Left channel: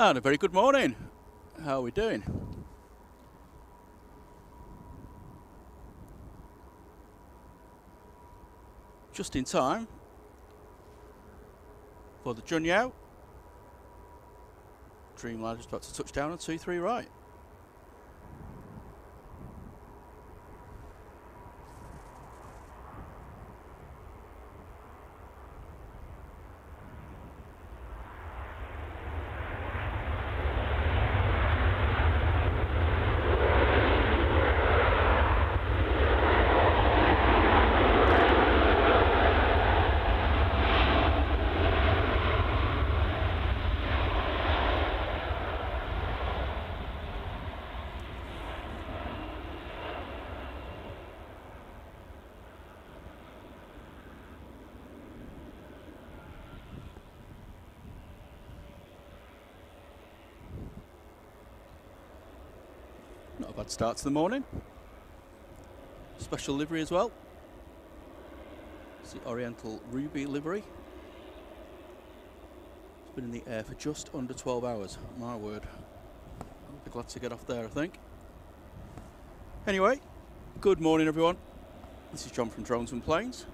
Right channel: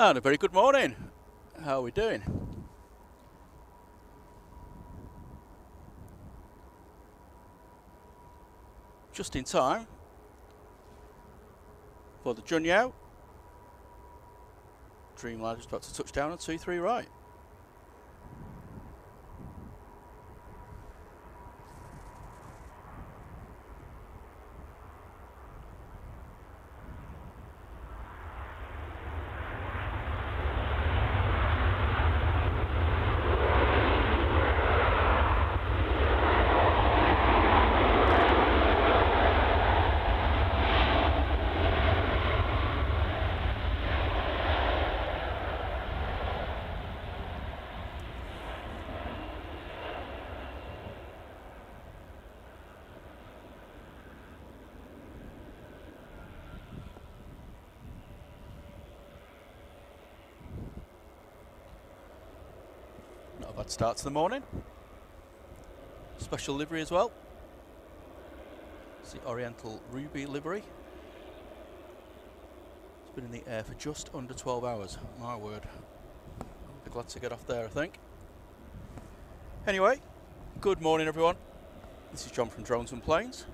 And a very good morning. How are we doing? Just in time for the Junyao. Dreamliner just about to touch down on 2-3 right. Not a bad start to the morning. Special livery as well. It's the Oriental Ruby livery. It's been in the air for just under 12 hours. My word. I'll be glad to get off there, I think. Anyway, good morning everyone. This is John from Drones and Planes.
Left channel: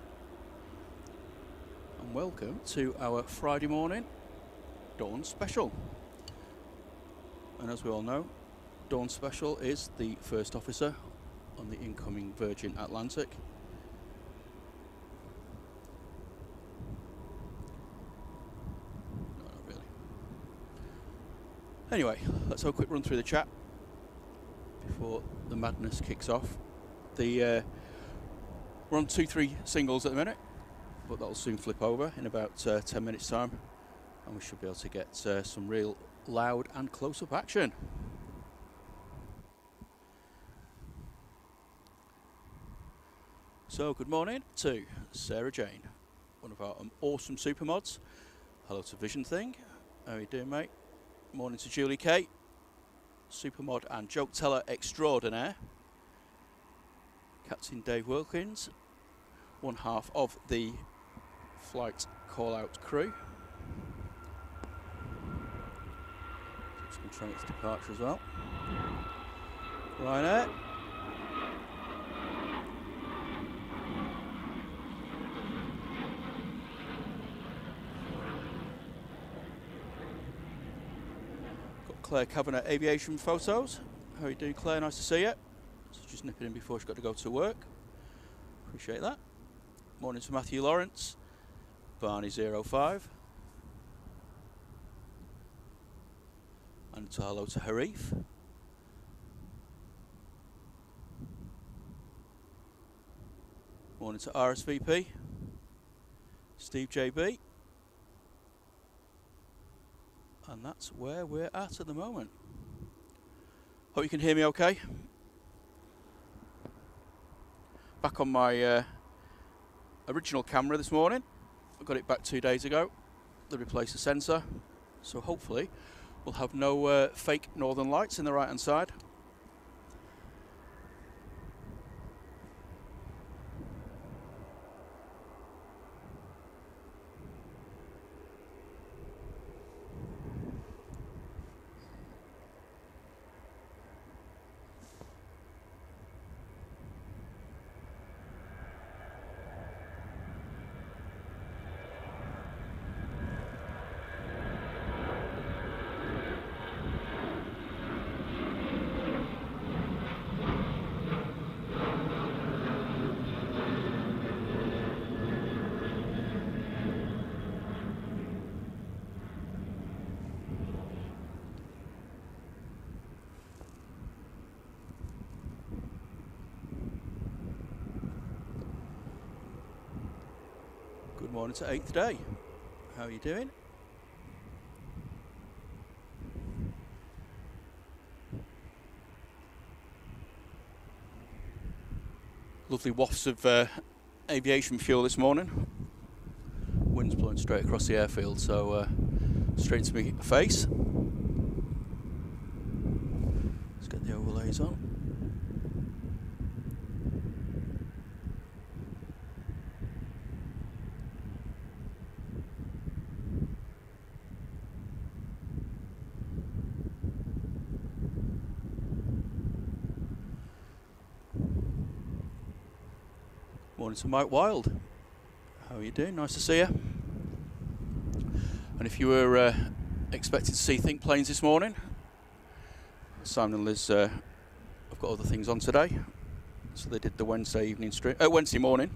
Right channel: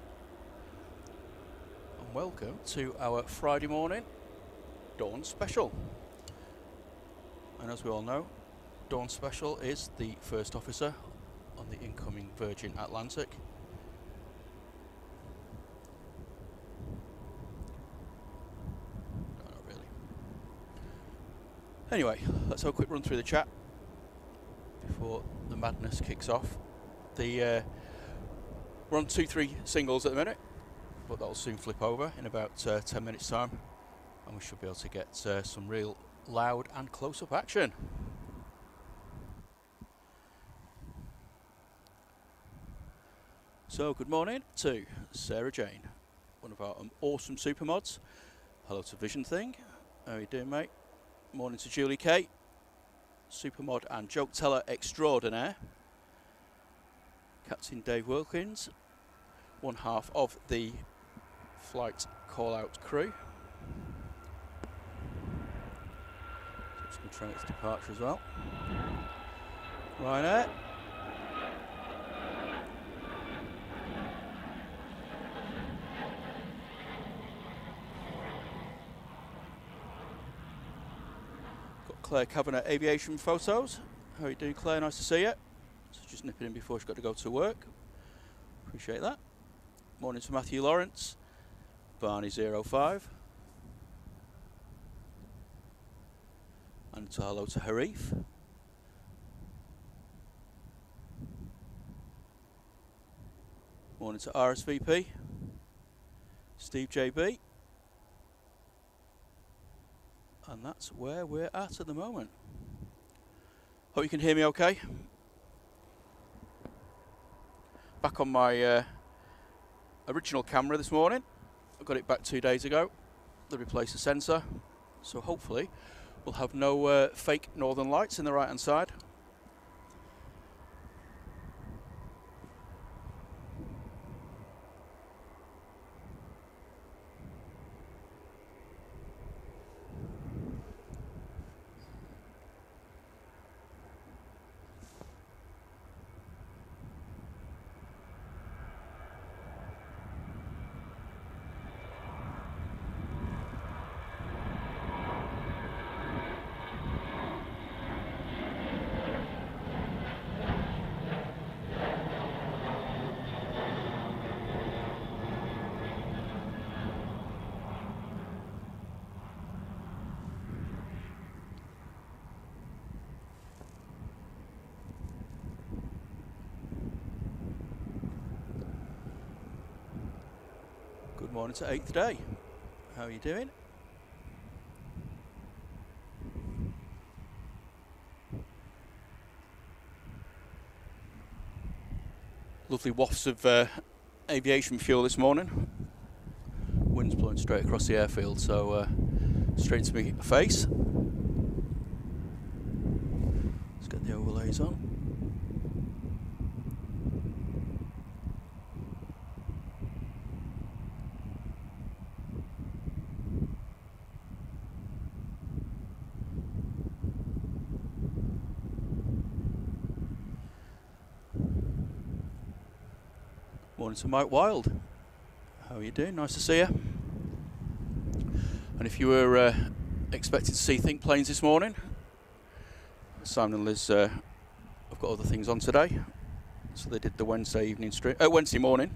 And welcome to our Friday morning Dawn Special. And as we all know, Dawn Special is the first officer on the incoming Virgin Atlantic. No, not really. Anyway, let's have a quick run through the chat before the madness kicks off. We're on 2-3 singles at the minute, but that'll soon flip over in about 10 minutes time, and we should be able to get some real loud and close-up action. So good morning to Sarah Jane, one of our awesome super mods. Hello to Vision Thing. How are you doing, mate? Morning to Julie K, super mod and joke teller extraordinaire. Captain Dave Wilkins, one half of the flight call-out crew. So I'm just going to try and get its departure as well. Ryanair. Claire Kavanagh aviation photos. How are you doing, Claire? Nice to see you. So just nipping in before she's got to go to work. Appreciate that. Morning to Matthew Lawrence. Barney05. And hello to Harif. Morning to RSVP. Steve JB. And that's where we're at the moment. Hope you can hear me okay. Back on my original camera this morning. I got it back 2 days ago. They replaced the sensor. So hopefully we'll have no fake northern lights in the right hand side. Good morning to 8th day. How are you doing? Lovely wafts of aviation fuel this morning. Wind's blowing straight across the airfield, so straight to my face. Let's get the overlays on. Morning to Mike Wild. How are you doing? Nice to see you. And if you were expecting to see Think Planes this morning, Simon and Liz have got other things on today. So they did the Wednesday evening stream, Wednesday morning,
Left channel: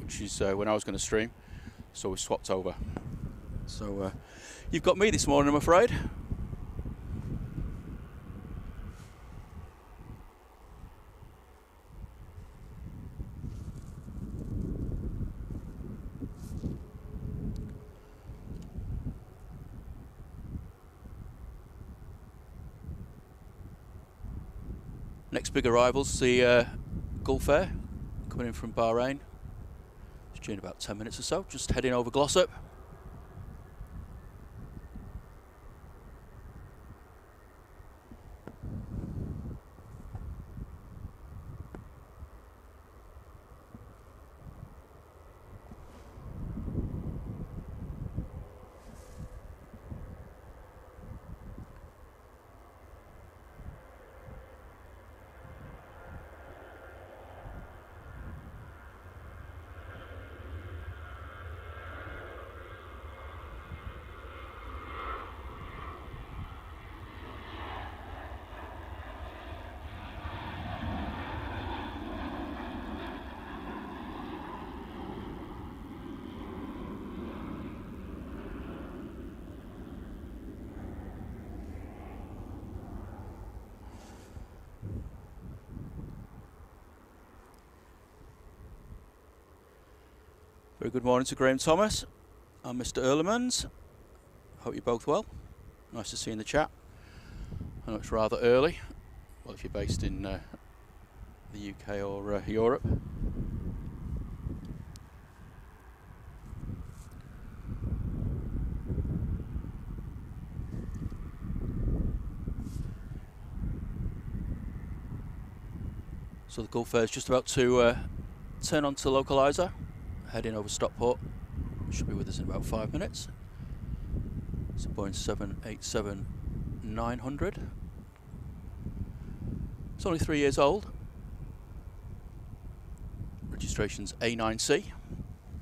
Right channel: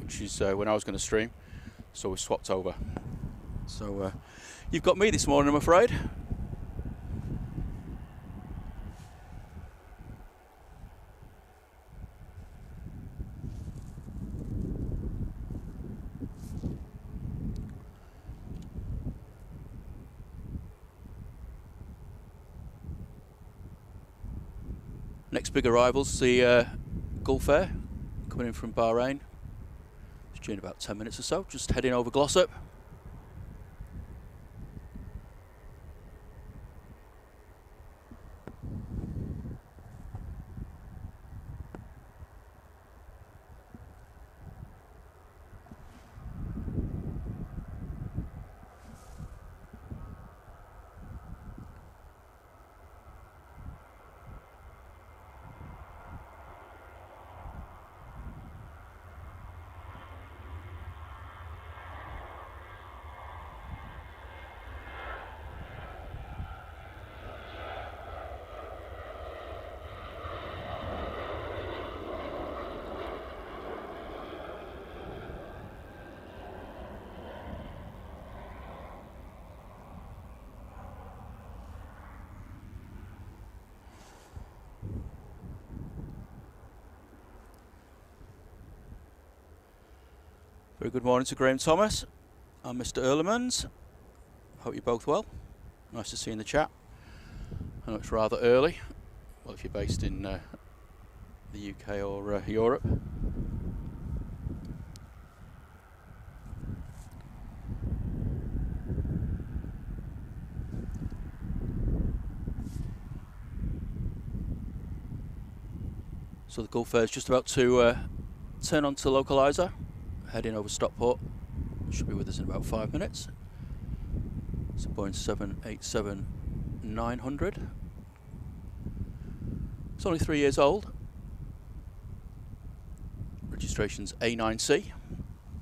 which is when I was going to stream. So we swapped over. So you've got me this morning, I'm afraid. Next big arrival's the Gulf Air coming in from Bahrain. It's due in about 10 minutes or so, just heading over Glossop. Very good morning to Graham Thomas and Mr. Earlemans. Hope you're both well. Nice to see you in the chat. I know it's rather early. Well, if you're based in the UK or Europe. So the Gulf Air is just about to turn onto the localizer, heading over Stockport. Should be with us in about 5 minutes. It's a Boeing 787-900. It's only 3 years old. Registration's A9C,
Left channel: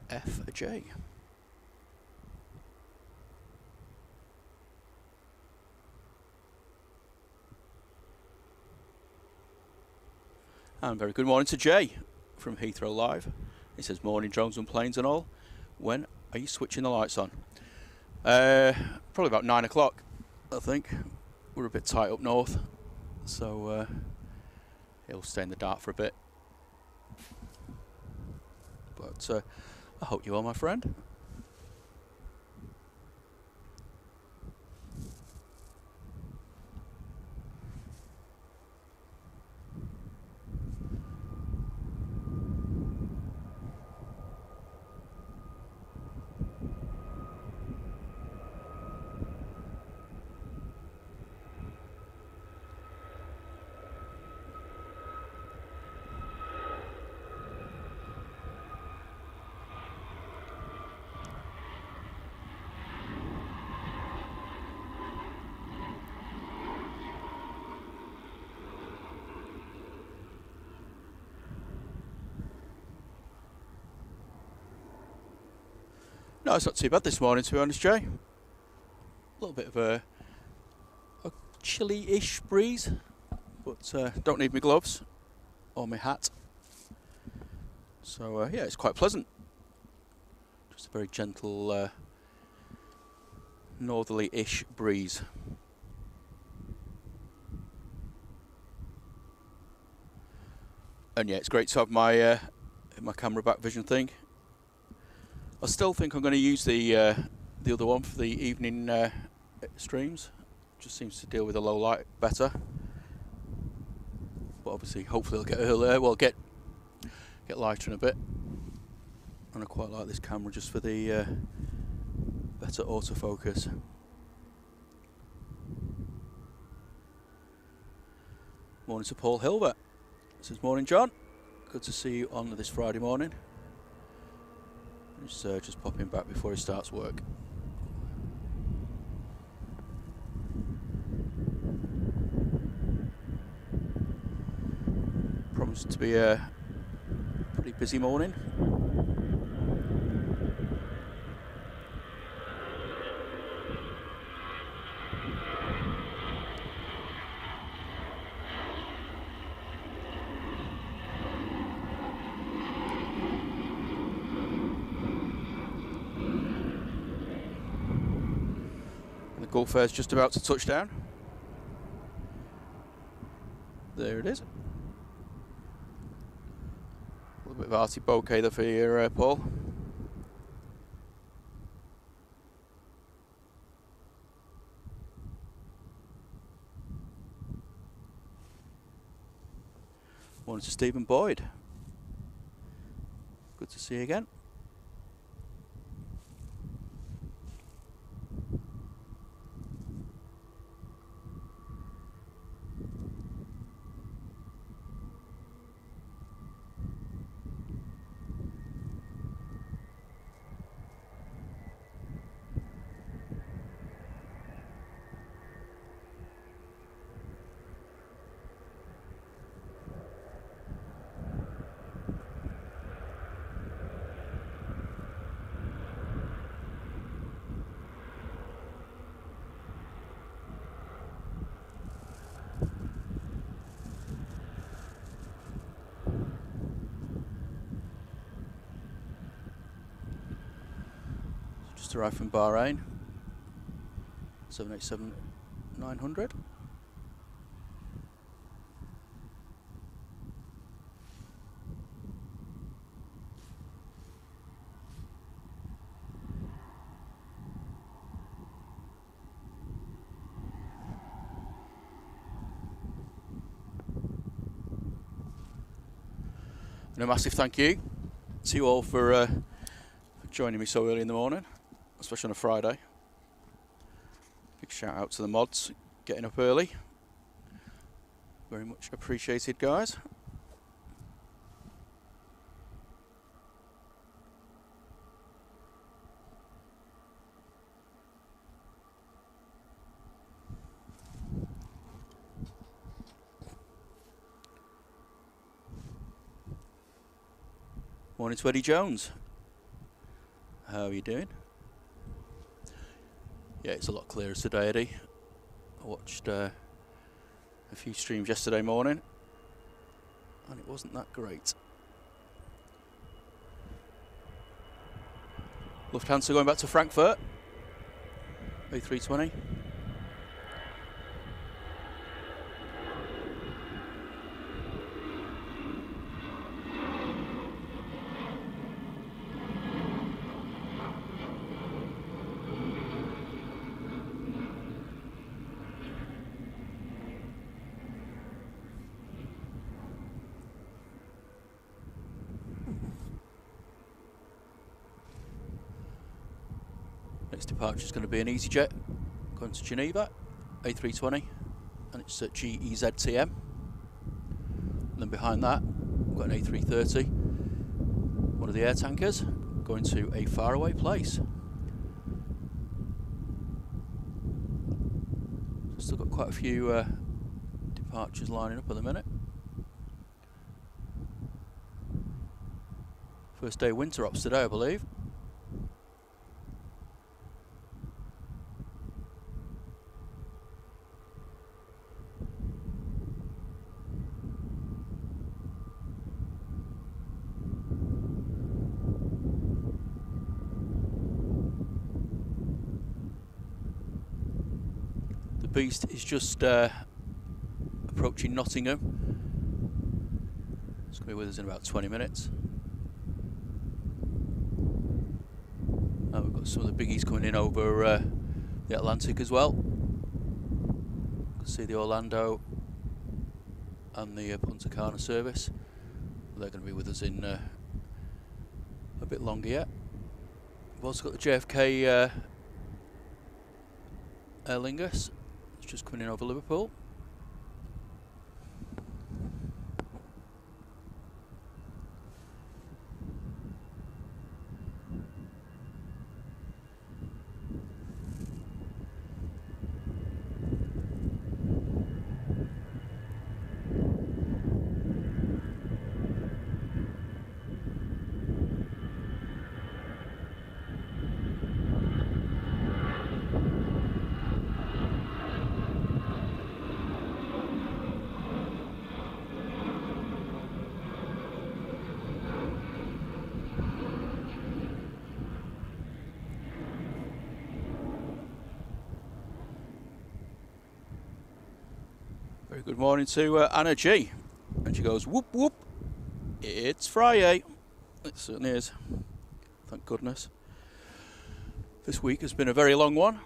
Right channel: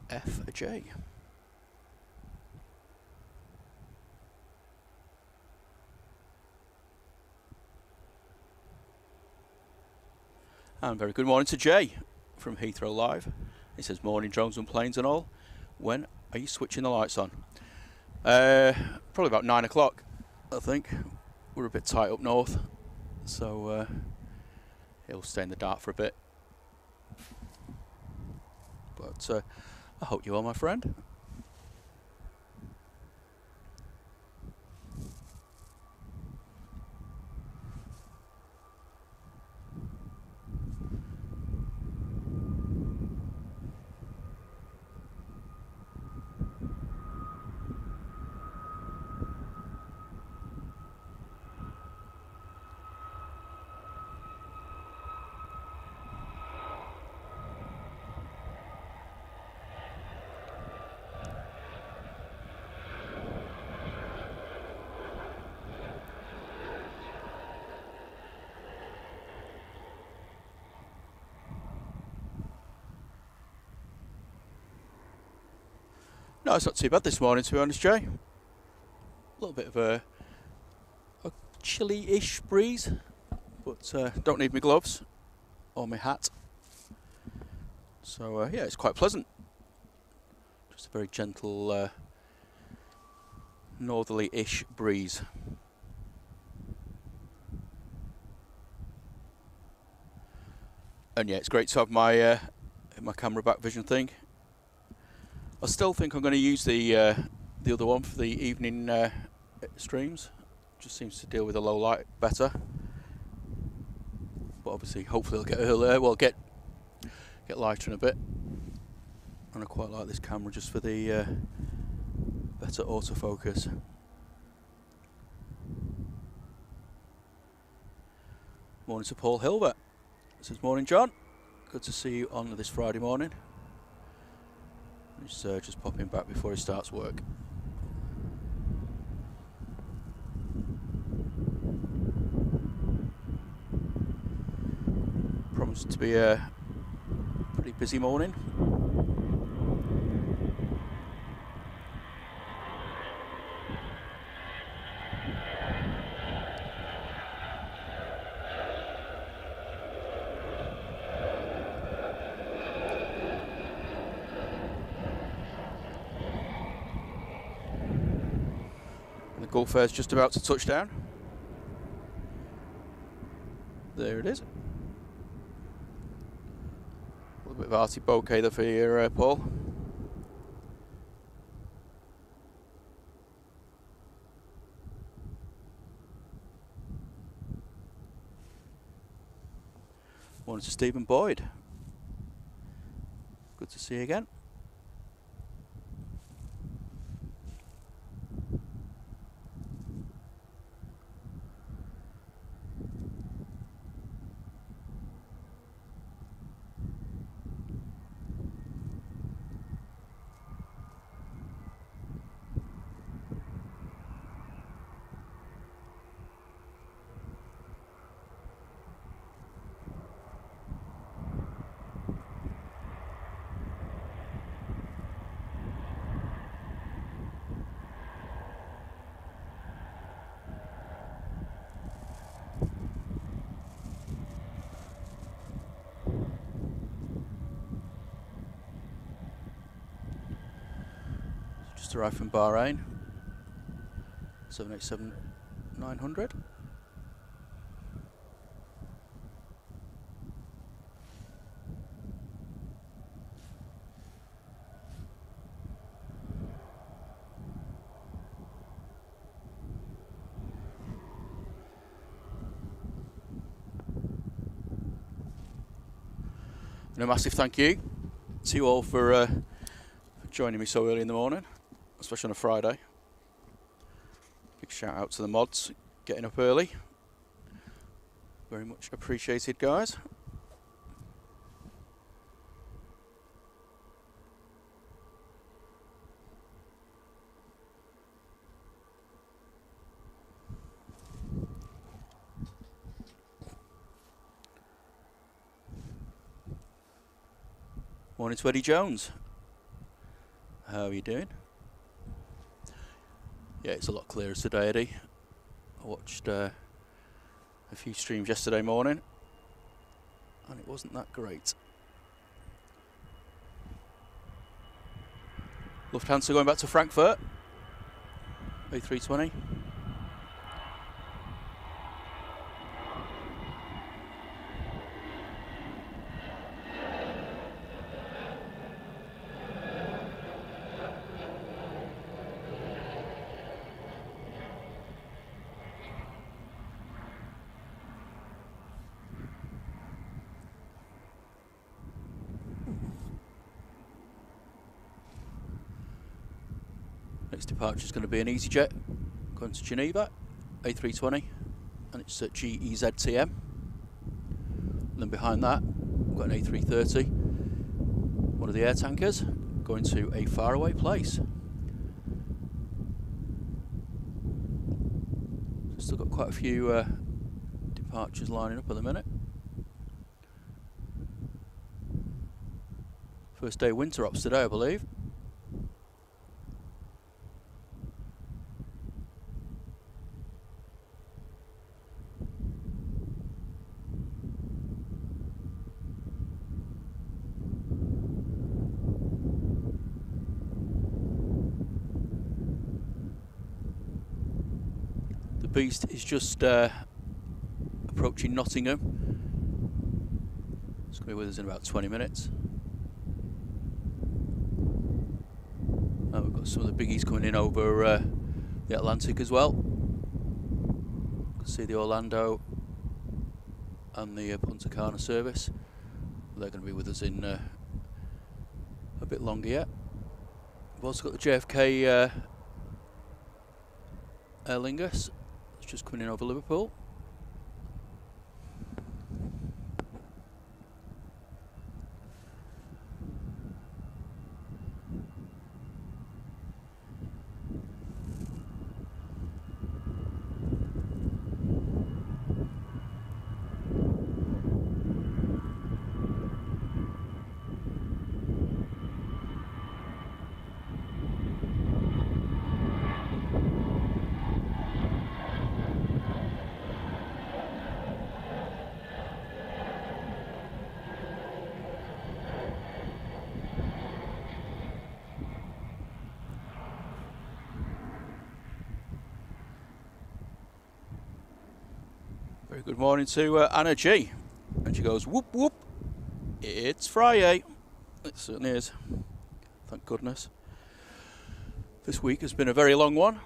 FJ. And very good morning to Jay from Heathrow Live. He says, morning drones and planes and all. When are you switching the lights on? Probably about 9 o'clock, I think. We're a bit tight up north, so it'll stay in the dark for a bit. But I hope you are, my friend. No, it's not too bad this morning, to be honest, Jay. A little bit of a chilly-ish breeze, but don't need my gloves or my hat. So, yeah, it's quite pleasant. Just a very gentle northerly-ish breeze. And yeah, it's great to have my my camera back vision thing. I still think I'm going to use the other one for the evening streams. Just seems to deal with the low light better. But obviously, hopefully, it'll get earlier. Well, get lighter in a bit. And I quite like this camera just for the better autofocus. Morning to Paul Hilbert. This is morning, John. Good to see you on this Friday morning. He's just popping back before he starts work. Promised to be a pretty busy morning. Gulf Air's just about to touch down. There it is. A little bit of arty bokeh there for you, Paul. Morning to Stephen Boyd. Good to see you again. Just arrived from Bahrain. 787-900. And a massive thank you to you all for joining me so early in the morning, especially on a Friday. Big shout out to the mods getting up early. Very much appreciated, guys. Morning to Eddie Jones. How are you doing? Yeah, it's a lot clearer today, Eddie. I watched a few streams yesterday morning and it wasn't that great. Lufthansa going back to Frankfurt. A320. Next departure is going to be an EasyJet going to Geneva, A320, and it's at GEZTM. And then behind that, we've got an A330, one of the air tankers, going to a faraway place. Still got quite a few departures lining up at the minute. First day winter ops today, I believe. Beast is just approaching Nottingham. It's going to be with us in about 20 minutes. We've got some of the biggies coming in over the Atlantic as well. You can see the Orlando and the Punta Cana service. They're going to be with us in a bit longer yet. We've also got the JFK Aer Lingus. Just coming in over Liverpool. Very good morning to Anna G. And she goes, whoop whoop, it's Friday. It certainly is. Thank goodness. This week has been a very long one.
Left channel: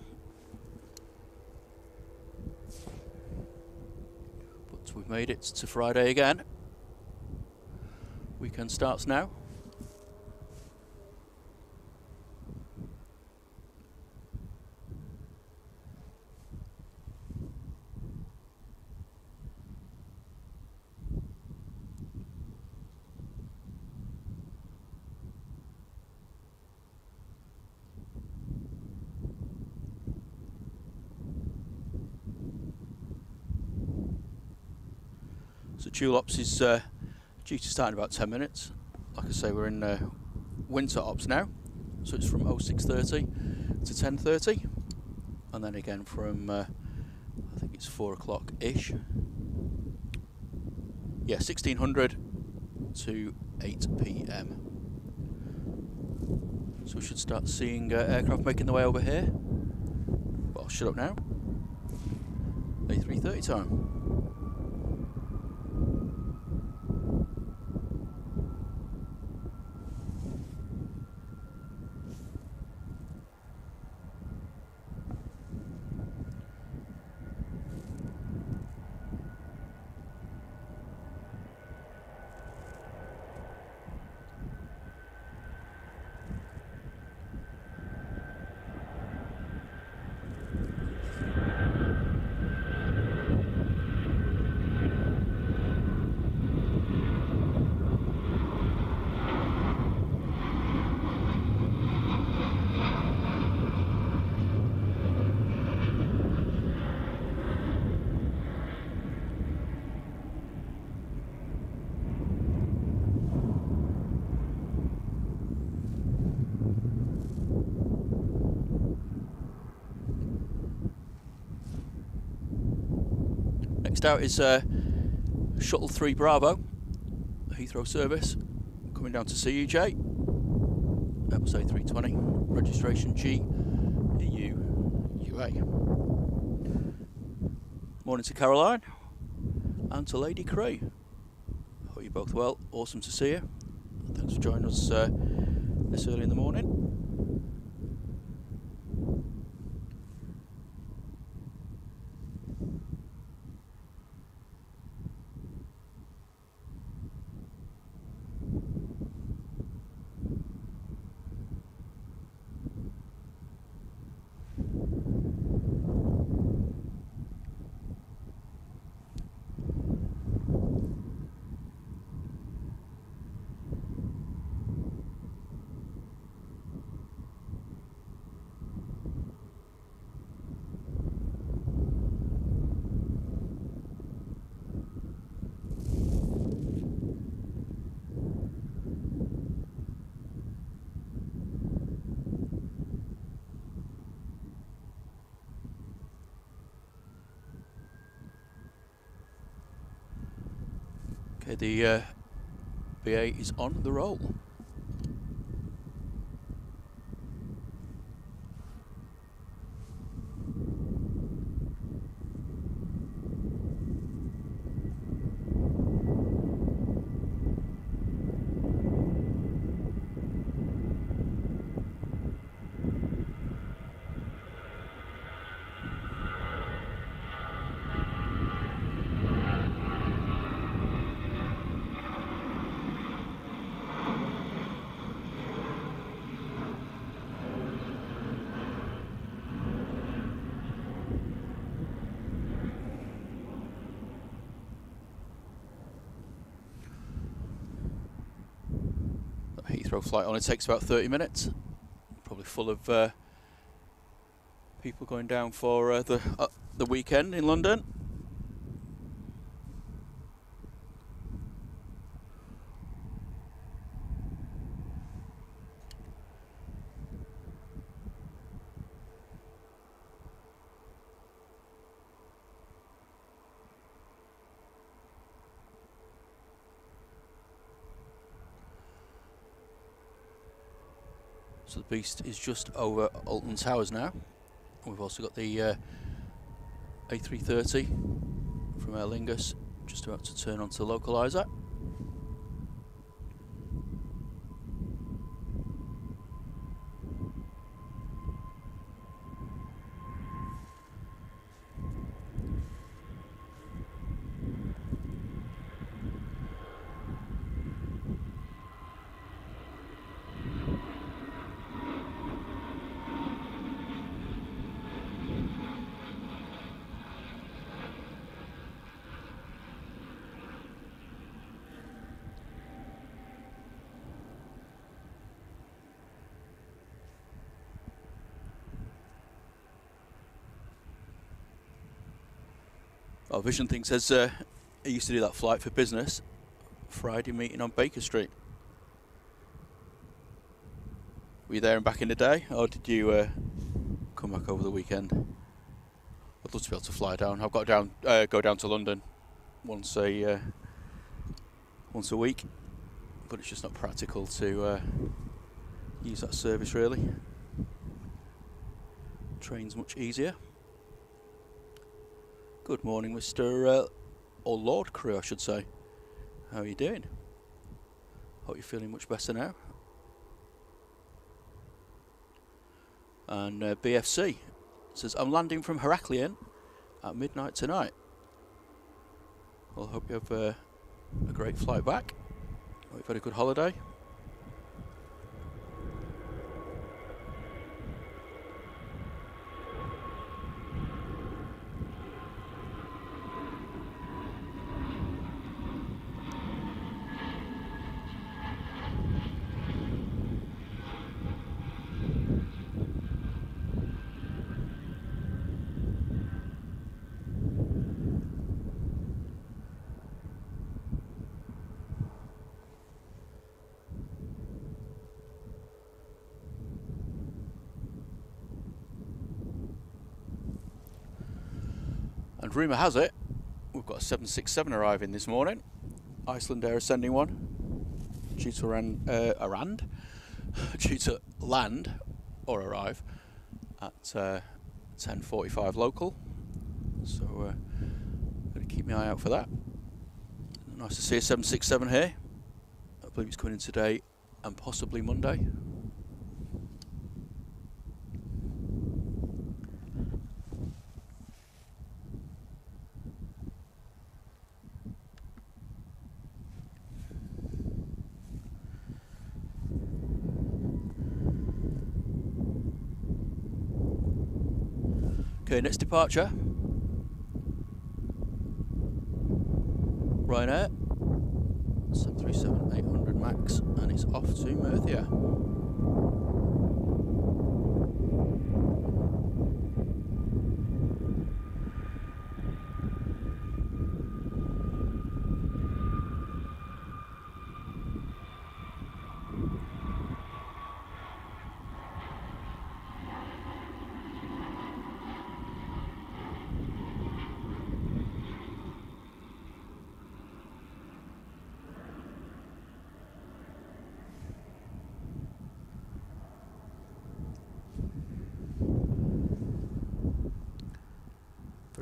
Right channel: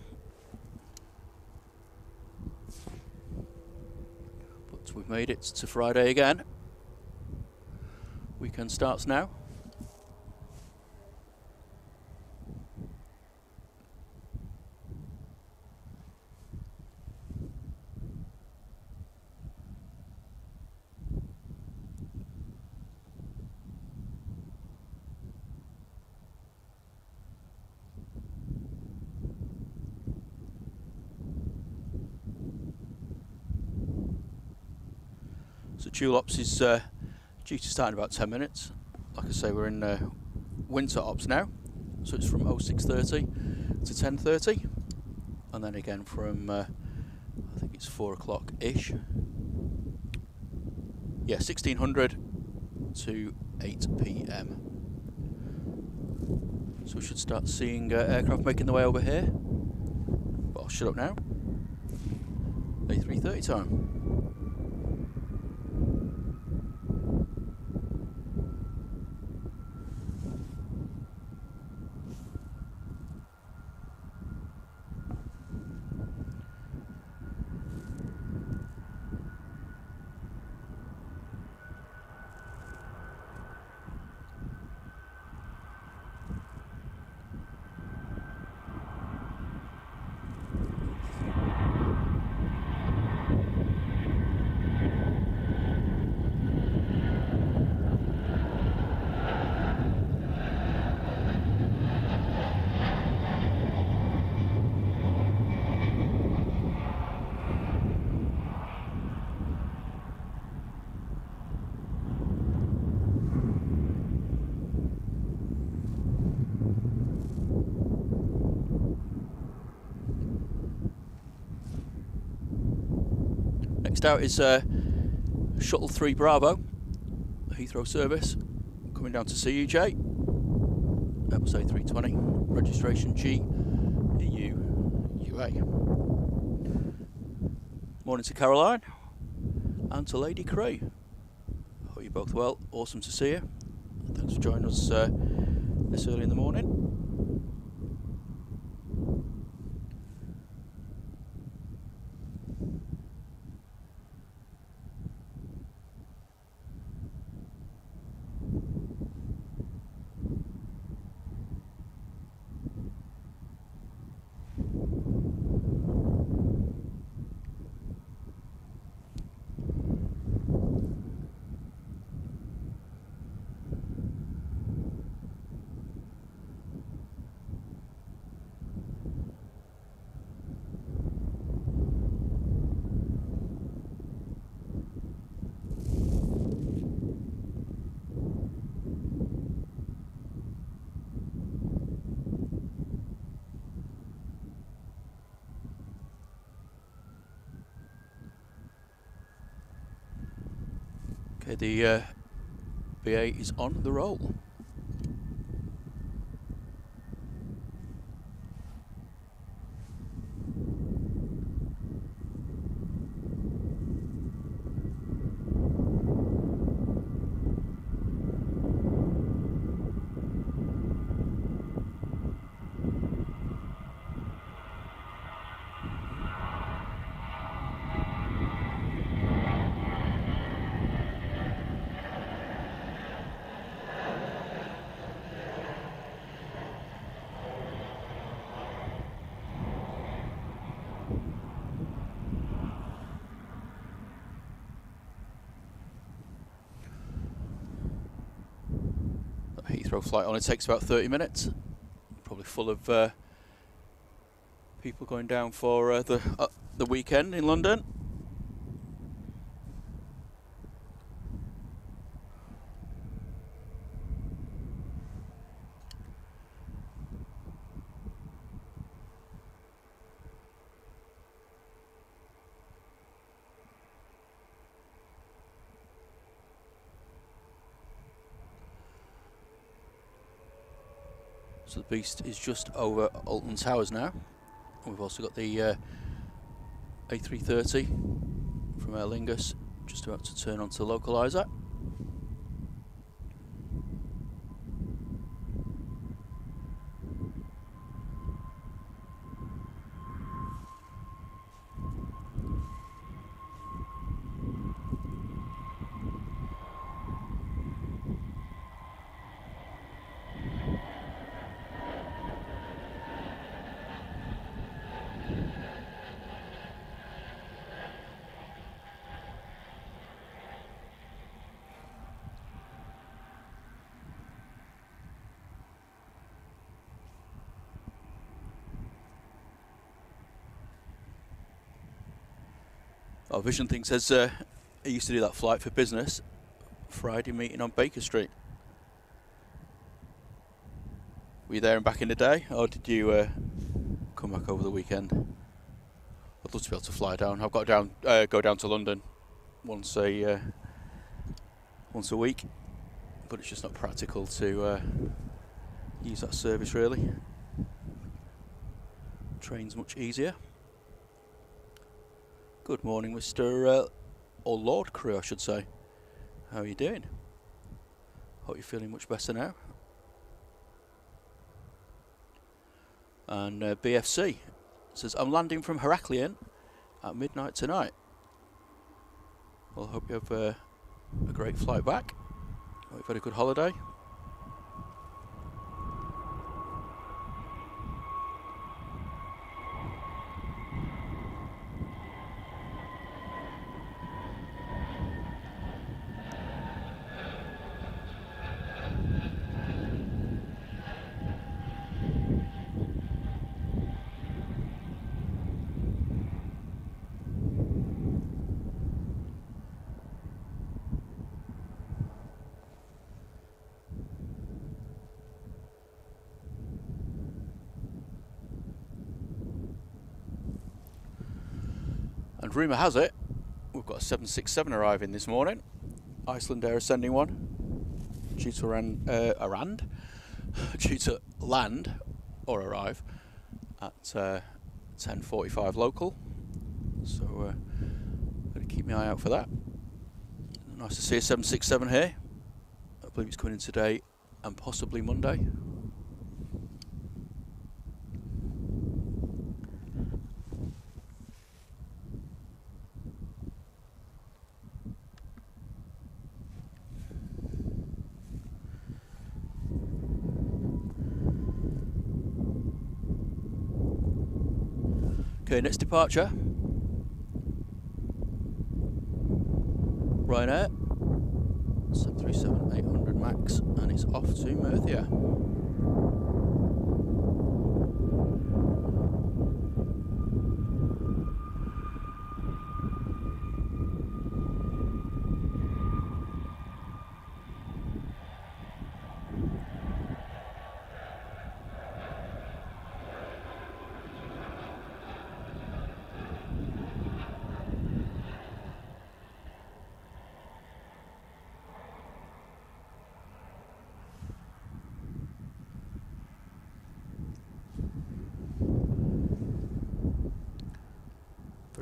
But we've made it to Friday again. Weekend starts now. So Tulops is due to start in about 10 minutes. Like I say, we're in winter ops now, so it's from 06:30 to 10:30, and then again from I think it's 4 o'clock ish. Yeah, 1600 to 8 p.m. So we should start seeing aircraft making their way over here. But I'll shut up now. A330 time. Next out is Shuttle 3 Bravo, Heathrow service, coming down to see you, Jay. Airbus A320, registration G EU UA. Morning to Caroline and to Lady Cray. Hope you're both well. Awesome to see you. Thanks for joining us this early in the morning. Okay, the BA is on the roll. Heathrow flight only takes about 30 minutes. Probably full of people going down for the weekend in London. So the Beast is just over Alton Towers now. We've also got the A330 from Aer Lingus, just about to turn onto the localizer. Our Vision thing says he used to do that flight for business, Friday meeting on Baker Street. Were you there and back in the day, or did you come back over the weekend? I'd love to be able to fly down. I've got to go down to London once a week, but it's just not practical to use that service really. Train's much easier. Good morning, Mr. or Lord Crew, I should say. How are you doing? Hope you're feeling much better now. And BFC says, I'm landing from Heraklion at midnight tonight. Well, I hope you have a great flight back. Hope you've had a good holiday. And rumour has it, we've got a 767 arriving this morning. Iceland Air is sending one due to due to land or arrive at 10:45 local. So got to keep my eye out for that. Nice to see a 767 here. I believe it's coming in today and possibly Monday. Okay, next departure. Ryanair 737-800 Max, and it's off to Murcia.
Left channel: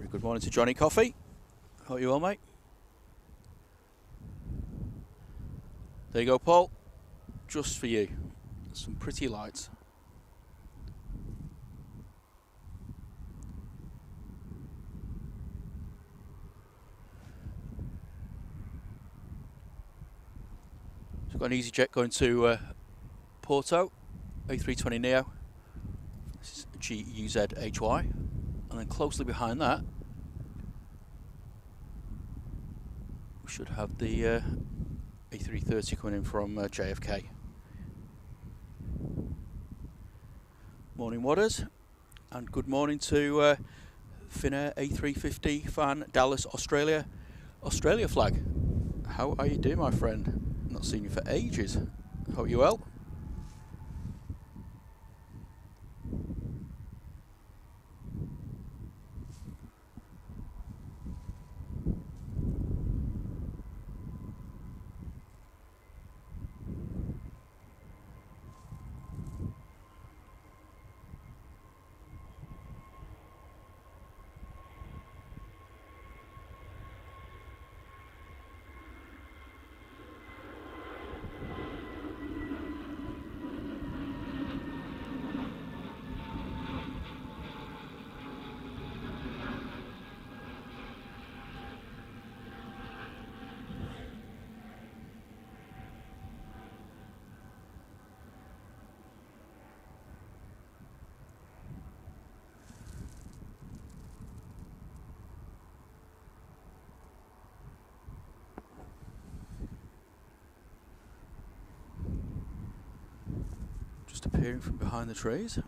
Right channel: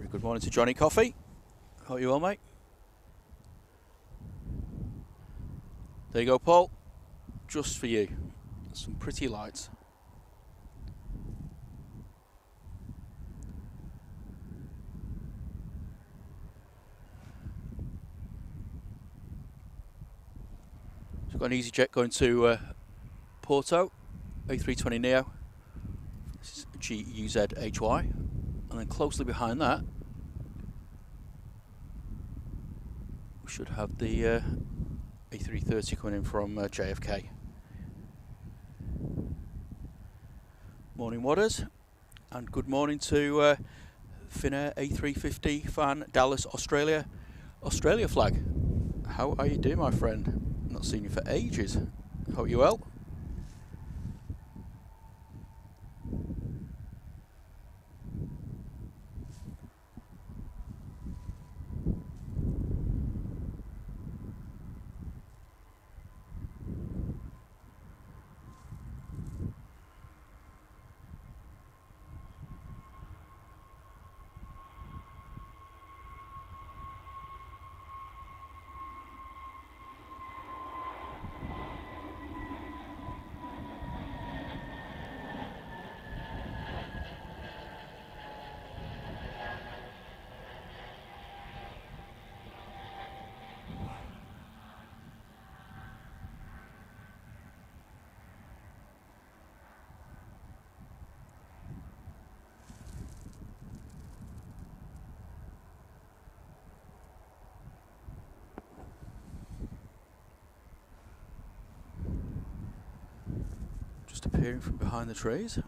Good morning to Johnny Coffee. Hope you well, mate. There you go, Paul. Just for you. Some pretty lights. So we've got an EasyJet going to Porto, A320neo. This is GUZHY. And then closely behind that, we should have the A330 coming in from JFK. Morning, Wadders, and good morning to Finnair A350 fan, Dallas, Australia. Australia flag. How are you doing, my friend? Not seen you for ages. Hope you're well. just appearing from behind the trees.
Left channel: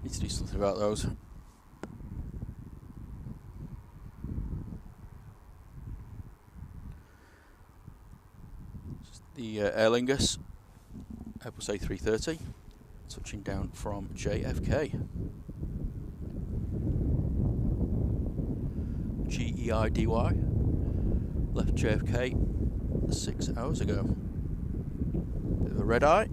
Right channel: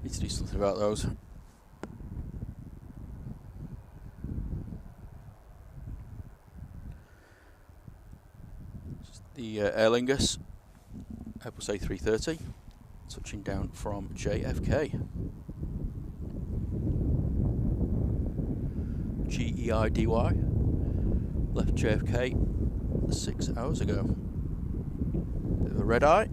Need to do something about those. The Aer Lingus Airbus A380 touching down from JFK. GEIDY left JFK 6 hours ago. Bit of a red eye.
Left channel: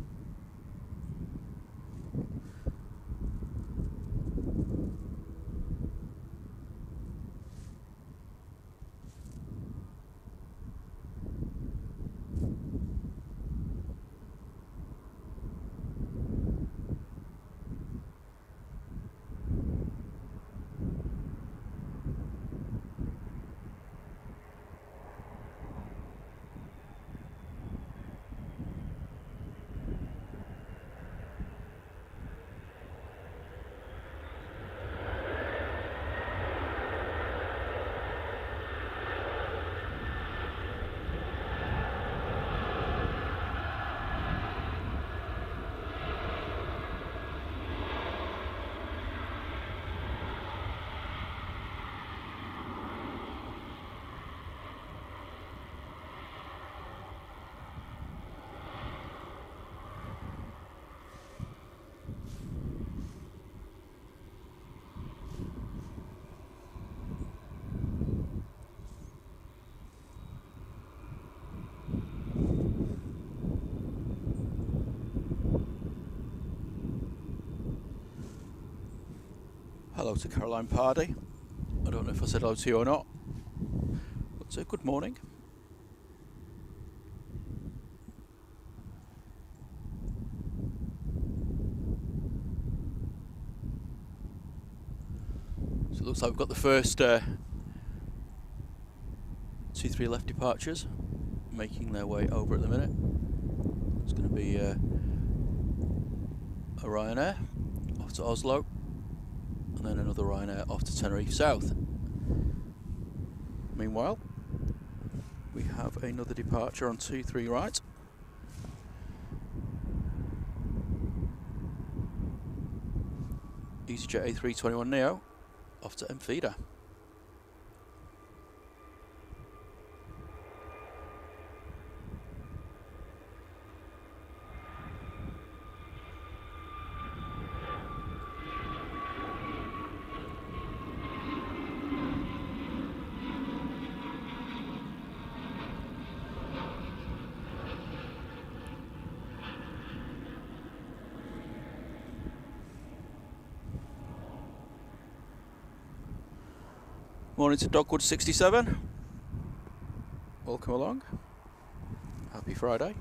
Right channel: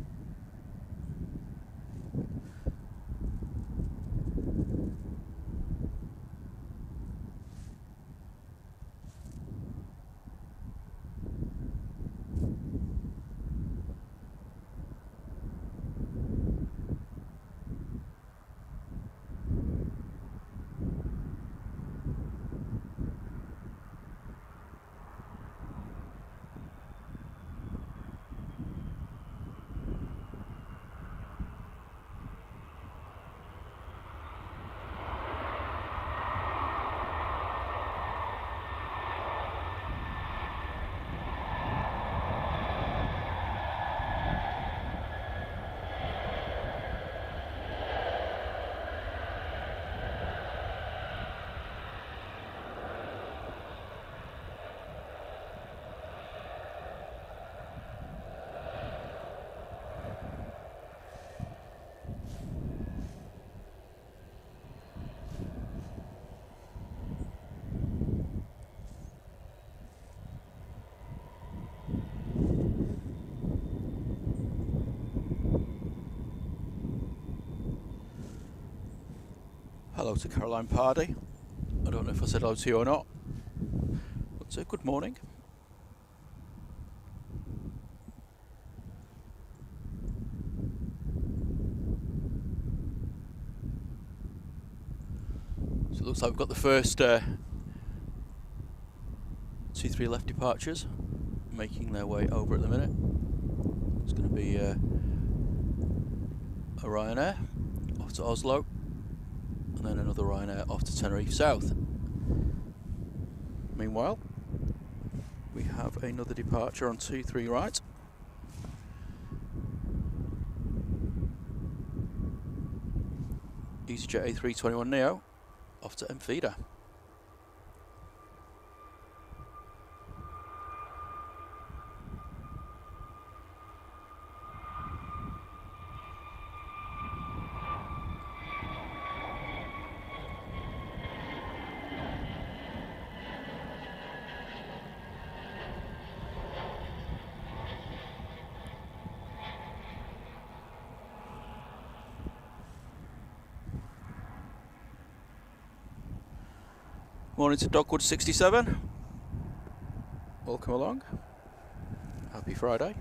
Hello to Caroline Pardy. I don't know if I said hello to you or not, but good morning. So it looks like we've got the first 2-3 left departures making their way over at the minute. It's going to be a Ryanair off to Oslo, and then another Ryanair off to Tenerife South. Meanwhile, we have another departure on 2-3 right. EasyJet A321neo off to Enfida. Morning to Dogwood 67. Welcome along. Happy Friday.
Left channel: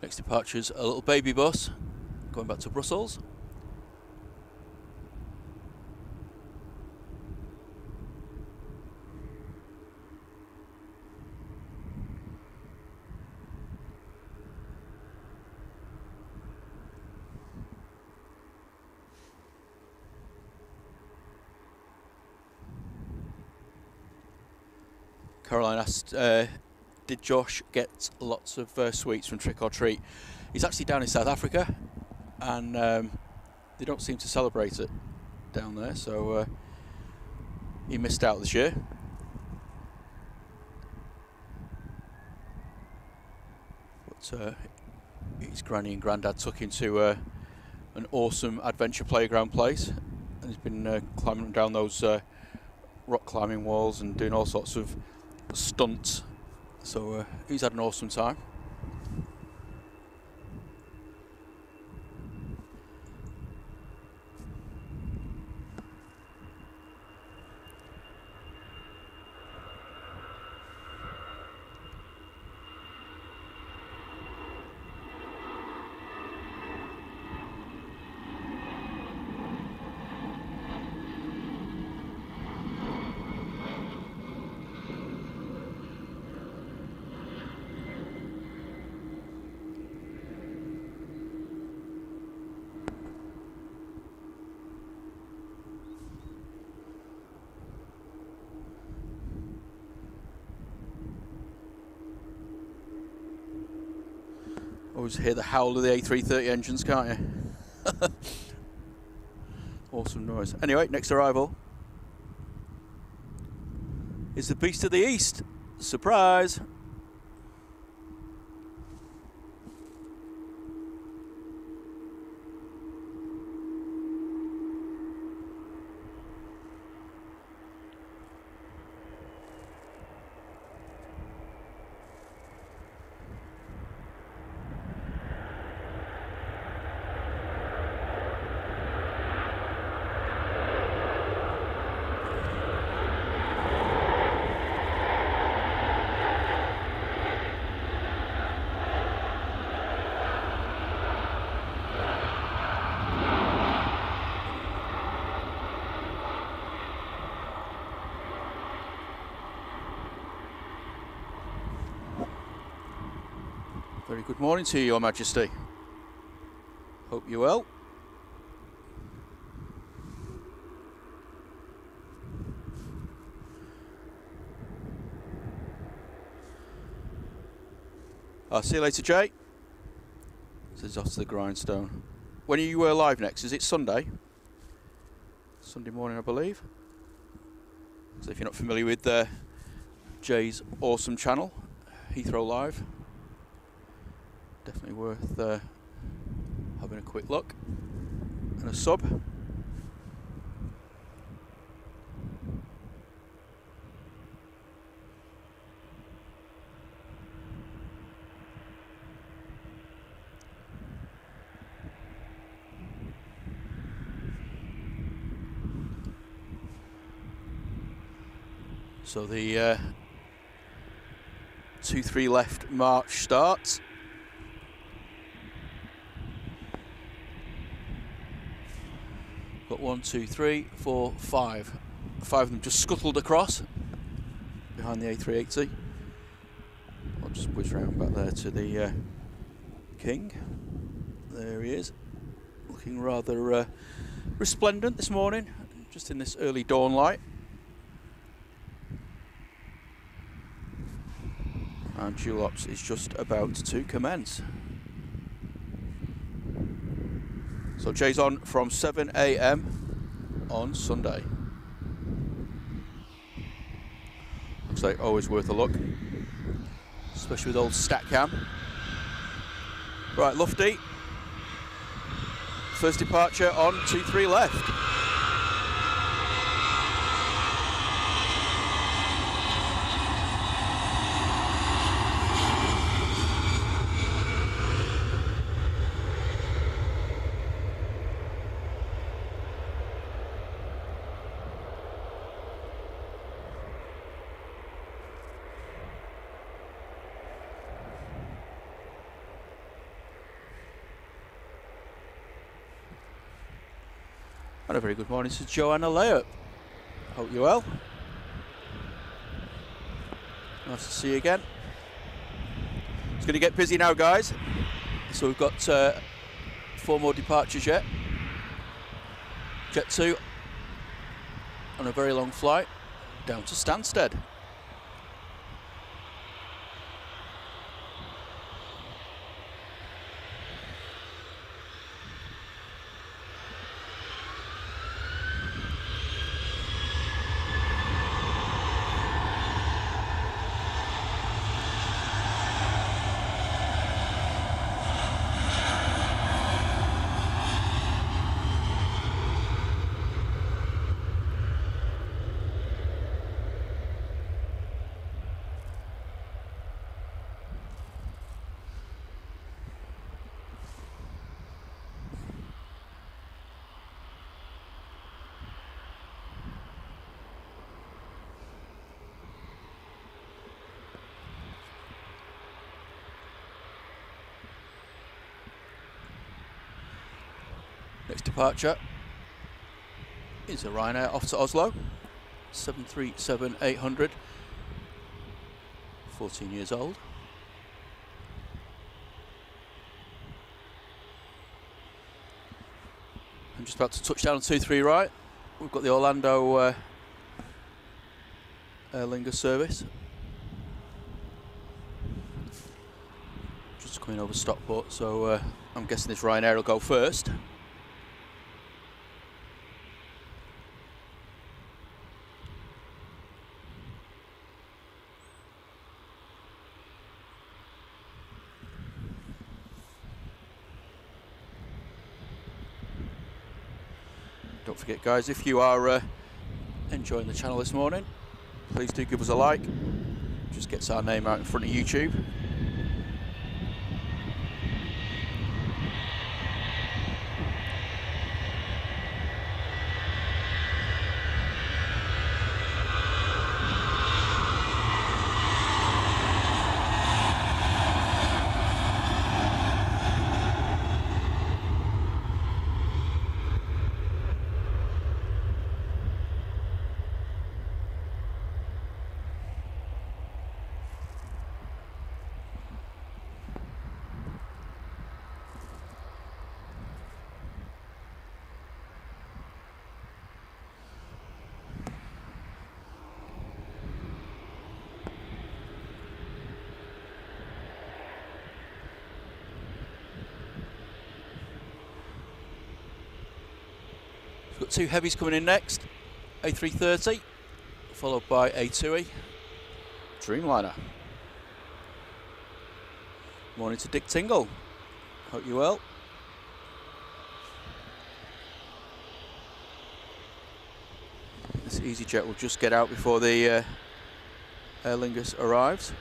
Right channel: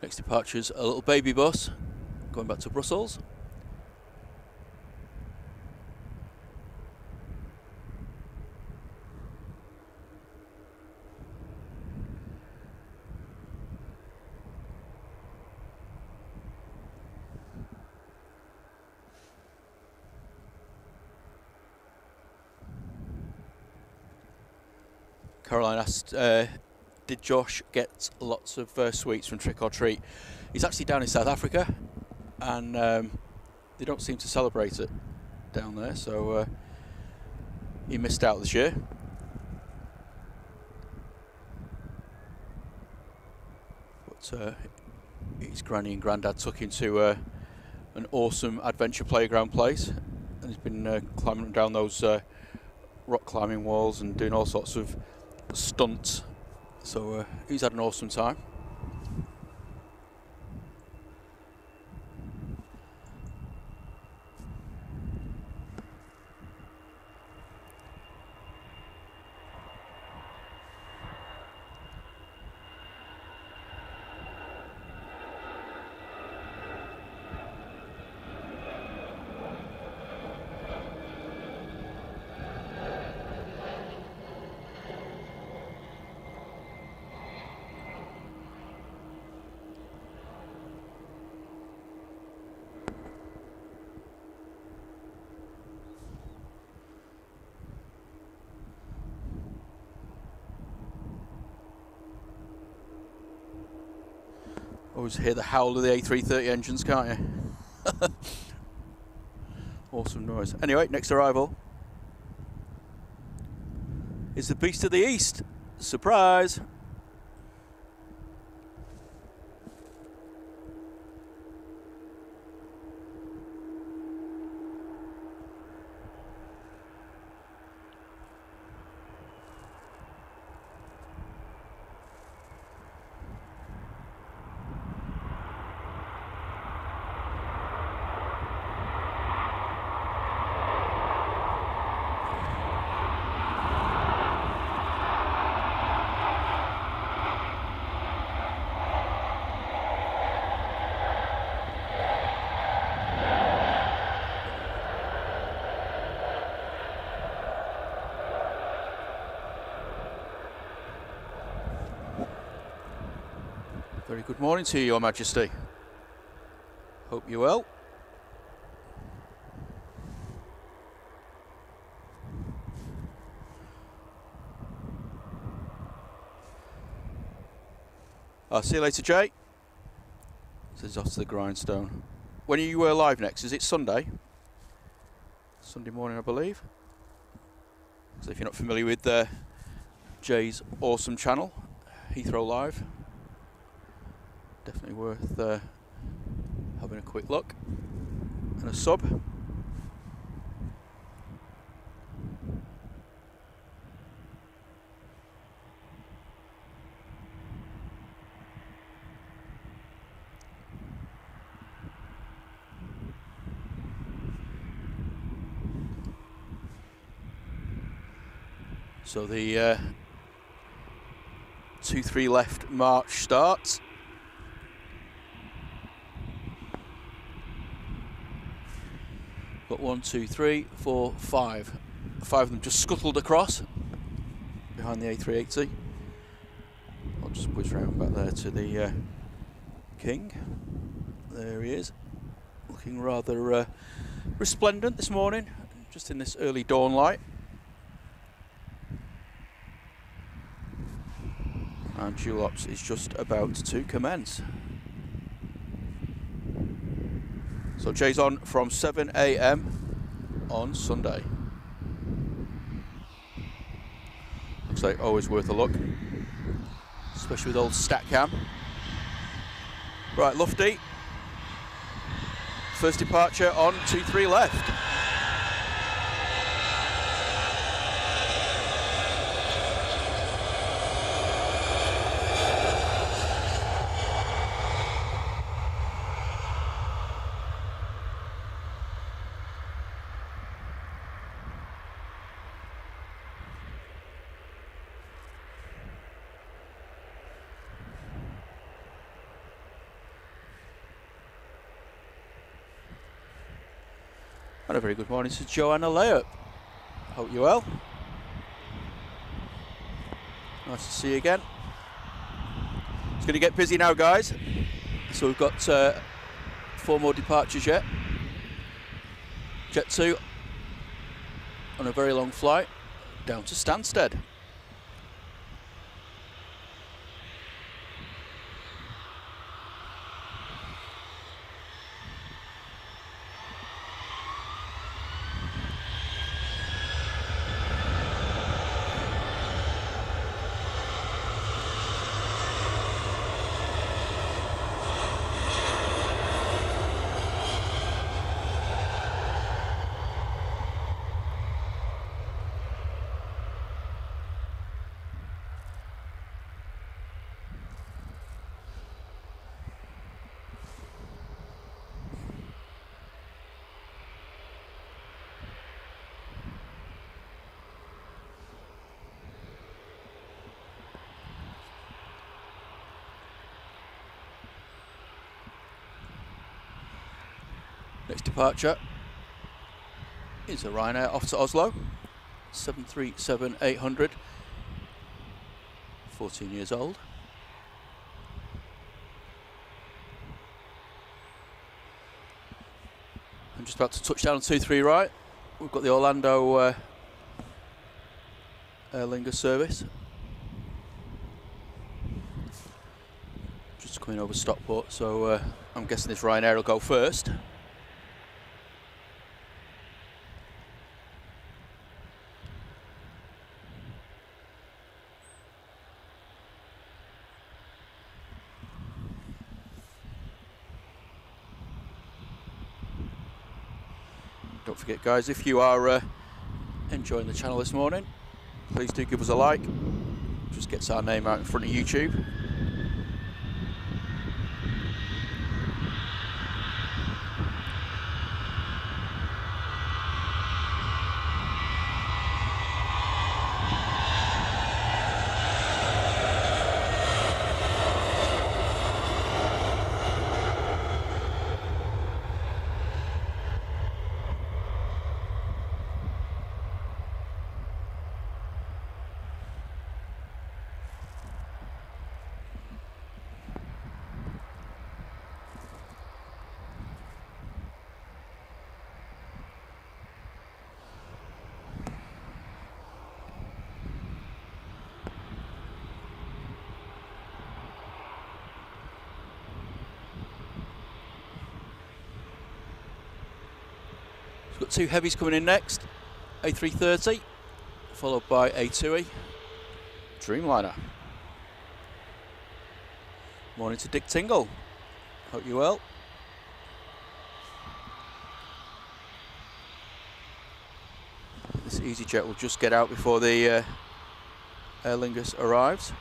Next departure's a little baby bus going back to Brussels. Caroline asked, did Josh get lots of sweets from Trick or Treat? He's actually down in South Africa, and they don't seem to celebrate it down there, so he missed out this year. But his granny and granddad took him to an awesome adventure playground place, and he's been climbing down those rock climbing walls and doing all sorts of stunts, so he's had an awesome time. always hear the howl of the A330 engines, can't you? Awesome noise. Anyway, next arrival is the Beast of the East. Surprise! Very good morning to you, Your Majesty. Hope you're well. I'll see you later, Jay. Says off to the grindstone. When are you live next? Is it Sunday? Sunday morning, I believe. So if you're not familiar with Jay's awesome channel, Heathrow Live, definitely worth having a quick look and a sub. So the 2-3 left march starts. Got 1, 2, 3, 4, 5. 5 of them just scuttled across behind the A380. I'll just whiz round back there to the King. There he is, looking rather resplendent this morning, just in this early dawn light. And dual ops is just about to commence. So Jay's on from 7 AM on Sunday. Looks like always worth a look, especially with old Statcam. Right, Lufty. First departure on 2-3 left. And a very good morning to Joanna Layup. Hope you're well. Nice to see you again. It's going to get busy now, guys. So we've got 4 more departures yet. Jet 2 on a very long flight down to Stansted. Next departure is a Ryanair off to Oslo, 737-800, 14 years old. I'm just about to touch down on 2-3 right. We've got the Orlando Aer Lingus service. Just coming over Stockport, so I'm guessing this Ryanair will go first. Don't forget, guys, if you are enjoying the channel this morning, please do give us a like. Just gets our name out in front of YouTube. We've got two heavies coming in next, A330, followed by A280 Dreamliner. Morning to Dick Tingle, hope you're well. This EasyJet will just get out before the Aer Lingus arrives.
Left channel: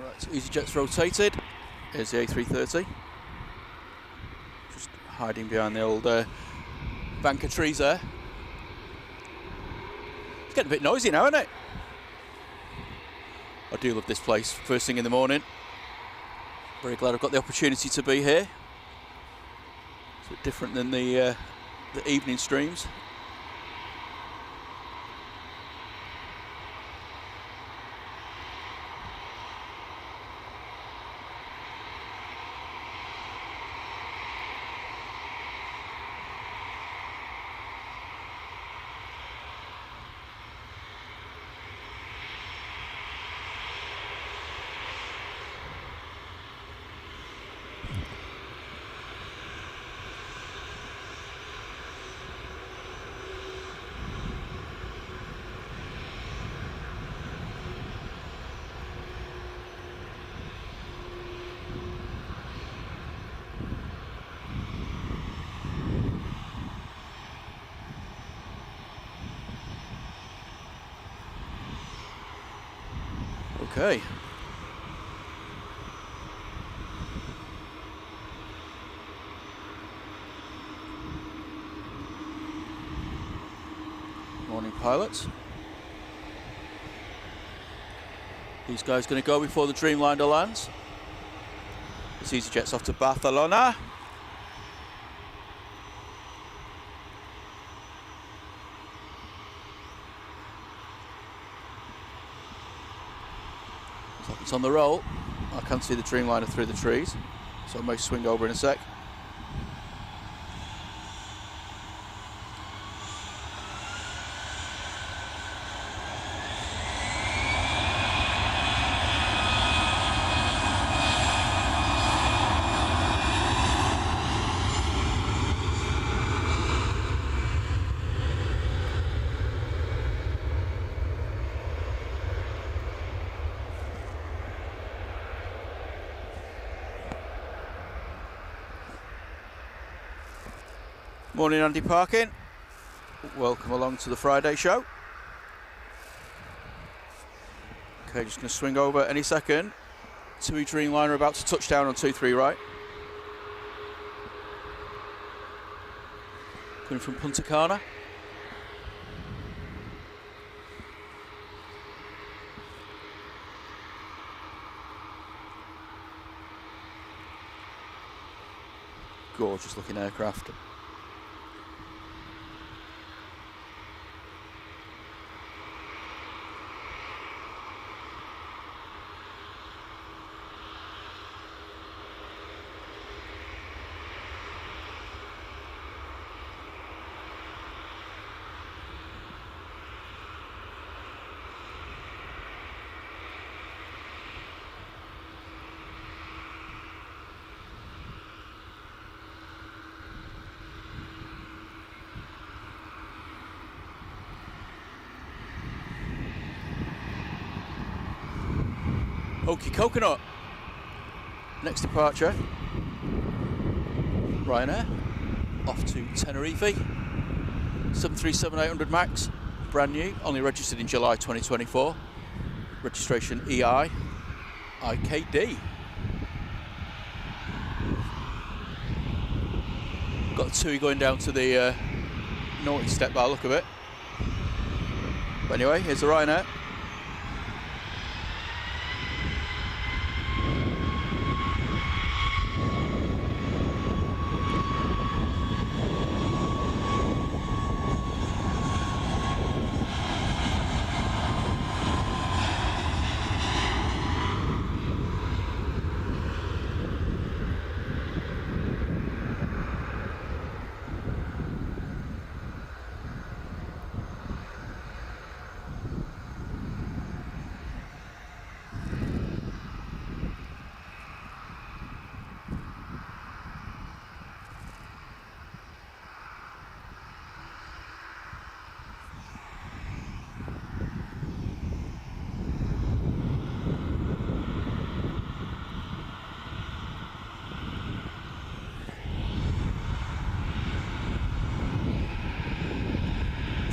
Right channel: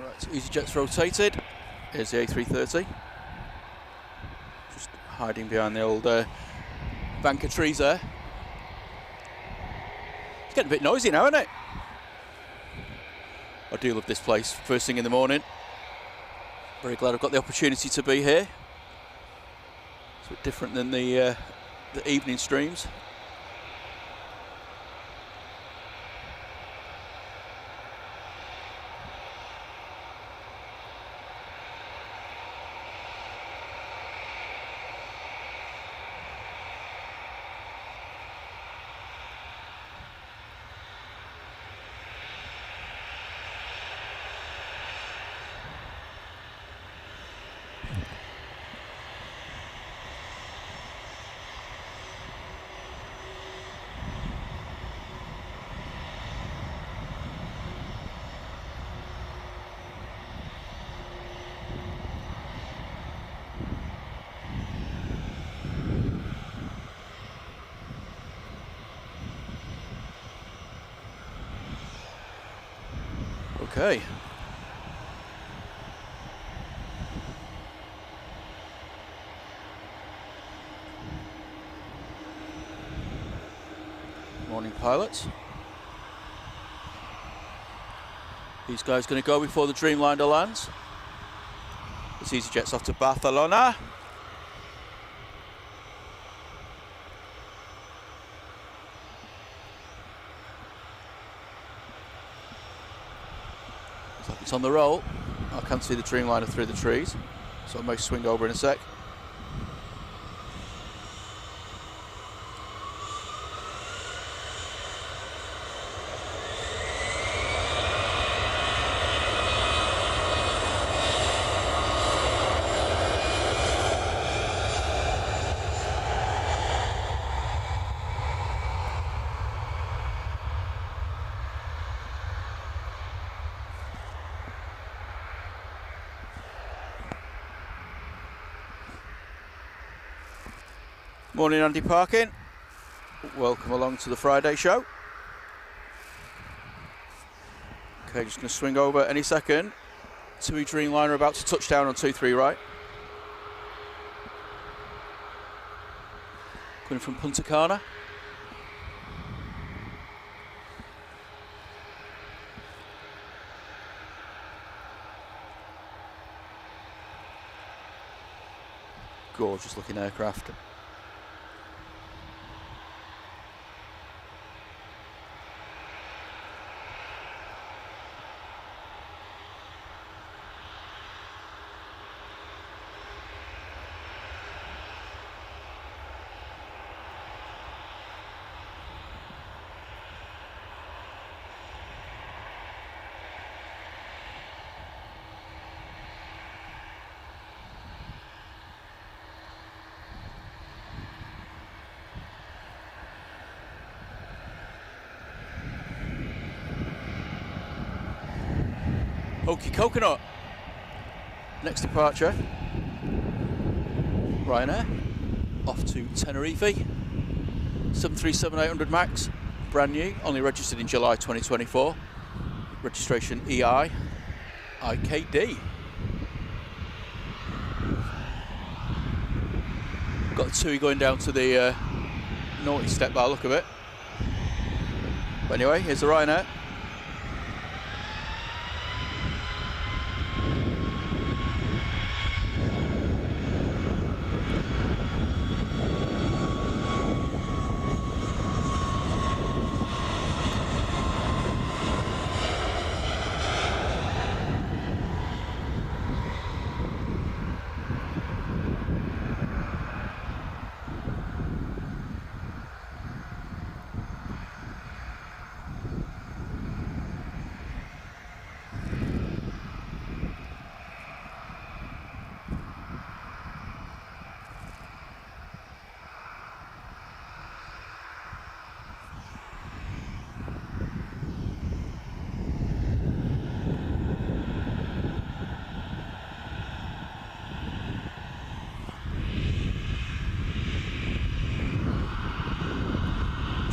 Right, so EasyJet's rotated. Here's the A330. Just hiding behind the old bank of trees there. It's getting a bit noisy now, isn't it? I do love this place, first thing in the morning. Very glad I've got the opportunity to be here. It's a bit different than the evening streams. Okay. Morning, pilots. These guys going to go before the Dreamliner lands. This EasyJet's off to Barcelona. Looks like it's on the roll. I can't see the Dreamliner through the trees, so I may swing over in a sec. Morning, Andy Parkin. Welcome along to the Friday show. Okay, just going to swing over any second. TUI Dreamliner about to touch down on 2-3 right. coming from Punta Cana. Gorgeous looking aircraft. Wakey Coconut. Next departure, Ryanair, off to Tenerife. 737-800 MAX, brand new, only registered in July 2024. Registration EI IKD. Got a TUI going down to the naughty step by the look of it. But anyway, here's the Ryanair.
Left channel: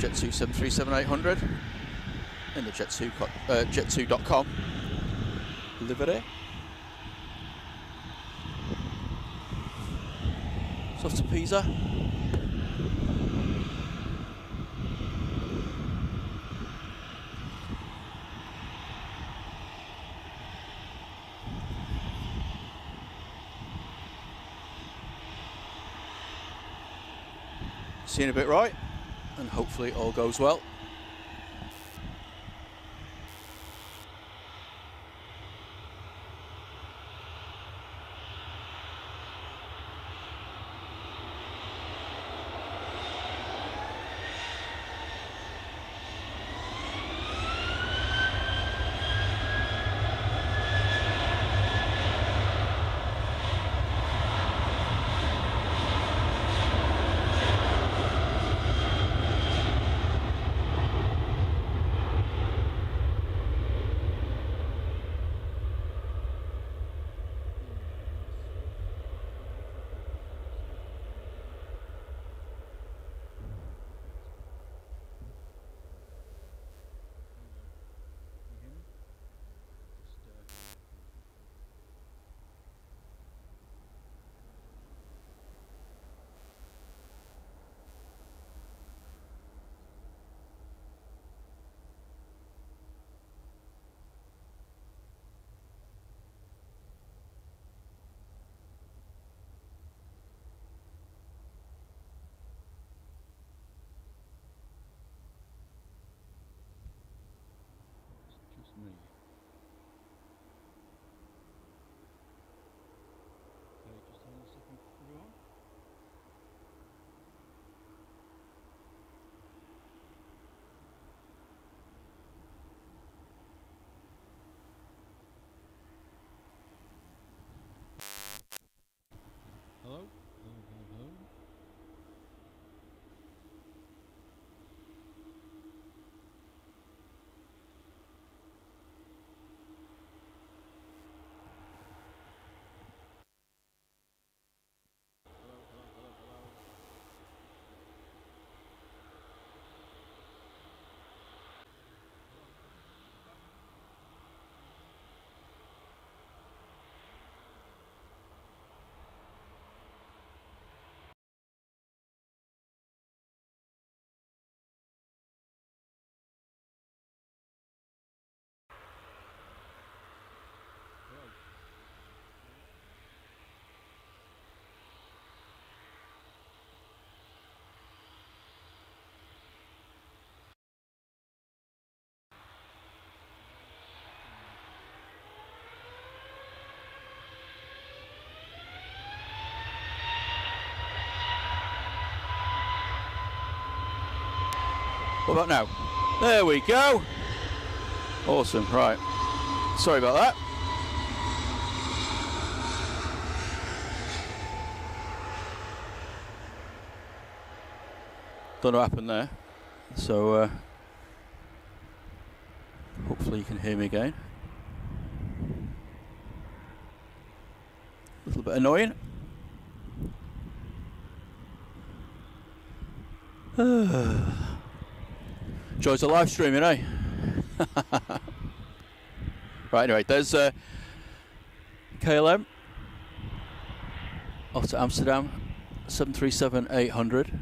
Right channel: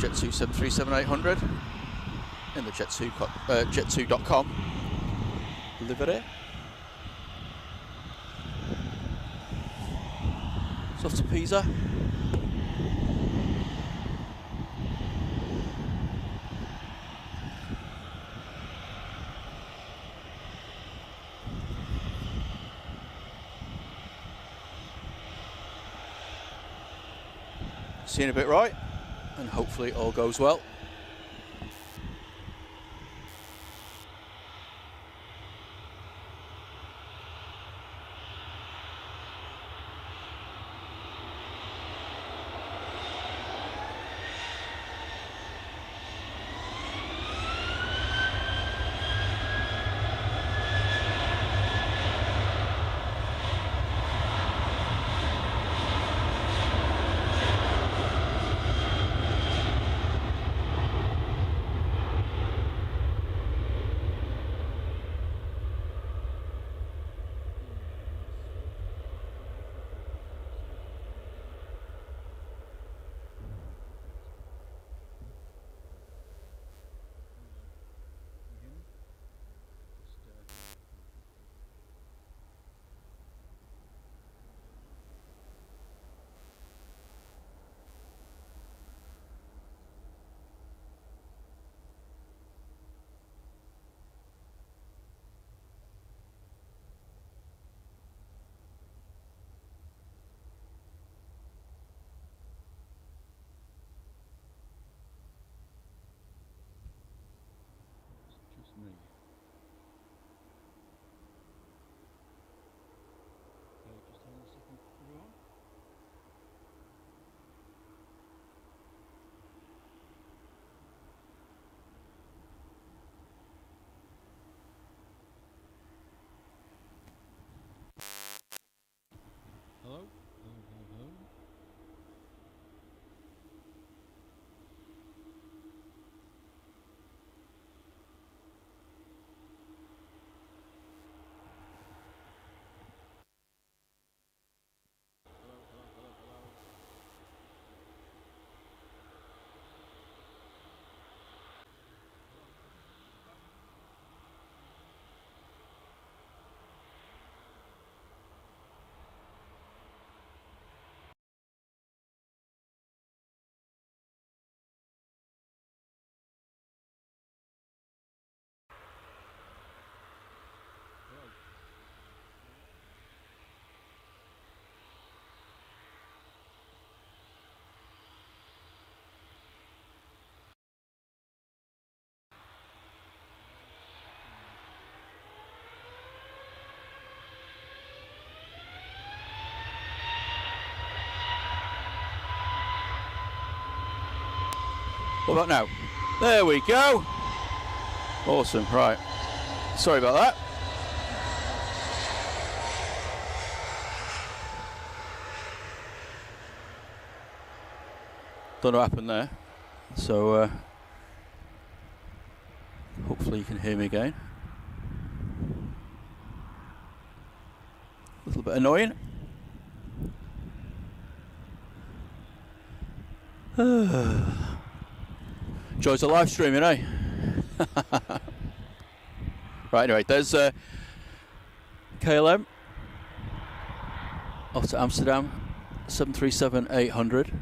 Jet2 737-800 in the jet2.com livery. It's off to Pisa. Seeing a bit right, and hopefully all goes well. What about now? There we go. Awesome. Right. Sorry about that. Don't know what happened there. So hopefully you can hear me again. A little bit annoying. Joys of live streaming, eh? Right, anyway, there's KLM off to Amsterdam, 737-800.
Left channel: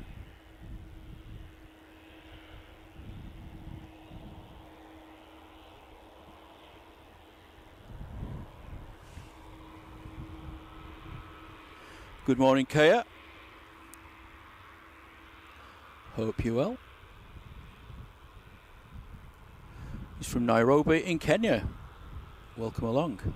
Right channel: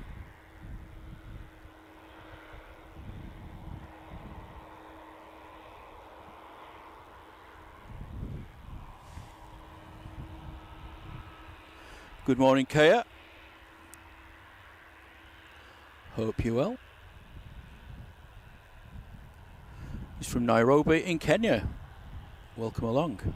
Good morning, Kaya. Hope you're well. He's from Nairobi in Kenya. Welcome along.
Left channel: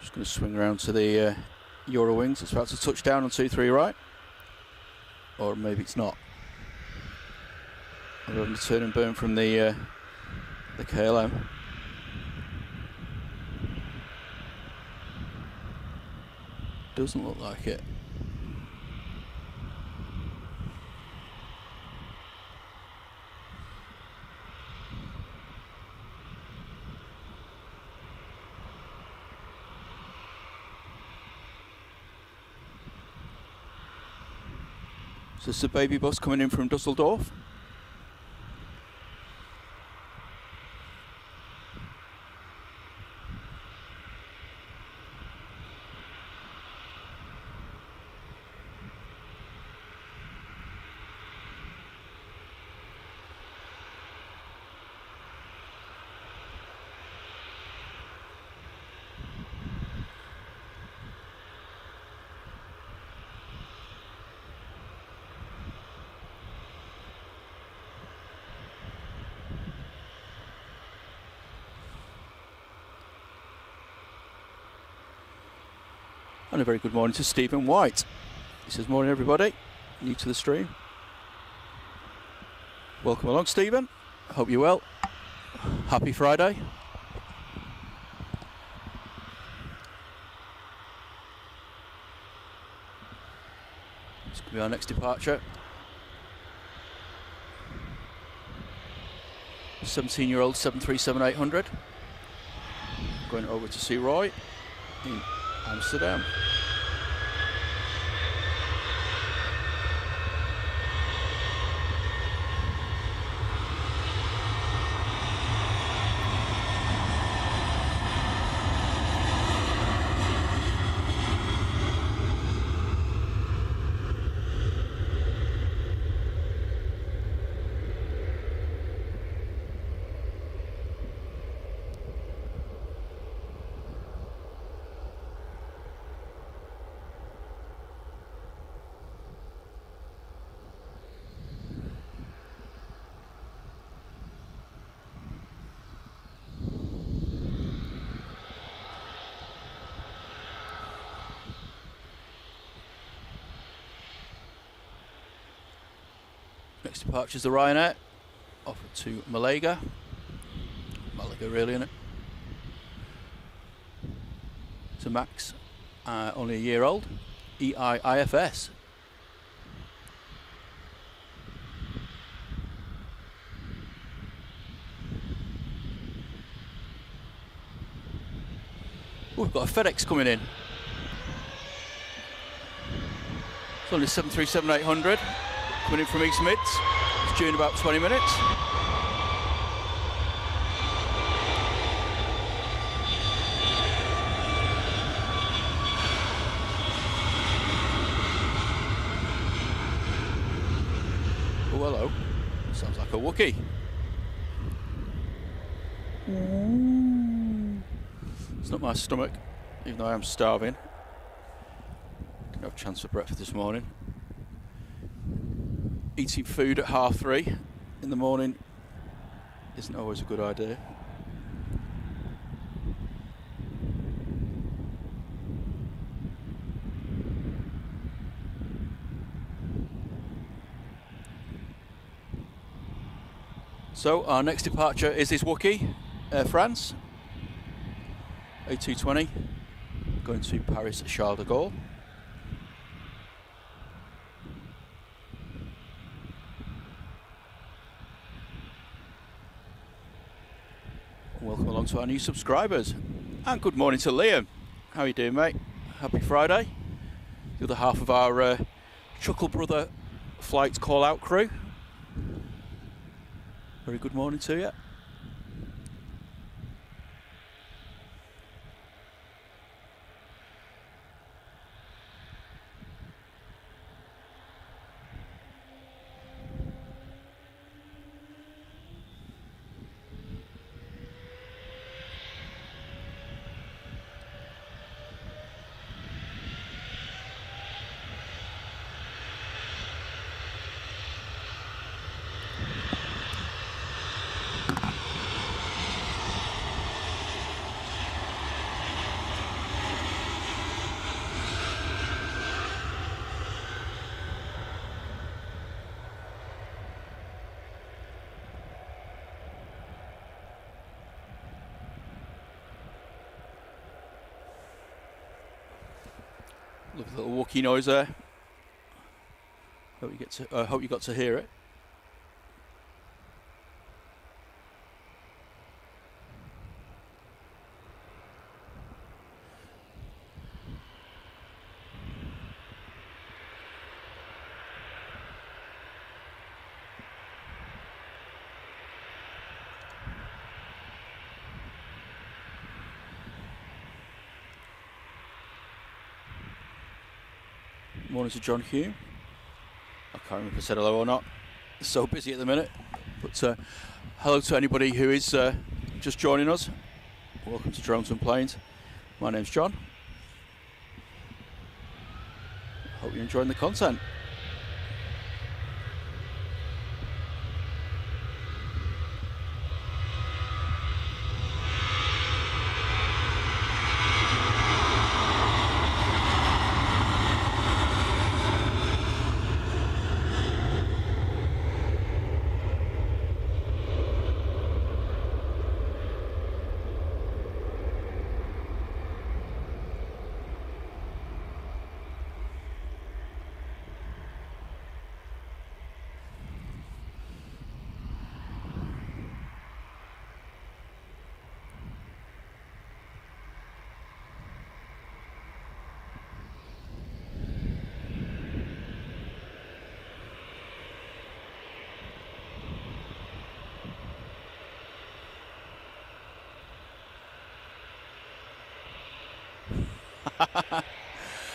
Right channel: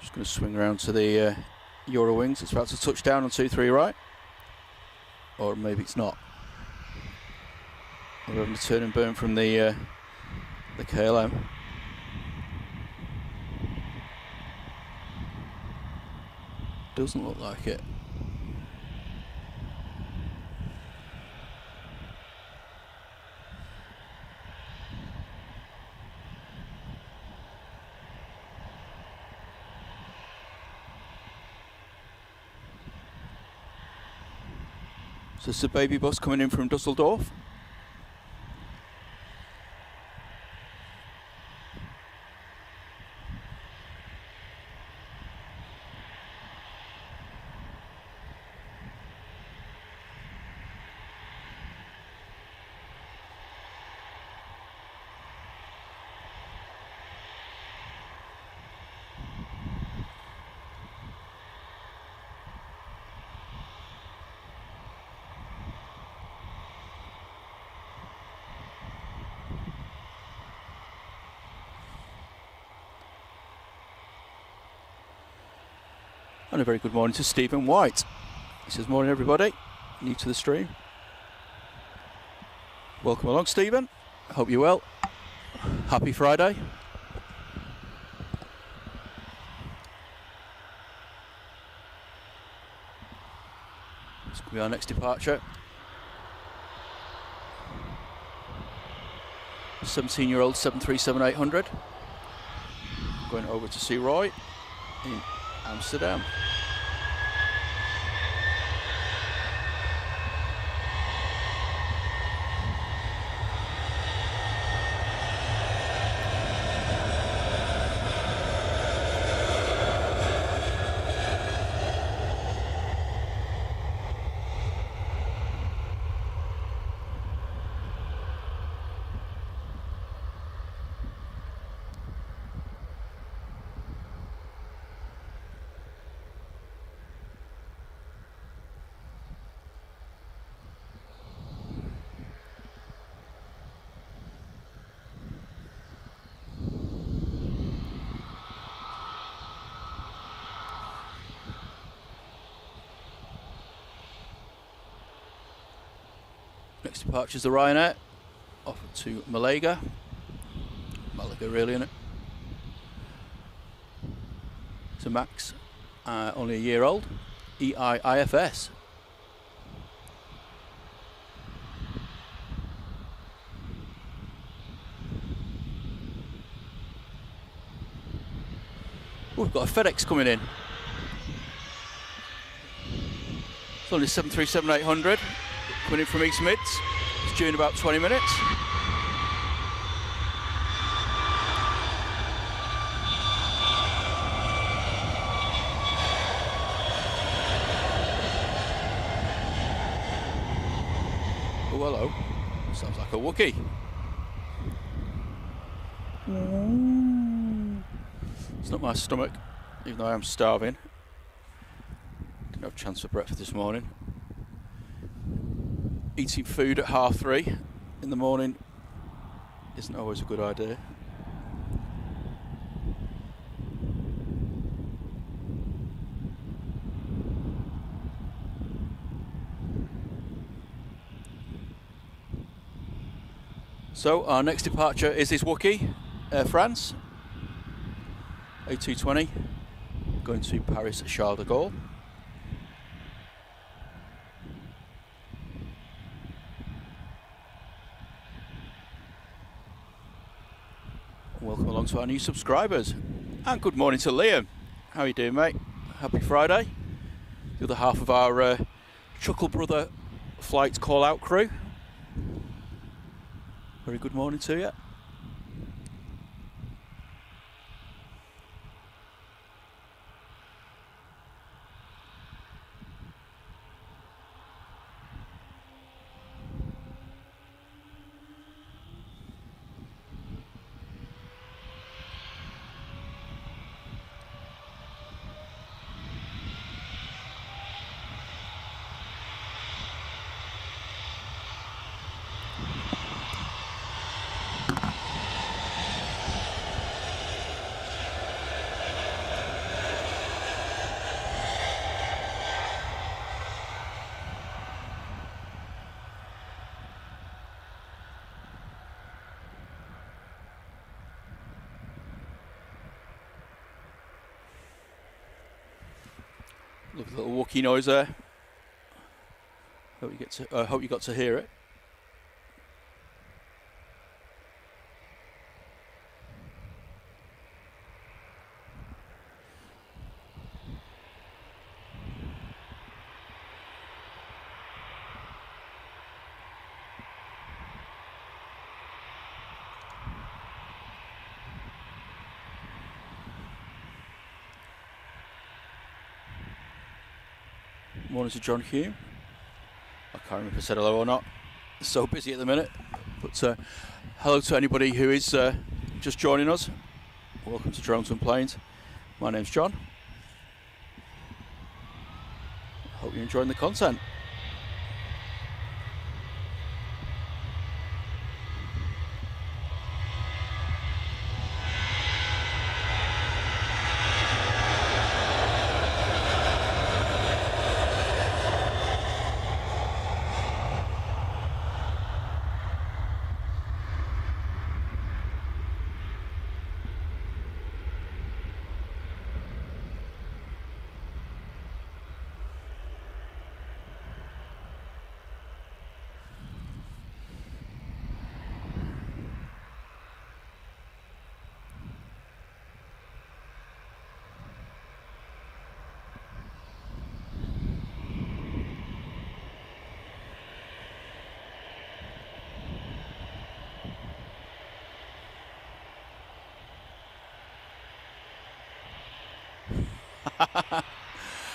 Just going to swing around to the Eurowings. It's about to touch down on 23 right. Or maybe it's not. I'm having to turn and burn from the KLM. Doesn't look like it. So this is a baby bus coming in from Dusseldorf. And a very good morning to Stephen White. He says, morning everybody, new to the stream. Welcome along, Stephen. Hope you're well. Happy Friday. This could be our next departure. 17-year-old 737-800. Going over to see Roy in Amsterdam. Next departure is the Ryanair, off to Malaga. Malaga really, isn't it? It's a Max, only a year old, EIIFS. Oh, we've got a FedEx coming in. It's only 737-800. Coming in from East Mids. It's due in about 20 minutes. Oh, hello. Sounds like a Wakey. It's not my stomach, even though I am starving. Didn't have a chance for breakfast this morning. Eating food at 3:30 in the morning isn't always a good idea. So our next departure is this Wakey, Air France, A320, going to Paris Charles de Gaulle. Welcome along to our new subscribers, and good morning to Liam. How are you doing, mate? Happy Friday. The other half of our Chuckle Brother flight call out crew. Very good morning to you. Lovely little Wakey noise there. Hope you got to hear it. Morning to John Hume. I can't remember if I said hello or not. It's so busy at the minute. But hello to anybody who is just joining us. Welcome to Drones and Planes. My name's John. Hope you're enjoying the content.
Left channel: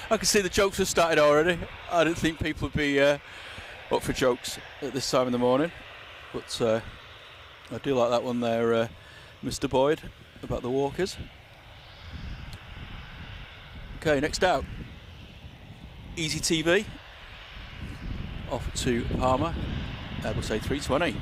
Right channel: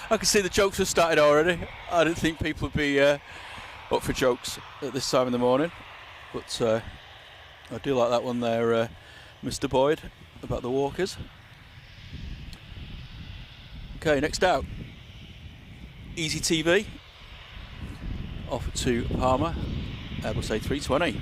I can see the jokes have started already. I didn't think people would be up for jokes at this time in the morning, but I do like that one there, Mr. Boyd, about the walkers. Okay, next out, Easy TV, off to Palma, Airbus A320.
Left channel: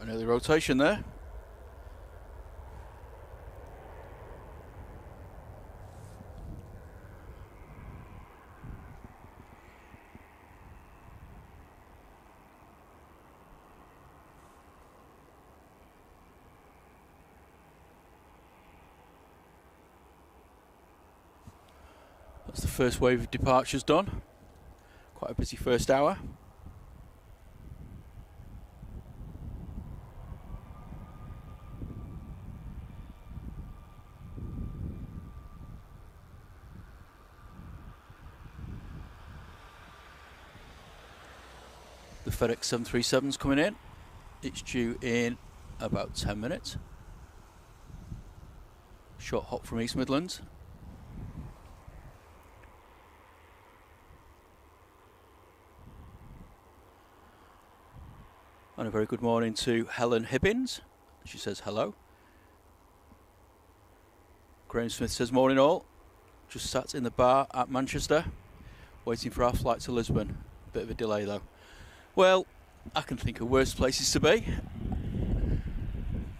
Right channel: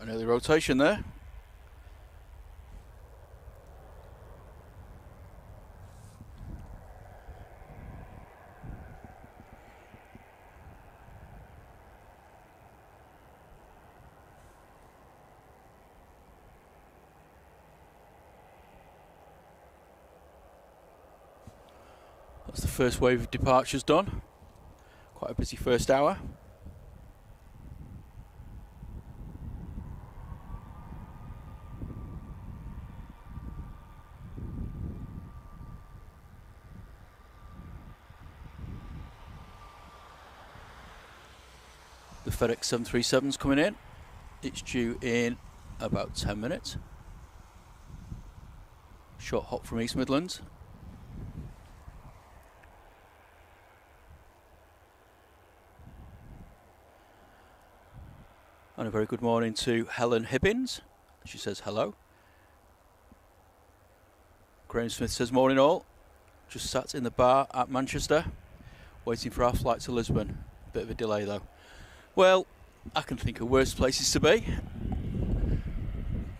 Quite an early rotation there. That's the first wave of departures done. Quite a busy first hour. The FedEx 737's coming in. It's due in about 10 minutes. Short hop from East Midlands. And a very good morning to Helen Hibbins. She says hello. Graham Smith says morning all. Just sat in the bar at Manchester, waiting for our flight to Lisbon. Bit of a delay though. Well, I can think of worse places to be.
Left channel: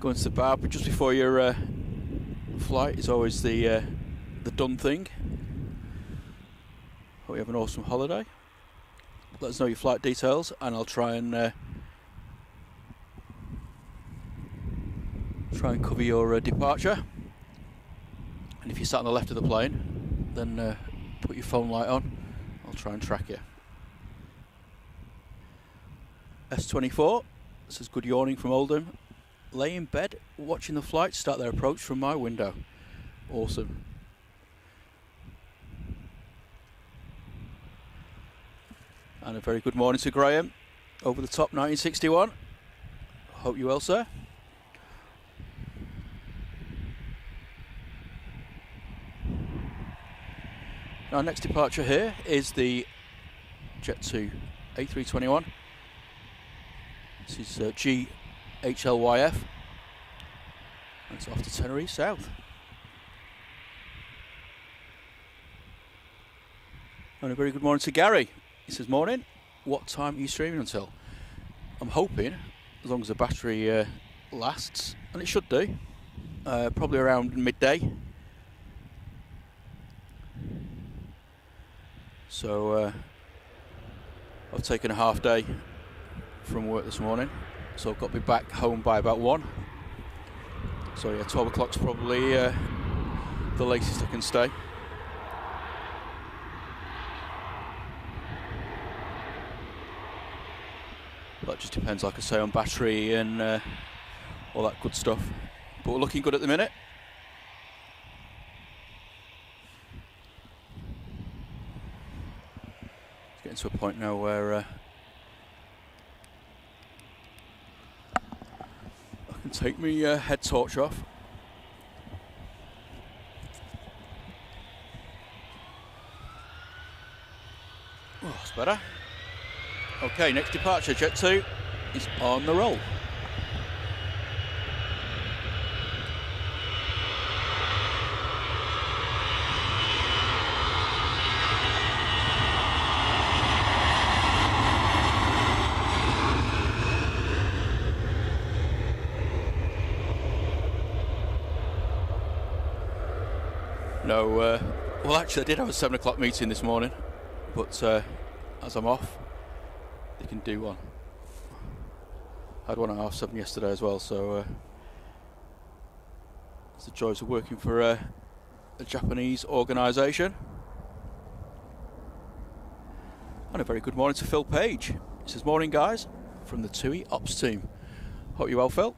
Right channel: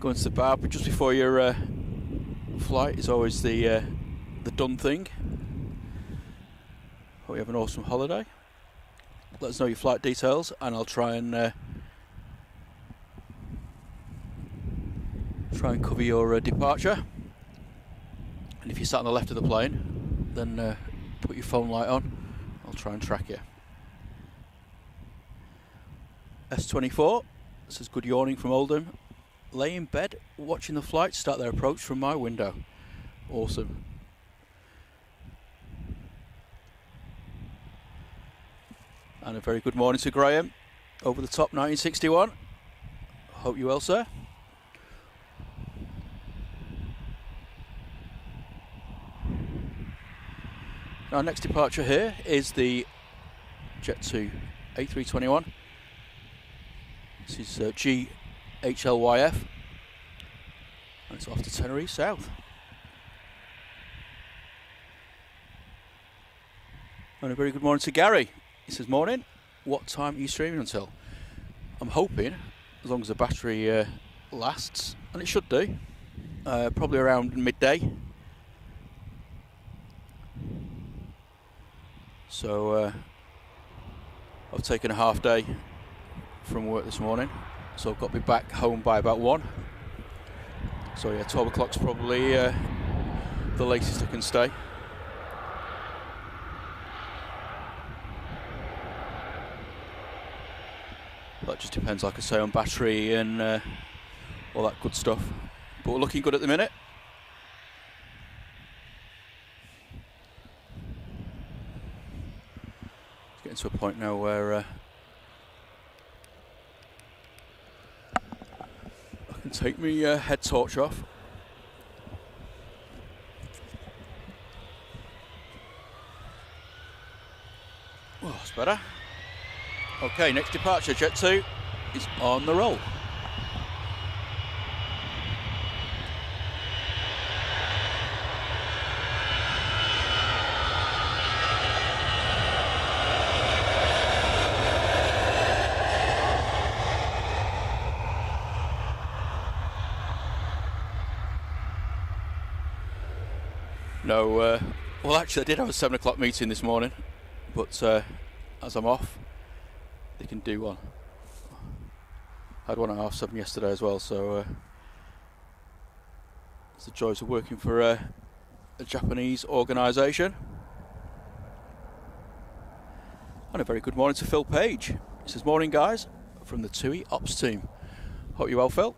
Going to the bar, but just before your flight is always the done thing. Hope you have an awesome holiday. Let us know your flight details, and I'll try and cover your departure. And if you're sat on the left of the plane, then put your phone light on. I'll try and track you. S24 says good yawning from Oldham. Lay in bed watching the flight start their approach from my window. Awesome. And a very good morning to Graham. Over the top 1961. Hope you well, sir. Our next departure here is the Jet2 A321. This is GHLYF, and it's off to Tenerife South. And a very good morning to Gary. He says, morning, what time are you streaming until? I'm hoping, as long as the battery lasts, and it should do, probably around midday. So I've taken a half day from work this morning, so I've got to be back home by about 1. So yeah, 12 o'clock's probably the latest I can stay. That just depends, like I say, on battery and all that good stuff. But we're looking good at the minute. It's getting to a point now where I can take my head torch off. Oh, that's better. Okay, next departure, Jet 2 is on the roll. No, well actually I did have a 7 o'clock meeting this morning, but as I'm off, they can do one. I had one at 7:30 yesterday as well, so it's the joys of working for a Japanese organisation. And a very good morning to Phil Page. He says, morning guys, from the TUI Ops team. Hope you're well, Phil.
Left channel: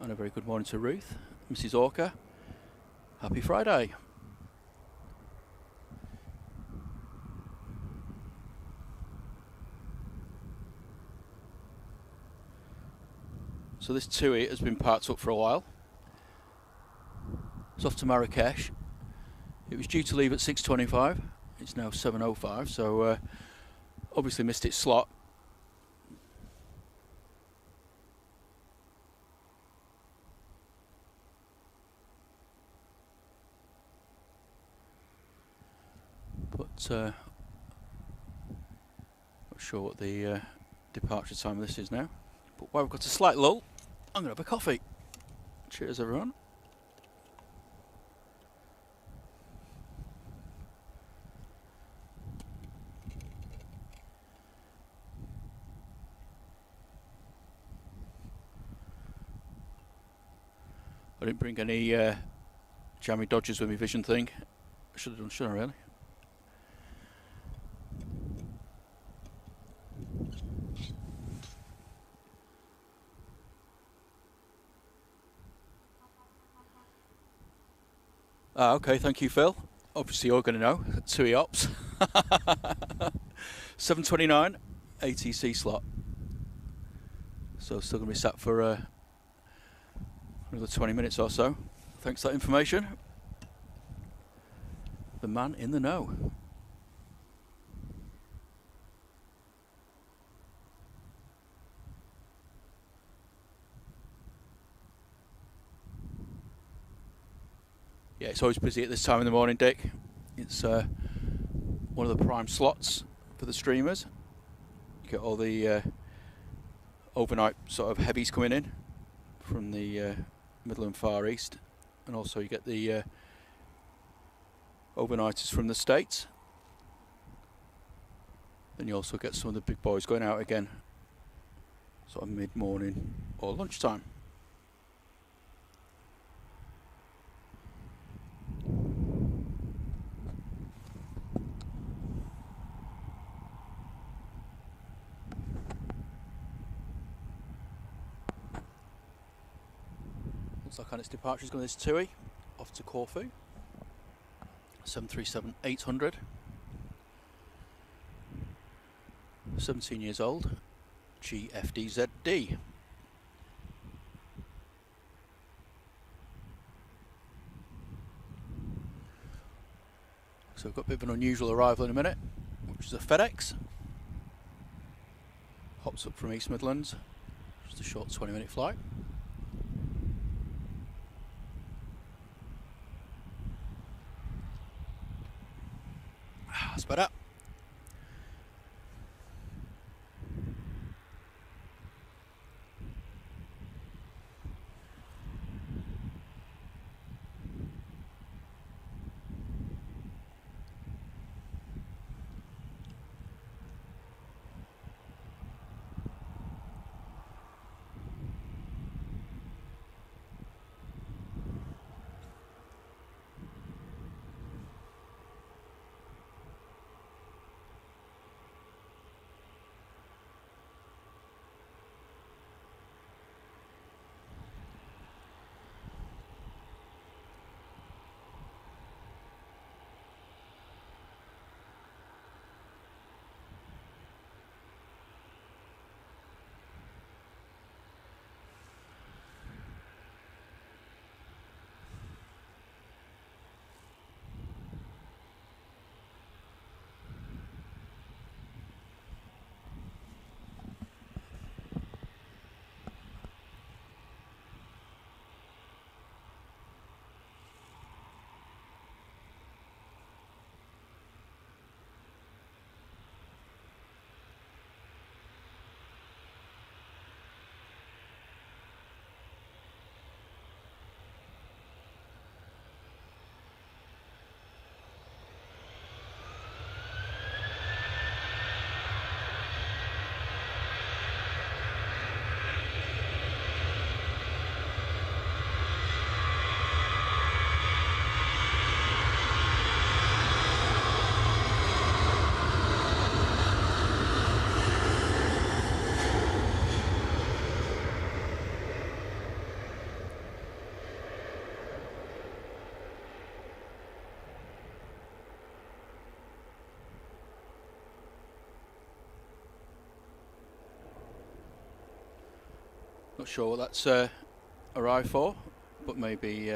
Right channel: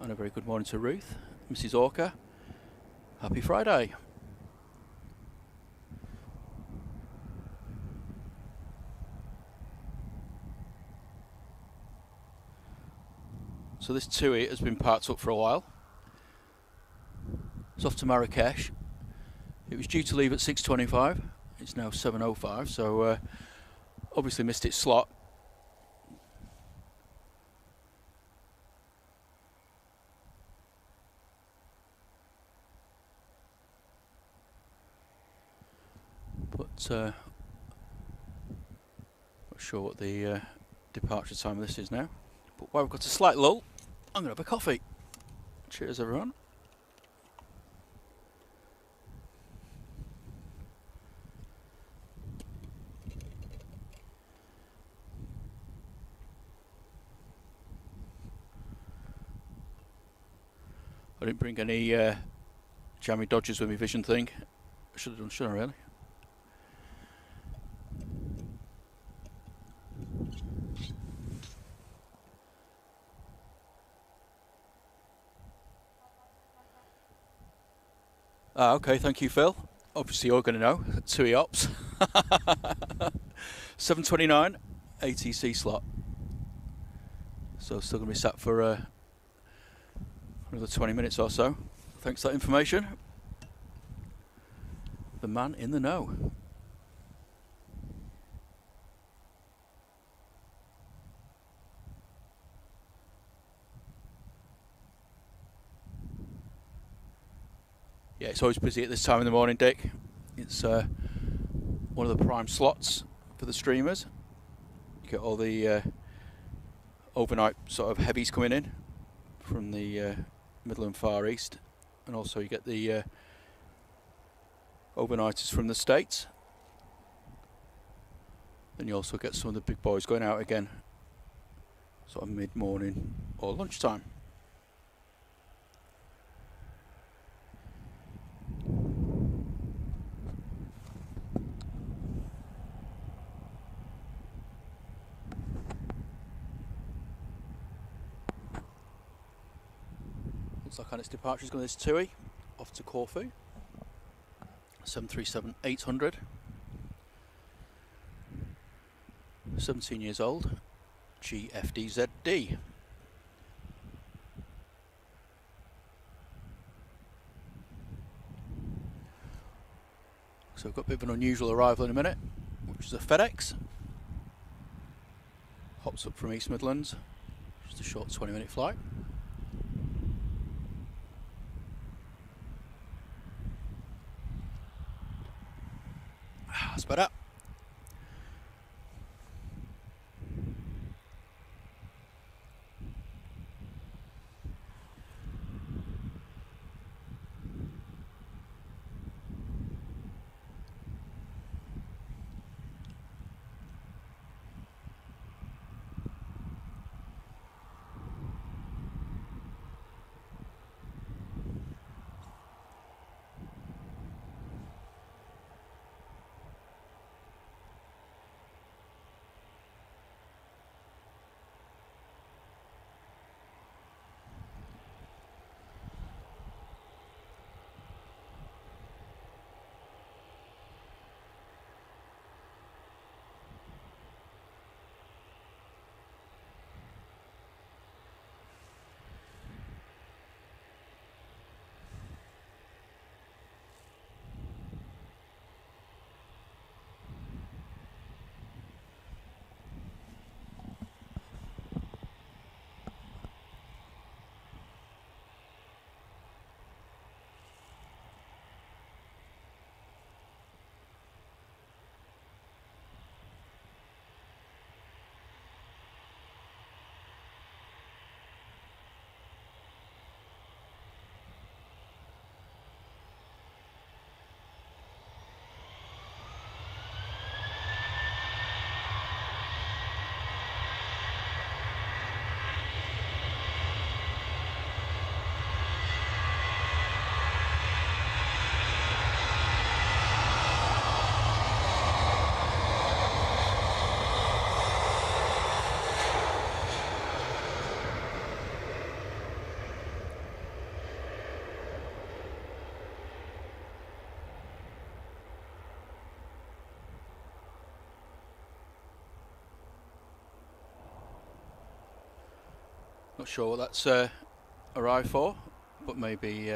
And a very good morning to Ruth, Mrs. Orca. Happy Friday. So this TUI has been parked up for a while. It's off to Marrakesh. It was due to leave at 6:25. It's now 7:05, so obviously missed its slot. not sure what the departure time of this is now, but while we've got a slight lull, I'm going to have a coffee. Cheers, everyone. I didn't bring any jammy dodgers with me vision thing. I should have done, shouldn't I, really? Okay, thank you, Phil. Obviously, you're going to know. TUI Ops. 7:29 ATC slot. So, still going to be sat for another 20 minutes or so. Thanks for that information. The man in the know. Yeah, it's always busy at this time in the morning, Dick. It's one of the prime slots for the streamers. You get all the overnight sort of heavies coming in from the Middle and Far East, and also you get the overnighters from the States. Then you also get some of the big boys going out again, sort of mid-morning or lunchtime. Looks like on its departure is going to this TUI off to Corfu. 737-800. 17 years old. GFDZD. So we've got a bit of an unusual arrival in a minute, which is a FedEx. Hops up from East Midlands. Just a short 20-minute flight. That's better. Not sure what that's arrived for, but maybe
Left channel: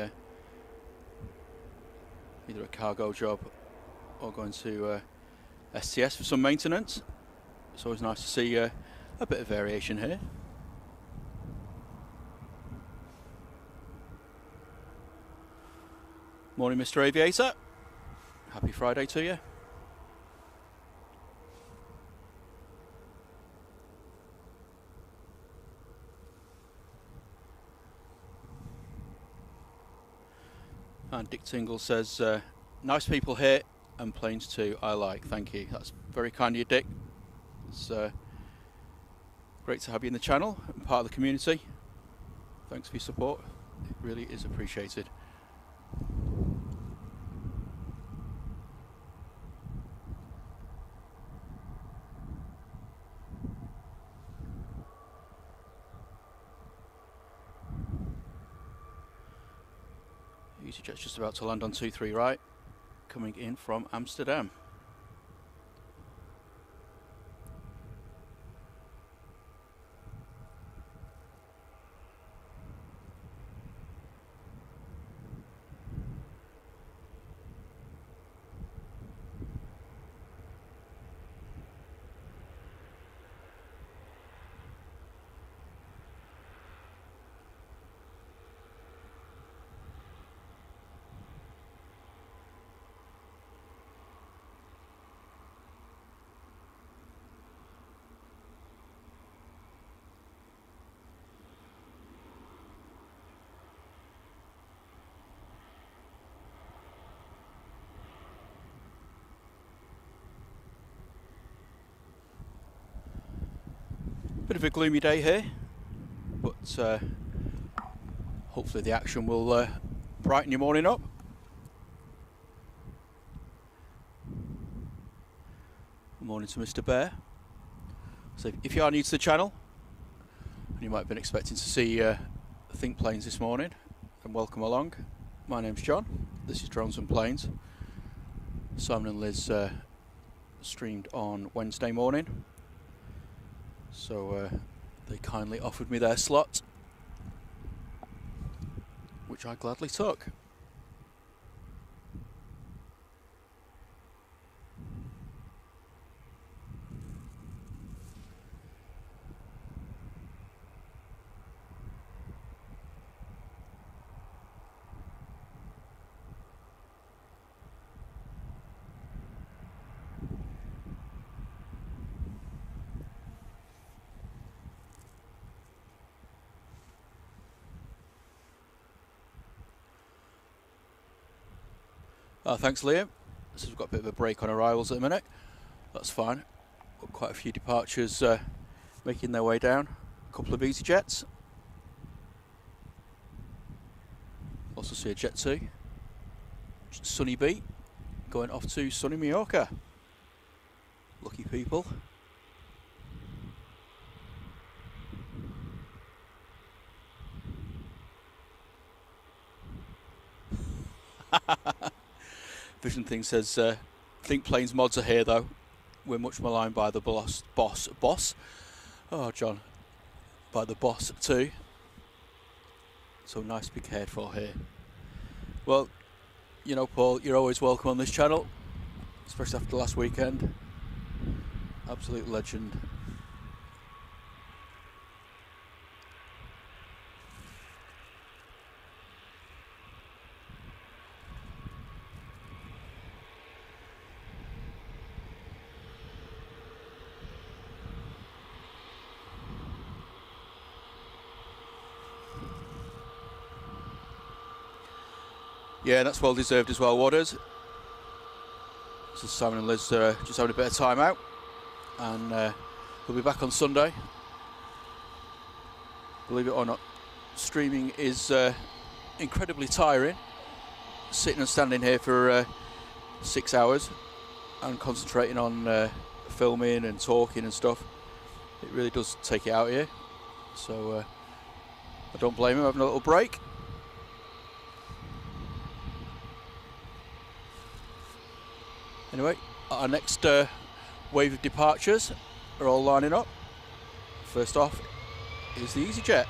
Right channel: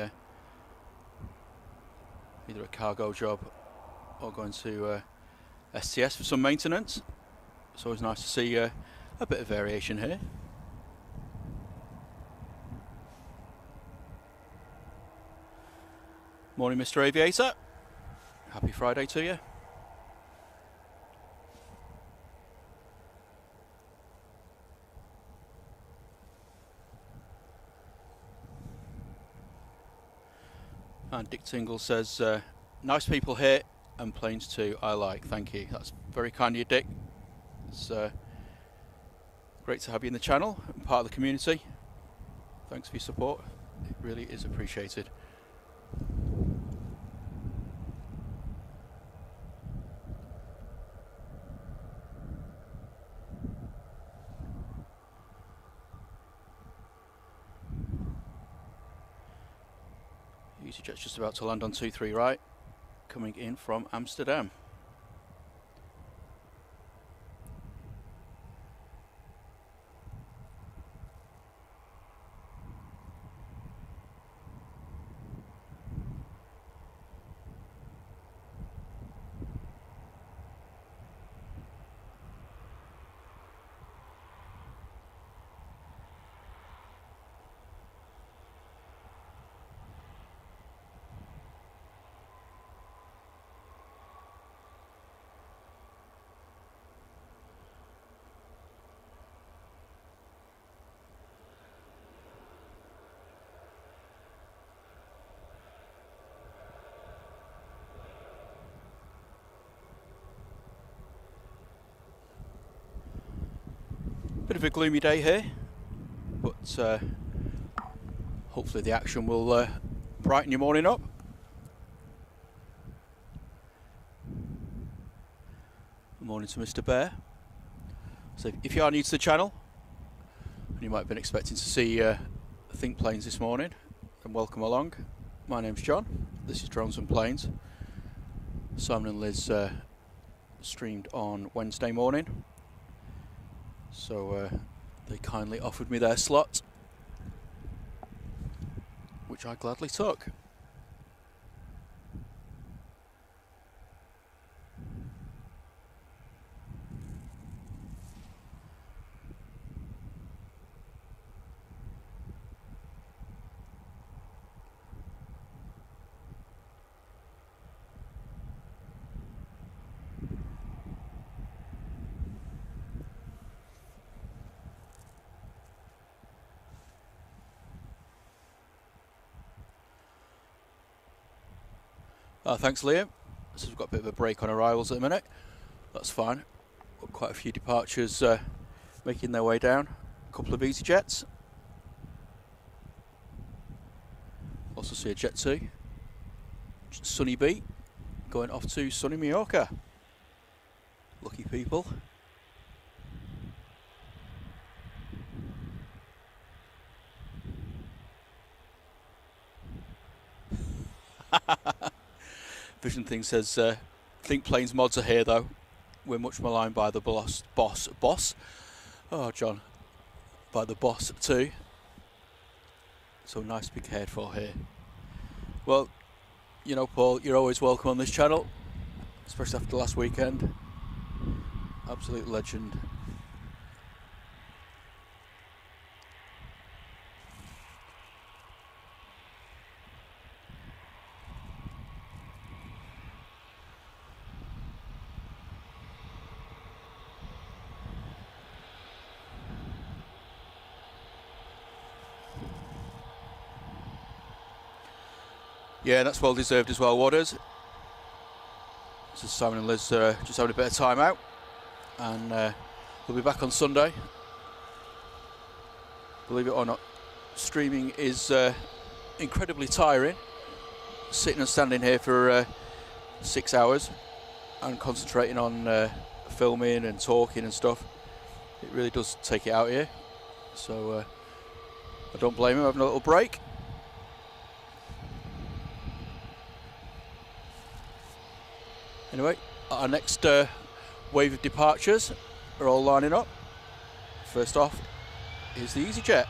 either a cargo job or going to STS for some maintenance. It's always nice to see a bit of variation here. Morning, Mr. Aviator. Happy Friday to you. And Dick Tingle says, nice people here and planes too, I like. Thank you. That's very kind of you, Dick. It's great to have you in the channel and part of the community. Thanks for your support. It really is appreciated. EasyJet's just about to land on 23 right, coming in from Amsterdam. Bit of a gloomy day here, but hopefully the action will brighten your morning up. Good morning to Mr. Bear. So if you are new to the channel, and you might have been expecting to see Think Planes this morning, then welcome along. My name's John, this is Drones and Planes. Simon and Liz streamed on Wednesday morning, so they kindly offered me their slot, which I gladly took. Thanks, Liam. So we've got a bit of a break on arrivals at the minute. That's fine. Got quite a few departures making their way down. A couple of EasyJets. Also see a Jet 2. Sunny B going off to sunny Mallorca. Lucky people. Vision Thing says, Think Planes mods are here though. We're much maligned by the boss. Oh, John. By the boss too. So nice to be cared for here. Well, you know, Paul, you're always welcome on this channel, especially after last weekend. Absolute legend. Yeah, that's well deserved as well, Waters. So Simon and Liz just having a bit of time out, and we'll be back on Sunday. Believe it or not, streaming is incredibly tiring. Sitting and standing here for 6 hours and concentrating on filming and talking and stuff. It really does take it out here. So I don't blame him having a little break. Anyway, our next wave of departures are all lining up. First off is the EasyJet.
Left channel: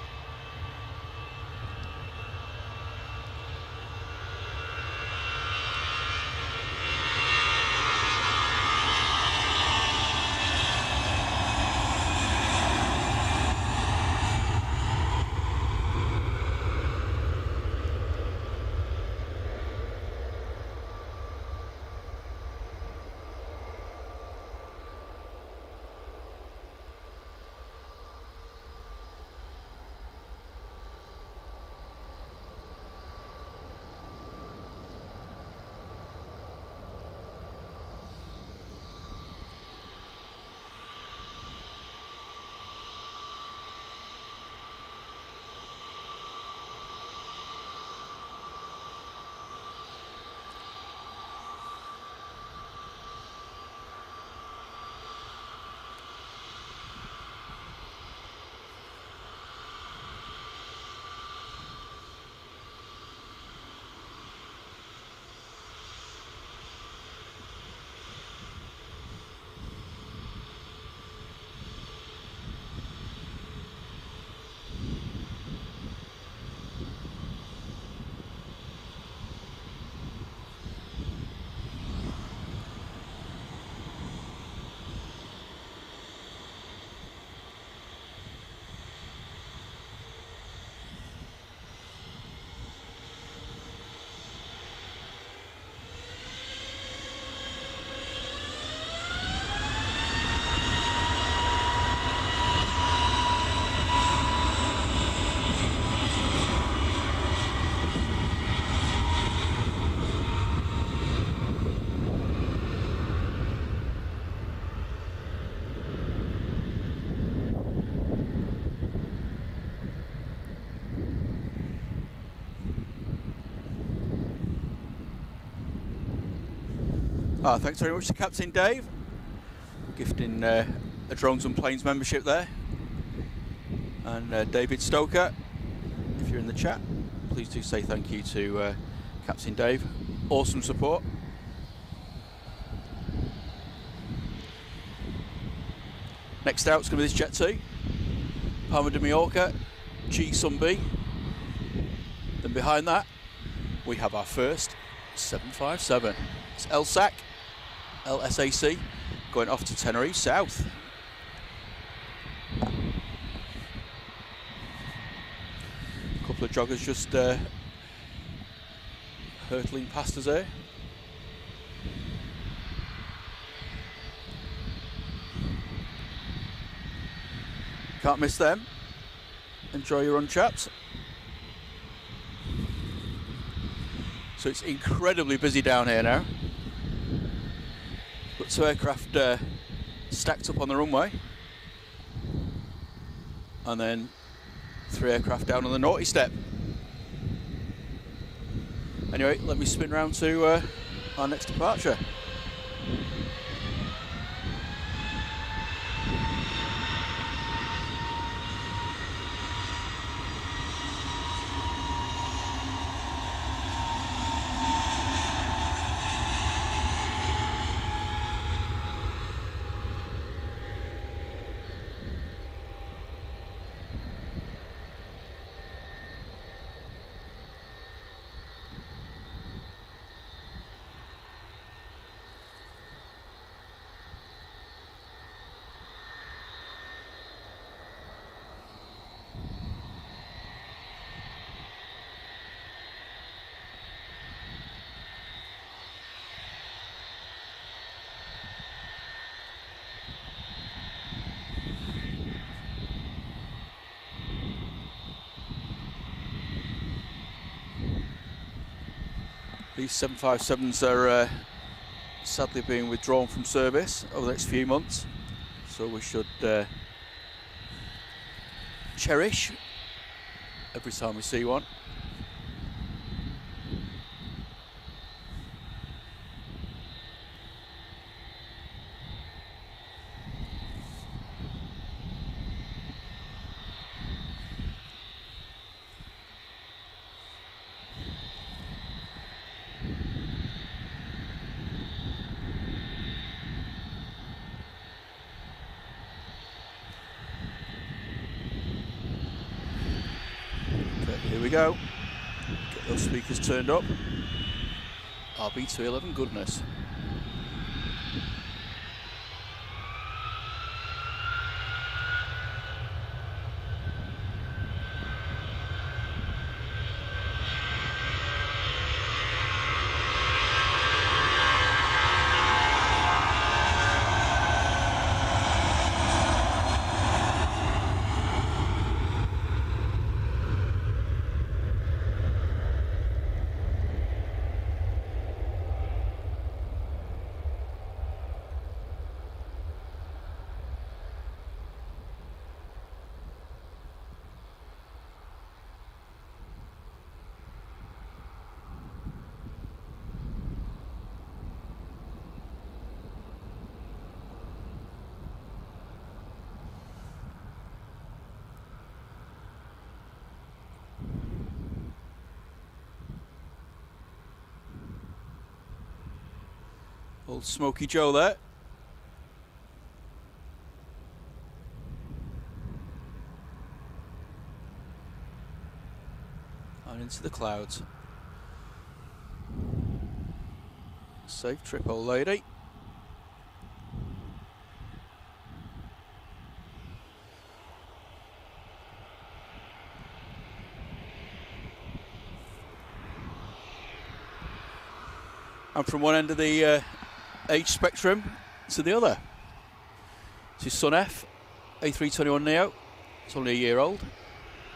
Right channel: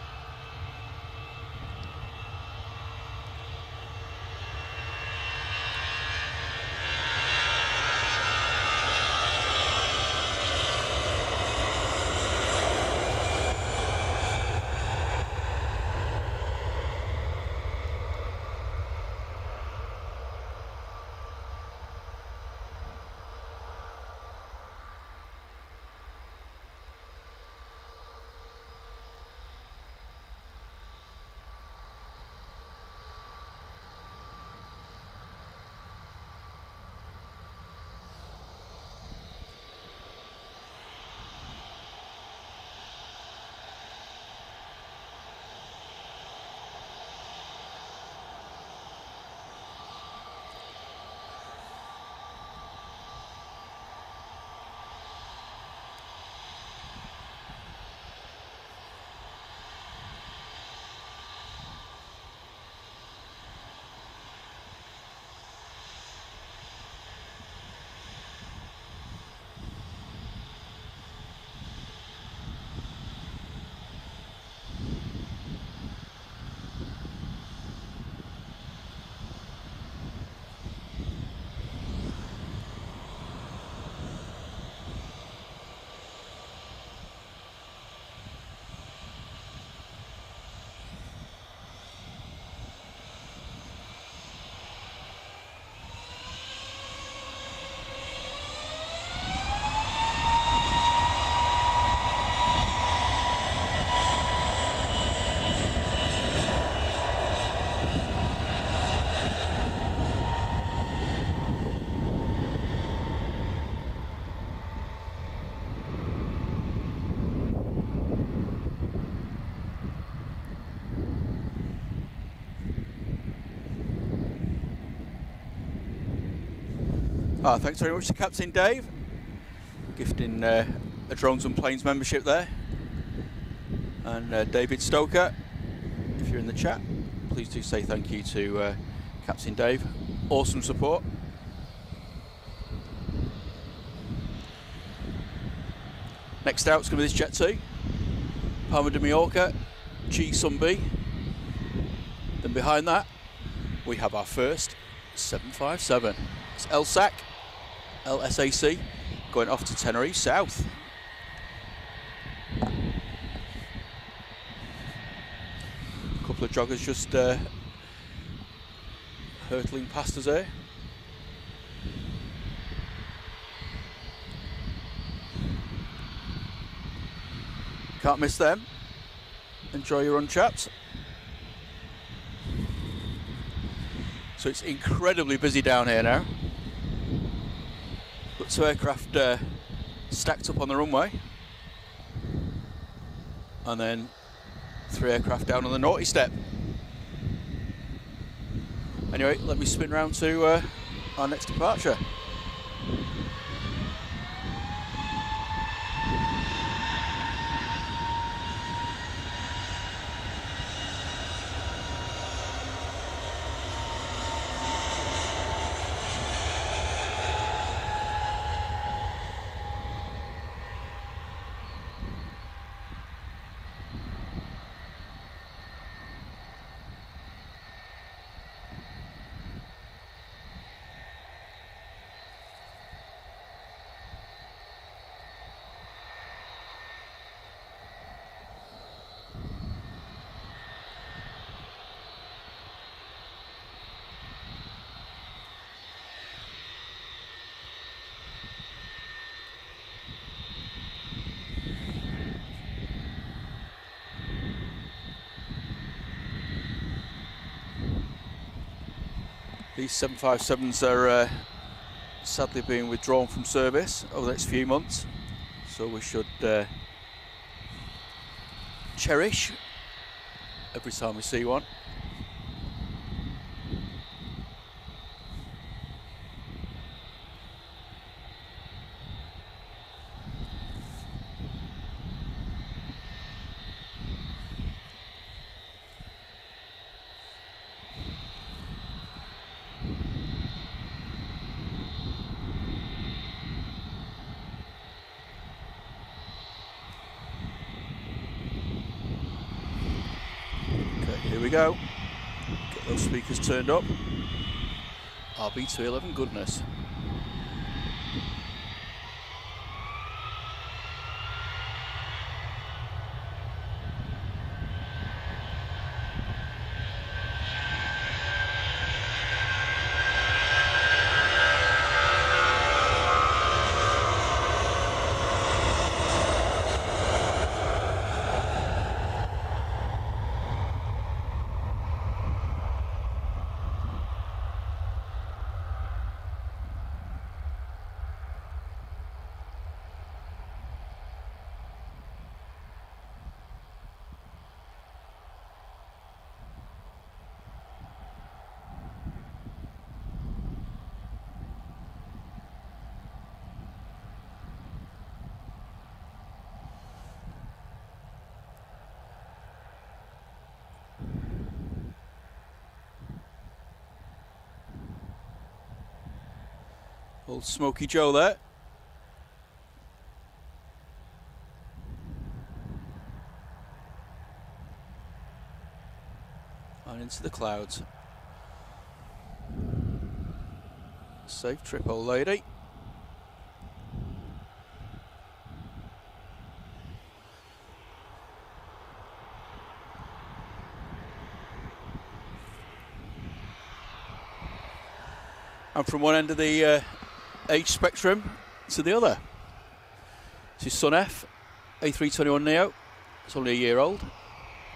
Thanks very much to Captain Dave, gifting a Drones and Planes membership there. And David Stoker, if you're in the chat, please do say thank you to Captain Dave. Awesome support. Next out is going to be this jet too. Palma de Mallorca, G Sunbee. Then behind that, we have our first 757. It's LSAC, going off to Tenerife South. A couple of joggers just hurtling past us here. Can't miss them. Enjoy your run, chaps. So it's incredibly busy down here now. Got two aircraft stacked up on the runway. And then 3 aircraft down on the naughty step. Anyway, let me spin round to our next departure. These 757s are sadly being withdrawn from service over the next few months, so we should cherish every time we see one. Here we go. Get those speakers turned up. RB211 goodness. Old Smoky Joe there. And into the clouds. Safe trip, old lady. And from one end of the age spectrum to the other. This is Son F, A321 Neo. It's only a year old.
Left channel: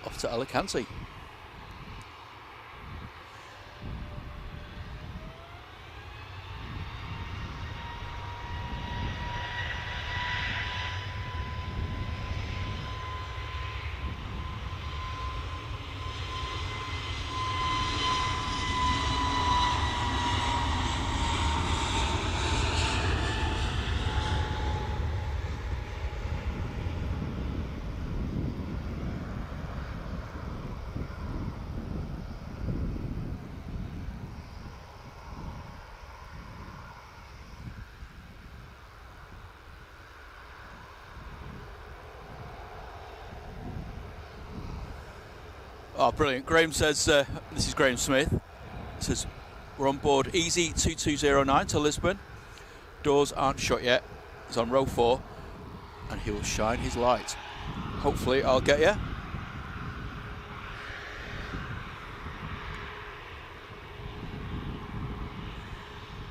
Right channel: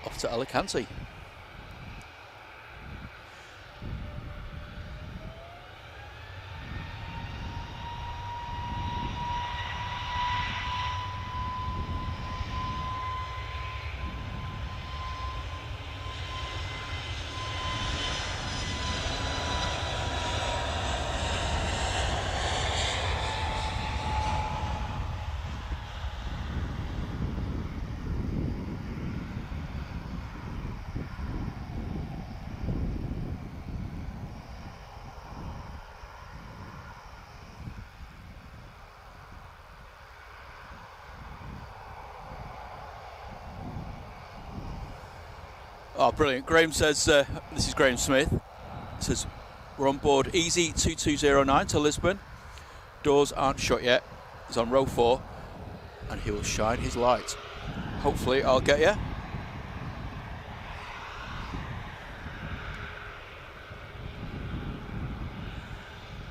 Off to Alicante. Oh, brilliant. Graham says, this is Graham Smith, says, we're on board Easy 2209 to Lisbon. Doors aren't shut yet. He's on row 4 and he will shine his light. Hopefully I'll get you.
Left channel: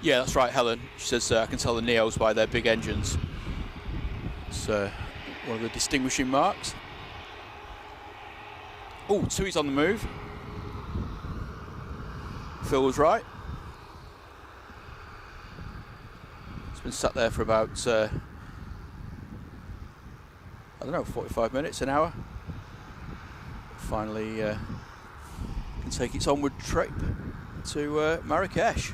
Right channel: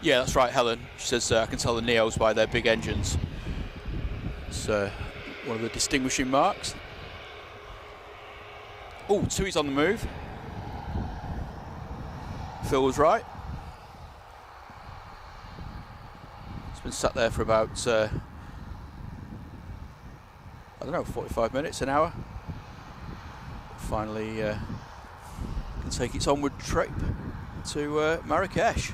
Yeah, that's right, Helen. She says, I can tell the Neos by their big engines. It's one of the distinguishing marks. Oh, Tui's on the move. Phil was right. It's been sat there for about, I don't know, 45 minutes, an hour. Finally can take its onward trip to Marrakesh.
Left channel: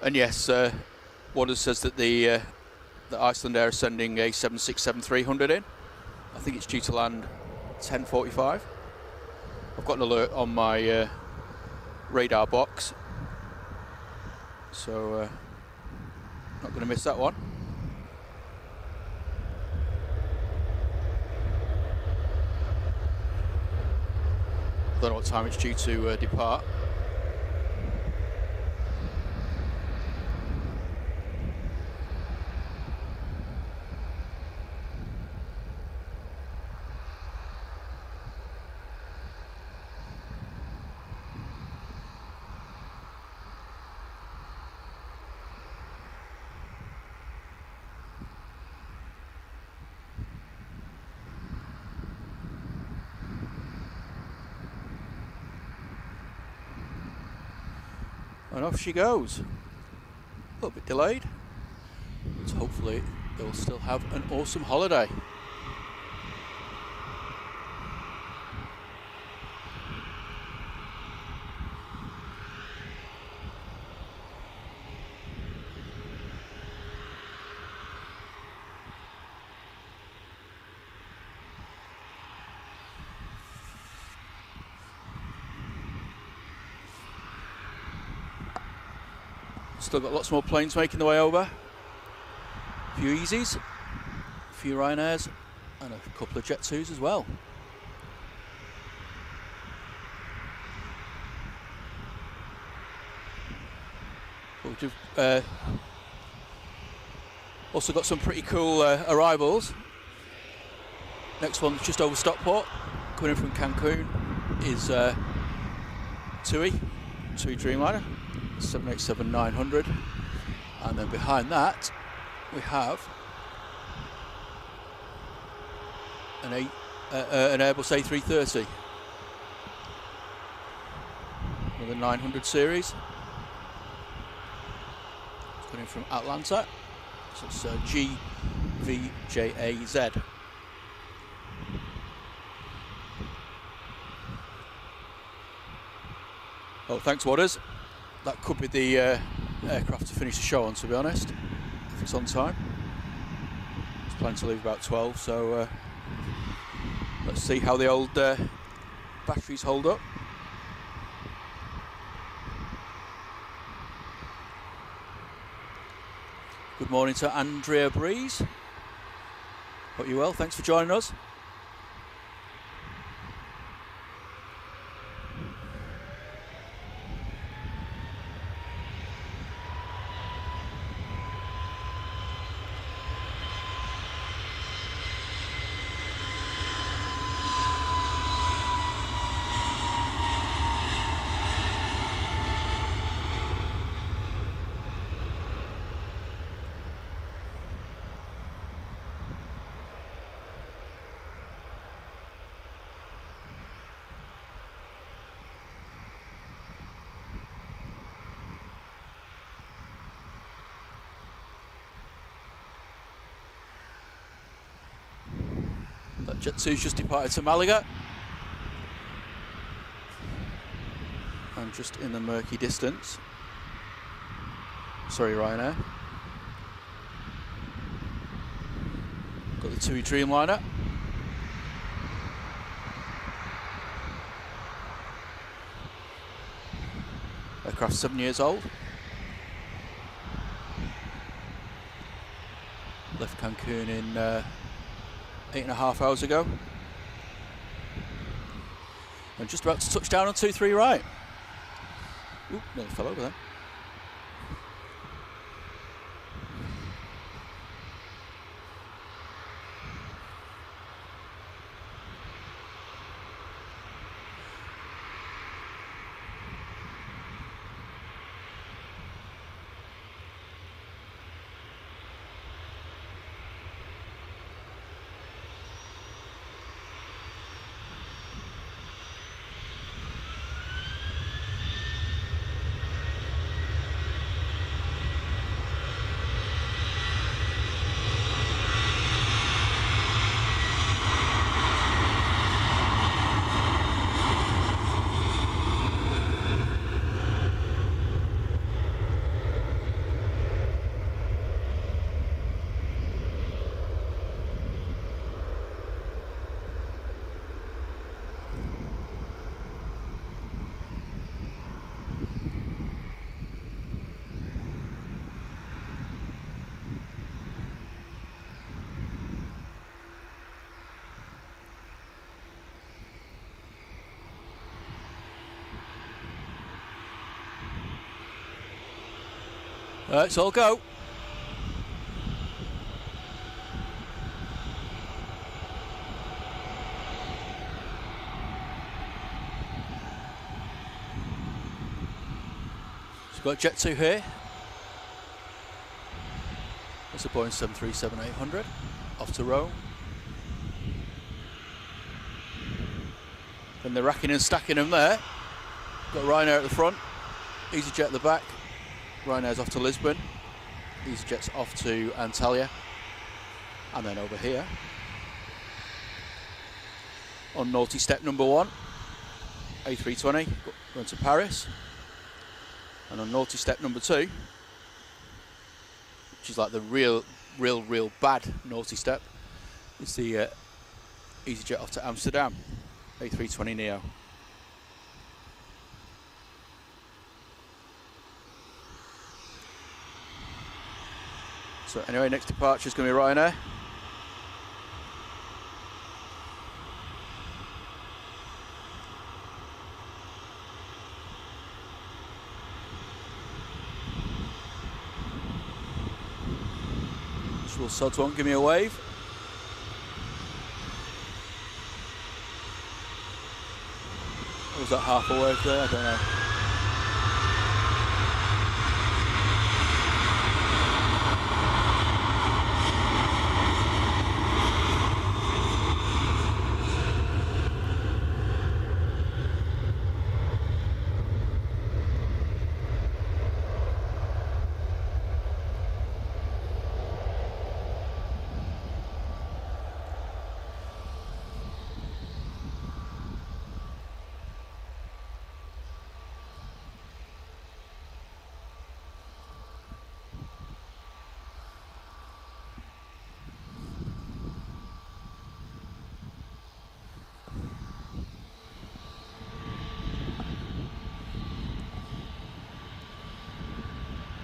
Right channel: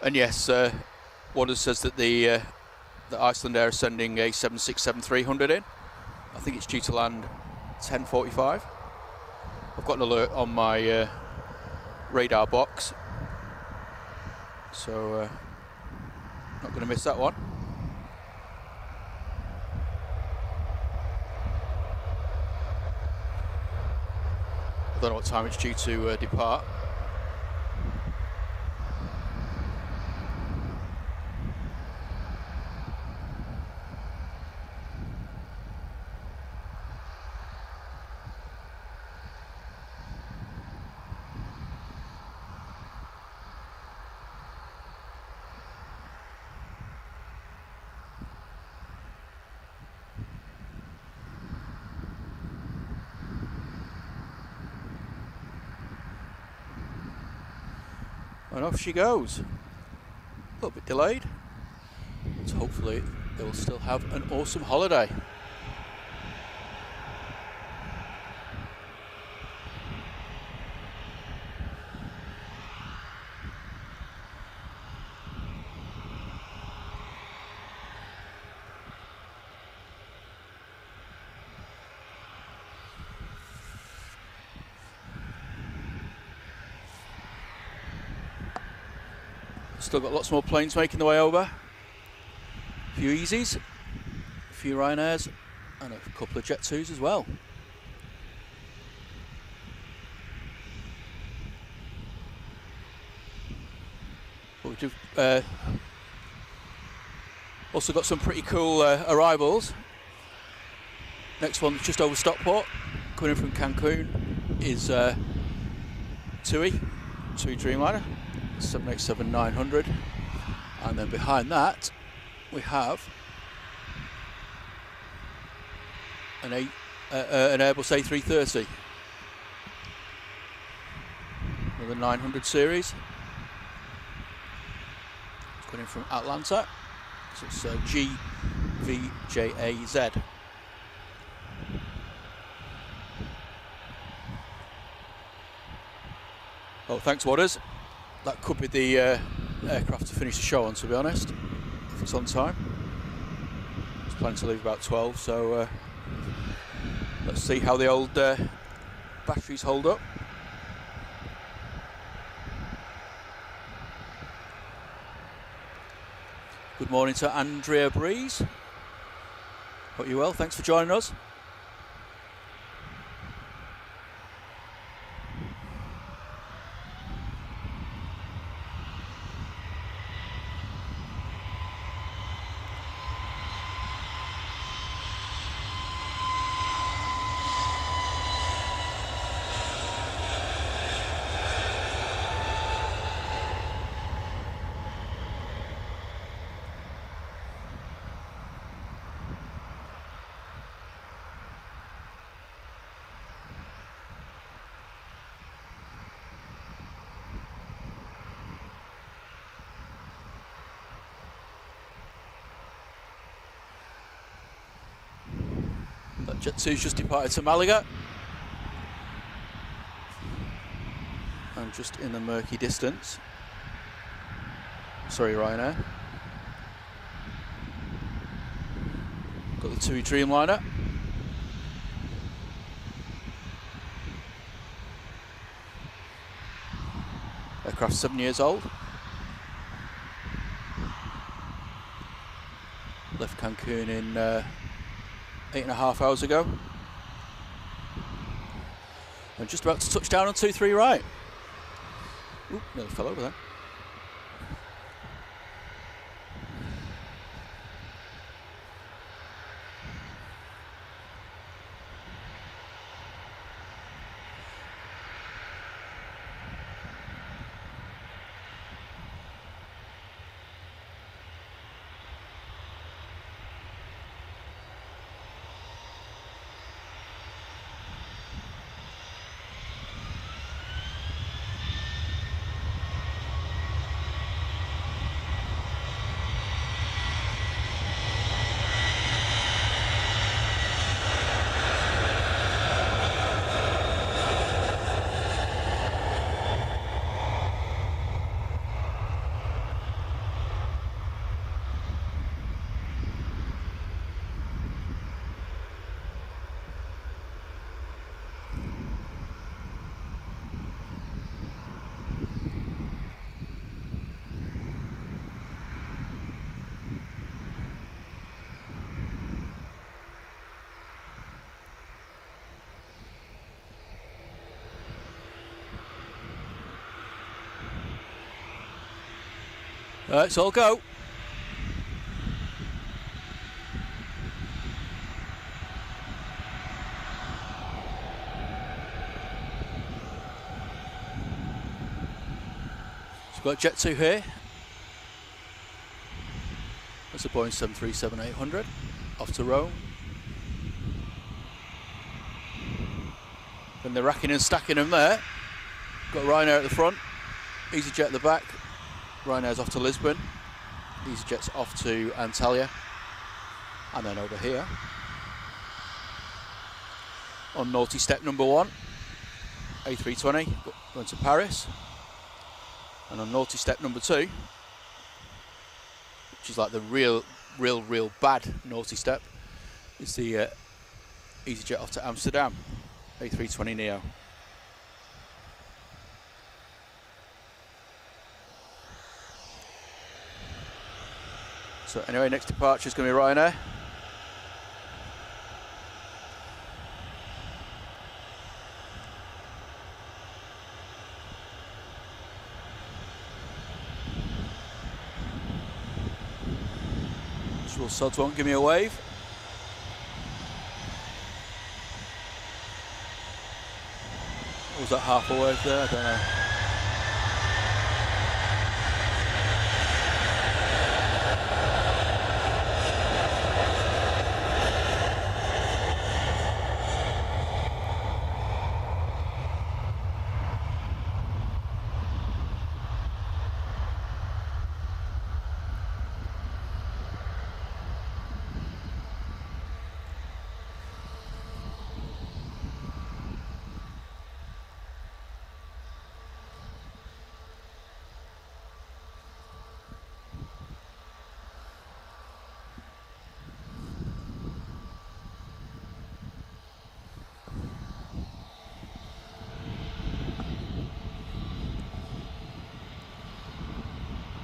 And yes, Waters says that the Iceland Air is sending a 767-300 in. I think it's due to land 10:45. I've got an alert on my radar box, so not going to miss that one. I don't know what time it's due to depart. And off she goes. A little bit delayed, but hopefully they will still have an awesome holiday. Still got lots more planes making their way over. A few Easies, a few Ryanairs, and a couple of Jet 2s as well. But we've also got some pretty cool arrivals. Next one's just over Stockport, coming in from Cancun, is TUI Dreamliner. 787-900, and then behind that we have an Airbus A330, another 900 series. It's coming in from Atlanta, so it's GVJAZ. Oh, thanks, Waters. That could be the aircraft to finish the show on, to be honest, if it's on time. It's planning to leave about 12, so let's see how the old batteries hold up. Good morning to Andrea Breeze. Hope you're well, thanks for joining us. Jet 2's just departed to Malaga. And just in the murky distance, sorry Ryanair, got the TUI Dreamliner. Aircraft 7 years old. Cancun in 8.5 hours ago. And just about to touch down on 23 right. Oop, nearly fell over there. Let's all go. So we've got Jet 2 here. That's a Boeing 737-800 off to Rome. Then they're racking and stacking them there. Got Ryanair at the front, EasyJet at the back. Ryanair's off to Lisbon, EasyJet's off to Antalya, and then over here on naughty step number 1, A320 going to Paris, and on naughty step number 2, which is like the real bad naughty step, is the EasyJet off to Amsterdam, A320 Neo. So anyway, next departure is going to be Ryanair. Usual sods won't give me a wave. Or was that half a wave there? I don't know.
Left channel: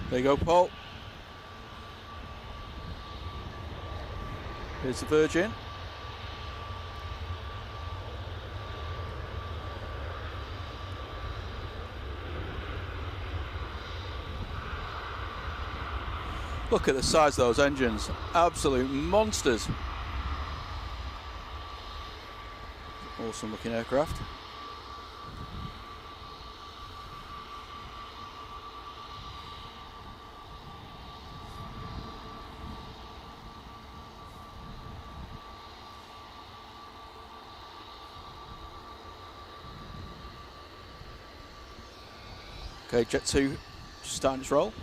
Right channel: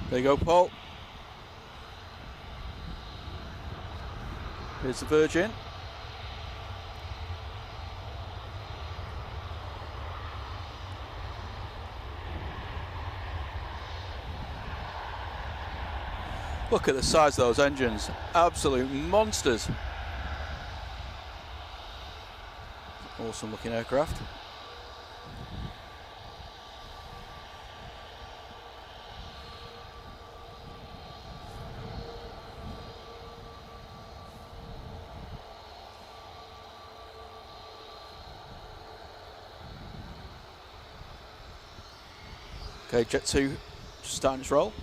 There you go, Paul. Here's the Virgin. Look at the size of those engines. Absolute monsters. Awesome looking aircraft. Okay, Jet 2 just starting its roll.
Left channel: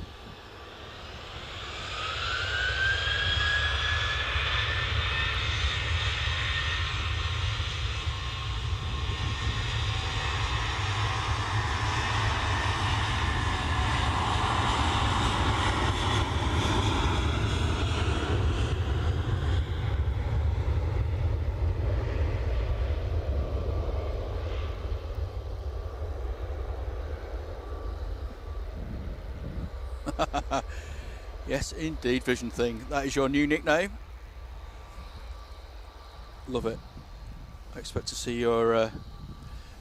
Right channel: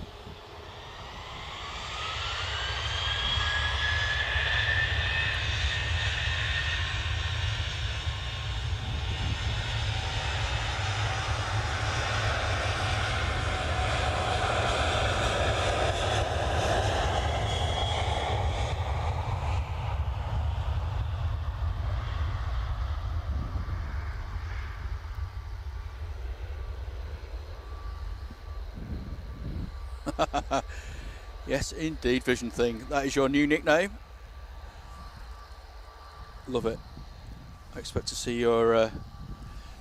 Yes, indeed, Vision Thing. That is your new nickname. Love it. I expect to see your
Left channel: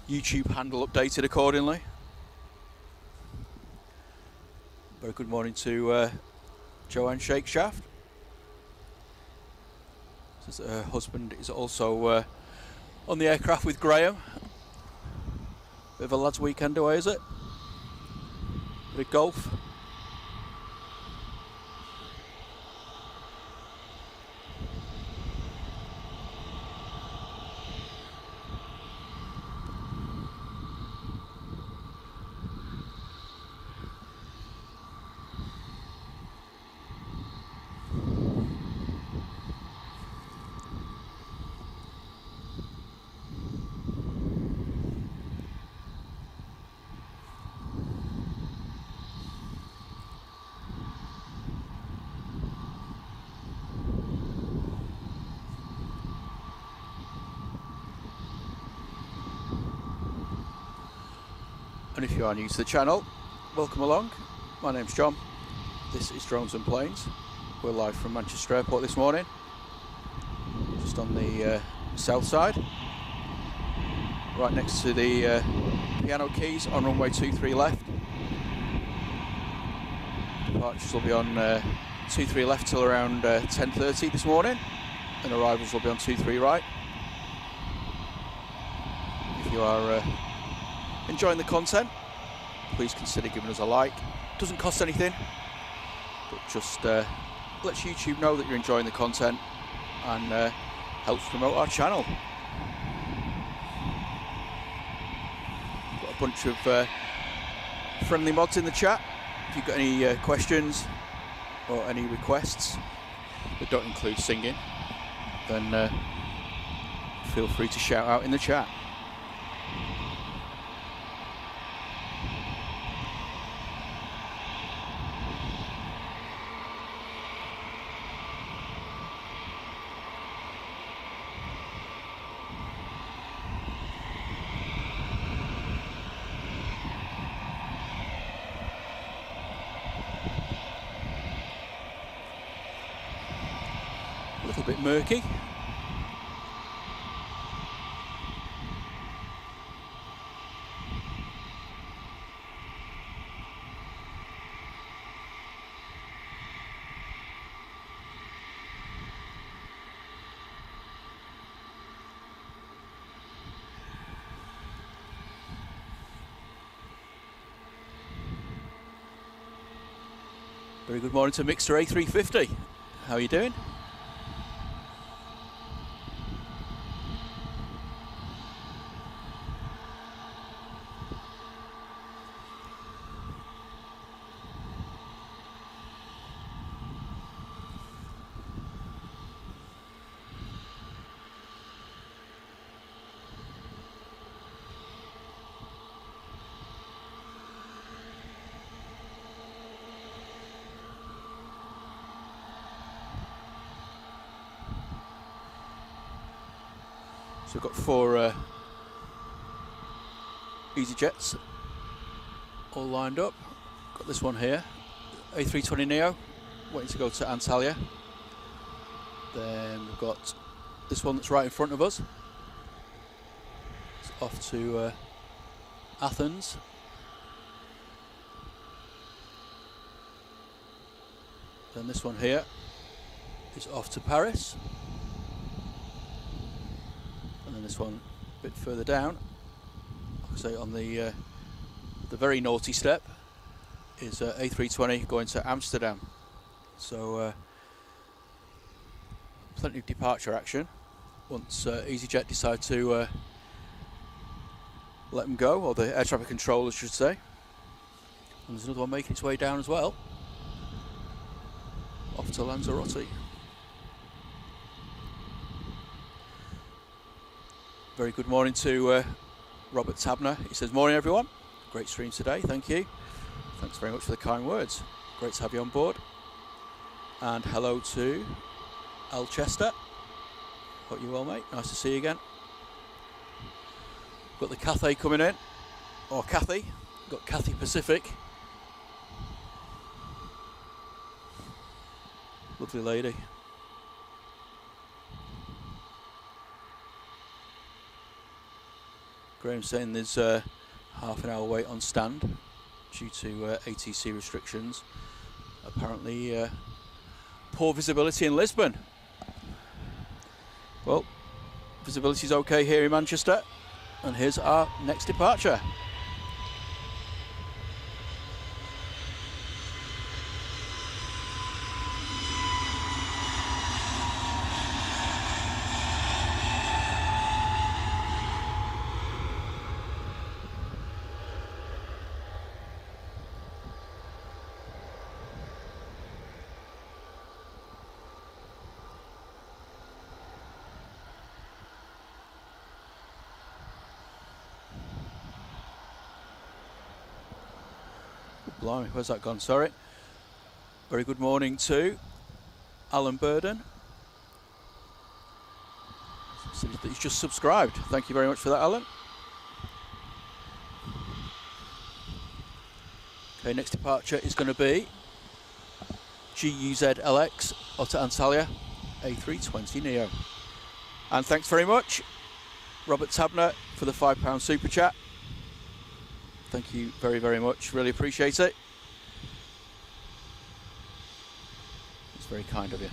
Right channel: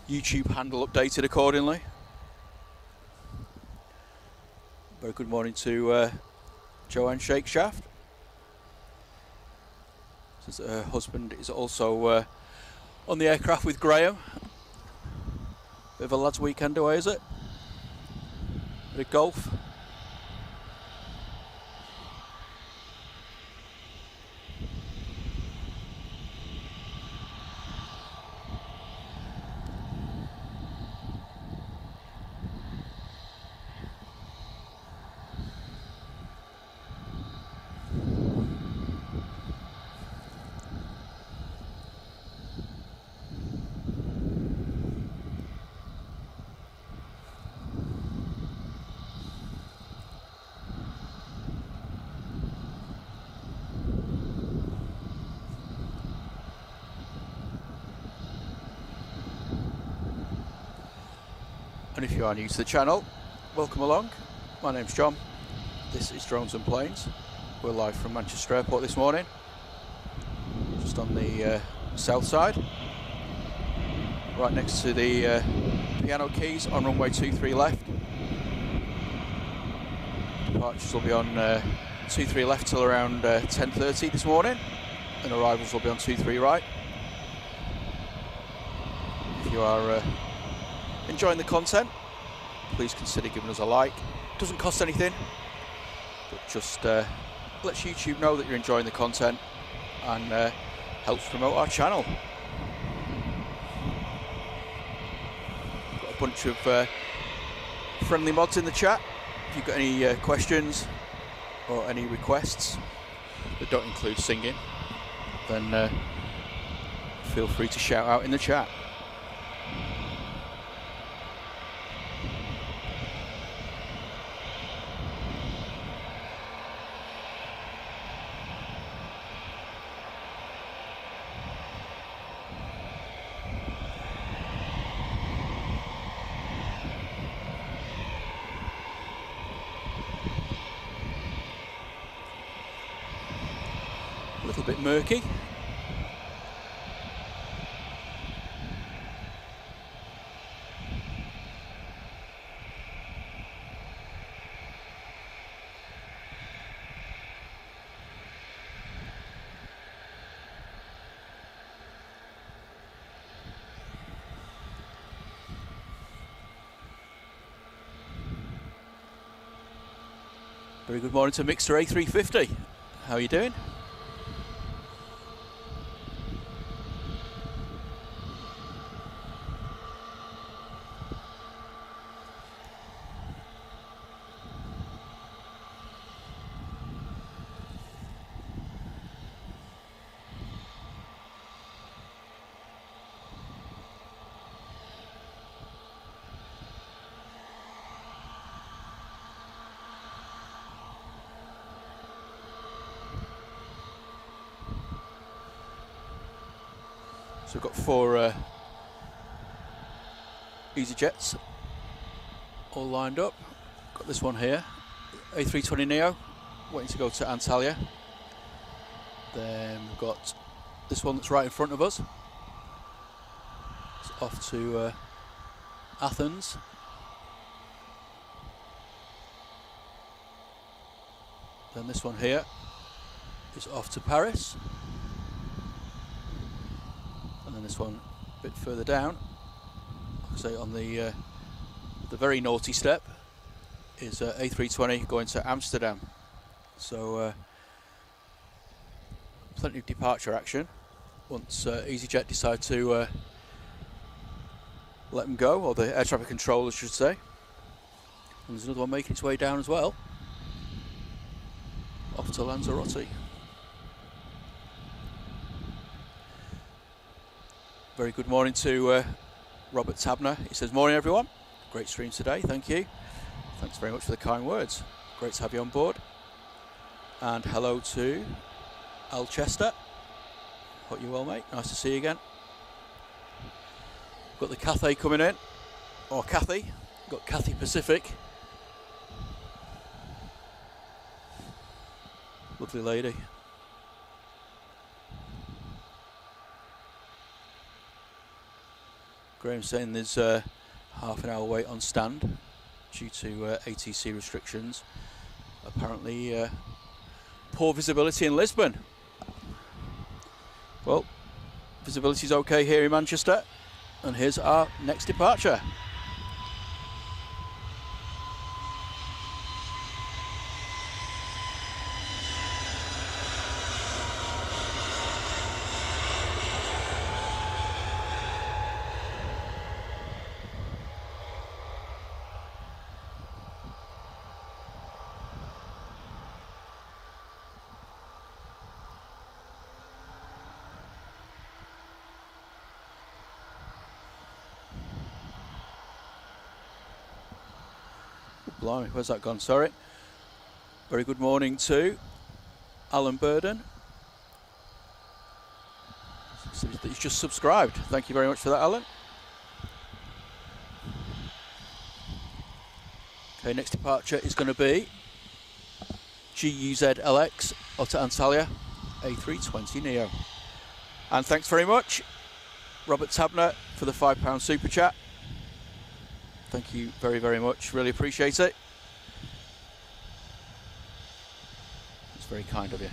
YouTube handle updated accordingly. Very good morning to Joanne Shakeshaft. Says her husband is also on the aircraft with Graham. Bit of a lads' weekend away, is it? Bit of golf. And if you are new to the channel, welcome along. My name's John. This is Drones and Planes. We're live from Manchester Airport this morning, just on the south side, right next to the piano keys on runway 23 left. Departures will be on 23 left till around 10:30 this morning, and arrivals will be on 23 right. If you are enjoying the content, please consider giving us a like. Doesn't cost anything, but just lets YouTube know that you're enjoying the content and helps promote our channel. Got a bunch of friendly mods in the chat. If you've got any questions or any requests that don't include singing, then feel free to shout out in the chat. A little bit murky. Very good morning to Mixer A350. How are you doing? So we've got 4 EasyJets all lined up. Got this one here, A320neo, waiting to go to Antalya. Then we've got this one that's right in front of us. It's off to Athens. Then this one here is off to Paris. And then this one a bit further down, like I say, on the very naughty step, is A320 going to Amsterdam. So plenty of departure action once EasyJet decide to let them go, or the air traffic controllers should say. And there's another one making its way down as well, off to Lanzarote. Very good morning to Robert Tabner. He says, morning everyone, great stream today, thank you. Thanks very much for the kind words, great to have you on board. And hello to Al Chester, hope you're well mate, nice to see you again. Got the Cathay coming in, or Cathy, got Cathay Pacific. Lovely lady. Graham's saying there's half an hour wait on stand due to ATC restrictions. Apparently poor visibility in Lisbon. Well, visibility's okay here in Manchester, and here's our next departure. Blimey, where's that gone? Sorry. Very good morning to Alan Burden. He said that he's just subscribed. Thank you very much for that, Alan. Okay, next departure is going to be GUZ LX Otter Antalya A320 Neo. And thanks very much, Robert Tabner, for the £5 super chat. Thank you very, very much. Really appreciate it. It's very kind of you.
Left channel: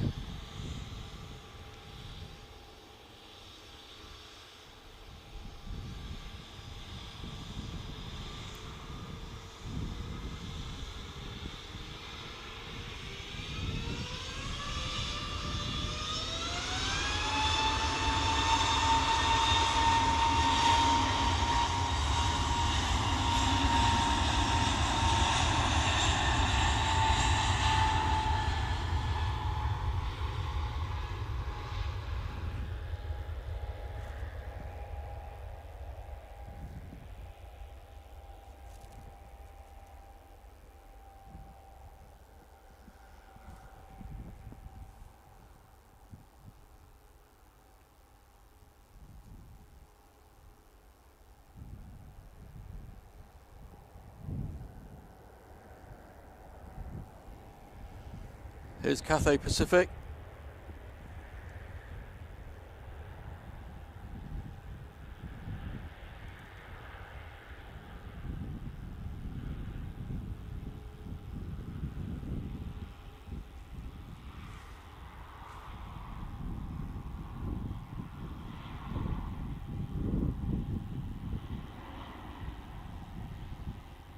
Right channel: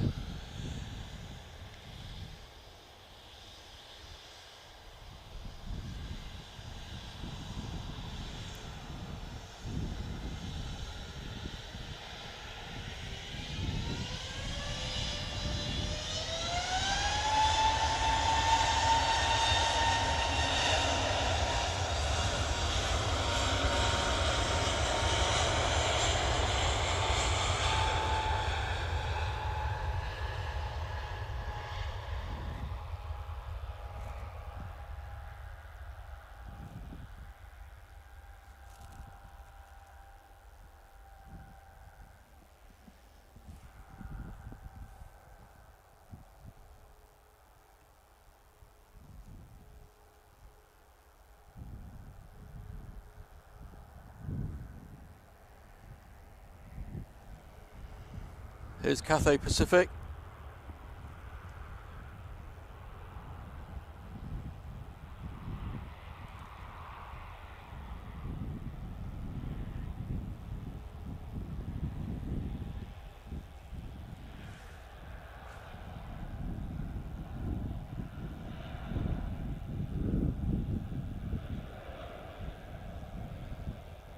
Here's Cathay Pacific.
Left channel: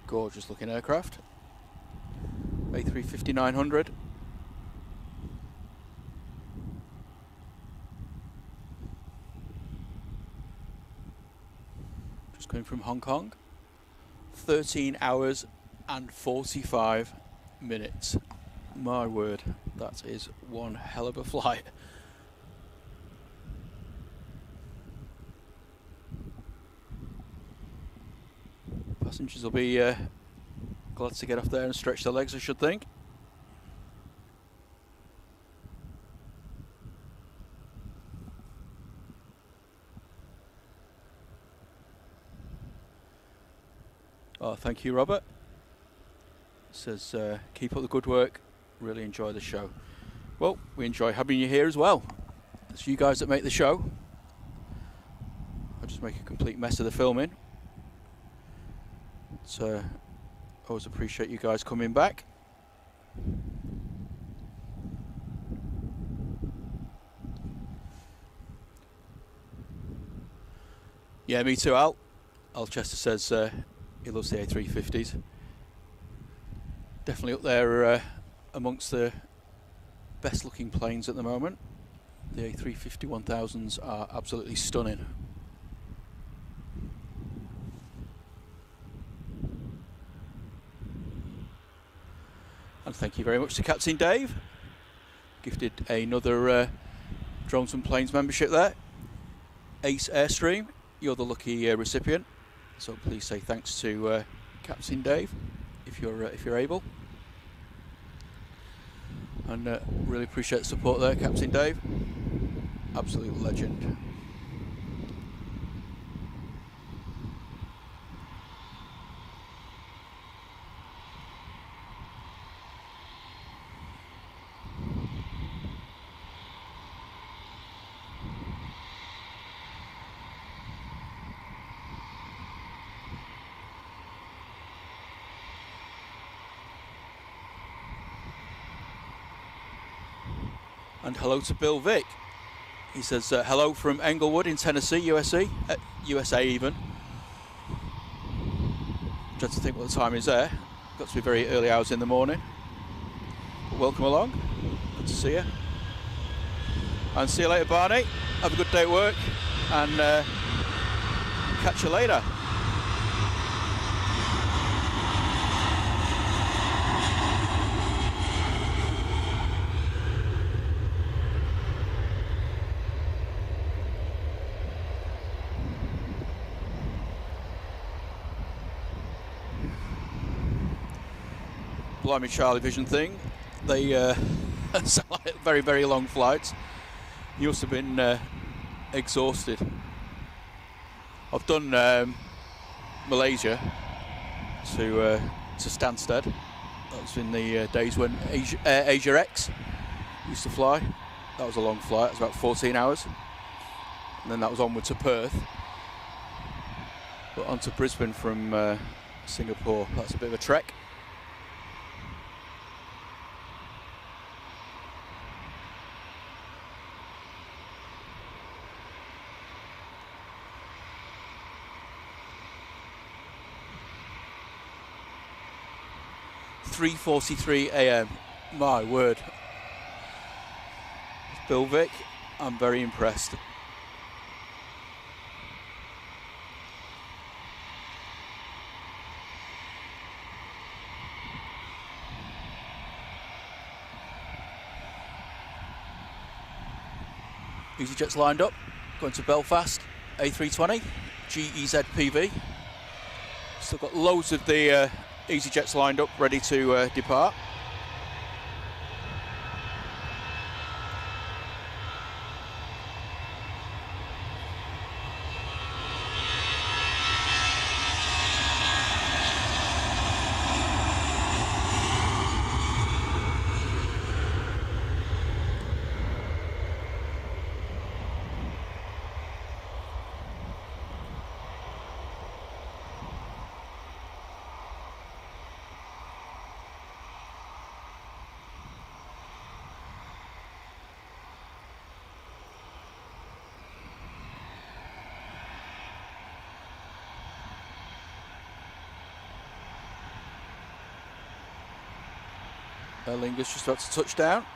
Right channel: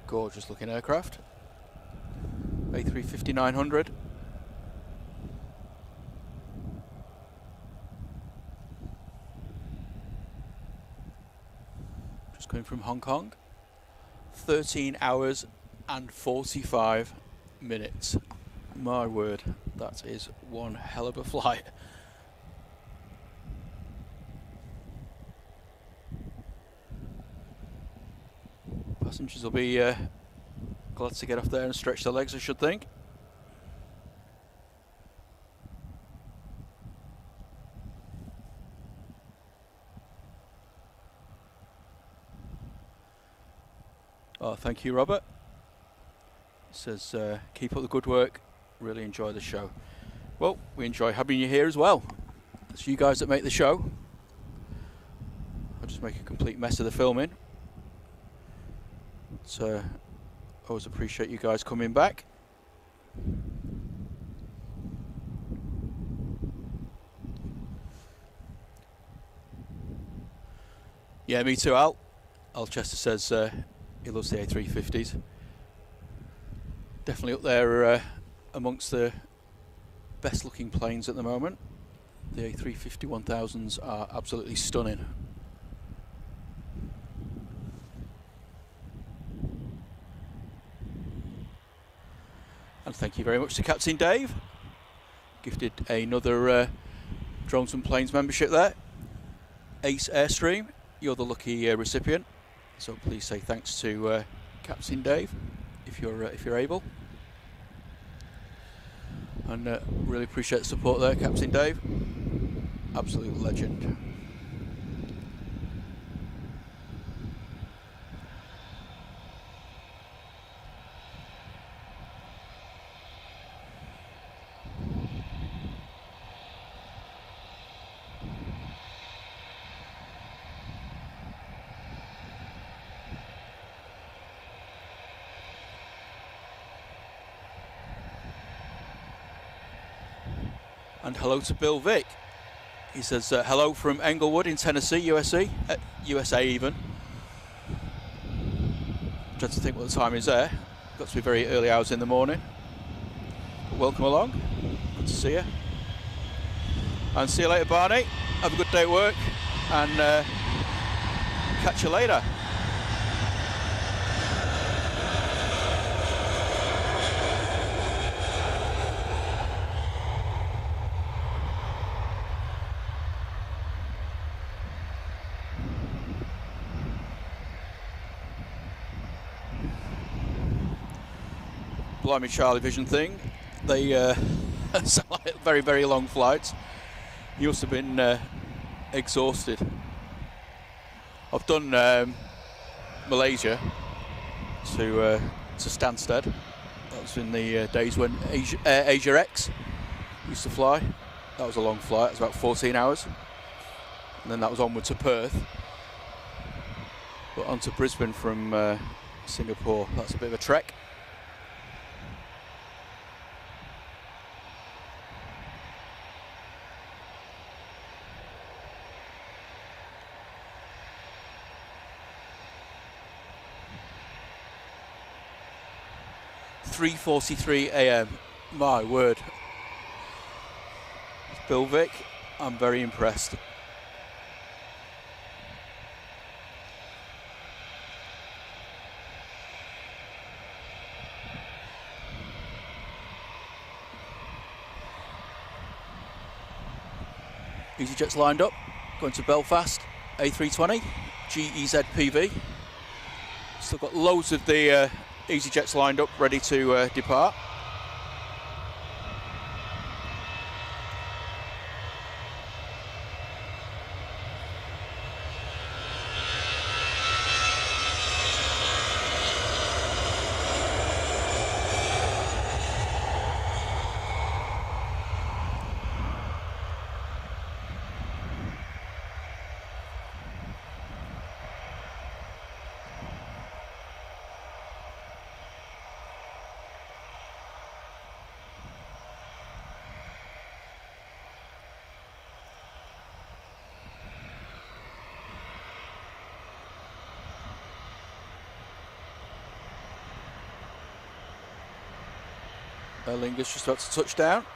Gorgeous looking aircraft. A350-900. Just coming from Hong Kong. 13 hours and 45 minutes. My word, that is one hell of a flight. Passengers will be glad to get off there and stretch their legs, I should think. Oh, thank you, Robert. It says, keep up the good work. Really enjoy the show. Well, we enjoy having you here as well. It's you guys that make the show. I'll just make a complete mess of the filming. So, always appreciate you guys coming back. Yeah, me too, Al. Alchester says he loves the A350s. Definitely up there amongst the best looking planes at the moment. The A350 1000s are absolutely stunning. And thank you very much to Captain Dave. Gifted another Drones and Planes membership there. Ace Airstream, you're the lucky recipient. So please say thanks to Captain Dave if you're able. And really appreciate the support there, Captain Dave. Absolute legend. And hello to Bill Vick. He says hello from Englewood in Tennessee, USA even. Trying to think what the time is there. Got to be very early hours in the morning. But welcome along. Good to see you. And see you later, Barney. Have a good day at work, and catch you later. Blimey Charlie Vision thing. They sound like very, very long flights. You must have been exhausted. I've done Malaysia to Stansted. That was in the days when Asia X used to fly. That was a long flight. It was about 14 hours. And then that was onward to Perth. But on to Brisbane from Singapore. That's a bit of a trek. .43 AM, my word. Bill Vick, I'm very impressed. EasyJet's lined up, going to Belfast, A320, GEZ PV. Still got loads of the EasyJets lined up, ready to depart. Erlinger's just about to touch down.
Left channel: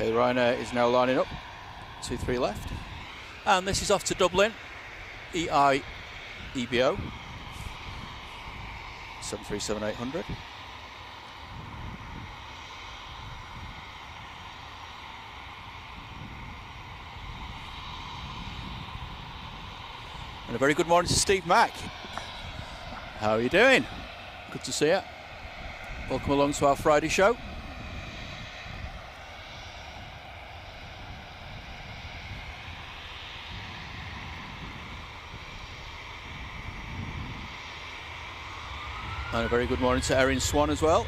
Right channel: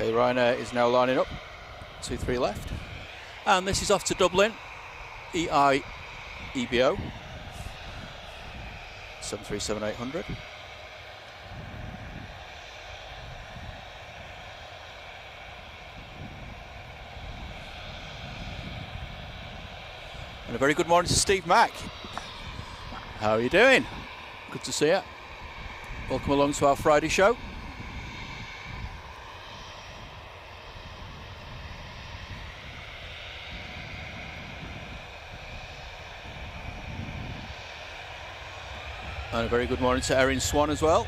Okay, Ryanair is now lining up. 2-3 left. And this is off to Dublin. EI EBO. 737-800. And a very good morning to Steve Mack. How are you doing? Good to see you. Welcome along to our Friday show. And a very good morning to Erin Swan as well.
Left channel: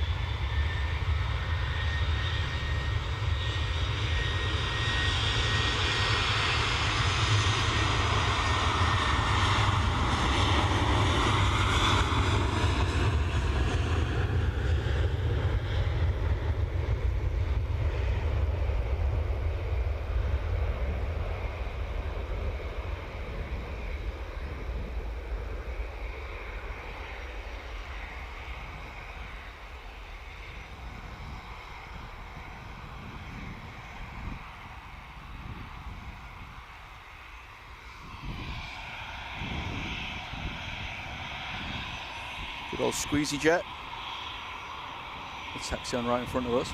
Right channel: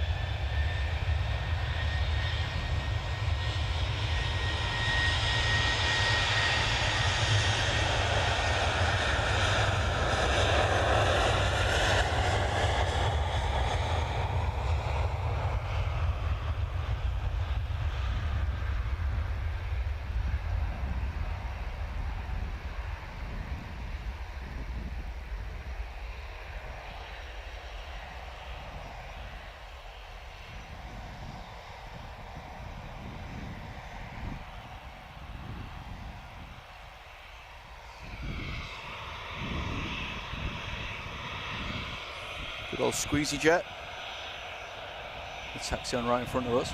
Good old squeezy jet. The taxi on right in front of us.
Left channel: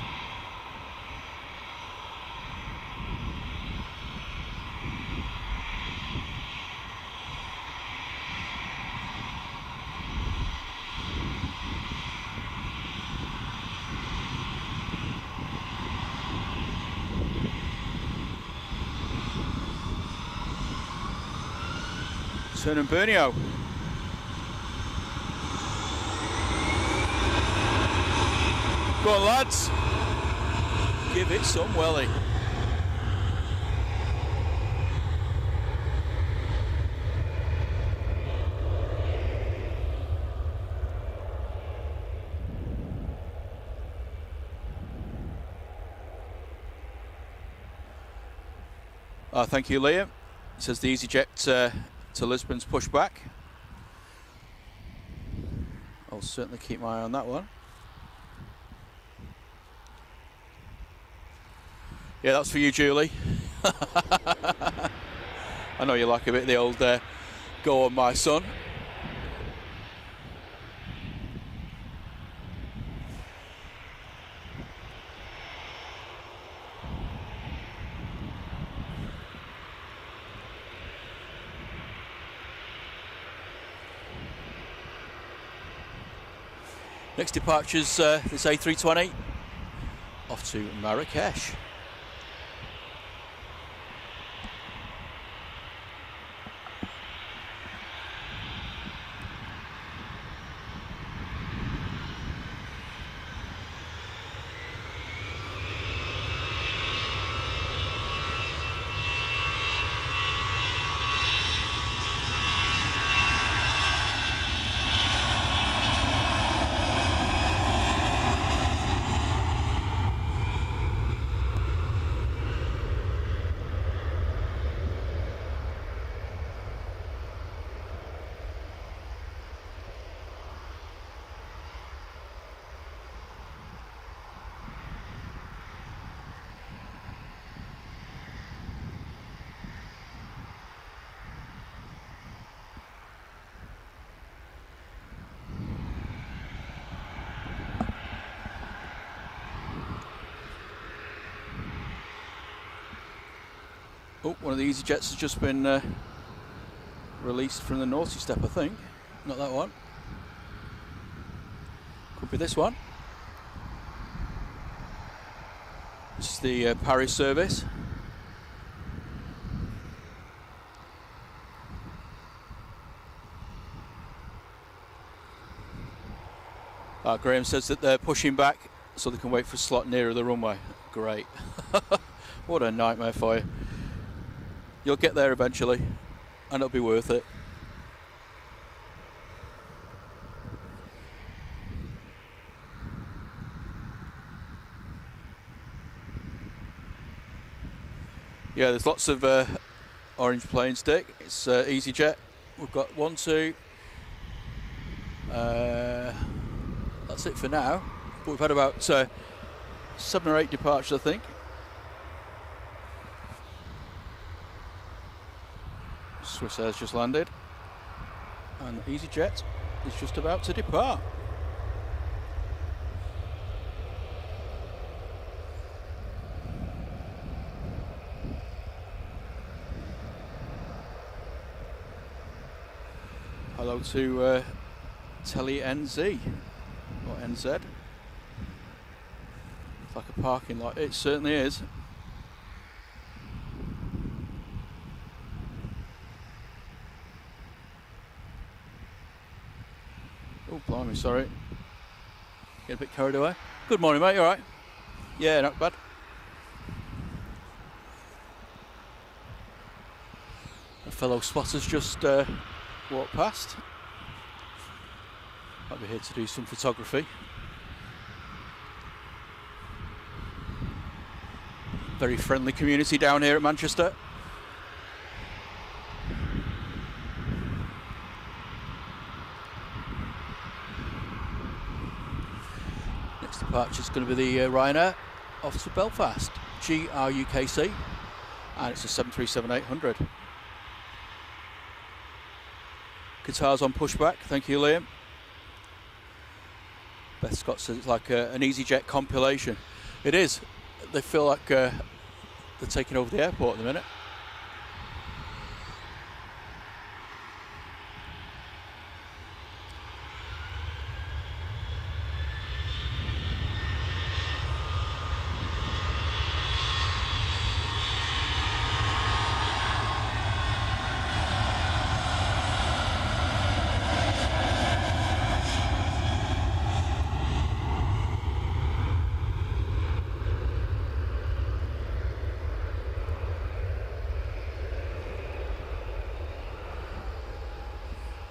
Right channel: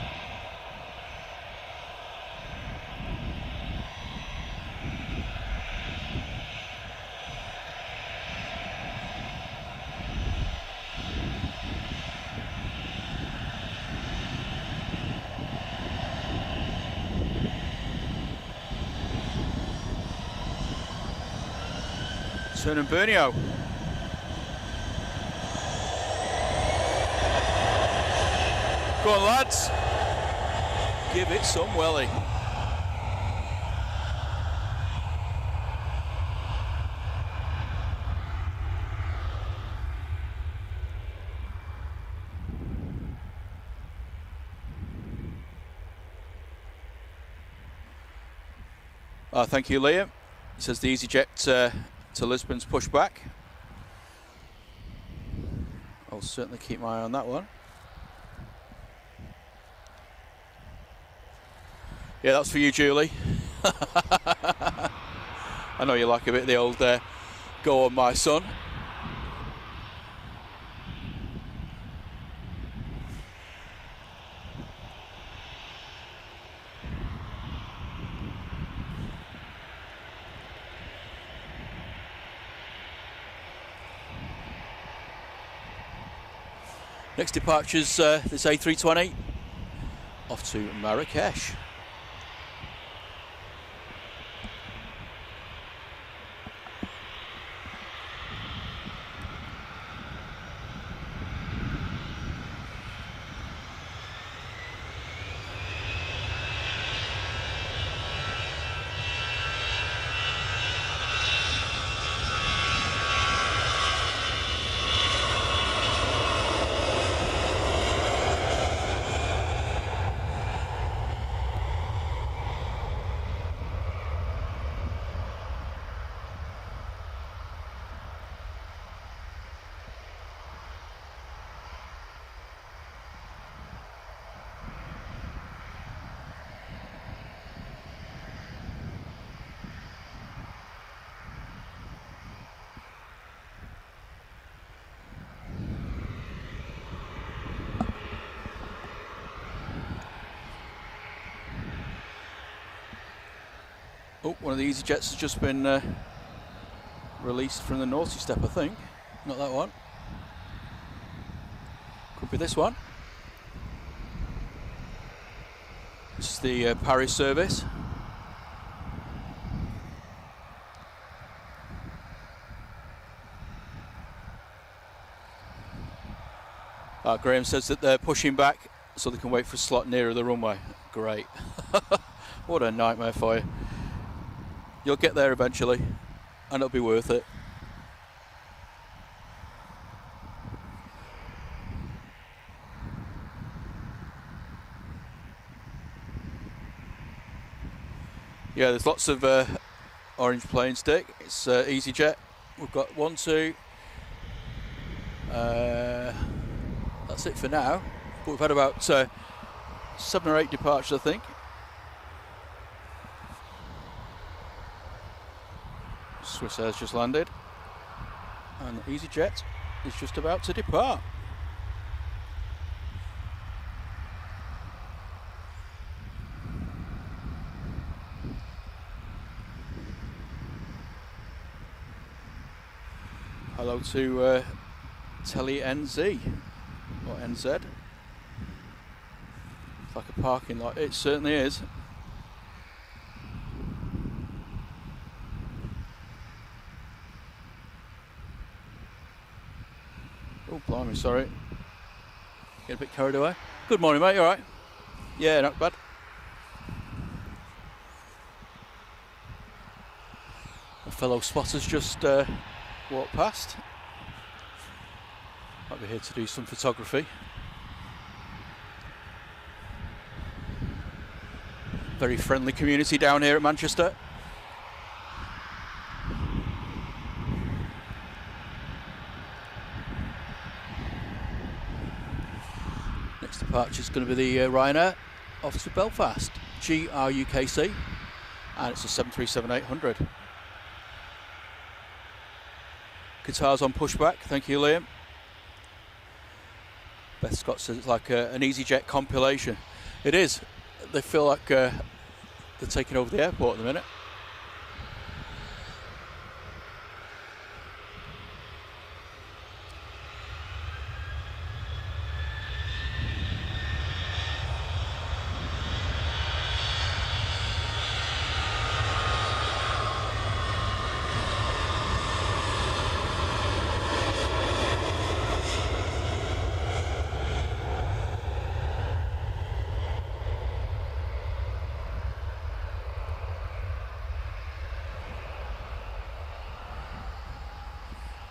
Turn and Bernio. Go on, lads. Give it some welly. Thank you, Liam. He says the EasyJet to Lisbon's pushed back. I'll certainly keep my eye on that one. Yeah, that's for you, Julie. I know you like a bit of the old go on, my son. Next departure's this A320 off to Marrakesh. Oh, one of the EasyJets has just been released from the naughty step, I think. Not that one. Could be this one. This is the Paris service. Graham says that they're pushing back so they can wait for a slot nearer the runway. Great. What a nightmare for you. You'll get there eventually, and it'll be worth it. Yeah, there's lots of orange plane stick. It's EasyJet. We've got 1, 2. That's it for now. But we've had about 7 or 8 departures, I think. Swiss Air's just landed, and EasyJet is just about to depart. Hello to Telly NZ or NZ. It's like a parking lot. It certainly is. Oh, blimey, sorry. Get a bit carried away. Good morning, mate, you alright? Yeah, not bad. A fellow spotter's just walked past. Might be here to do some photography. Very friendly community down here at Manchester. Next departure is going to be the Ryanair off to Belfast, GRUKC, and it's a 737-800. Guitars on pushback, thank you, Liam. Beth Scott says it's like an EasyJet compilation. It is. They feel like they're taking over the airport at the minute.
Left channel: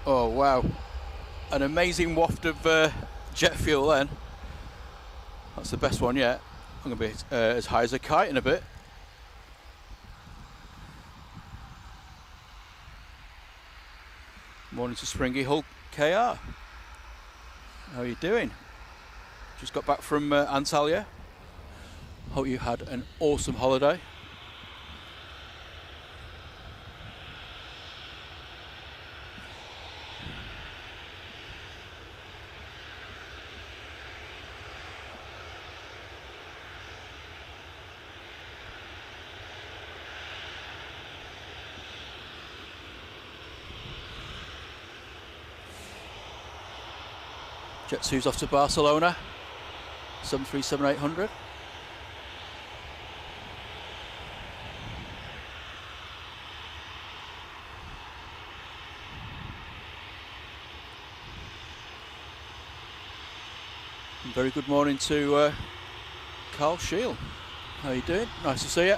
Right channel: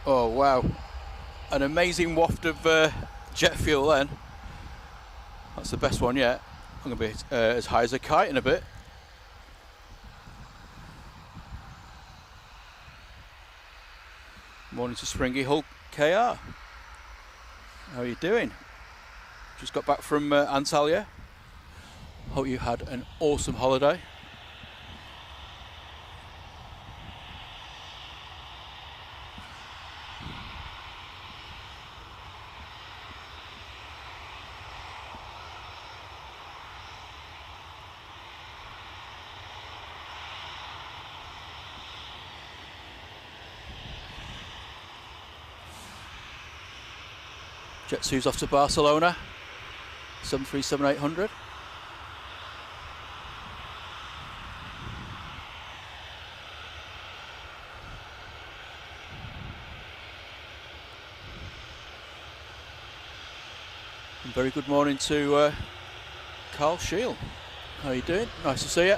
Oh wow, an amazing waft of jet fuel then. That's the best one yet. I'm going to be as high as a kite in a bit. Morning to Springy Hull KR. How are you doing? Just got back from Antalya. Hope you had an awesome holiday. Jet 2's off to Barcelona. 737-800. And very good morning to Carl Shield. How are you doing? Nice to see you.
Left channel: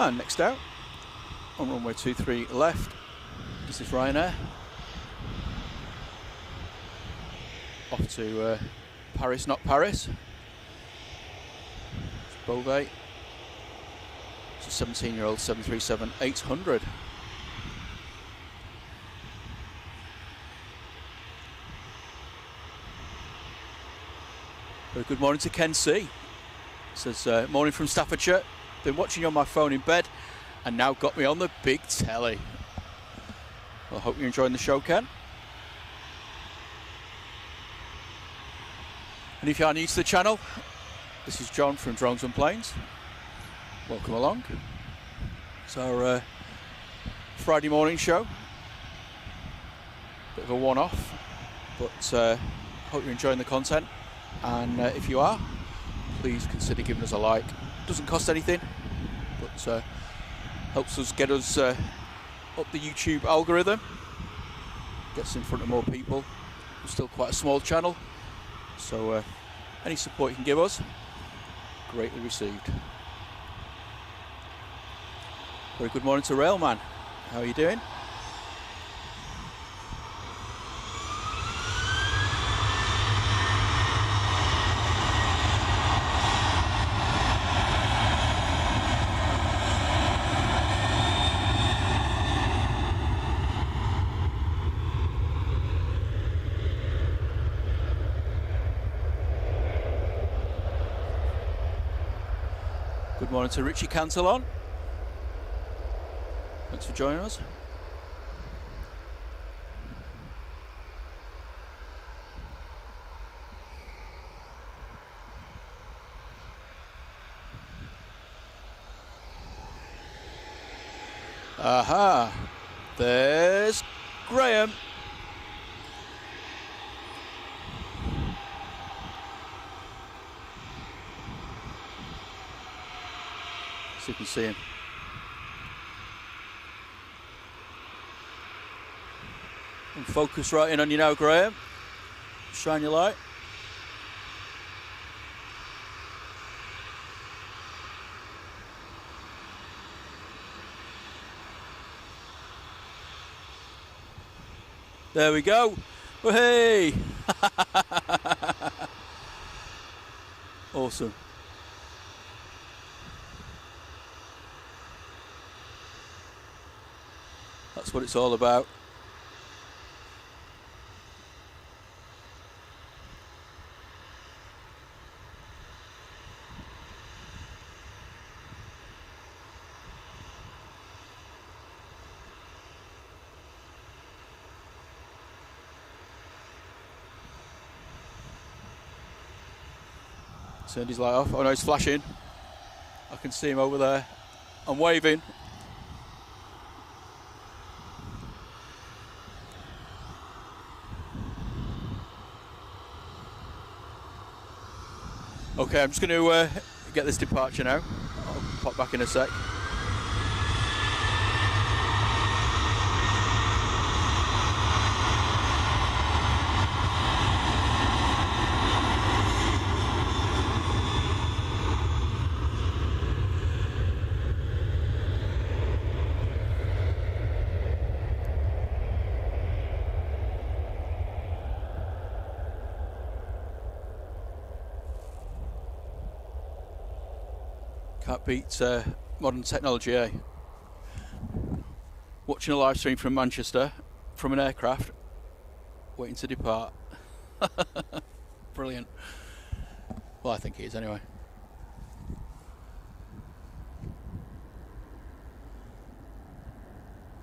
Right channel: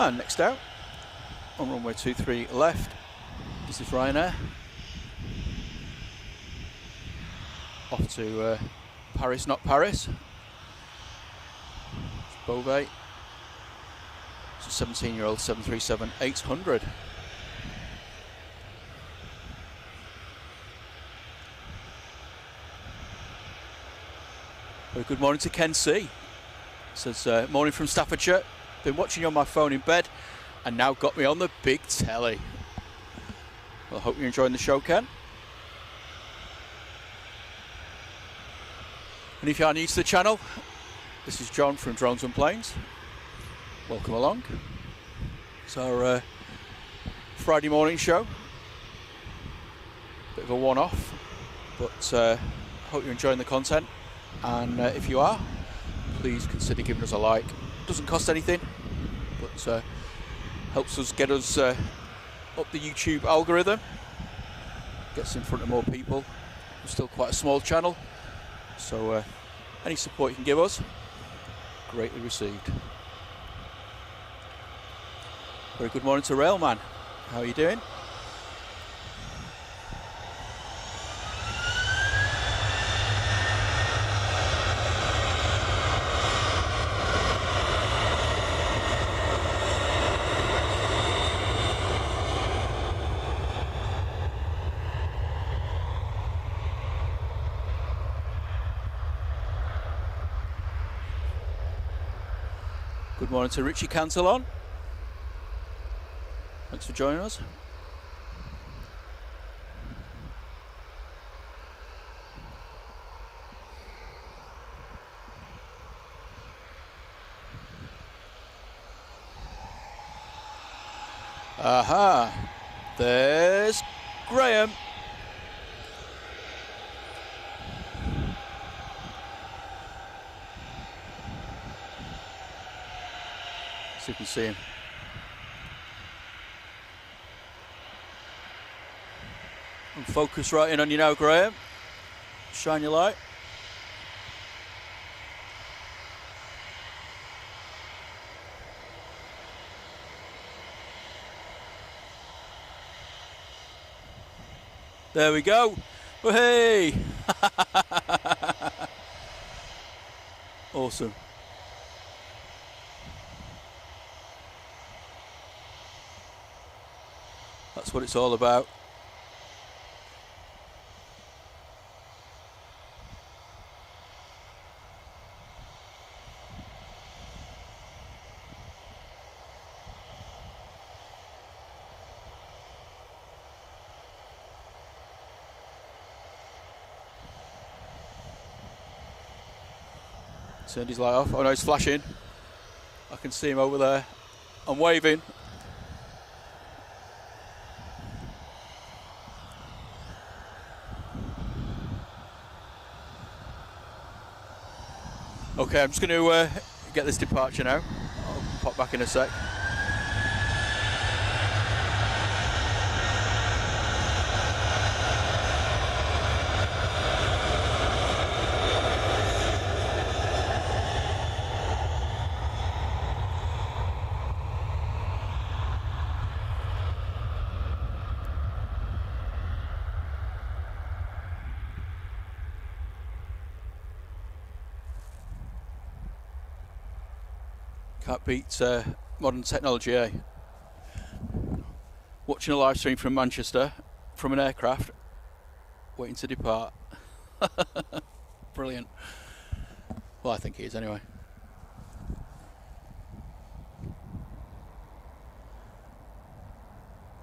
And next out, on runway 23 left, this is Ryanair. Off to Paris, not Paris. Beauvais. It's a 17-year-old 737-800. Very good morning to Ken C. It says, morning from Staffordshire. Been watching you on my phone in bed and now got me on the big telly. Well, I hope you're enjoying the show, Ken. And if you are new to the channel, this is John from Drones and Planes. Welcome along. It's our Friday morning show. Bit of a one-off, but I hope you're enjoying the content. And if you are, please consider giving us a like. Doesn't cost anything, but helps us get us up the YouTube algorithm, gets in front of more people. We're still quite a small channel, so any support you can give us, greatly received. Very good morning to Railman. How are you doing? Good morning to Richie Cantillon. Thanks for joining us. Aha, there's Graham. So you can see him. And focus right in on you now, Graham. Shine your light. There we go. Hey! Awesome. That's what it's all about. Turned his light off. Oh no, he's flashing. I can see him over there. I'm waving. Okay, I'm just going to get this departure now. I'll pop back in a sec. Can't beat modern technology, eh? Watching a live stream from Manchester, from an aircraft, waiting to depart. Brilliant. Well, I think it is anyway.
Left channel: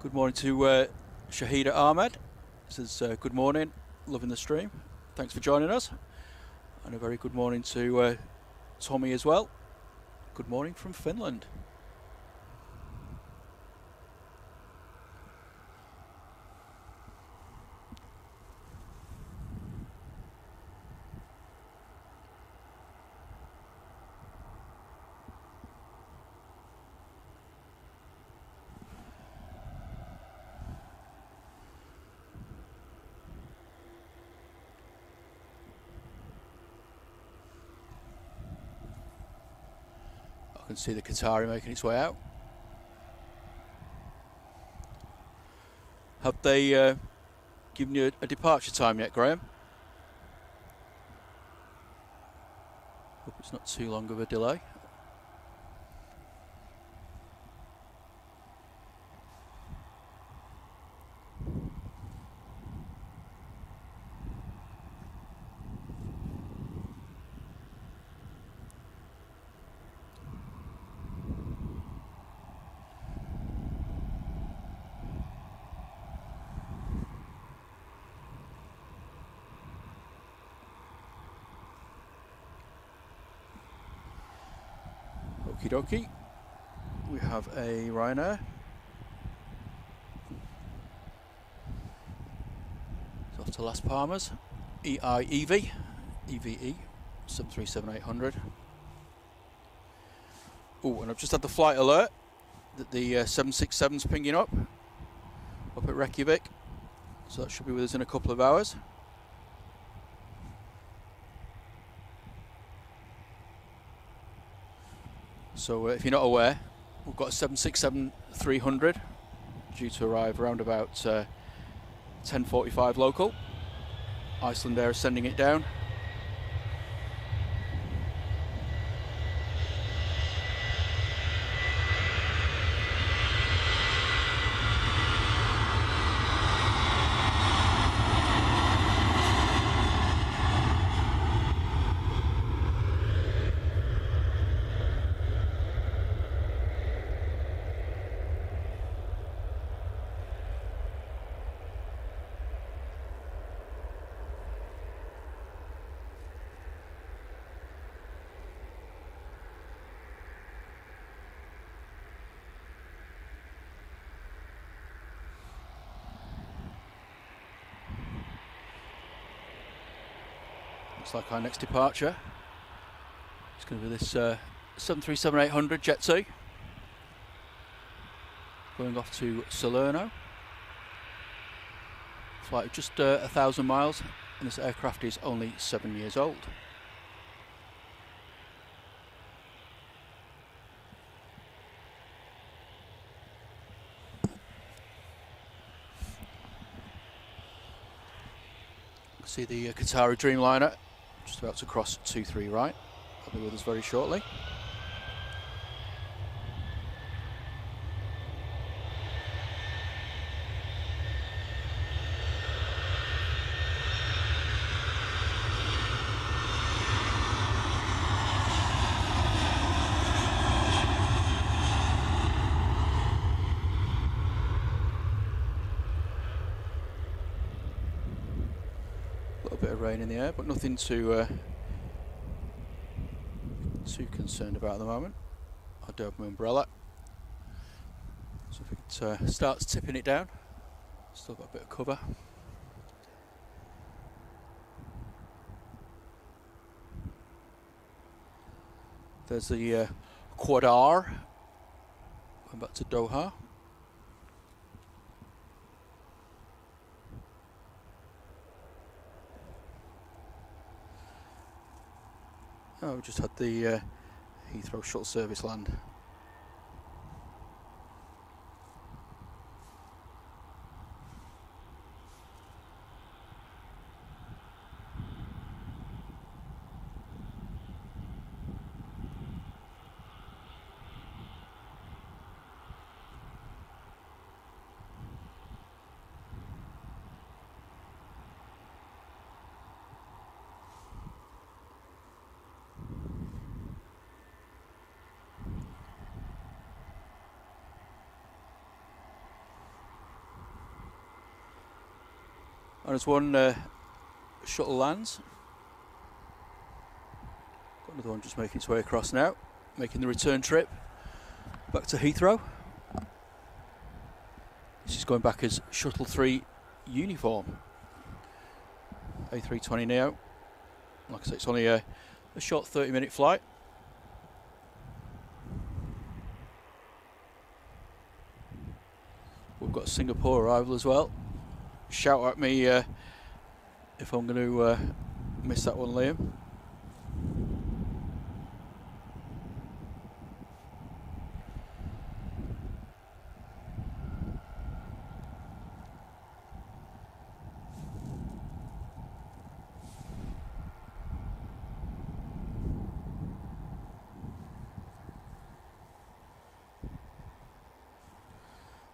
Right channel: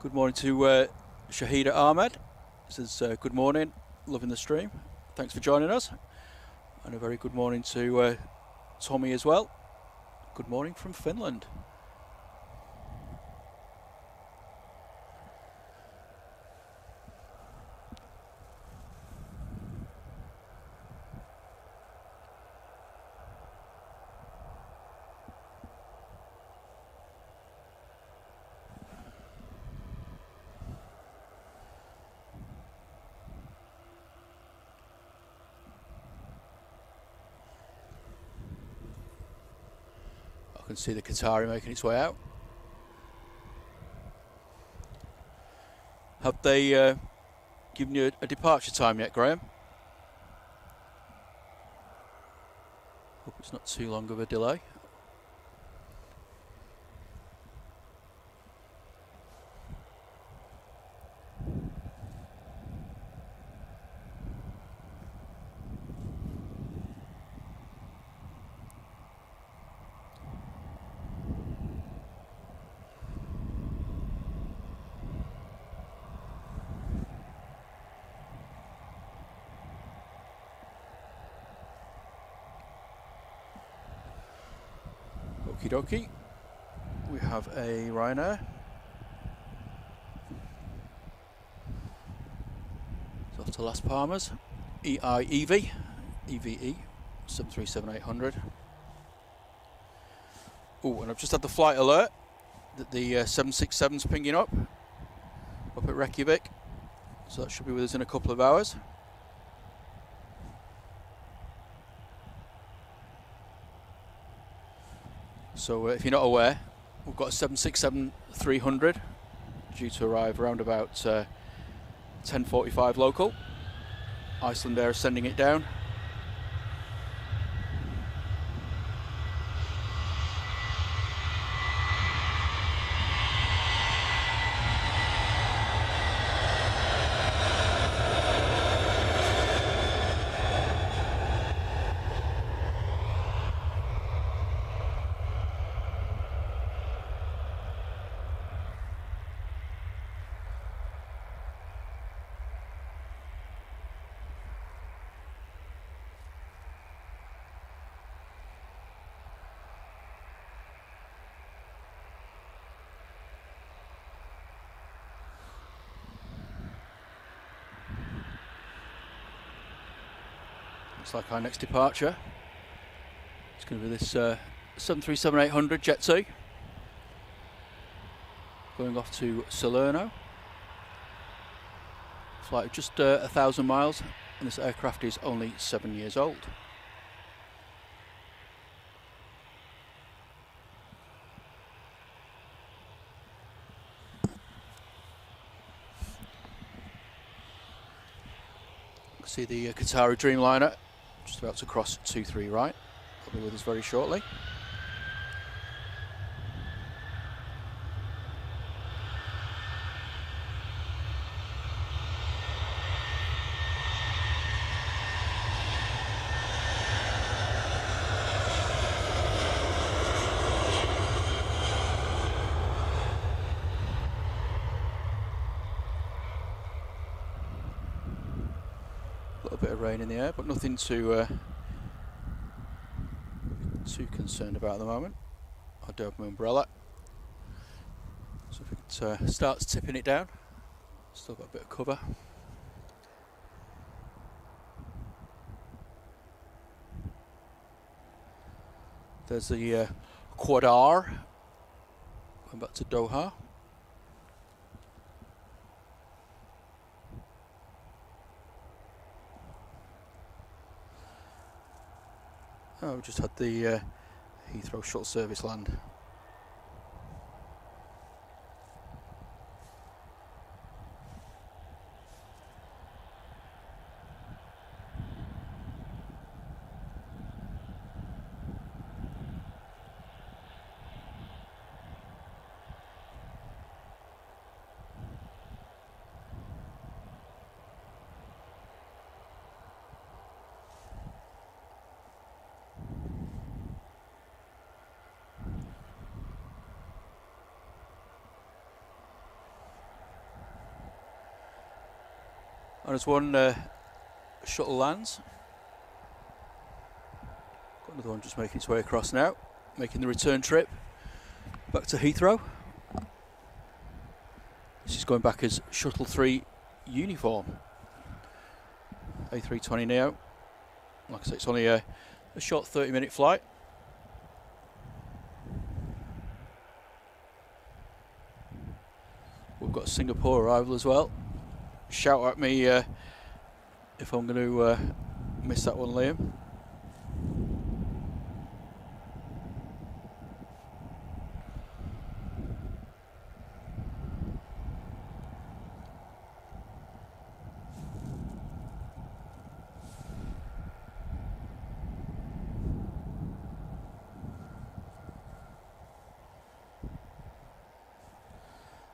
Good morning to Shahida Ahmed. Says good morning, loving the stream. Thanks for joining us. And a very good morning to Tommy as well. Good morning from Finland. I can see the Qatari making its way out. Have they given you a departure time yet, Graham? Hope it's not too long of a delay. Okie dokie. We have a Ryanair. It's off to Las Palmas. EVE 737-800. Oh, and I've just had the flight alert that the 767's pinging up at Reykjavik. So that should be with us in a couple of hours. So if you're not aware, we've got a 767-300 due to arrive around about 10:45 local. Iceland Air is sending it down. Looks like our next departure is going to be this 737-800 Jet 2 going off to Salerno. Flight of just 1,000 miles, and this aircraft is only 7 years old. See the Qatari Dreamliner just about to cross 23 right. They'll be with us very shortly. A little bit of rain in the air, but nothing to too concerned about at the moment. I do have my umbrella, so if it starts tipping it down, still got a bit of cover. There's the Quad R going back to Doha. Oh, we just had the Heathrow shuttle service land. And as one shuttle lands, got another one just making its way across now, making the return trip back to Heathrow. This is going back as Shuttle 3 uniform. A320 Neo. Like I say, it's only a short 30-minute flight. We've got a Singapore arrival as well. Shout at me if I'm going to miss that one, Liam.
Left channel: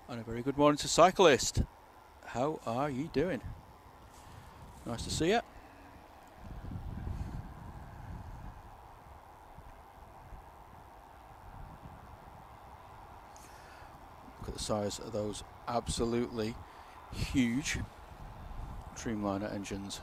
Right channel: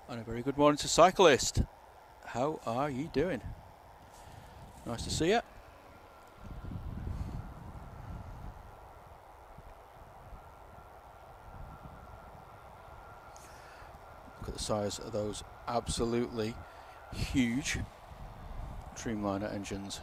And a very good morning to cyclist. How are you doing? Nice to see you. Look at the size of those absolutely huge Dreamliner engines.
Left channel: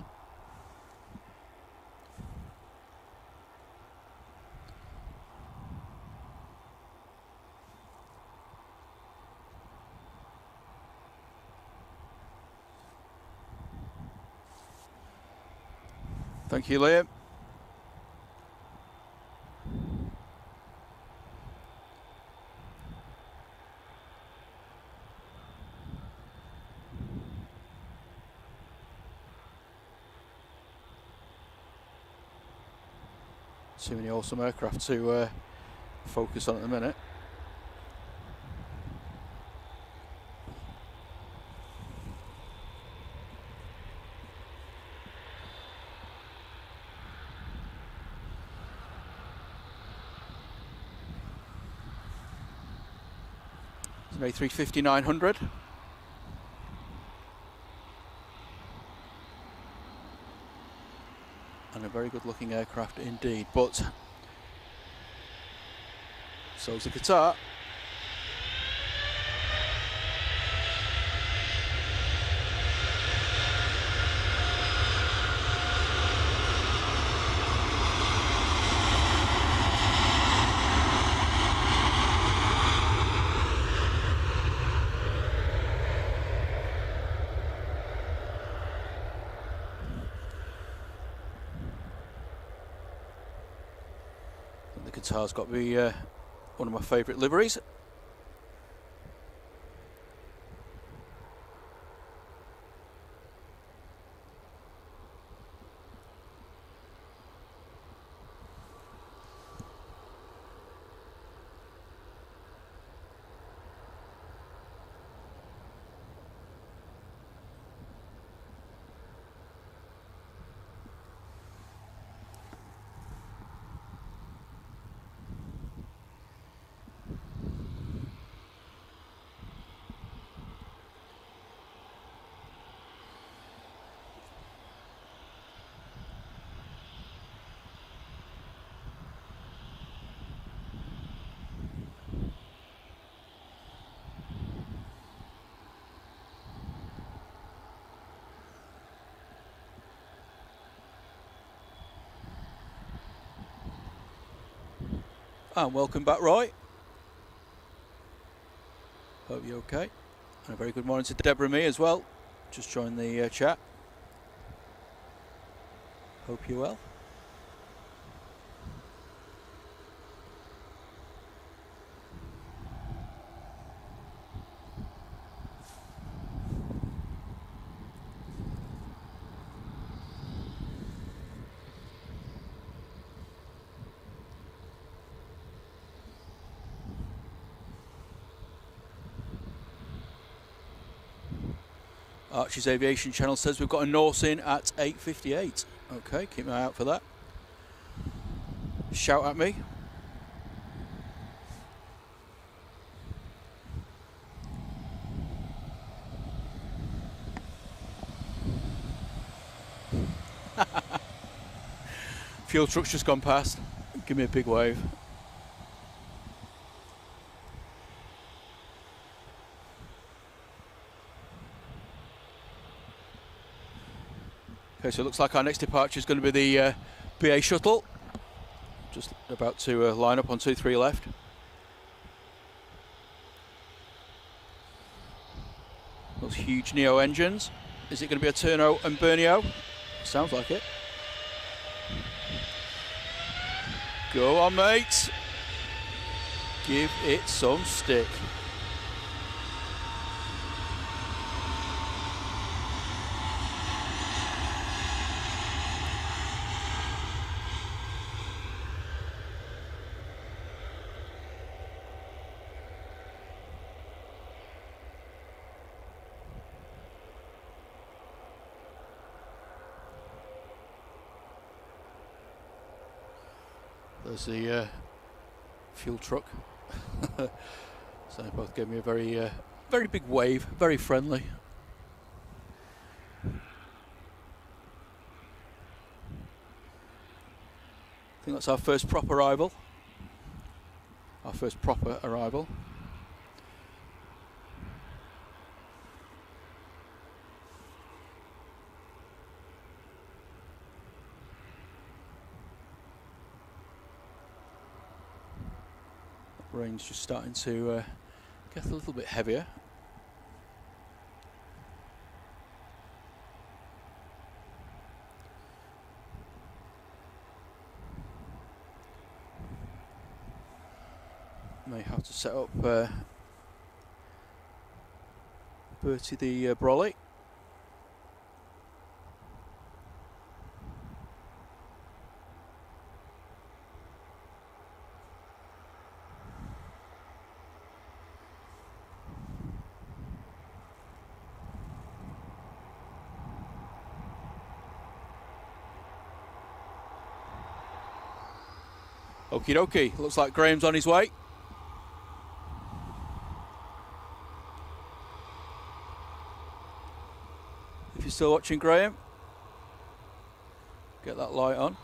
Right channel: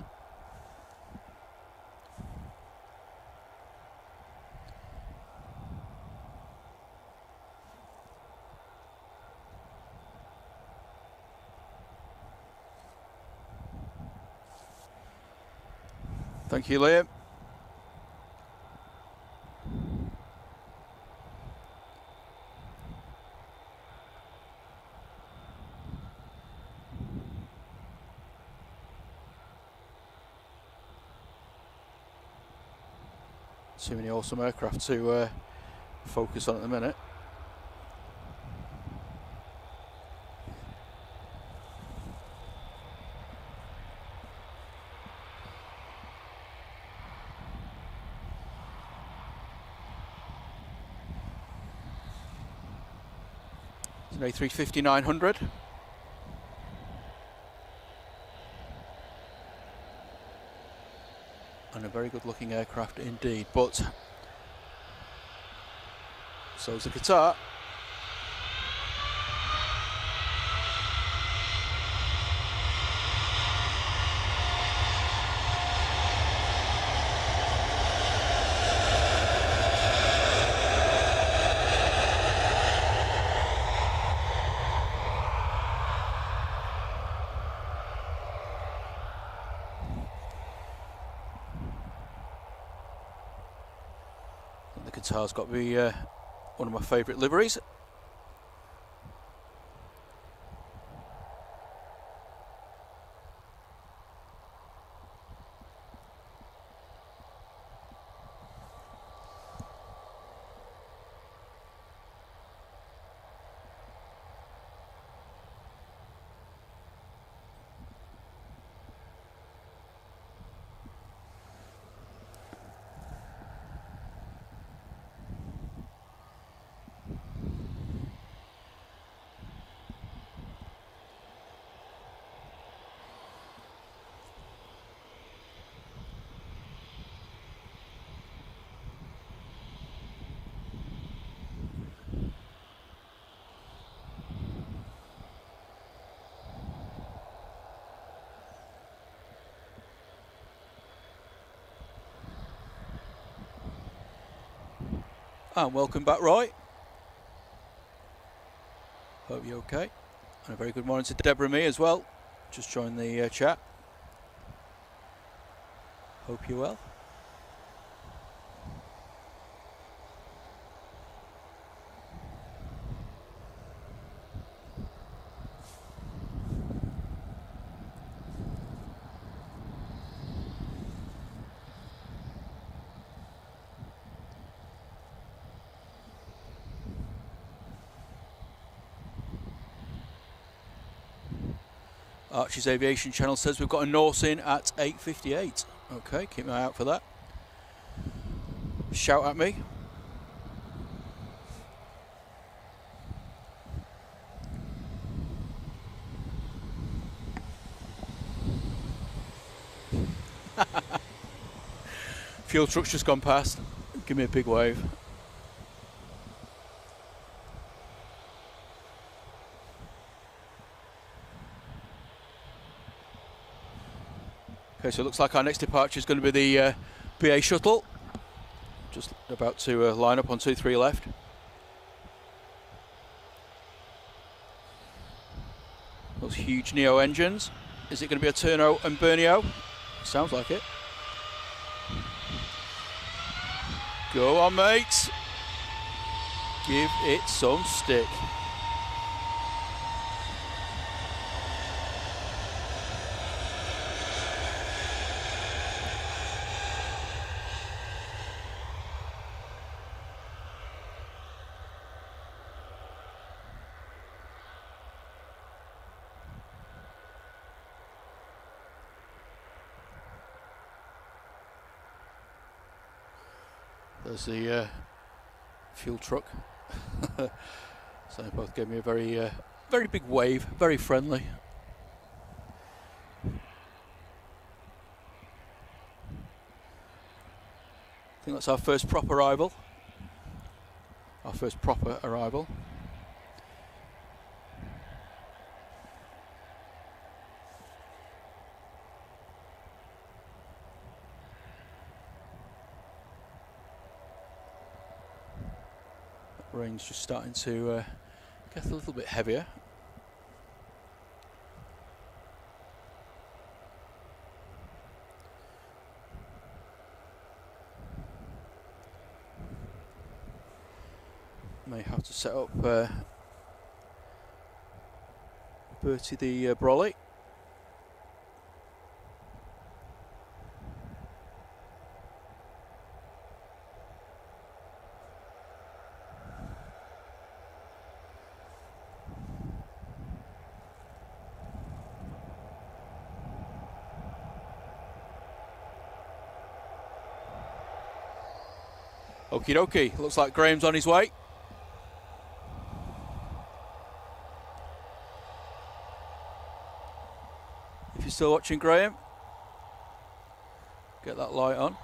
Thank you, Liam. Too many awesome aircraft to focus on at the minute. It's an A350-900. And a very good looking aircraft indeed, but so's the Qatar. The Qatar's got to be one of my favourite liveries. And welcome back, Roy. Hope you're okay. And a very good morning to Deborah and me as well. Just joined the chat. Hope you're well. Archie's Aviation channel says we've got a Norse in at 8:58. Okay, keep an eye out for that. Shout at me. Fuel truck's just gone past. Give me a big wave. Okay, so it looks like our next departure is going to be the BA shuttle. Just about to line up on 23 left. Those huge Neo engines. Is it going to be a Turno and Bernio? Sounds like it. Go on, mate. Give it some stick. There's the fuel truck. So they both gave me a very big wave, very friendly. I think that's our first proper arrival. Our first proper arrival. Rain's just starting to get a little bit heavier. May have to set up Bertie the brolly. Okie dokie, looks like Graham's on his way. If you're still watching, Graham, get that light on.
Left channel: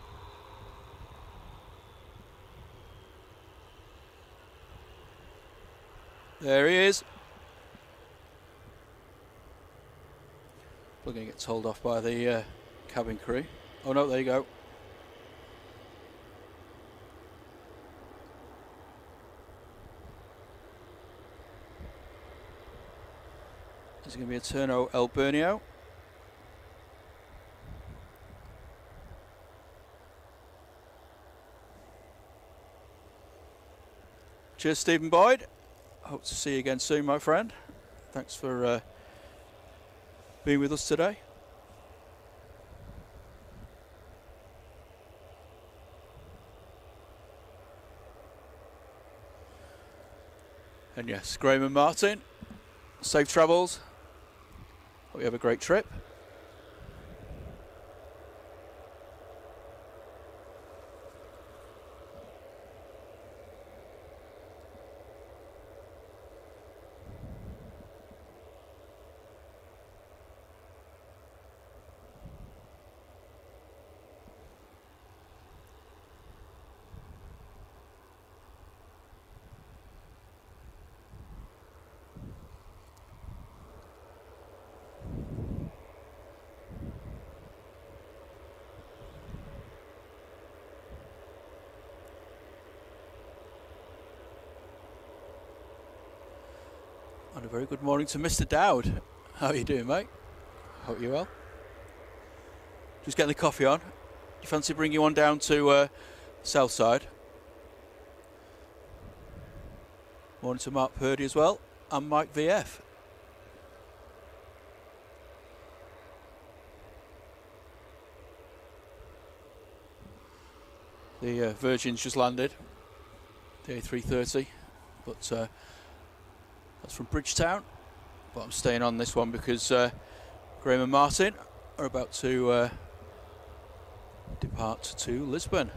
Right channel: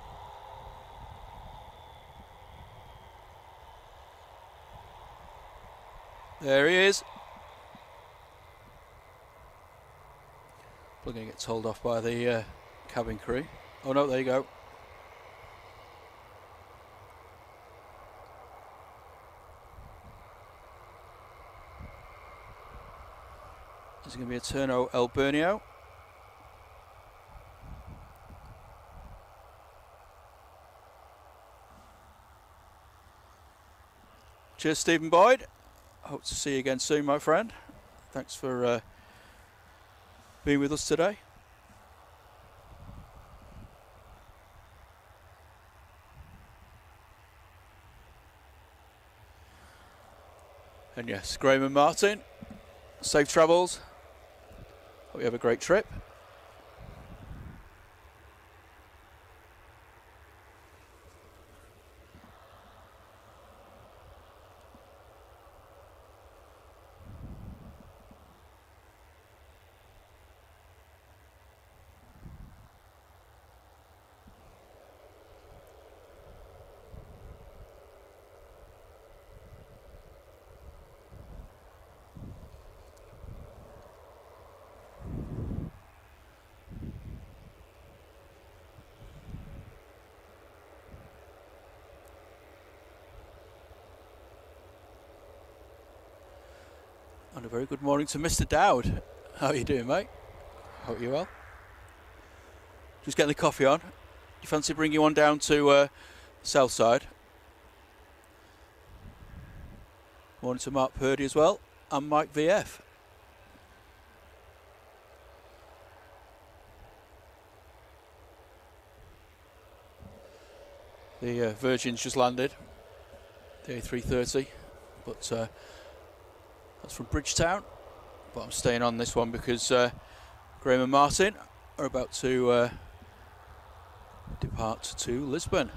There he is. We're going to get told off by the cabin crew. Oh no, there you go. Is it going to be a Turno El Bernio? Cheers, Stephen Boyd. Hope to see you again soon, my friend. Thanks for being with us today. And yes, Graham and Martin, safe travels. Hope you have a great trip. And a very good morning to Mr. Dowd. How are you doing, mate? Hope you're well. Just getting the coffee on. You fancy bringing one down to south side? Morning to Mark Purdy as well, and Mike VF. The Virgin's just landed, the A330, but that's from Bridgetown. But I'm staying on this one because Graham and Martin are about to depart to Lisbon.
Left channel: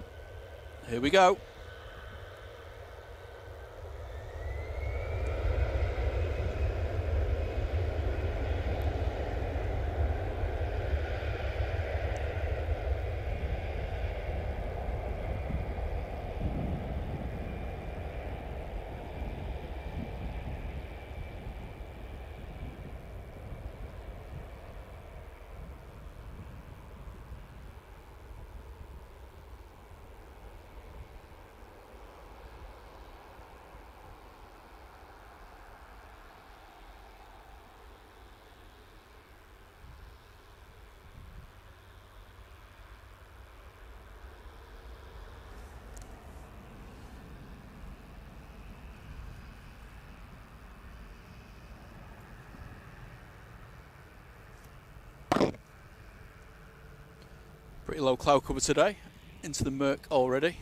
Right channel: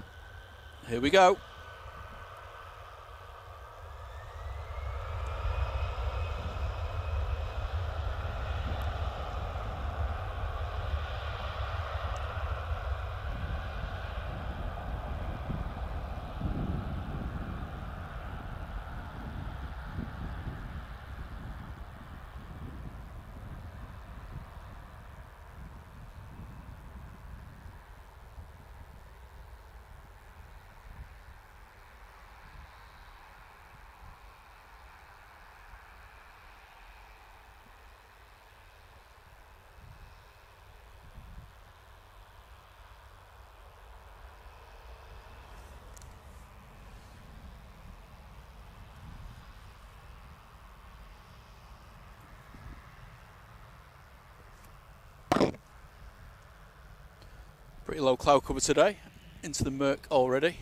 Here we go. Pretty low cloud cover today, into the murk already.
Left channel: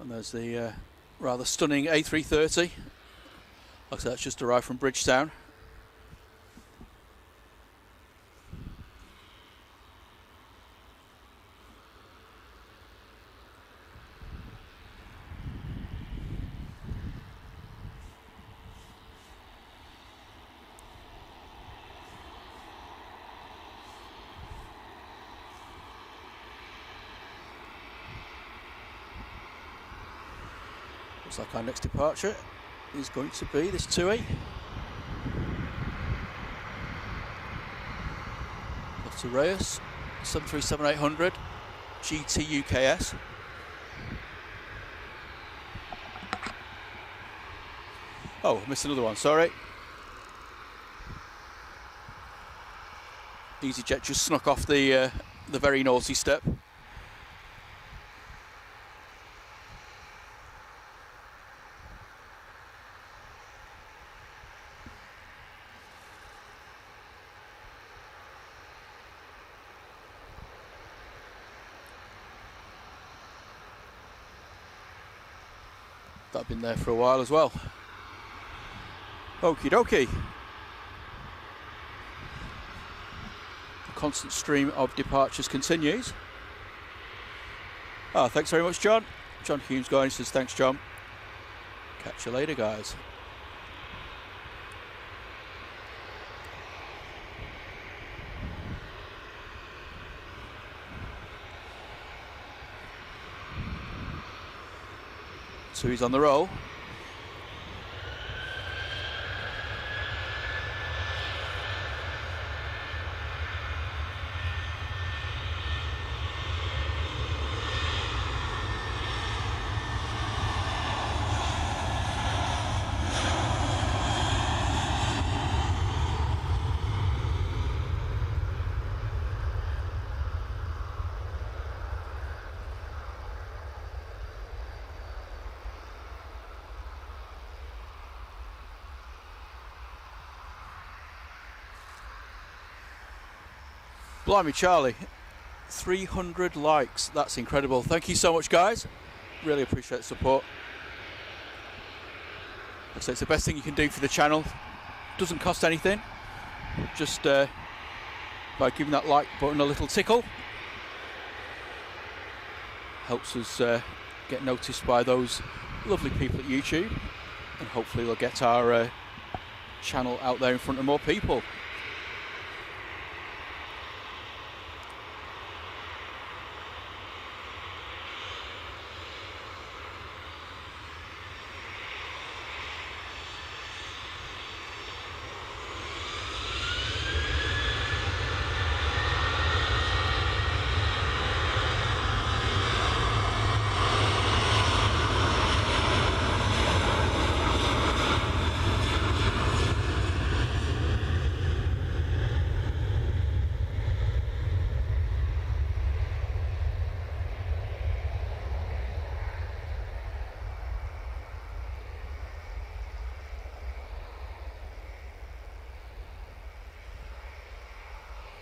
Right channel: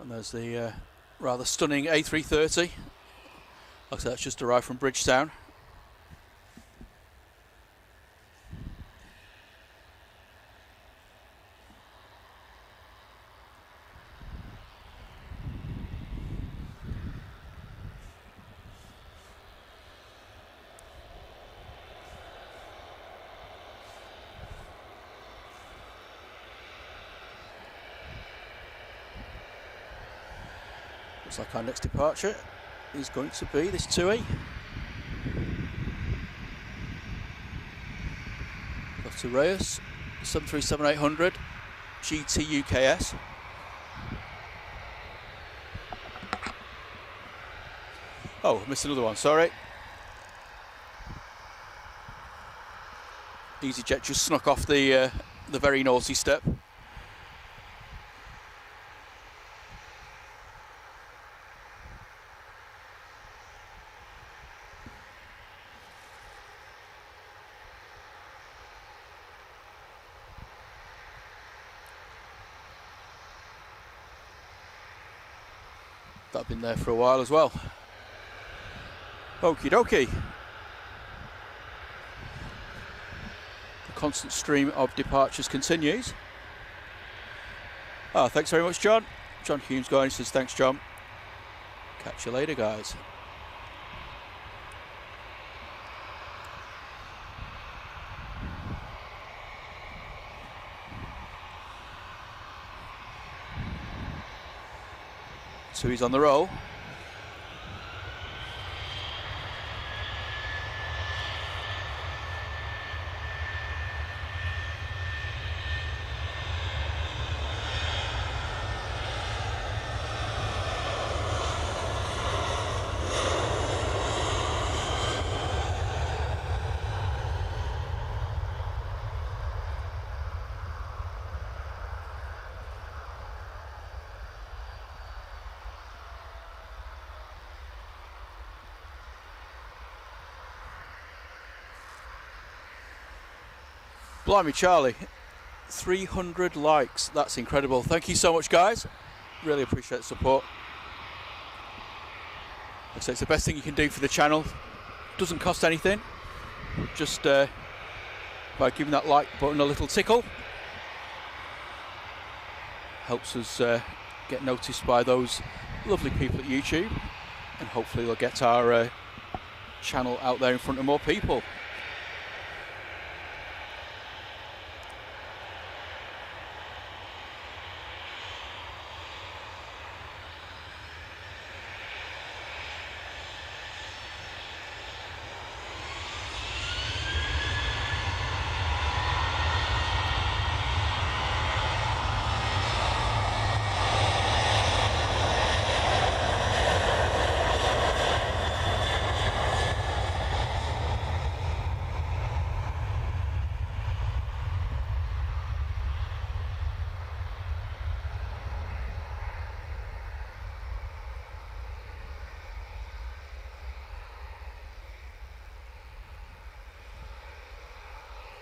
And there's the rather stunning A330. Like I said, that's just arrived from Bridgetown. Looks like our next departure is going to be this TUI. Off to Reyes, 737-800 GT UKS. Oh, I missed another one, sorry. EasyJet just snuck off the very naughty step. That's been there for a while as well. Okie dokie. The constant stream of departures continues. Ah, thanks very much, John. John Humes going, says thanks, John. Catch you later, guys. So he's on the roll. Blimey, Charlie, 300 likes. That's incredible. Thank you so much, guys. Really appreciate the support. Like I say, it's the best thing you can do for the channel. Doesn't cost anything. Just by giving that like button a little tickle. Helps us get noticed by those lovely people at YouTube. And hopefully they'll get our channel out there in front of more people.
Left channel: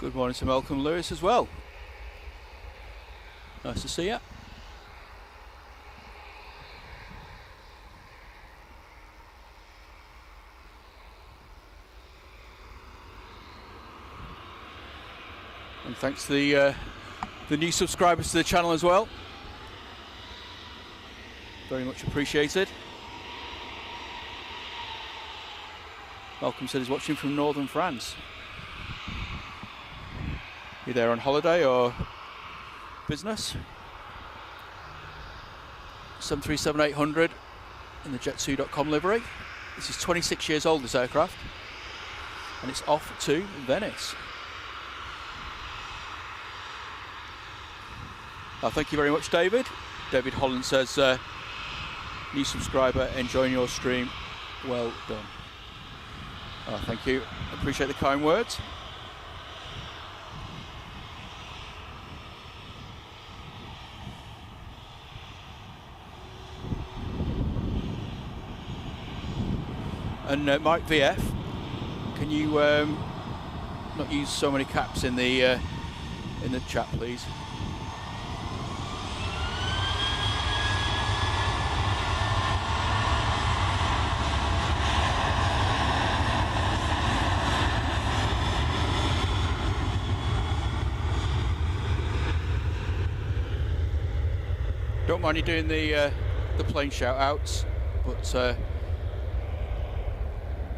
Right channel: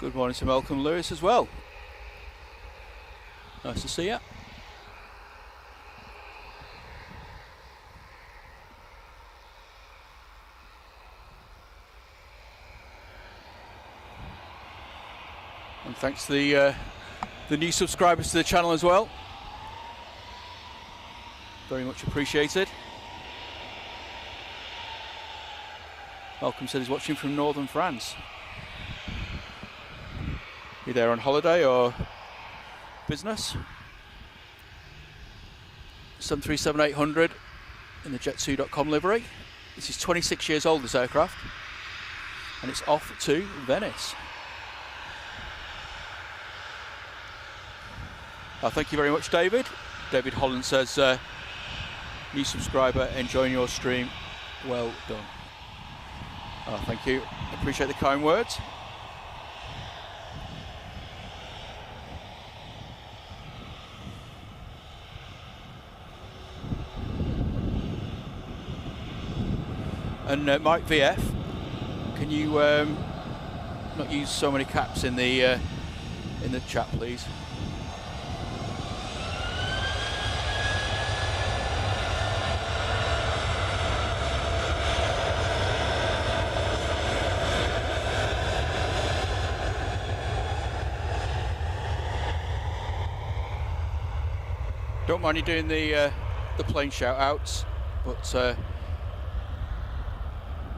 Good morning to Malcolm Lewis as well. Nice to see you. And thanks to the new subscribers to the channel as well. Very much appreciated. Malcolm said he's watching from northern France. You there on holiday or business? 737-800 in the jet2.com livery. This is 26 years old, this aircraft, and it's off to Venice. Thank you very much, David. David Holland says, new subscriber, enjoying your stream, well done. Thank you, appreciate the kind words. And Mike VF, can you not use so many caps in the chat, please? Don't mind you doing the plane shout outs, but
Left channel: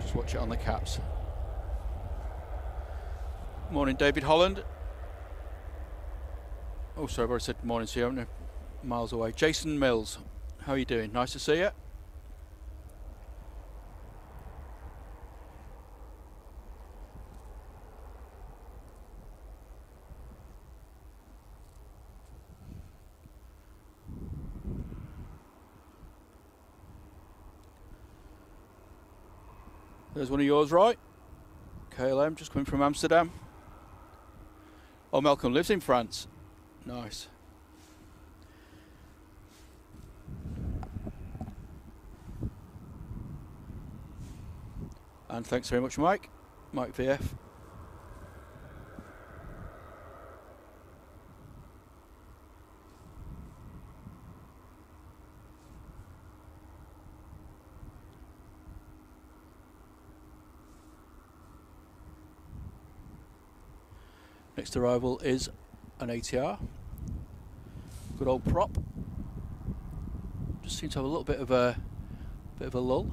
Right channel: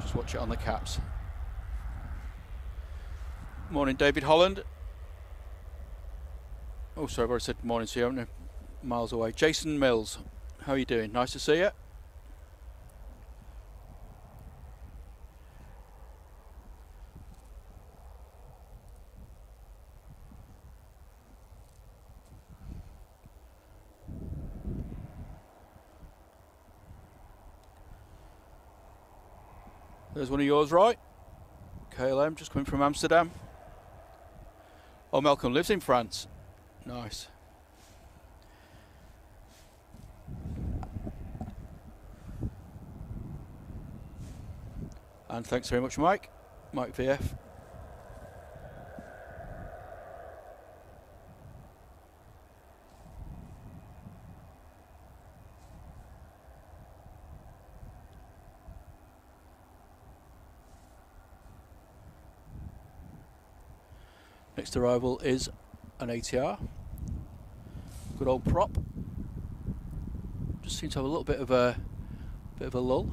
just watch it on the caps. Morning, David Holland. Oh, sorry, I've already said morning to you, I'm miles away. Jason Mills, how are you doing? Nice to see you. There's one of yours, right? KLM, just coming from Amsterdam. Oh, Malcolm lives in France. Nice. And thanks very much, Mike. Mike VF. Next arrival is an ATR. Good old prop. Just seems to have a little bit of a lull.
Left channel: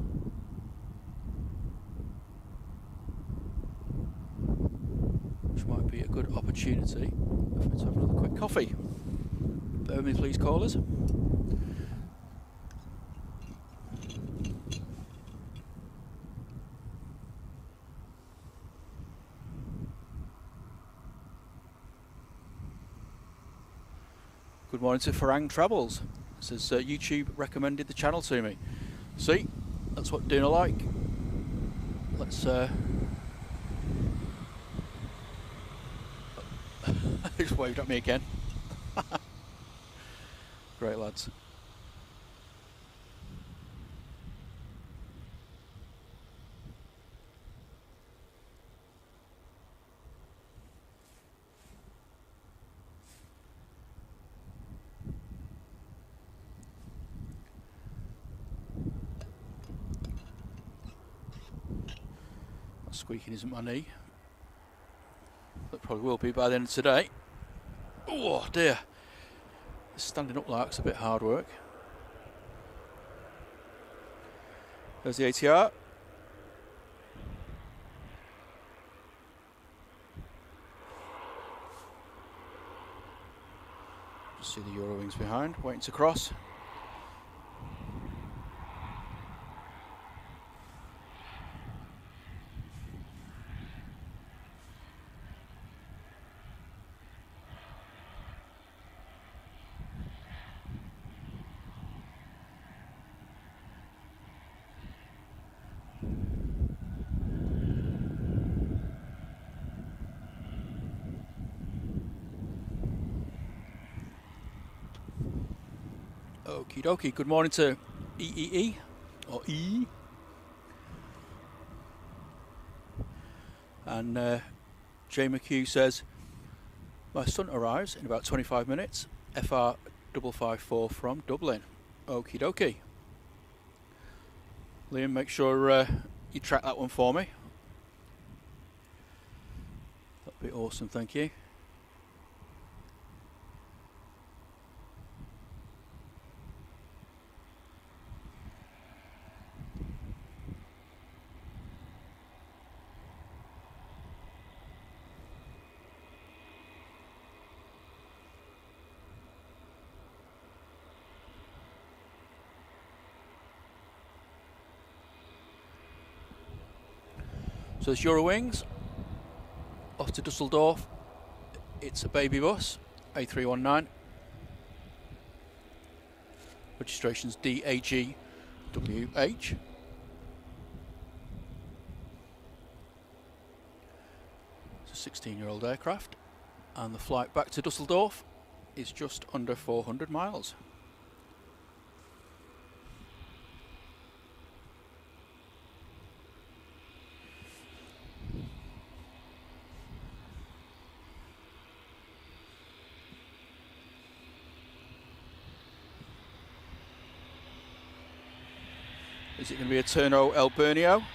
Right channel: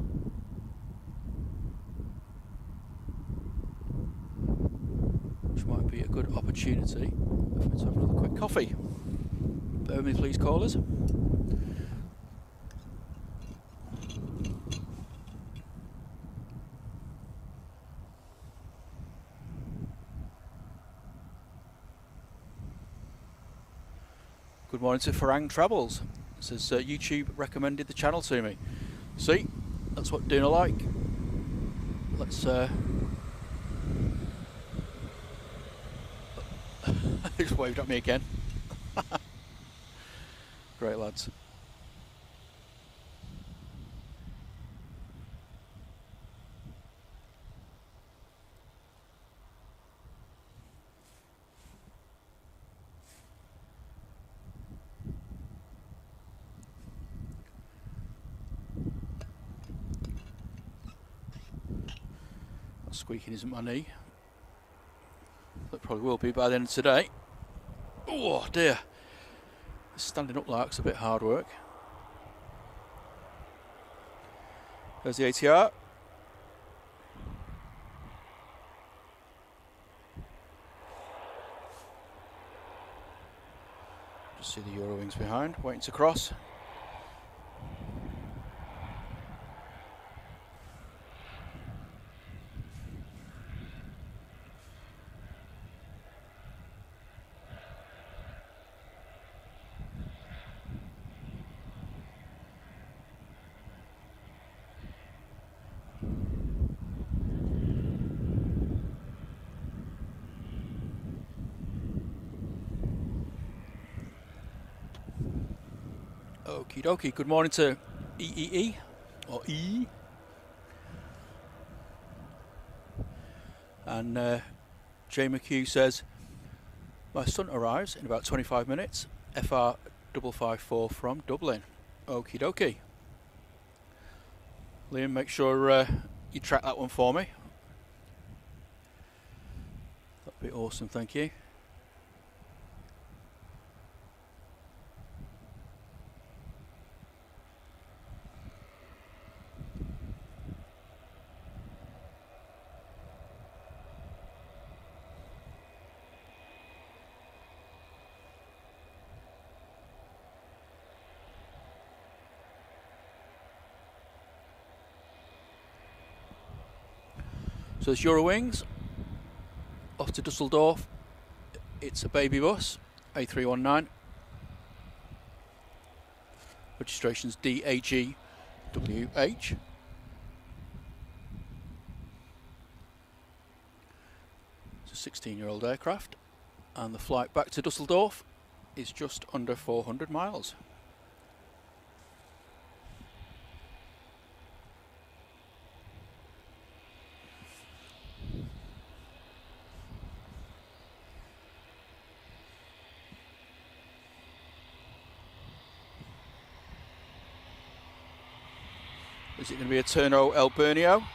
Which might be a good opportunity for me to have another quick coffee. Bear with me, please, callers. Good morning to Farang Travels. It says YouTube recommended the channel to me. See, that's what doing I like. Let's just waved at me again. Great lads. Squeaking isn't my knee. That probably will be by the end of today. Oh dear. Standing up like it's a bit hard work. There's the ATR. Just see the Eurowings behind, waiting to cross. Okie dokie, good morning to EEE, or E. And Jay McHugh says, my son arrives in about 25 minutes. FR 554 from Dublin. Okie dokie. Liam, make sure you track that one for me. That'd be awesome, thank you. So there's Eurowings off to Dusseldorf. It's a baby bus, A319. Registration's DAGWH. It's a 16-year-old aircraft, and the flight back to Dusseldorf is just under 400 miles. Is it going to be a Turno El Bernio?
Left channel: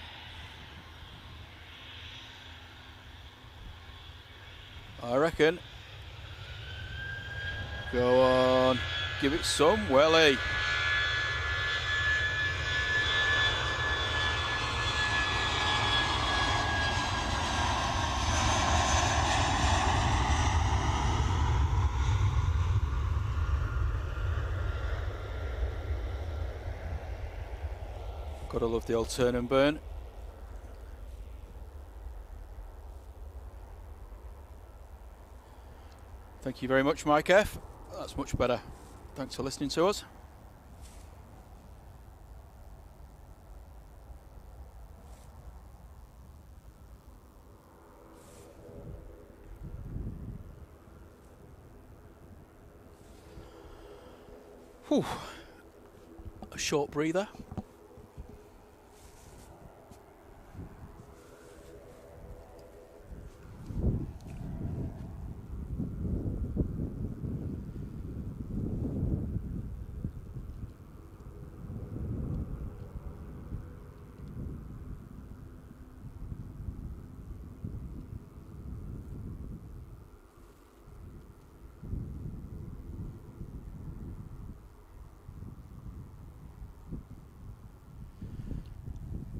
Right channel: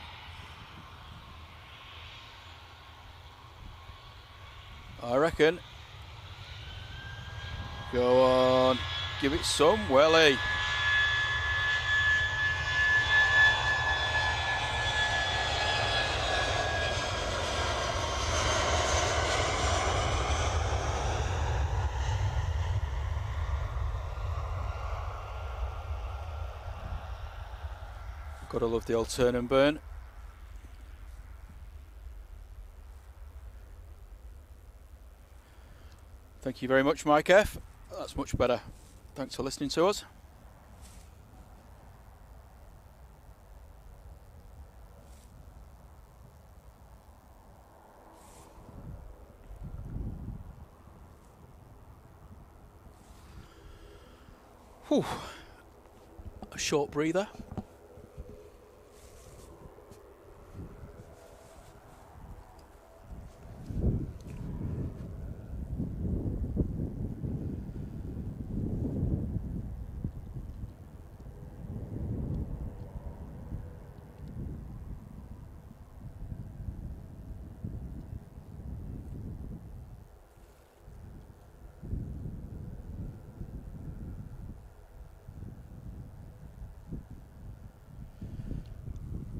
I reckon. Go on, give it some welly. Gotta love the old turn and burn. Thank you very much, Mike F. That's much better. Thanks for listening to us. Whew. A short breather.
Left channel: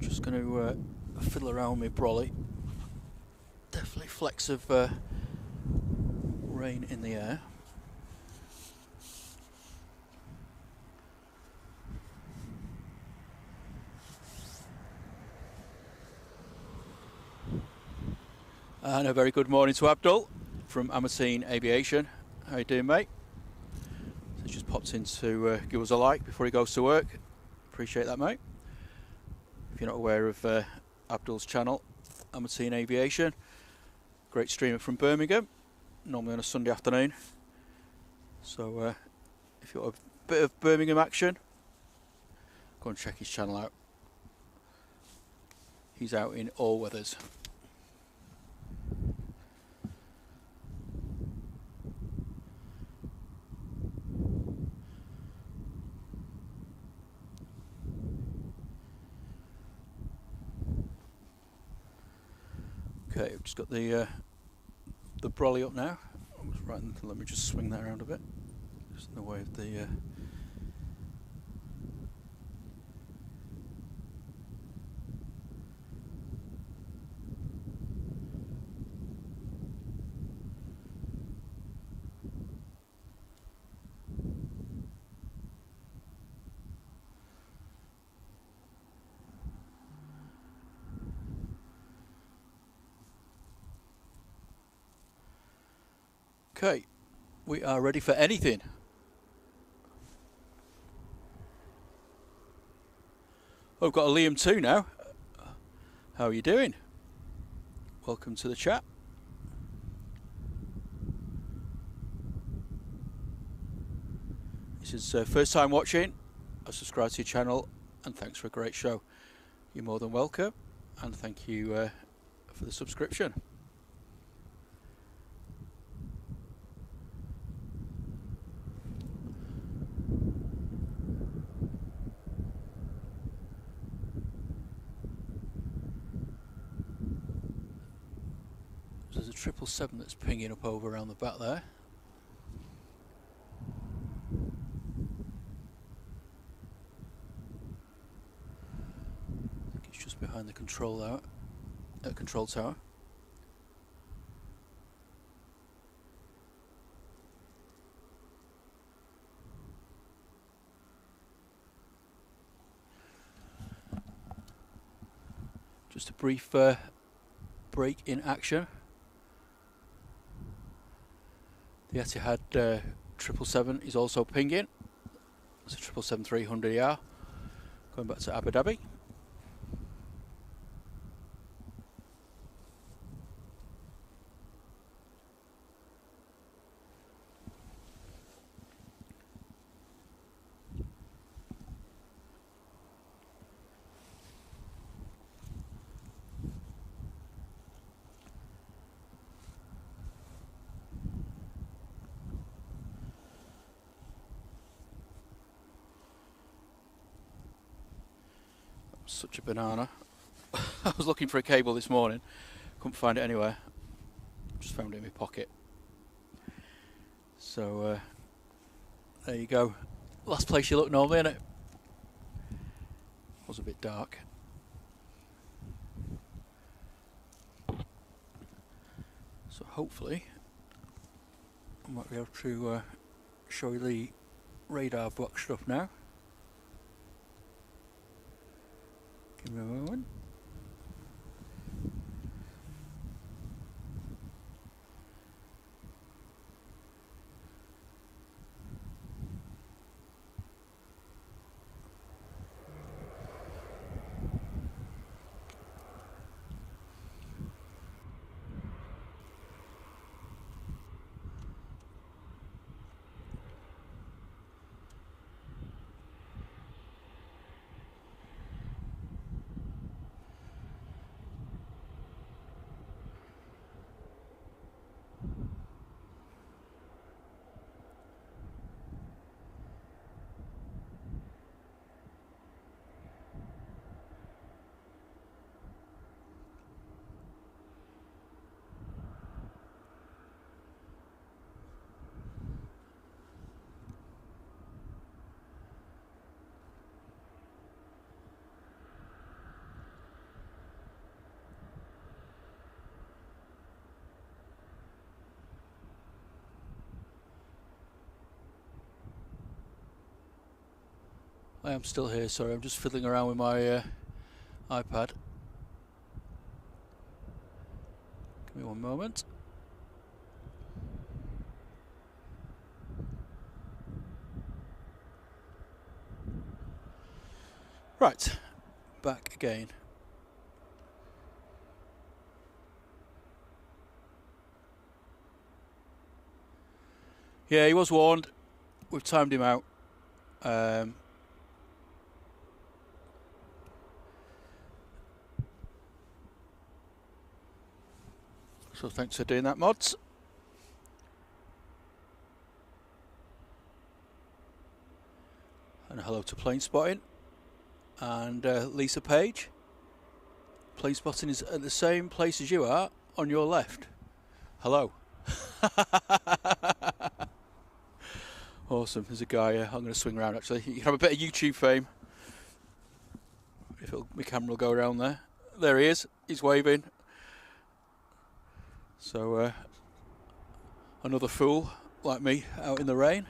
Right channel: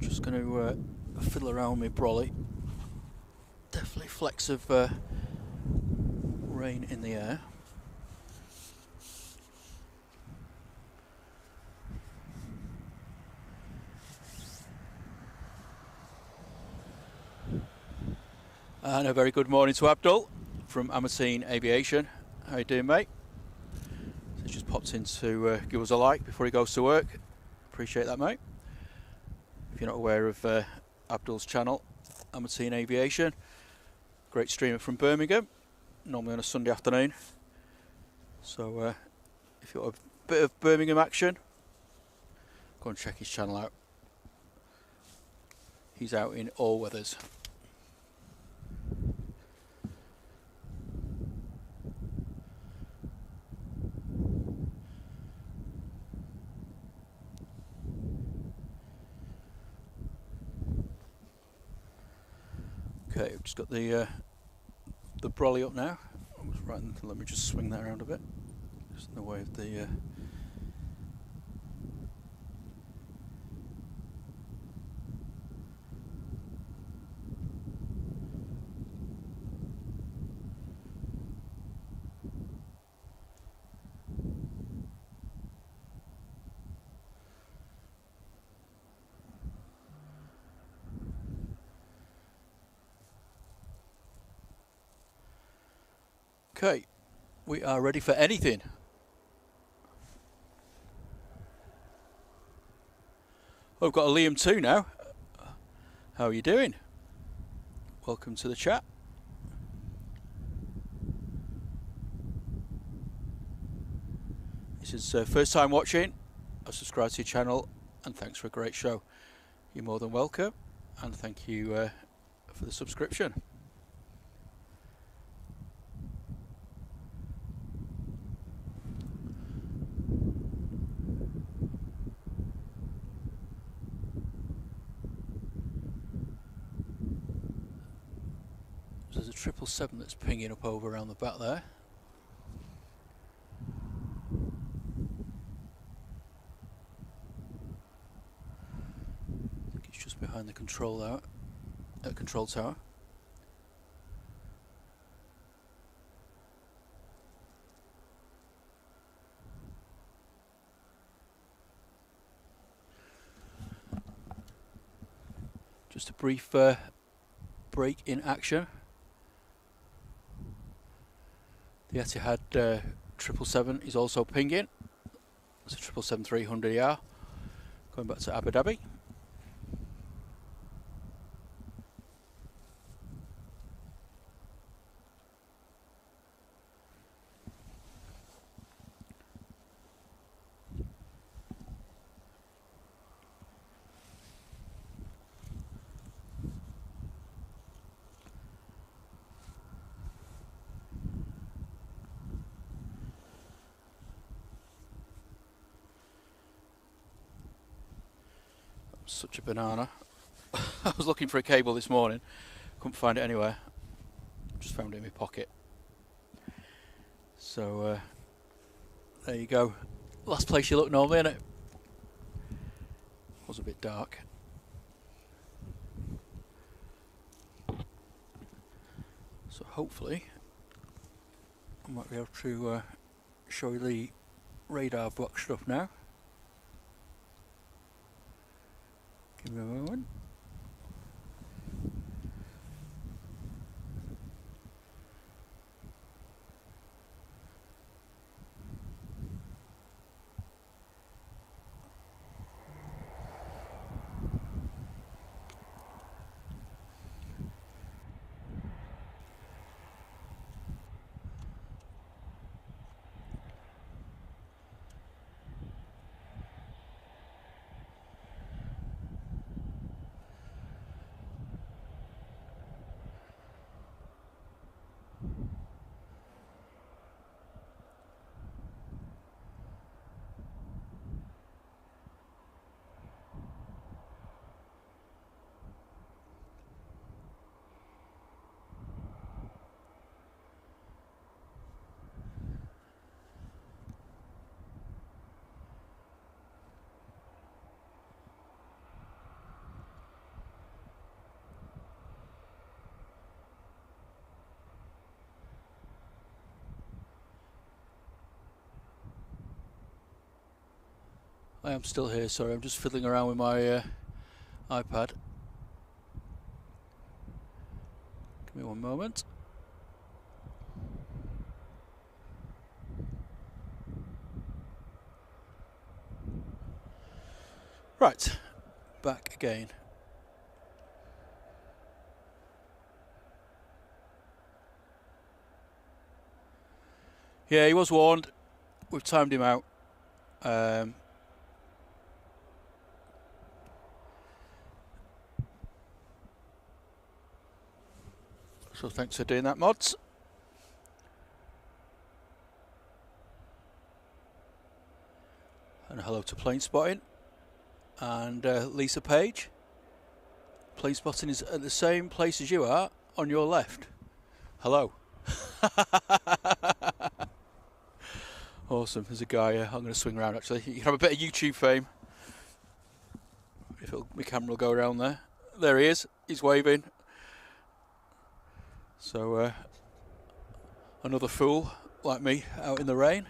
Just going to fiddle around with brolly. Definitely flecks of rain in the air. And a very good morning to Abdul from Emirates Aviation. How you doing, mate? So he's just popped in to give us a like before he goes to work. Appreciate that, mate. If you're not aware of Abdul's channel, Emirates Aviation, great streamer from Birmingham, normally on a Sunday afternoon. So if you want a bit of Birmingham action, go and check his channel out. He's out in all weathers. Okay, I've just got the brolly up now. Right, let me just swing that around a bit. Just in the way of the Okay, we are ready for anything. Oh, I've got a Liam too now. How are you doing? Welcome to the chat. This is first time watching. I subscribe to your channel and thanks for a great show. You're more than welcome and thank you for the subscription. 777 that's pinging up over around the back there. I think it's just behind the control tower. Just a brief break in action. The Etihad 777 is also pinging. It's a 777-300ER going back to Abu Dhabi. Such a banana. I was looking for a cable this morning, couldn't find it anywhere, just found it in my pocket. So there you go, last place you look normally, innit? Was a bit dark. So hopefully I might be able to show you the radar boxed up now. Give me a moment. I am still here, sorry, I'm just fiddling around with my iPad. Give me one moment. Right, back again. Yeah, he was warned. We've timed him out. So thanks for doing that, mods. And hello to Plane Spotting and Lisa Page. Plane Spotting is at the same place as you are, on your left. Hello. Awesome. There's a guy here. I'm going to swing around actually. You can have a bit of YouTube fame. If my camera will go around there. There he is. He's waving. So another fool like me out in the rain.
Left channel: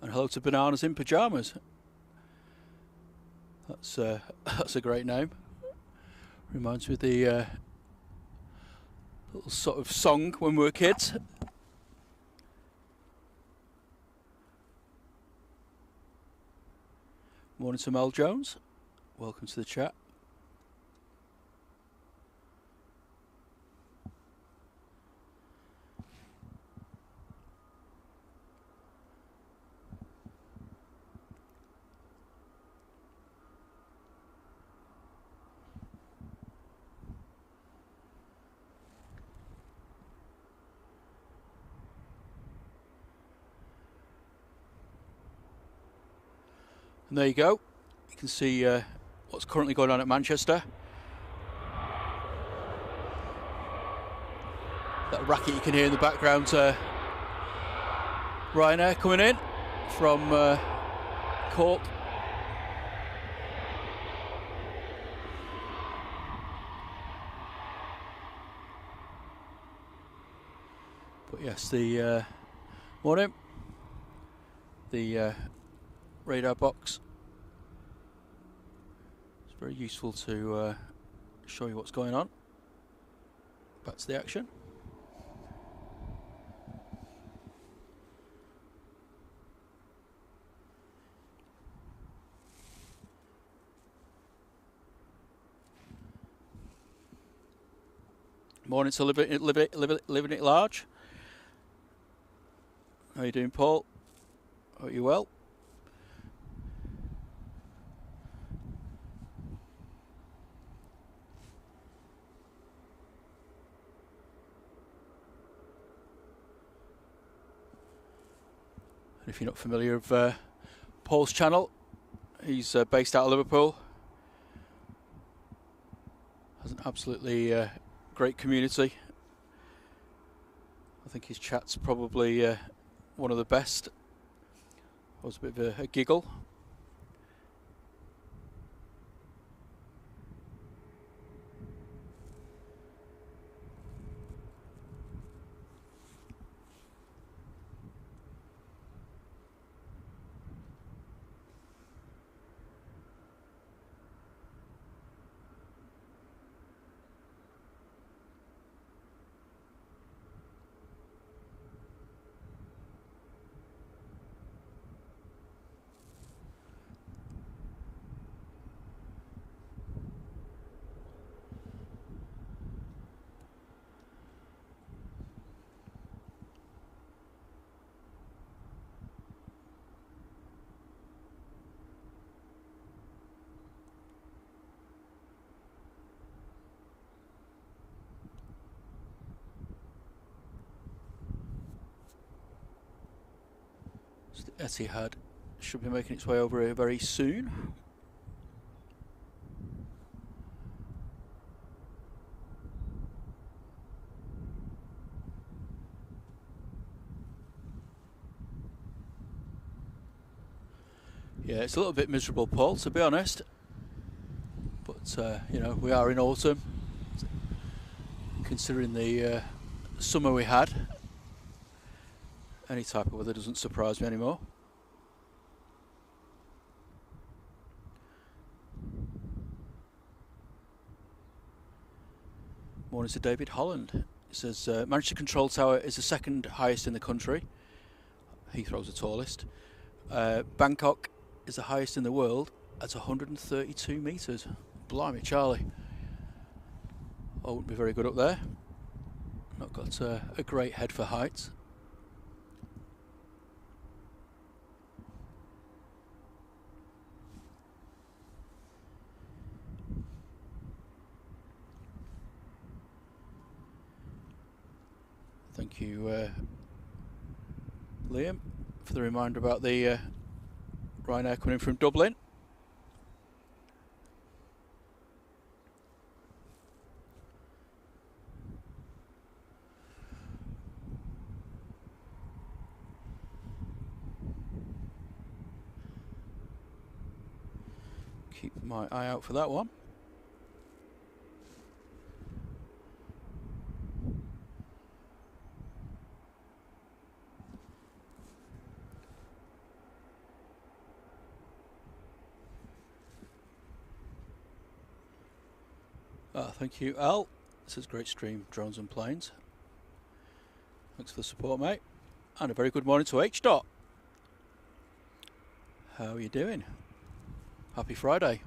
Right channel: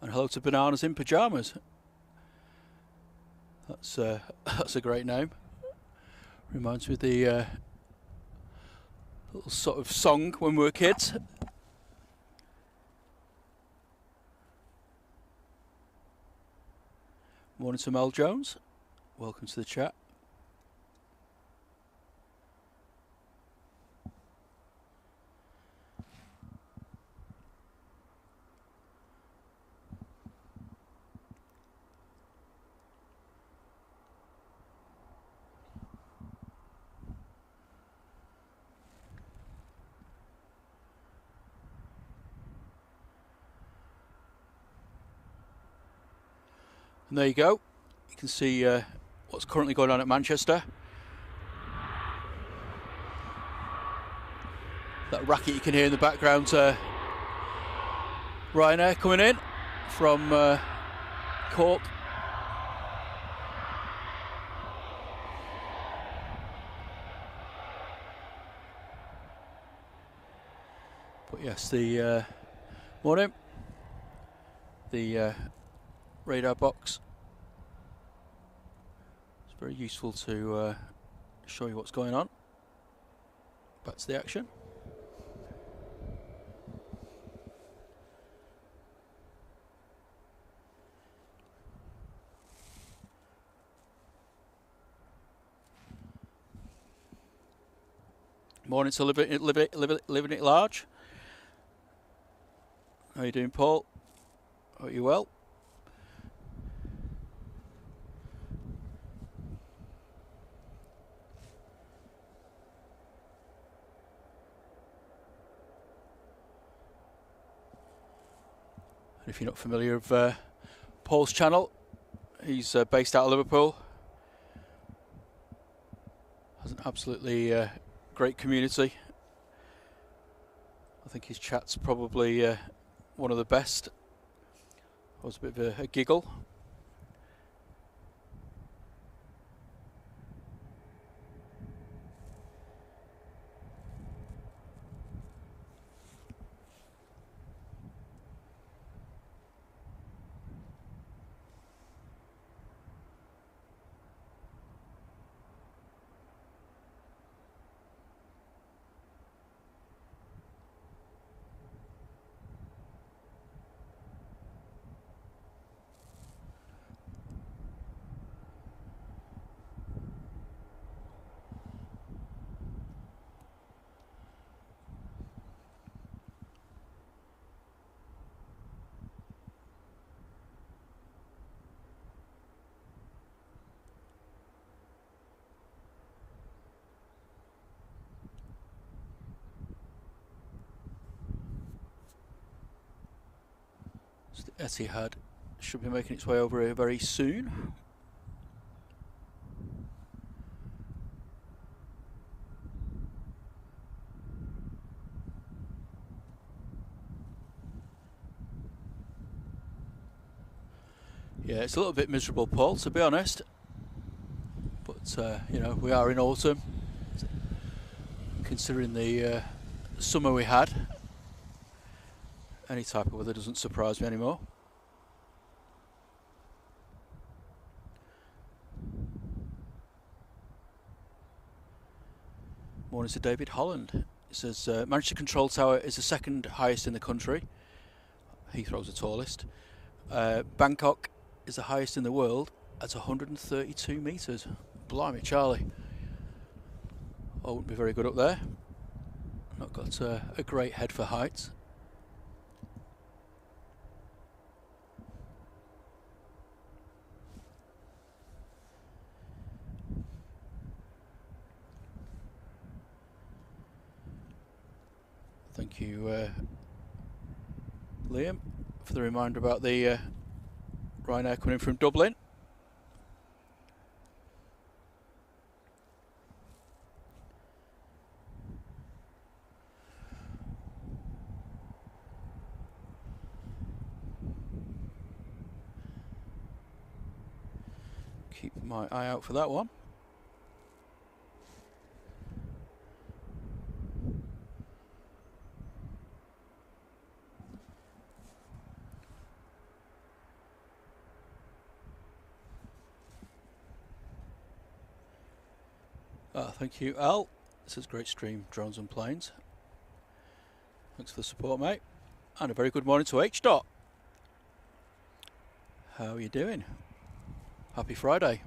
And hello to Bananas in Pyjamas. That's a great name. Reminds me of the little sort of song when we were kids. Morning to Mel Jones. Welcome to the chat. And there you go. You can see what's currently going on at Manchester. That racket you can hear in the background, Ryanair coming in from Cork. But yes, the morning, the radar box. It's very useful to show you what's going on. Back to the action. Morning to living it large. How you doing, Paul? Are you well? And if you're not familiar with Paul's channel, he's based out of Liverpool. Has an absolutely great community. I think his chat's probably one of the best. I was a bit of a giggle. So the Etihad should be making its way over here very soon. Yeah, it's a little bit miserable, Paul, to be honest. But, you know, we are in autumn. Considering the summer we had, any type of weather doesn't surprise me anymore. Morning to David Holland. It says, Manchester Control Tower is the second highest in the country. Heathrow's the tallest. Bangkok is the highest in the world at 132 metres. Blimey, Charlie. I wouldn't be very good up there. Not got a great head for heights. Thank you, Liam, for the reminder about the Ryanair coming in from Dublin. Keep my eye out for that one. Thank you, Al. This is great stream, drones and planes. Thanks for the support, mate. And a very good morning to H. Dot. How are you doing? Happy Friday.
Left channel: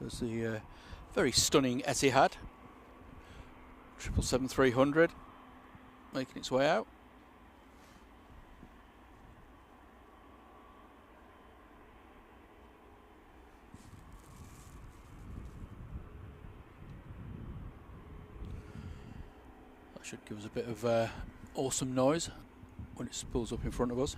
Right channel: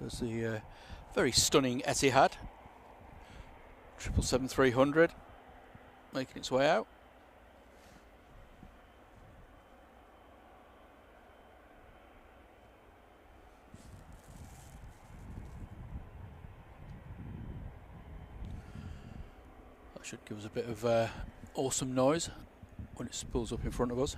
There's the very stunning Etihad 777-300 making its way out. Should give us a bit of awesome noise when it spools up in front of us.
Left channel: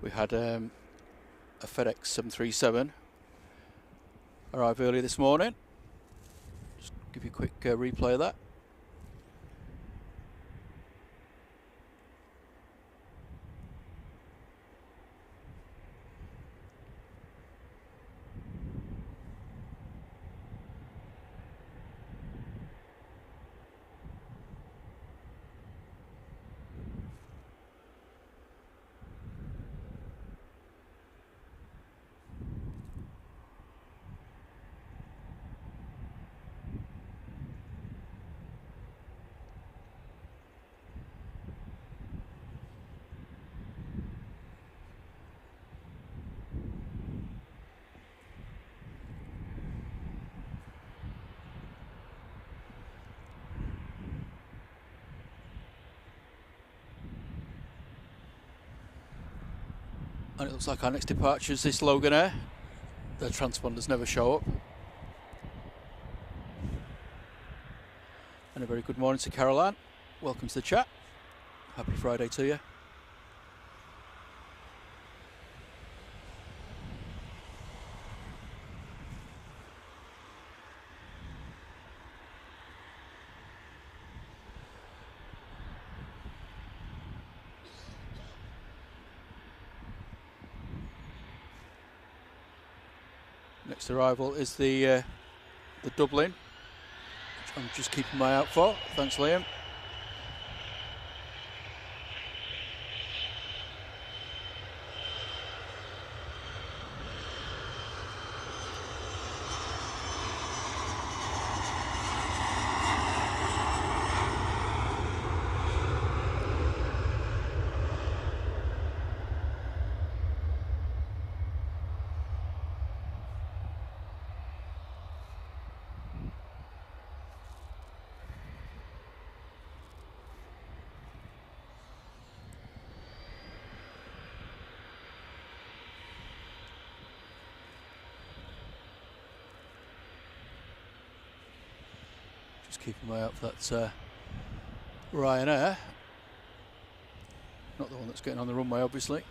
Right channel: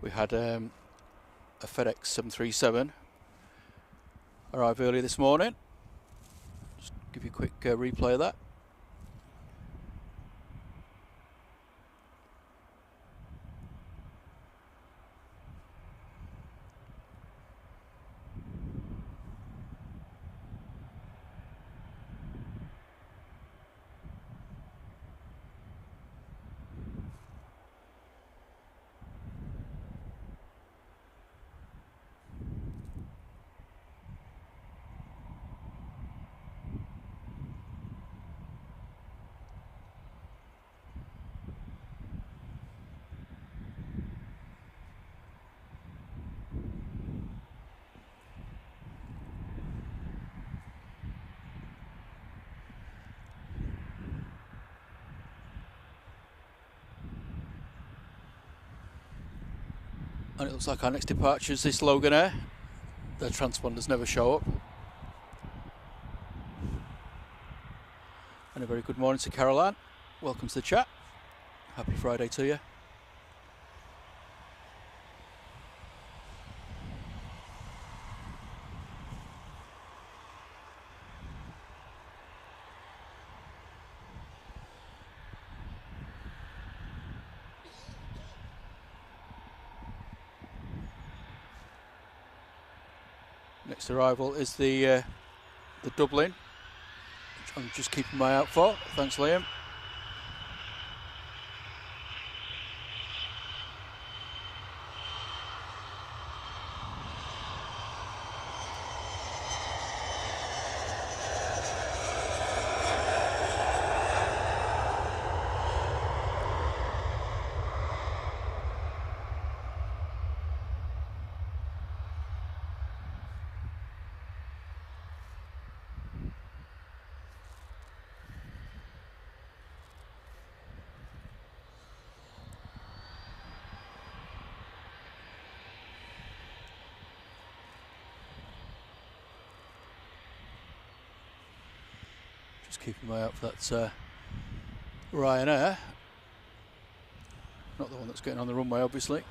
We had a FedEx 737 arrive early this morning. Just give you a quick replay of that. And it looks like our next departure is this Logan Air. The transponders never show up. And a very good morning to Caroline. Welcome to the chat. Happy Friday to you. Next arrival is the Dublin, which I'm just keeping my eye out for. Thanks, Liam. Just keeping my eye out for that Ryanair. Not the one that's getting on the runway, obviously.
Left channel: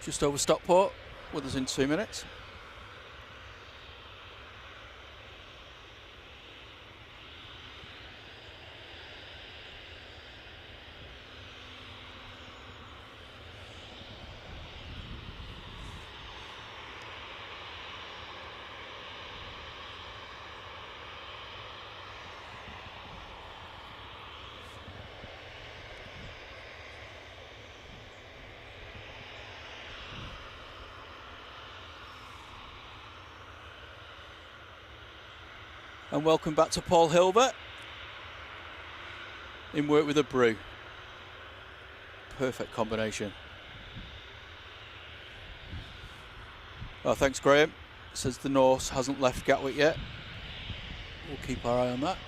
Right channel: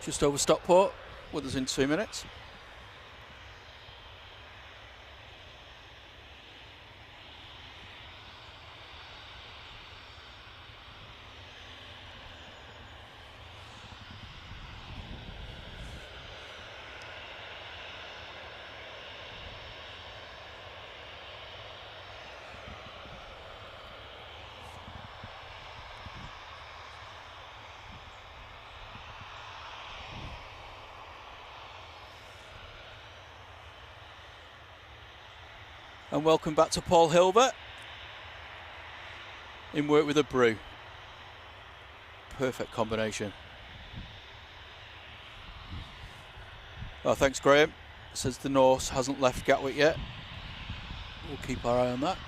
Just over Stockport, with us in 2 minutes. And welcome back to Paul Hilbert in work with a brew. Perfect combination. Oh, thanks, Graham. Says the Norse hasn't left Gatwick yet. We'll keep our eye on that.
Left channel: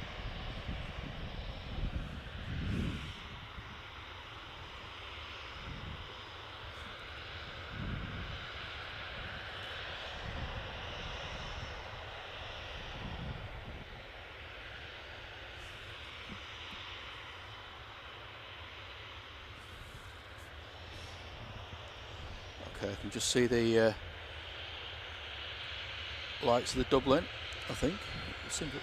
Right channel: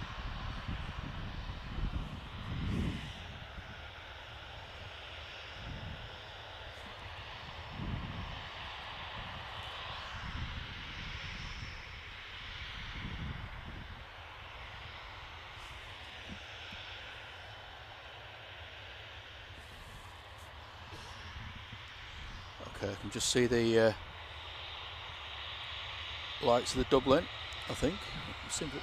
Okay, I can just see the lights of the Dublin, I think. Seems that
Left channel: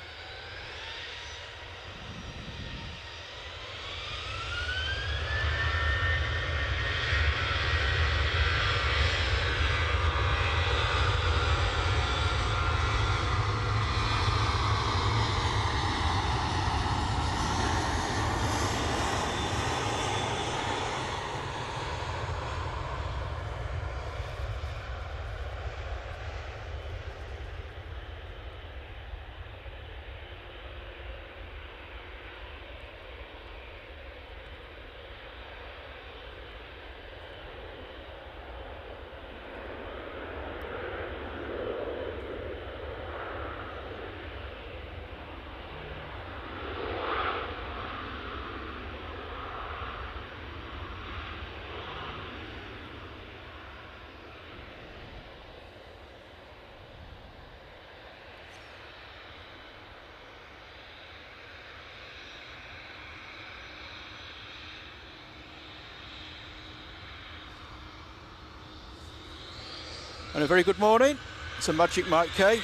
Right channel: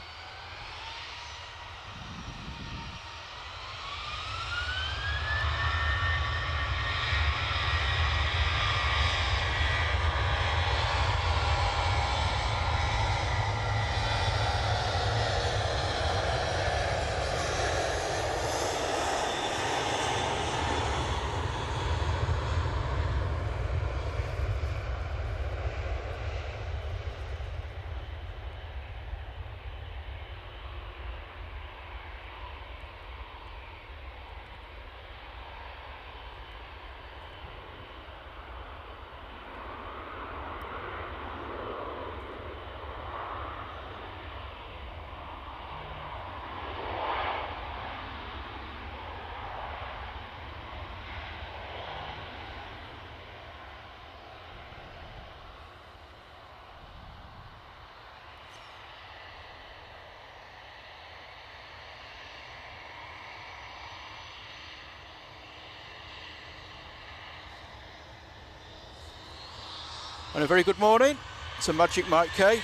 And a very good morning to Magic Mike K.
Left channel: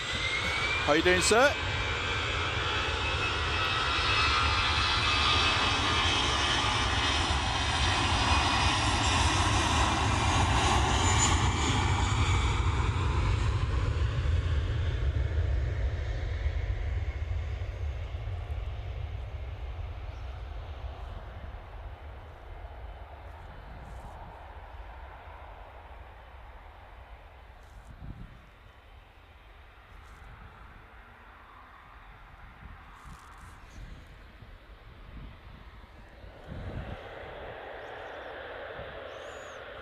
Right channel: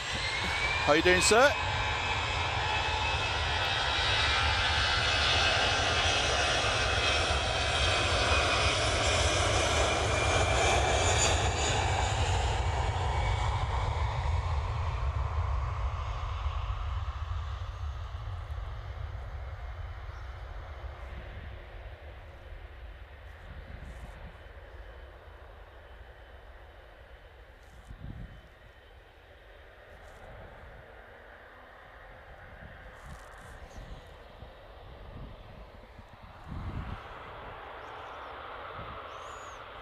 How you doing, sir?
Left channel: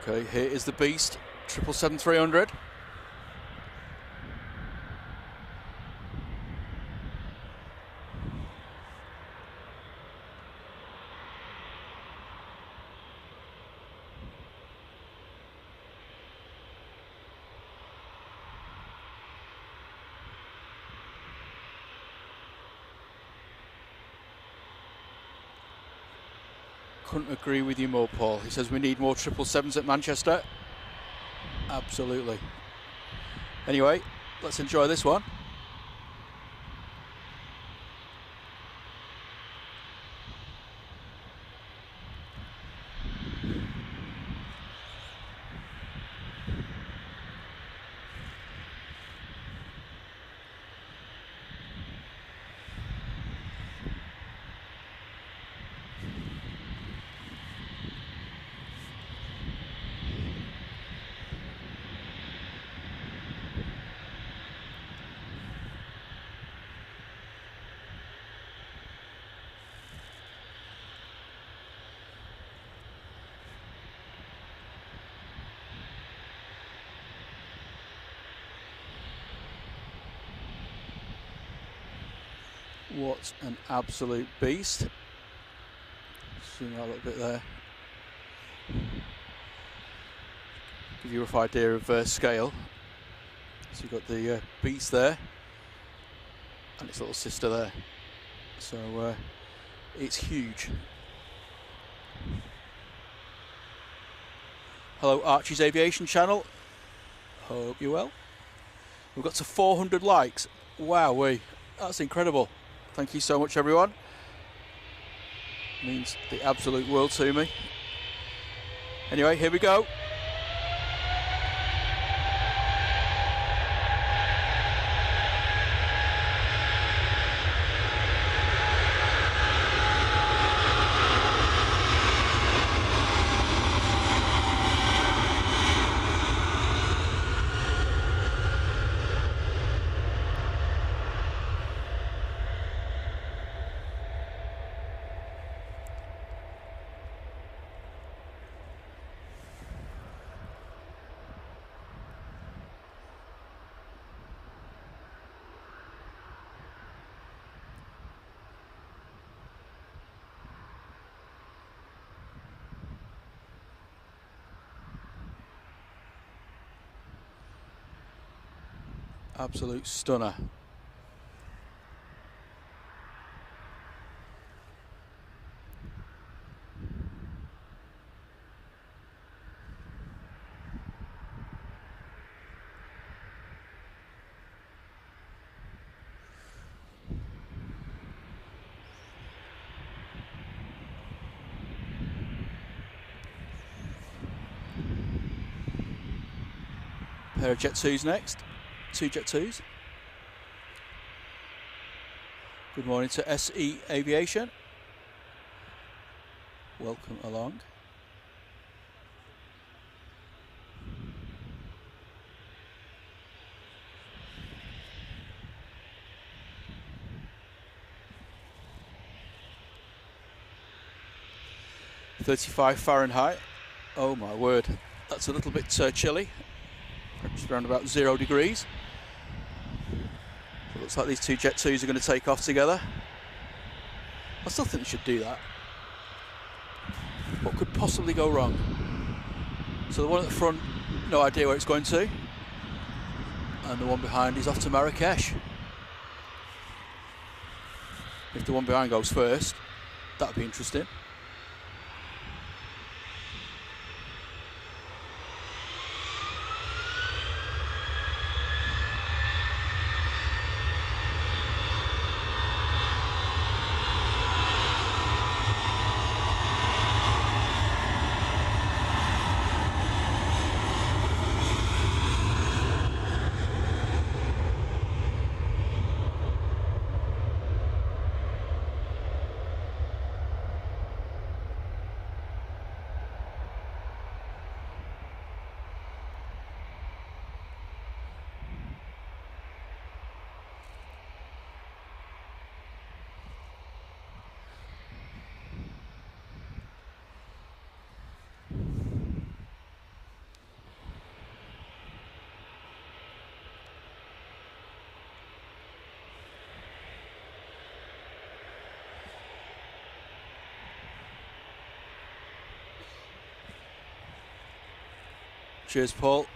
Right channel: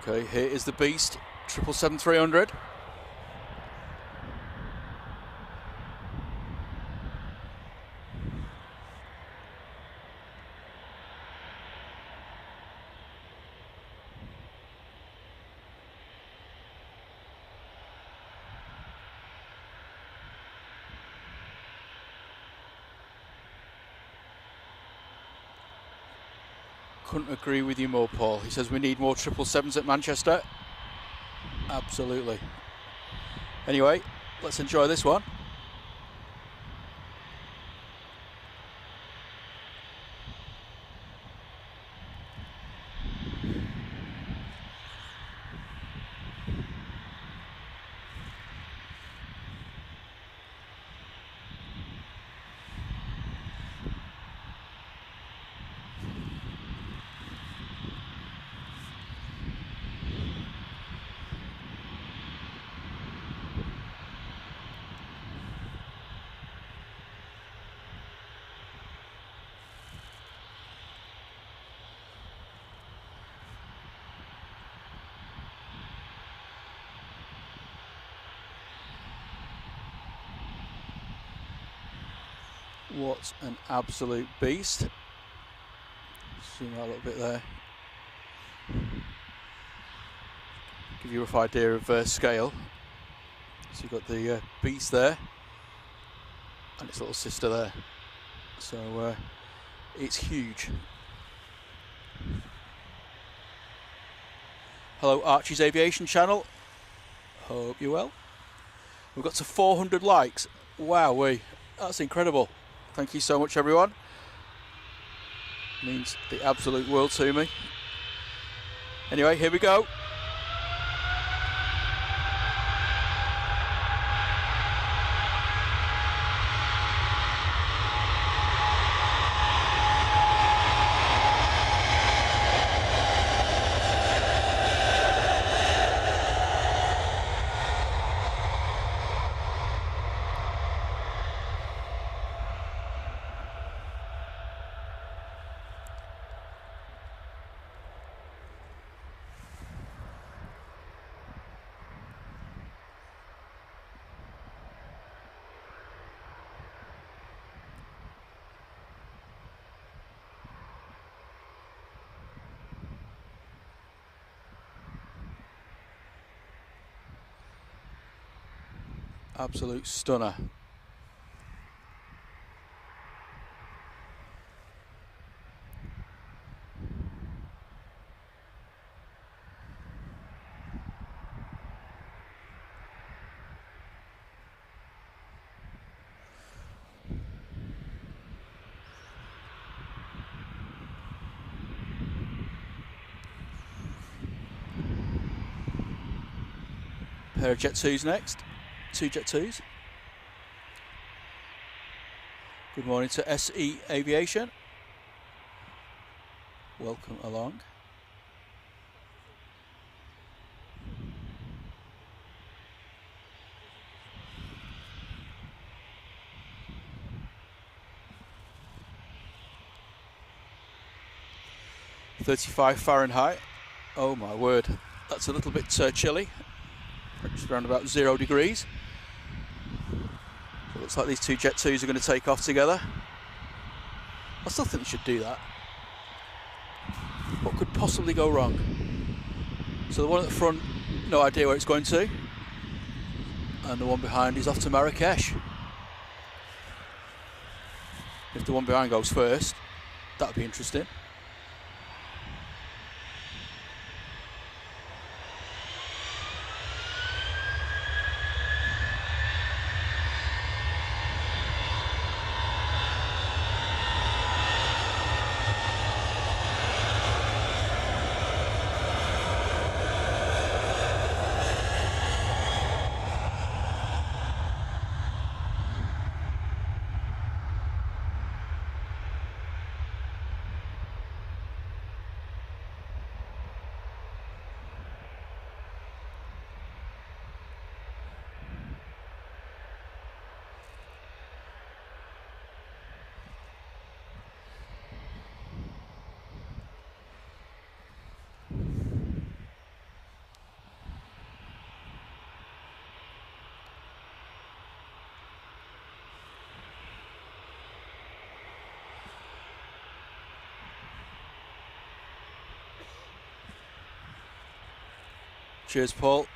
Okay, here is the beast, 777-300. Couldn't agree with you more, Paul. He says we need more 777s at Manchester. Absolutely. Anyway, let's enjoy this one. What an absolute beast. Zoom out a little bit there. Give you a rough idea of scale. So you've got the beast there and its little sister there. So it's huge. Hello Archie's Aviation channel. Hope you're well. We've got to 400 likes. Wowee, that's incredible. Thank you so much, everyone. Means the absolute world to me. Anyway, here we go. Absolute stunner. Pair of Jet 2s next. 2 Jet 2s. Good morning to SE Aviation. Welcome along. £35 Fahrenheit. Oh my word, that's a little bit chilly. Just around about 0 degrees. So it looks like these 2 Jet 2s are going to take off together. I still think they should do that. What could possibly go wrong? So the one at the front, no idea where it's going to. And the one behind is off to Marrakesh. If the one behind goes first, that'd be interesting. Cheers, Paul.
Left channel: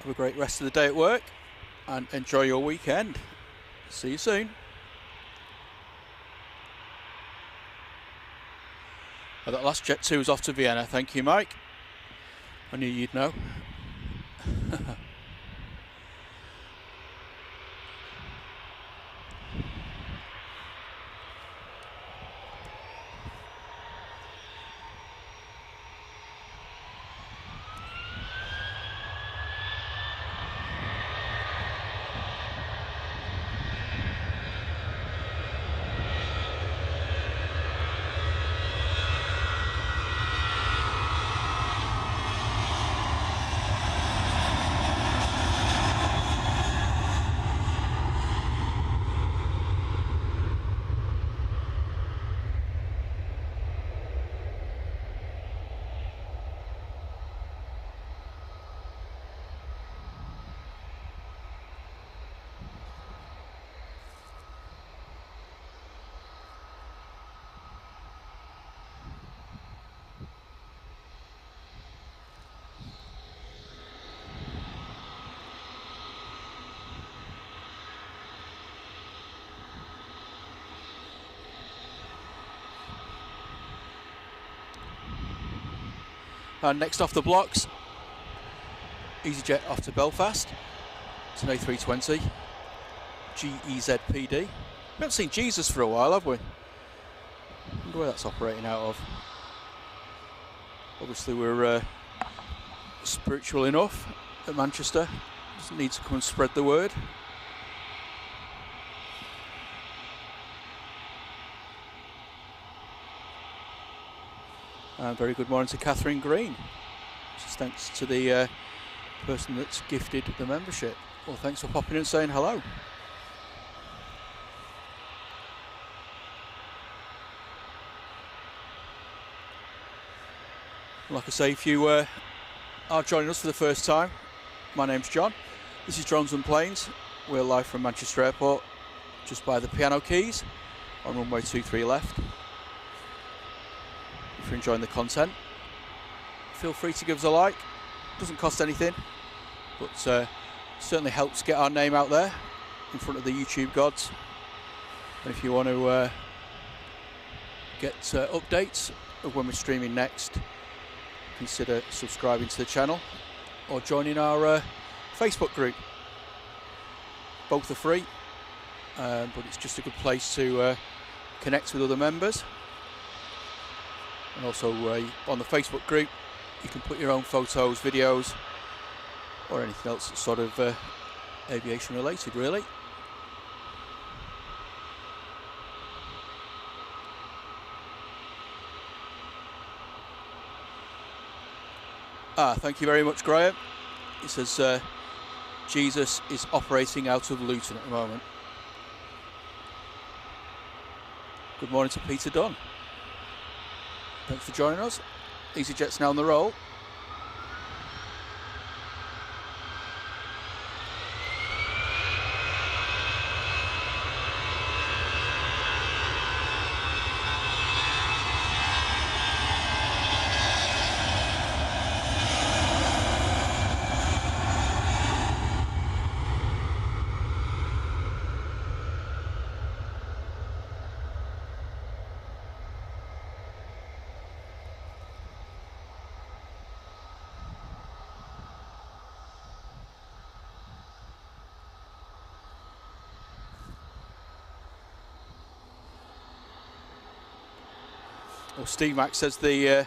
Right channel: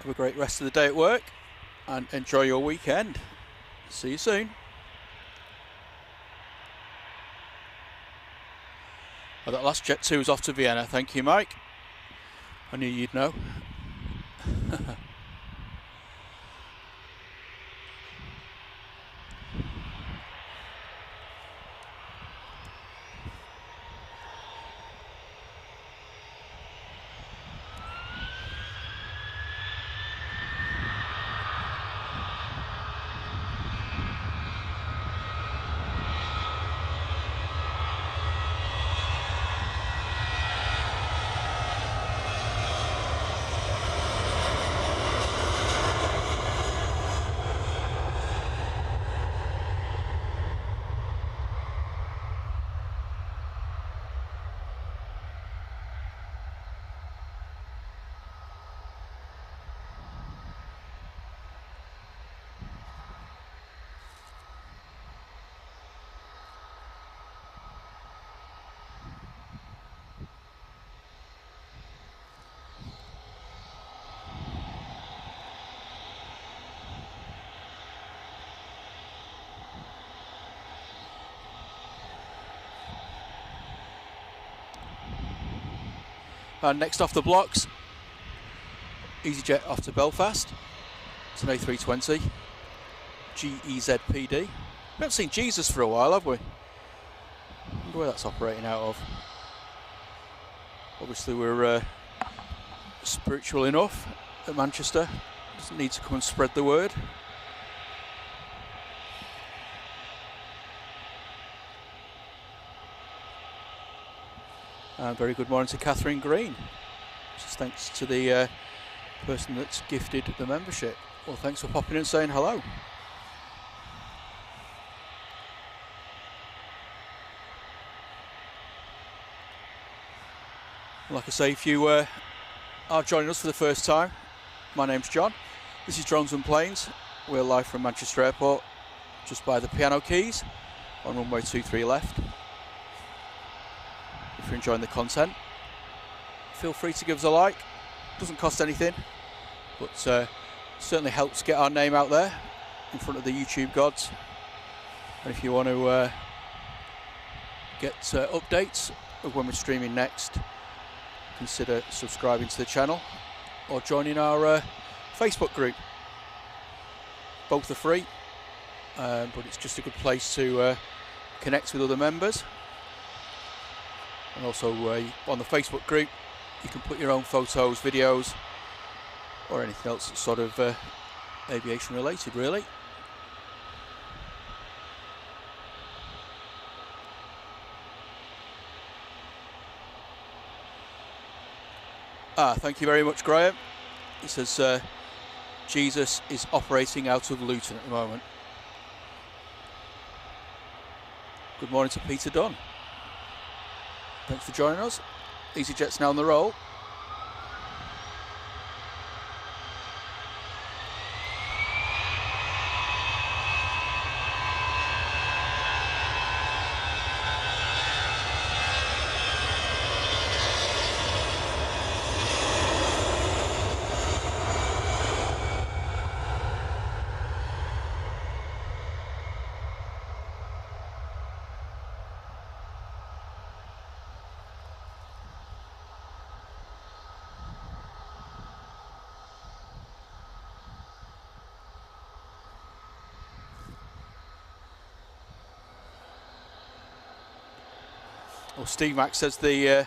Have a great rest of the day at work and enjoy your weekend. See you soon. Oh, that last Jet 2 was off to Vienna. Thank you, Mike. I knew you'd know. And next off the blocks, EasyJet off to Belfast. It's an A320 GEZPD. We haven't seen Jesus for a while, have we? Wonder where that's operating out of. Obviously we're spiritual enough at Manchester. Doesn't need to come and spread the word. Very good morning to Catherine Green. Just thanks to the person that's gifted the membership. Well, thanks for popping in and saying hello. Like I say, if you are joining us for the first time, my name's John. This is Drones and Planes. We're live from Manchester Airport, just by the piano keys, on runway 23 left. If you're enjoying the content, feel free to give us a like. Doesn't cost anything, but certainly helps get our name out there in front of the YouTube gods. And if you want to get updates of when we're streaming next, consider subscribing to the channel or joining our Facebook group. Both are free, but it's just a good place to connect with other members. And also on the Facebook group, you can put your own photos, videos, or anything else that's sort of aviation related, really. Thank you very much, Graham. It says Jesus is operating out of Luton at the moment. Good morning to Peter Dunn. Thanks for joining us. EasyJet's now on the roll. Well, Steve Mack says the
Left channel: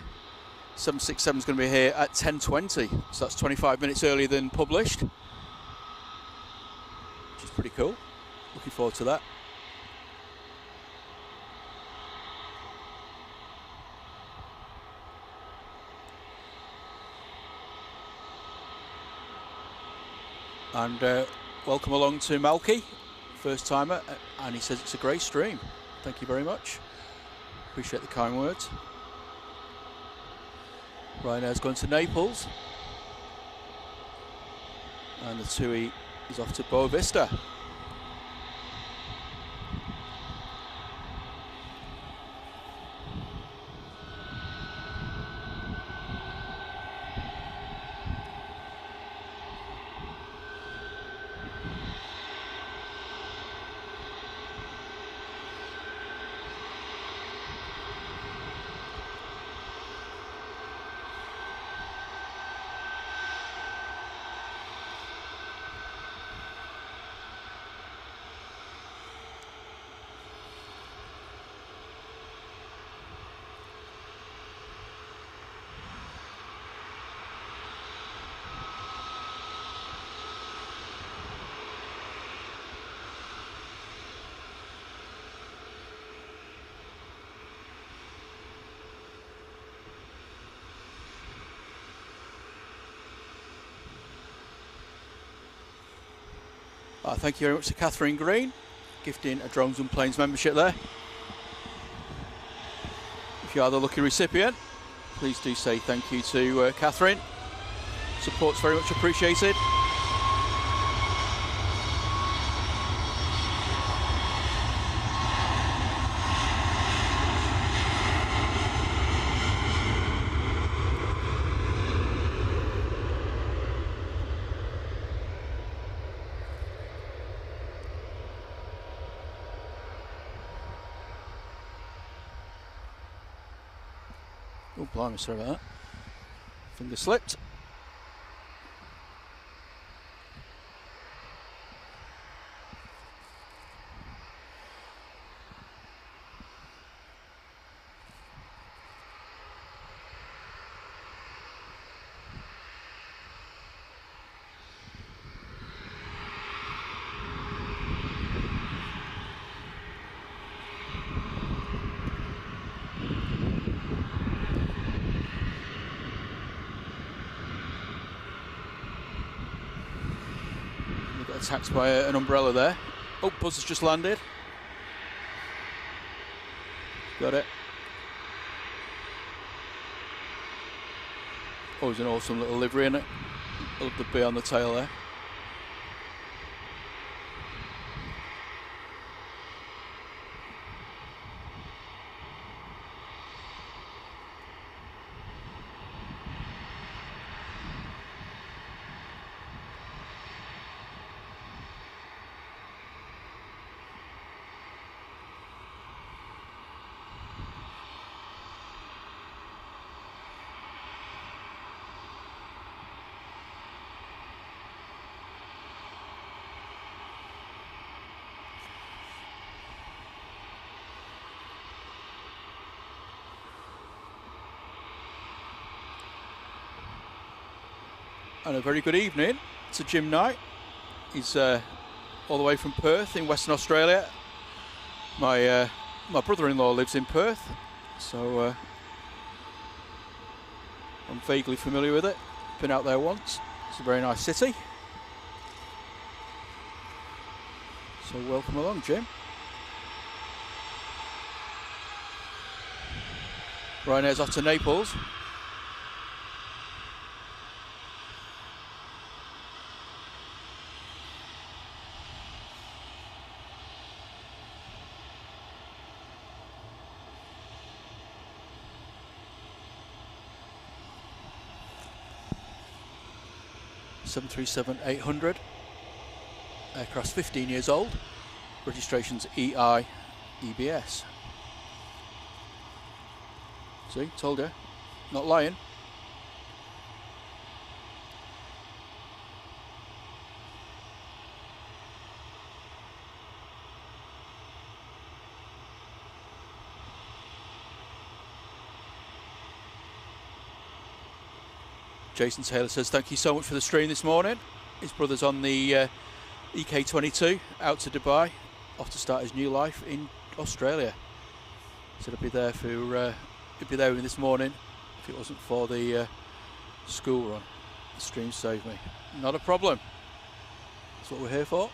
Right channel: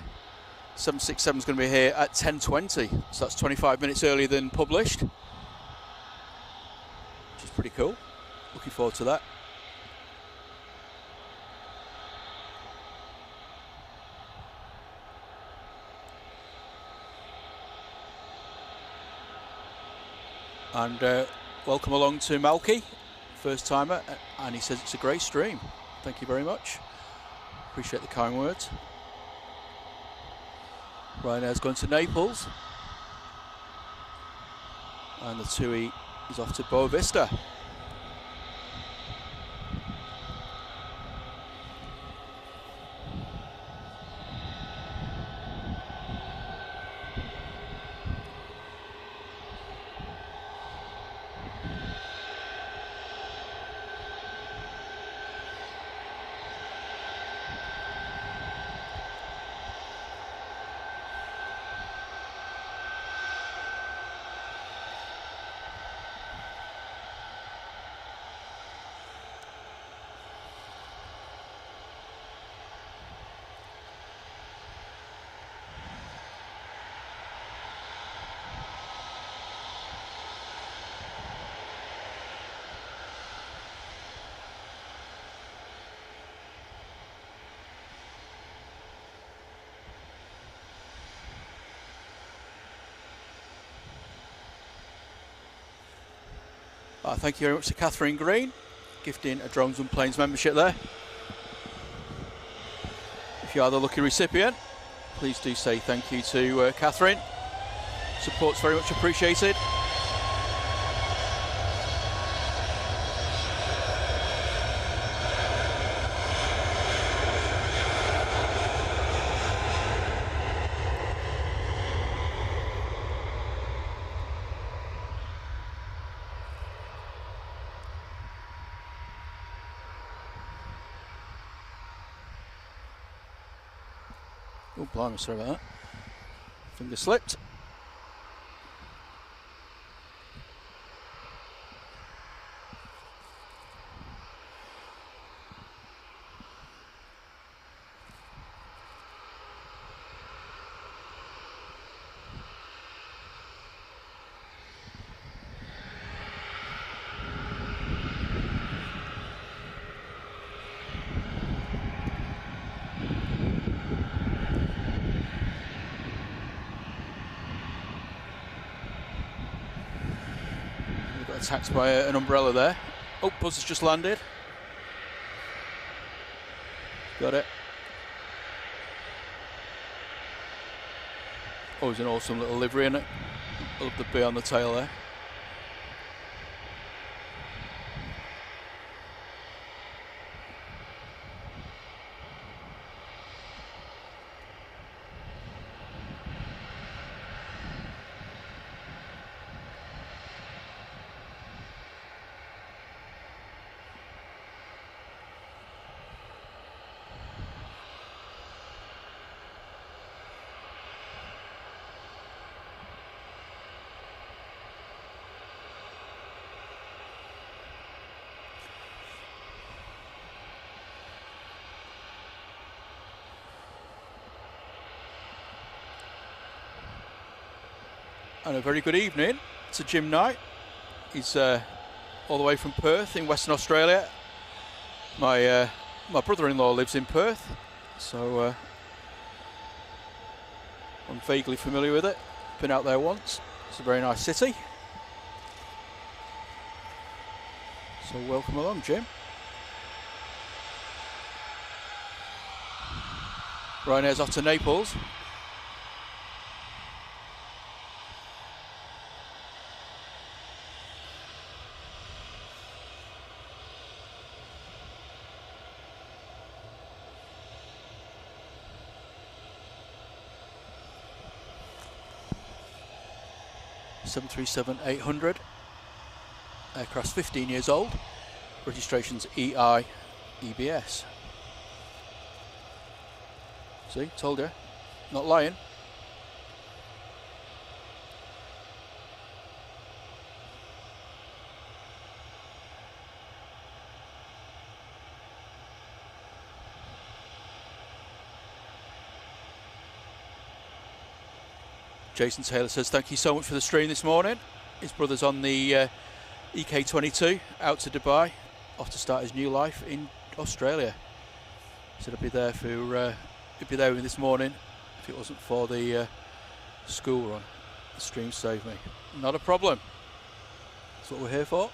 767 is going to be here at 10:20, so that's 25 minutes earlier than published, which is pretty cool. Looking forward to that. And welcome along to Malky, first timer, and he says it's a great stream. Thank you very much. Appreciate the kind words. Ryanair's going to Naples, and the TUI is off to Boa Vista. Thank you very much to Catherine Green, gifting a Drones and Planes membership there. If you are the lucky recipient, please do say thank you to Catherine. Support's very much appreciated. Oh, blimey, sorry about that. Finger slipped. Got attacked by an umbrella there. Oh, buzz has just landed. Got it. Oh, it's an awesome little livery in it. I love the bee on the tail there. And a very good evening to Jim Knight. He's all the way from Perth in Western Australia. My brother-in-law lives in Perth, so I'm vaguely familiar with it. Been out there once. It's a very nice city. So welcome along, Jim. Ryanair's off to Naples. (737-800). Aircraft's 15 years old. Registration's EI EBS. See, told you, not lying. Jason Taylor says, thank you so much for the stream this morning. His brother's on the EK22 out to Dubai, off to start his new life in Australia. He said I'd be there for he'd be there with me this morning if it wasn't for the school run. The stream saved me. Not a problem. That's what we're here for.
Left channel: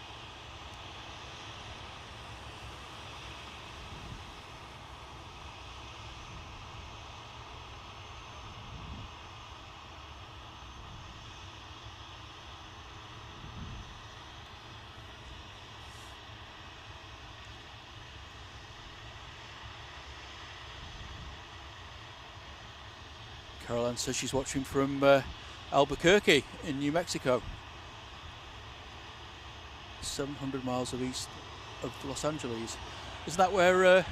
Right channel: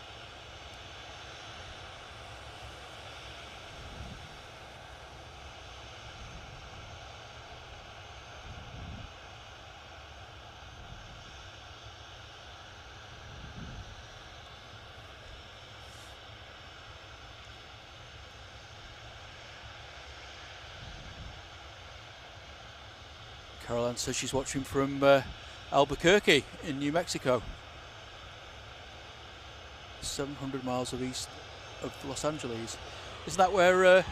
Caroline says she's watching from Albuquerque in New Mexico. 700 miles of east of Los Angeles. Isn't that where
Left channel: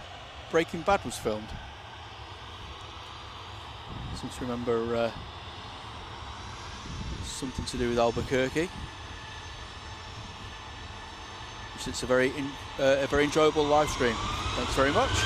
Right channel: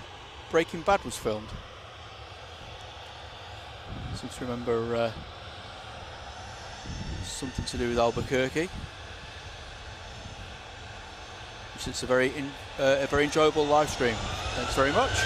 Breaking Bad was filmed? I seem to remember something to do with Albuquerque. Which is a very enjoyable live stream. Thanks very much.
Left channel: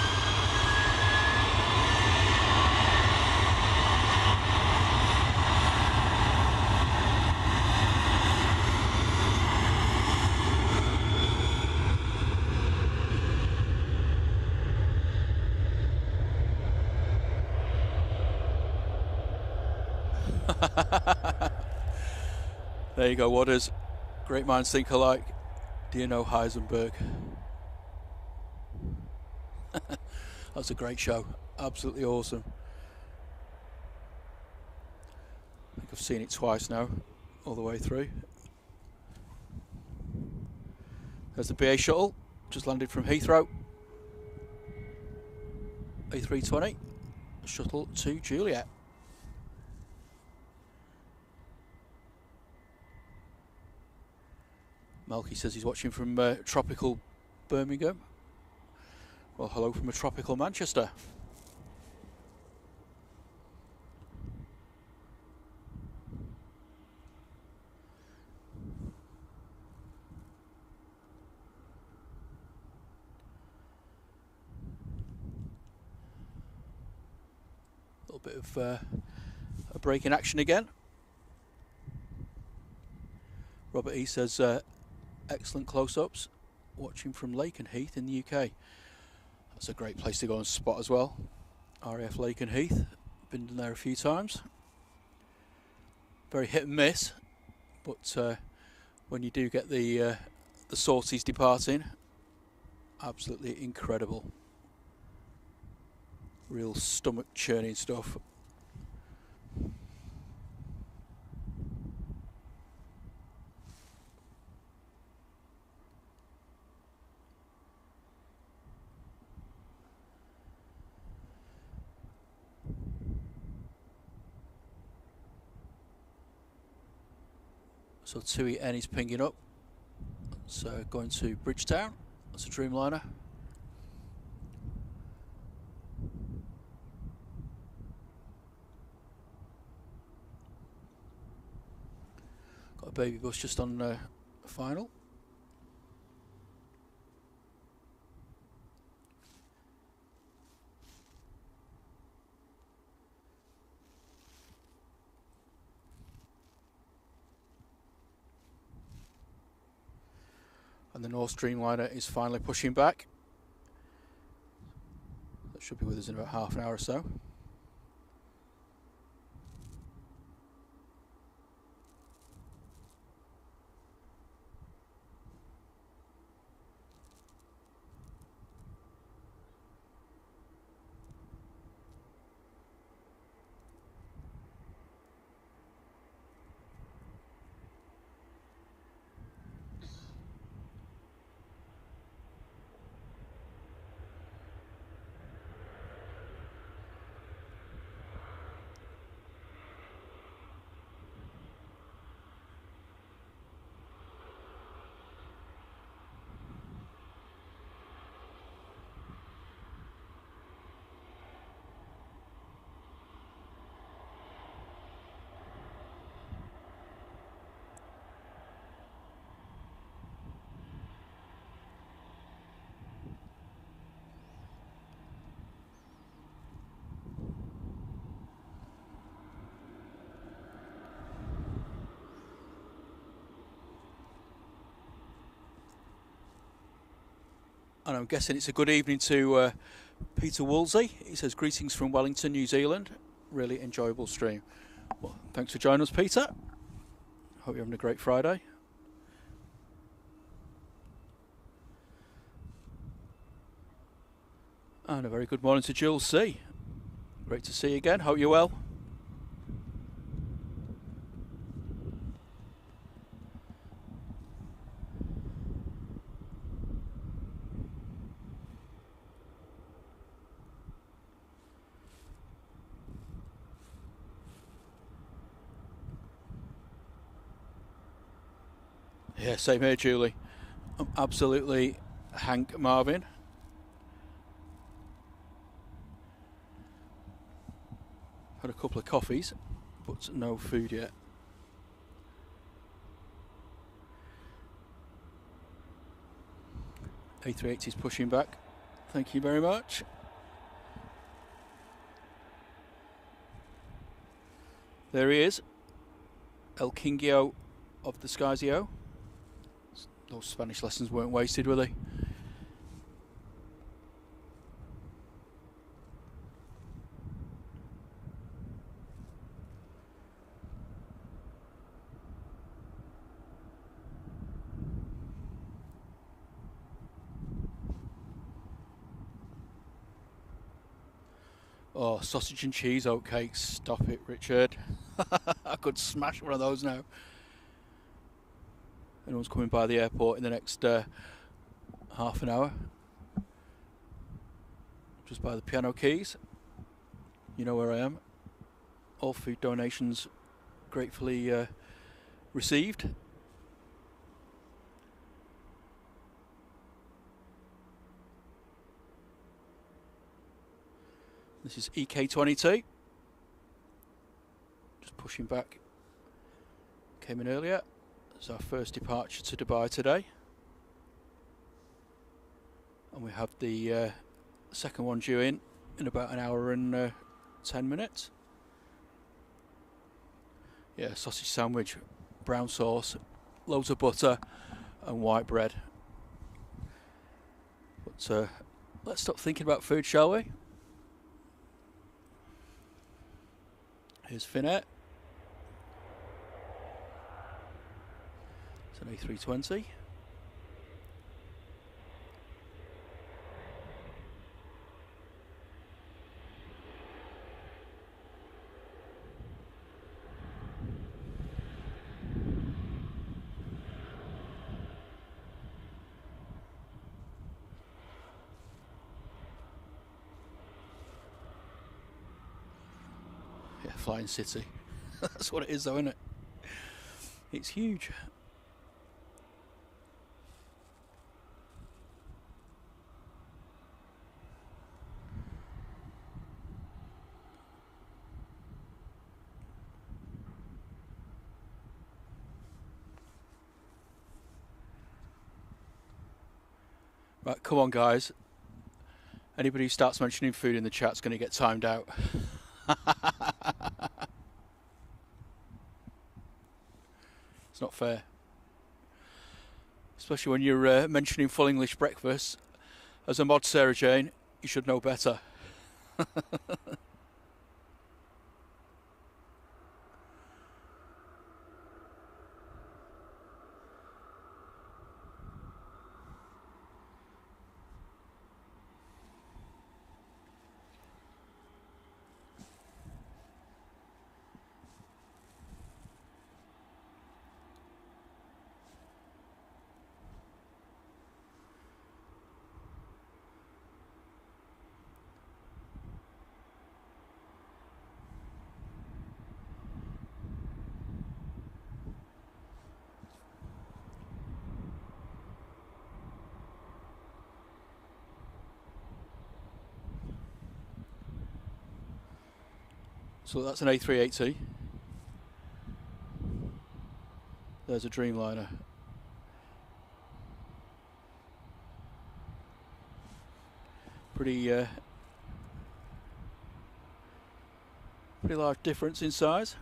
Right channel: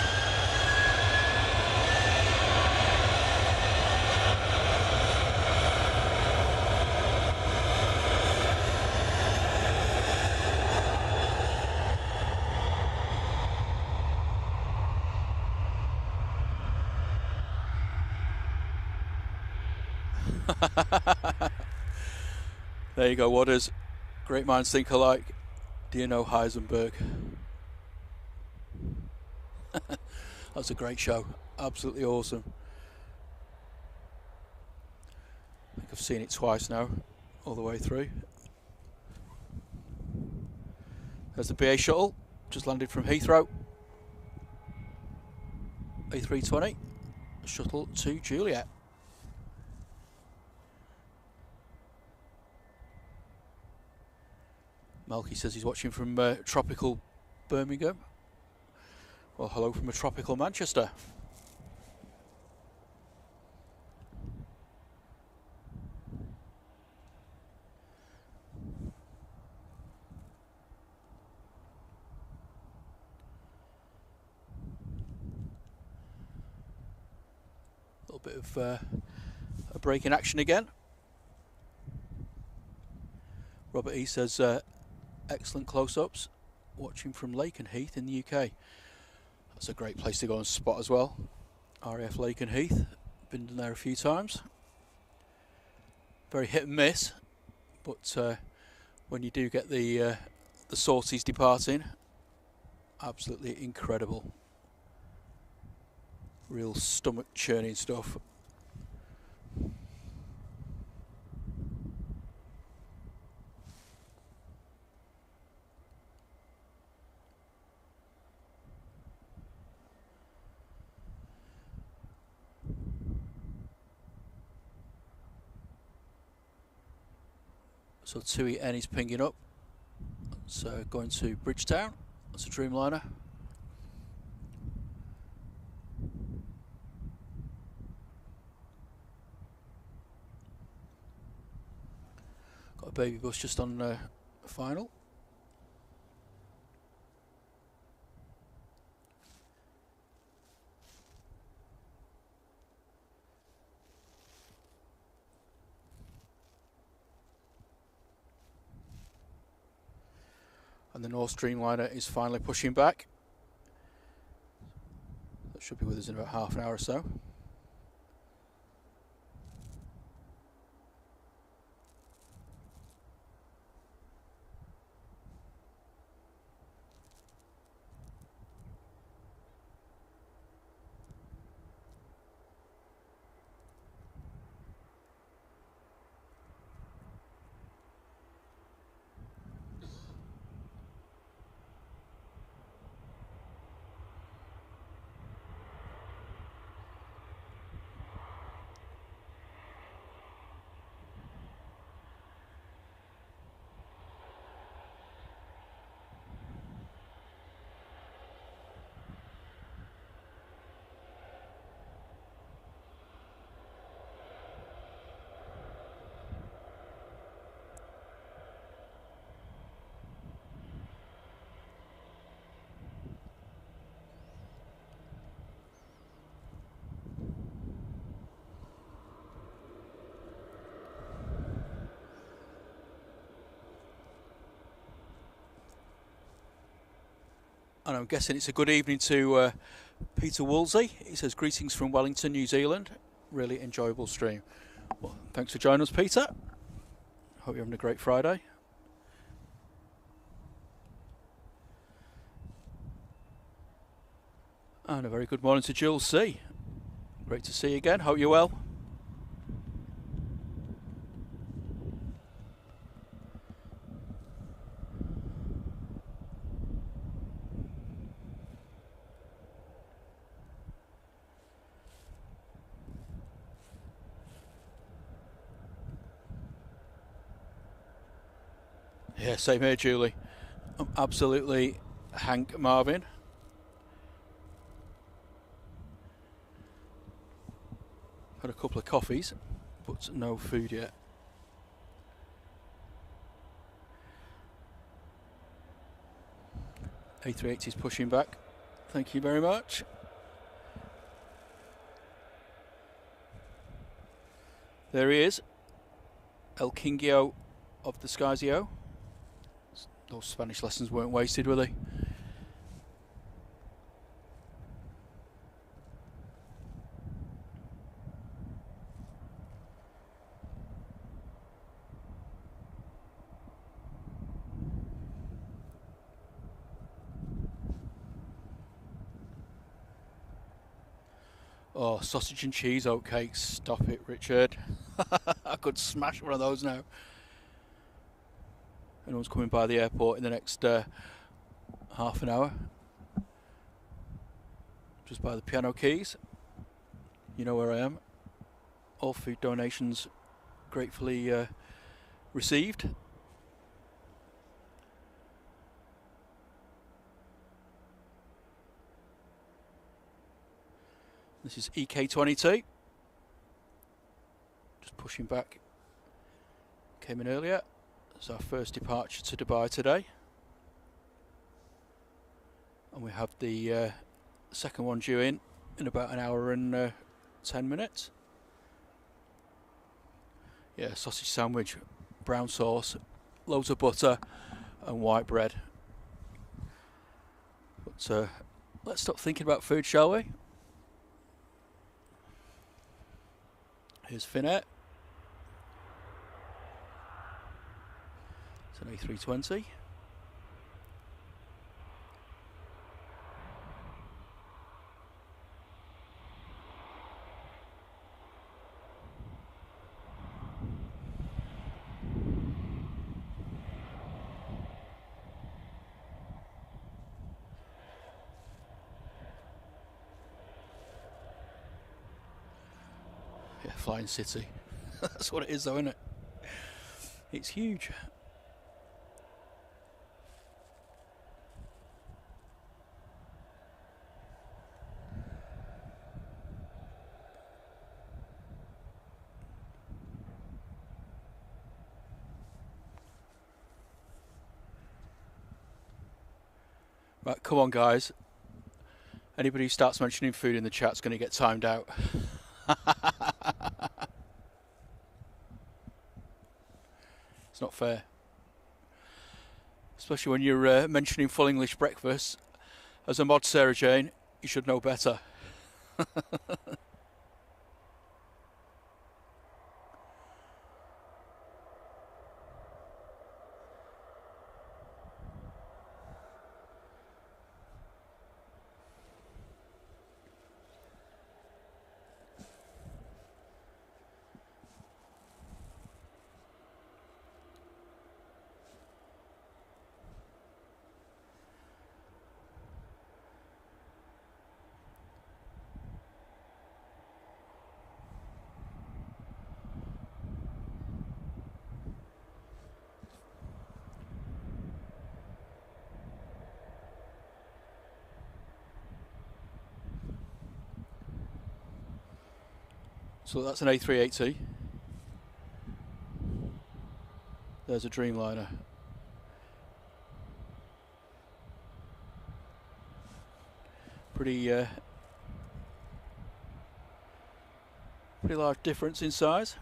There you go, Wadders. Great minds think alike. Do you know Heisenberg? That's a great show. Absolutely awesome. I think I've seen it twice now, all the way through. There's the BA shuttle, just landed from Heathrow. A320, shuttle to Juliet. Malky says he's watching from tropical Birmingham. Well, hello from a tropical Manchester. A little bit of a break in action again. Robert E says excellent close-ups, watching from Lakenheath in the UK. That's a great place to go and spot as well. RAF Lakenheath, been there a few times. Very hit and miss, but when you do get the sorties departing, absolutely incredible. Real stomach churning stuff. So 2EN is pinging up. So going to Bridgetown. That's a Dreamliner. Got a baby bus just on final. And the North Dreamliner is finally pushing back. That should be with us in about half an hour or so. And I'm guessing it's a good evening to Peter Woolsey. He says, greetings from Wellington, New Zealand. Really enjoyable stream. Well, thanks for joining us, Peter. Hope you're having a great Friday. And a very good morning to Jules C. Great to see you again. Hope you're well. Yeah, same here, Julie. I'm absolutely Hank Marvin. Had a couple of coffees, but no food yet. A380 is pushing back. Thank you very much. There he is. El Kingio of the Skysio. Those Spanish lessons weren't wasted, were they? Oh, sausage and cheese oatcakes. Stop it, Richard. I could smash one of those now. Anyone's coming by the airport in the next half an hour. Just by the piano keys. You know where I am. All food donations gratefully received. This is EK22. Just pushing back. Came in earlier. It's our first departure to Dubai today. And we have the second one due in about an hour and 10 minutes. Yeah, sausage sandwich, brown sauce, loads of butter and white bread. But let's stop thinking about food, shall we? Here's Finette. It's an A320. Yeah, Flying City. That's what it is though, isn't it? It's huge. Right, come on guys. Anybody who starts mentioning food in the chat's going to get timed out. It's not fair. Especially when you're mentioning full English breakfast. As a mod, Sarah Jane, you should know better. So that's an A380. There's a Dreamliner. Pretty large difference in size.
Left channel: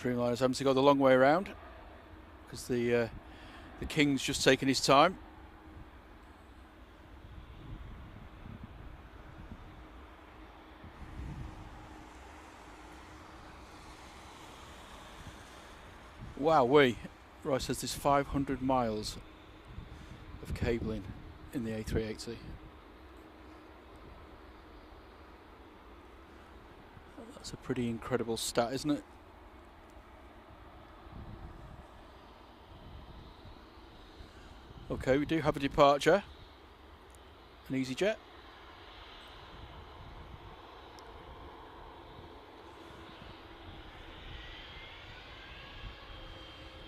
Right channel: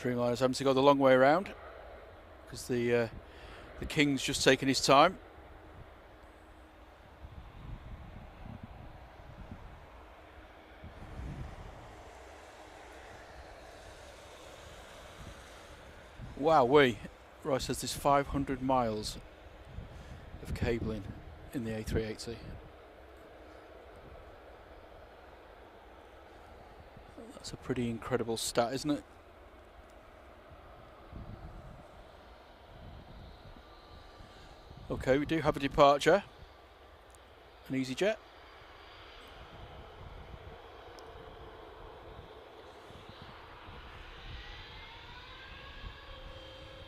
Dreamliner's having to go the long way around because the King's just taken his time. Wowee. Roy says there's 500 miles of cabling in the A380. That's a pretty incredible stat, isn't it? Okay, we do have a departure. An EasyJet.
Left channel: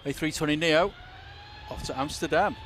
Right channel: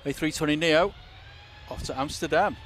A320neo off to Amsterdam.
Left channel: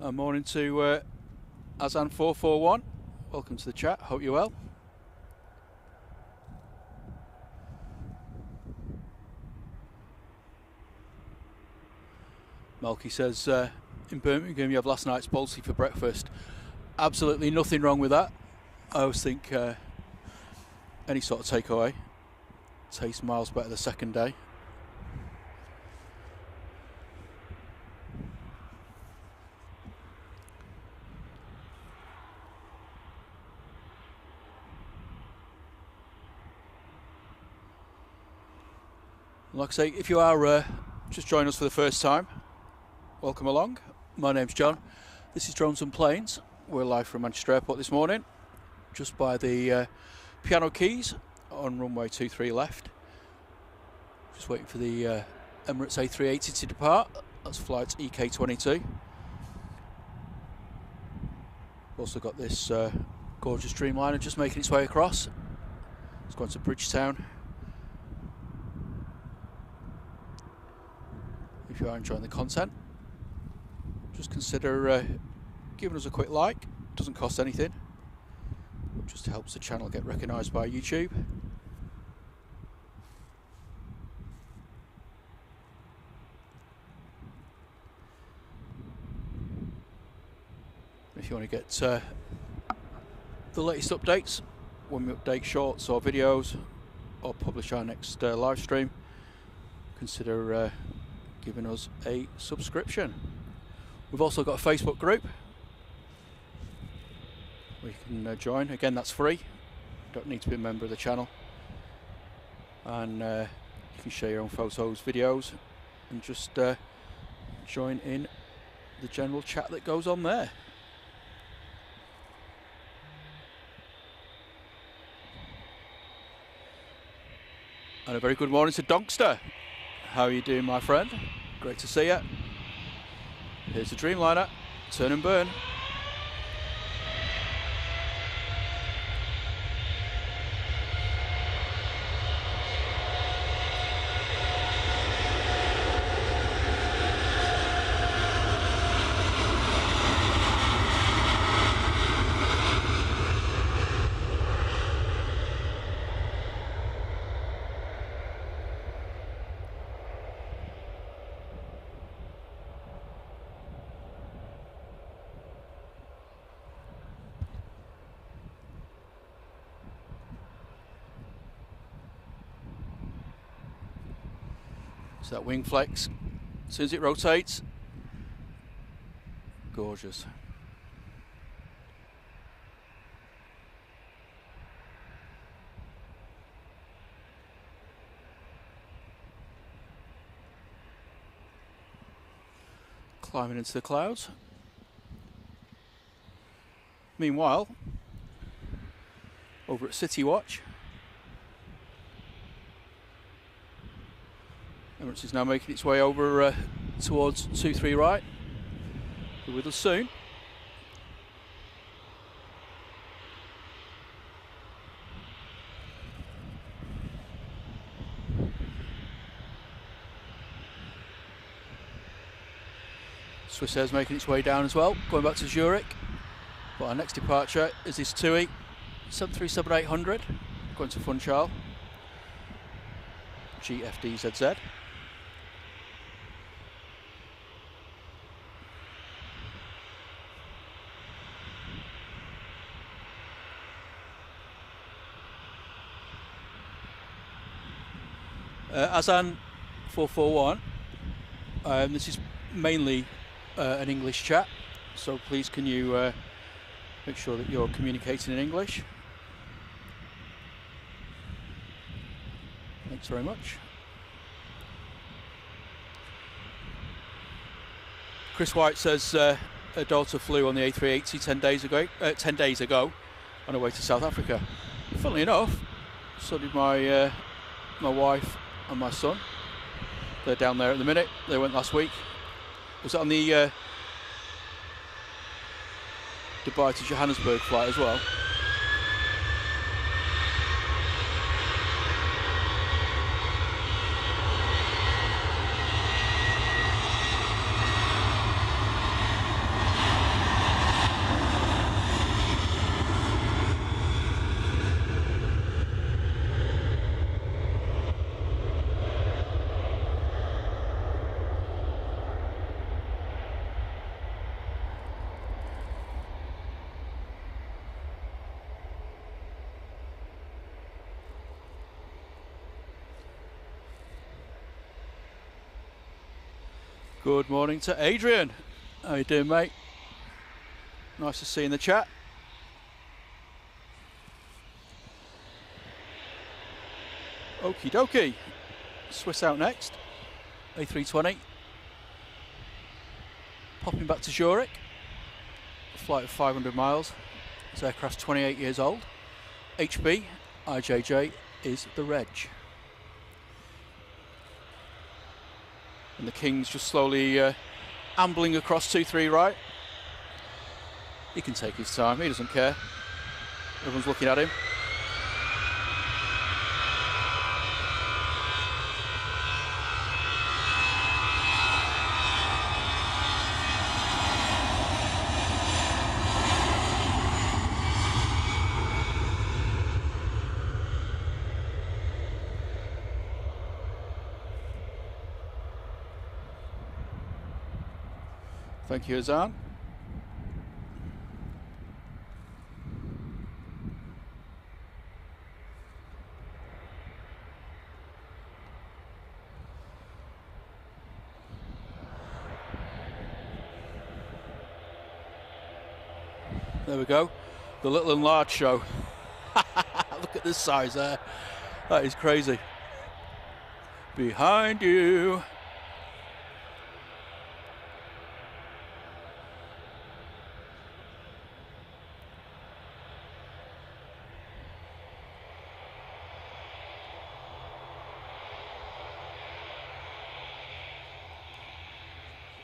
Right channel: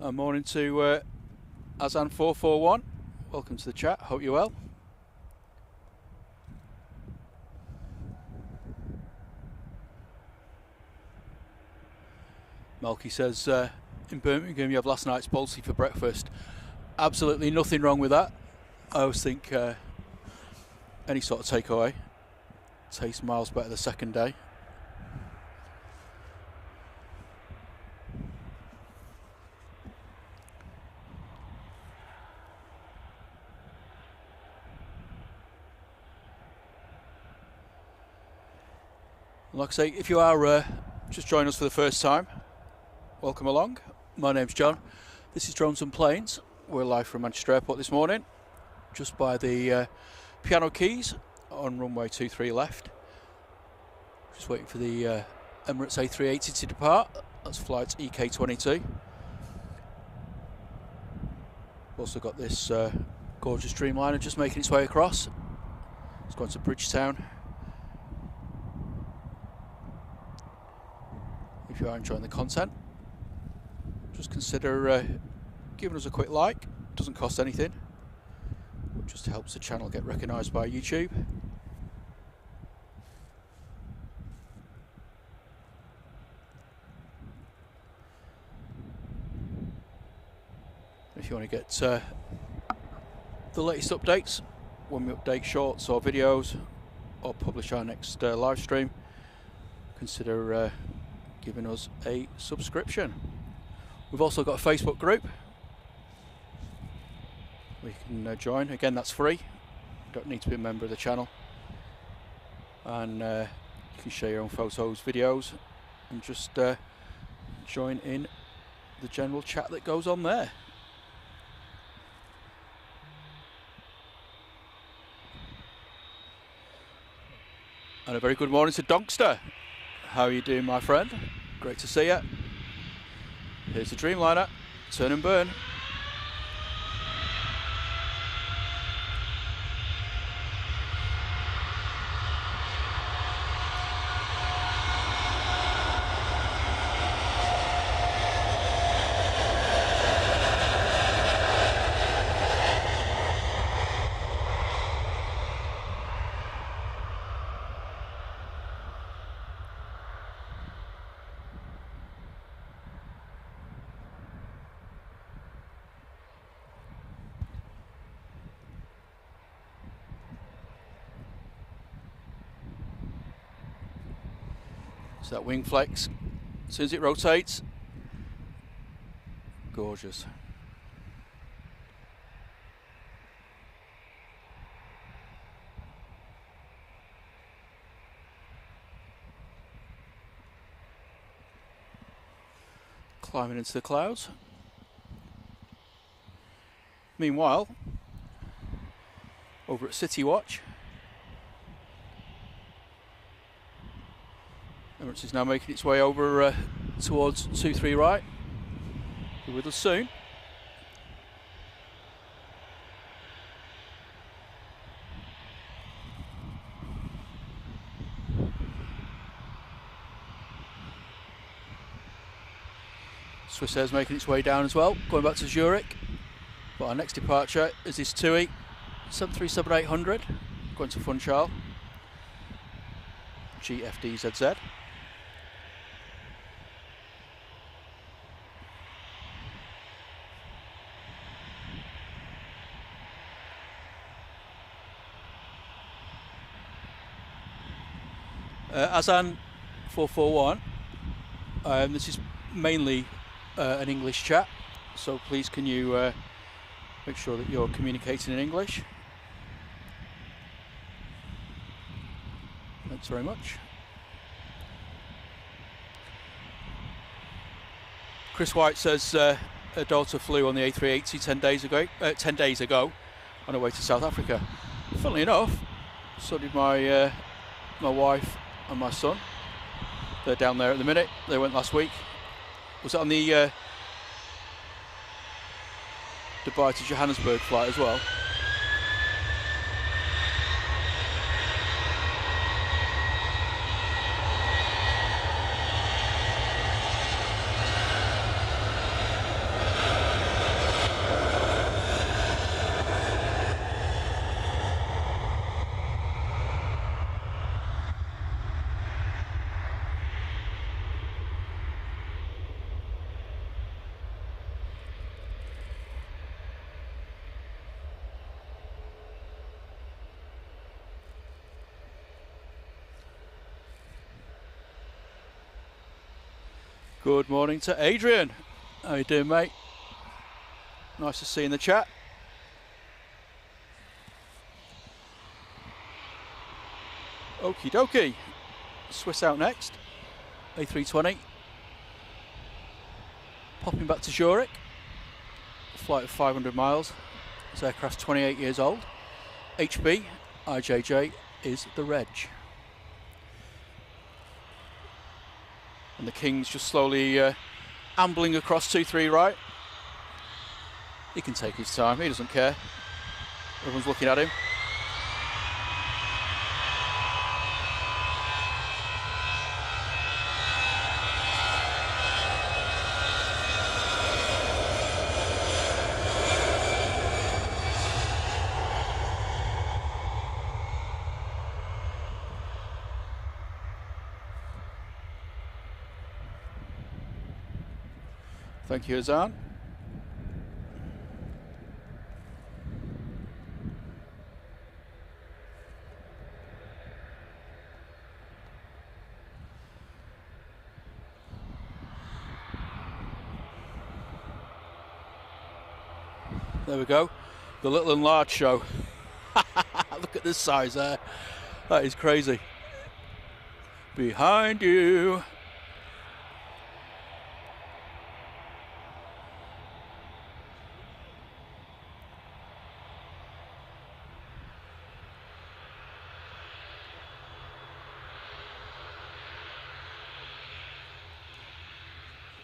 Morning to Azan441. Welcome to the chat. Hope you're well. Malky says, in Birmingham you have last night's balsy for breakfast. Absolutely nothing wrong with that. I always think any sort of takeaway tastes miles better the second day. Like I say, if you are just joining us for the first time, welcome along. My name's John. This is Drones and Planes. We're live from Manchester Airport this morning, just by the piano keys on runway 23 left. Just waiting for the Emirates A380 to depart. That's flight EK22. We've also got this gorgeous Dreamliner just making its way across. It's going to Bridgetown. If you are enjoying the content, just consider giving us a quick like. It doesn't cost anything, but just helps the channel get recognised by YouTube. If you want to get the latest updates, when we update shorts or videos or publish our next live stream, consider giving us a subscription. We've also got a Facebook group where you can join. Again, that's free. You don't need to be a member of the channel, and you can share your own photos, videos, and just join in the general chat that goes on there. And a very good morning to Donkster. How are you doing, my friend? Great to see you. Here's the Dreamliner. Turn and burn. So that wing flex, as soon as it rotates, gorgeous. Climbing into the clouds. Meanwhile, over at City Watch, Emirates is now making its way over towards 23 right. Be with us soon. Swissair's making its way down as well, going back to Zurich. But our next departure is this TUI 737-800 going to Funchal, GFDZZ. Azan441, this is mainly an English chat, so please can you make sure that you're communicating in English. Thanks very much. Chris White says her daughter flew on the A380 10 days ago on her way to South Africa. Funnily enough, so did my wife and my son. They're down there at the minute. They went last week. Was it on the Dubai to Johannesburg flight as well? Good morning to Adrian. How you doing, mate? Nice to see you in the chat. Okie dokie. Swiss out next. A320. Popping back to Zurich. A flight of 500 miles. This aircraft's 28 years old. HB IJJ is the reg. And the King's just slowly ambling across 23 right. He can take his time, he doesn't care. Everyone's looking at him. Thank you, Azan. There we go. The little and large show. Look at this size there. That is crazy. Behind you.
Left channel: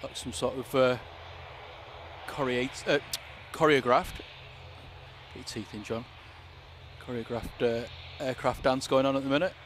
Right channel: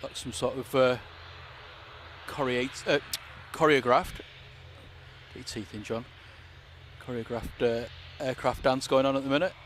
Like some sort of choreographed, get your teeth in, John, choreographed aircraft dance going on at the minute.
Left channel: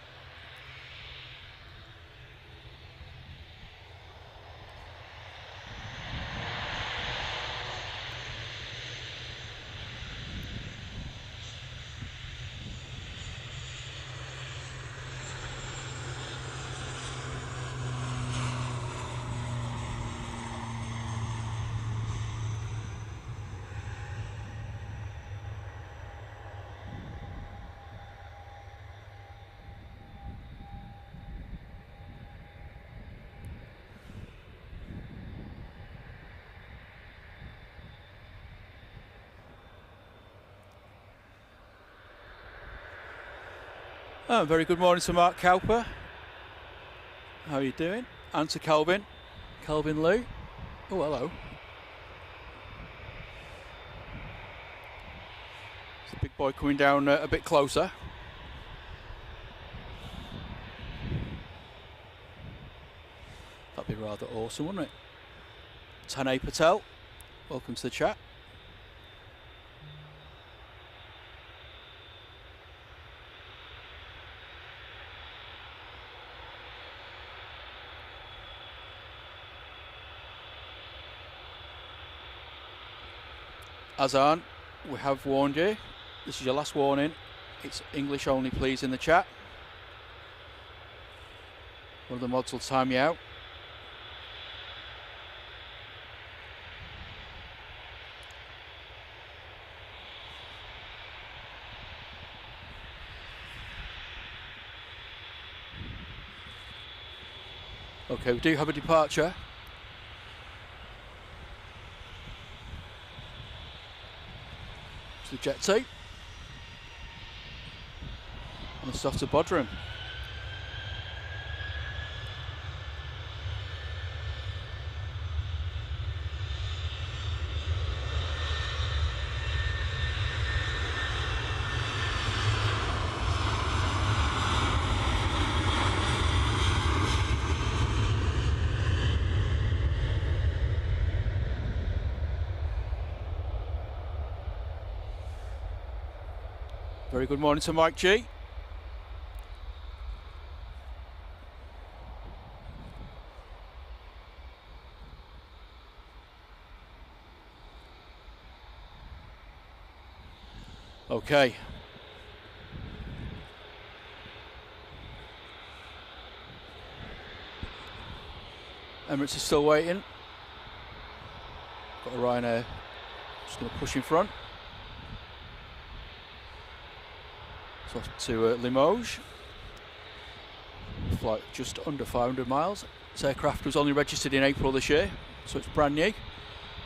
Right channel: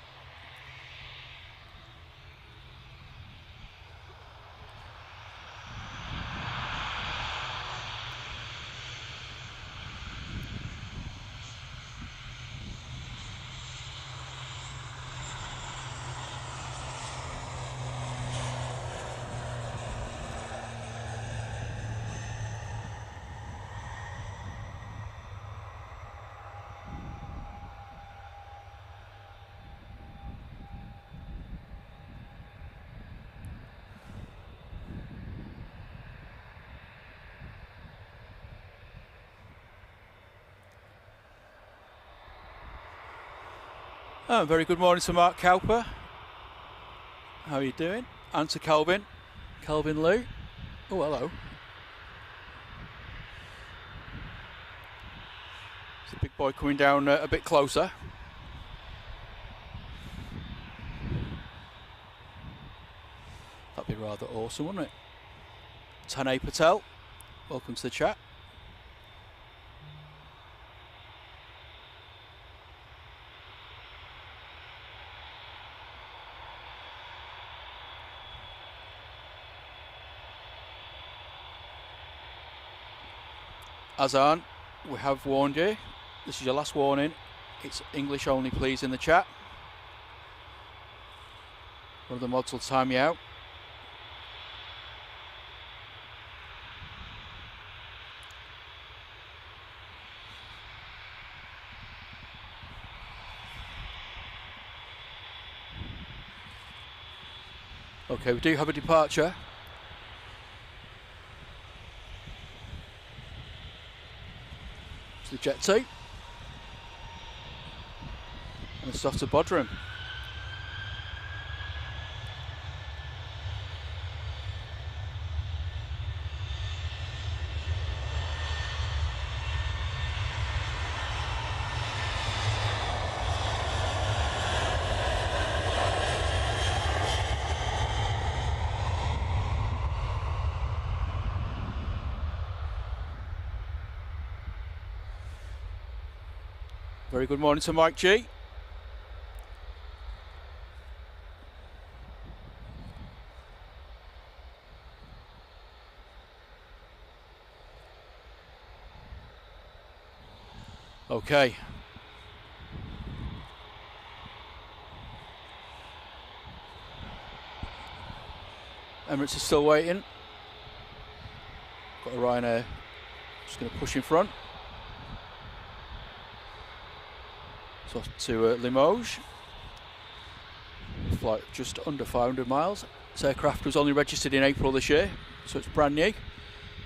Oh, very good morning to Mark Cowper. How are you doing? And to Kelvin. Kelvin Lou. Oh, hello. It's the big boy coming down a bit closer. That'd be rather awesome, wouldn't it? Tanay Patel, welcome to the chat. Azan, we have warned you. This is your last warning. It's English only, please, in the chat. One of the mods will time you out. Okay, we do have a departure. The Jet 2 and it's off to Bodrum. Very good morning to Mike G. Okay. Emirates is still waiting. Got a Ryanair just going to push in front. So to Limoges, flight just under 500 miles, This aircraft was only registered in April this year, so it's brand new.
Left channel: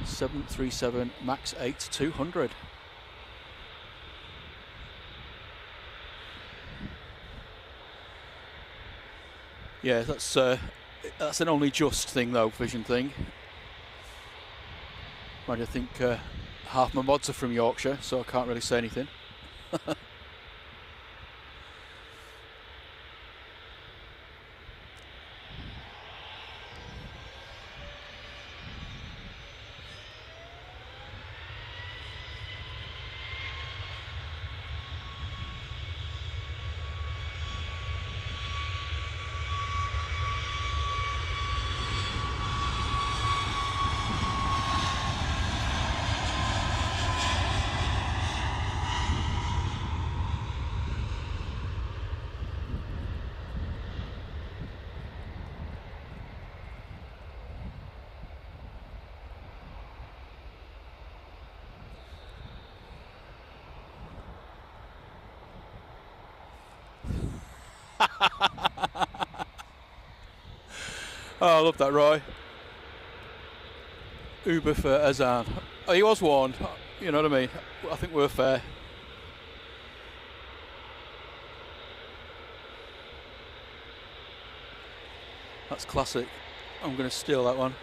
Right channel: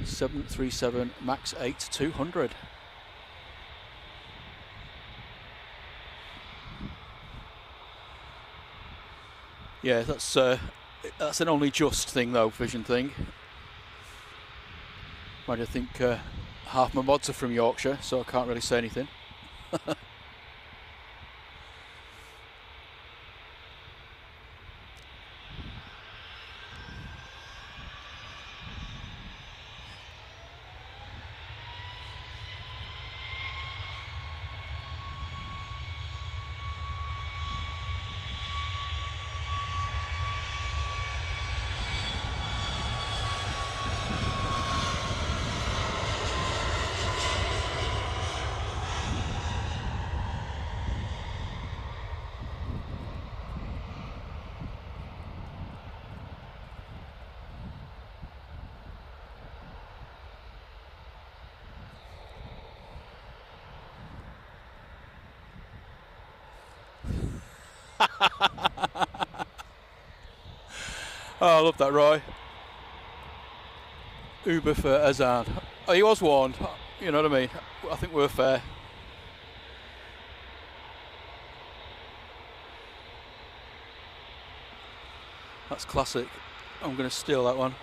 737 MAX 8 200. Yeah, that's an only just thing though, vision thing. Mind you, I think half my mods are from Yorkshire, so I can't really say anything. Oh, I love that, Roy. Uber for Azan. Oh, he was warned, you know what I mean? I think we're fair. That's classic. I'm going to steal that one.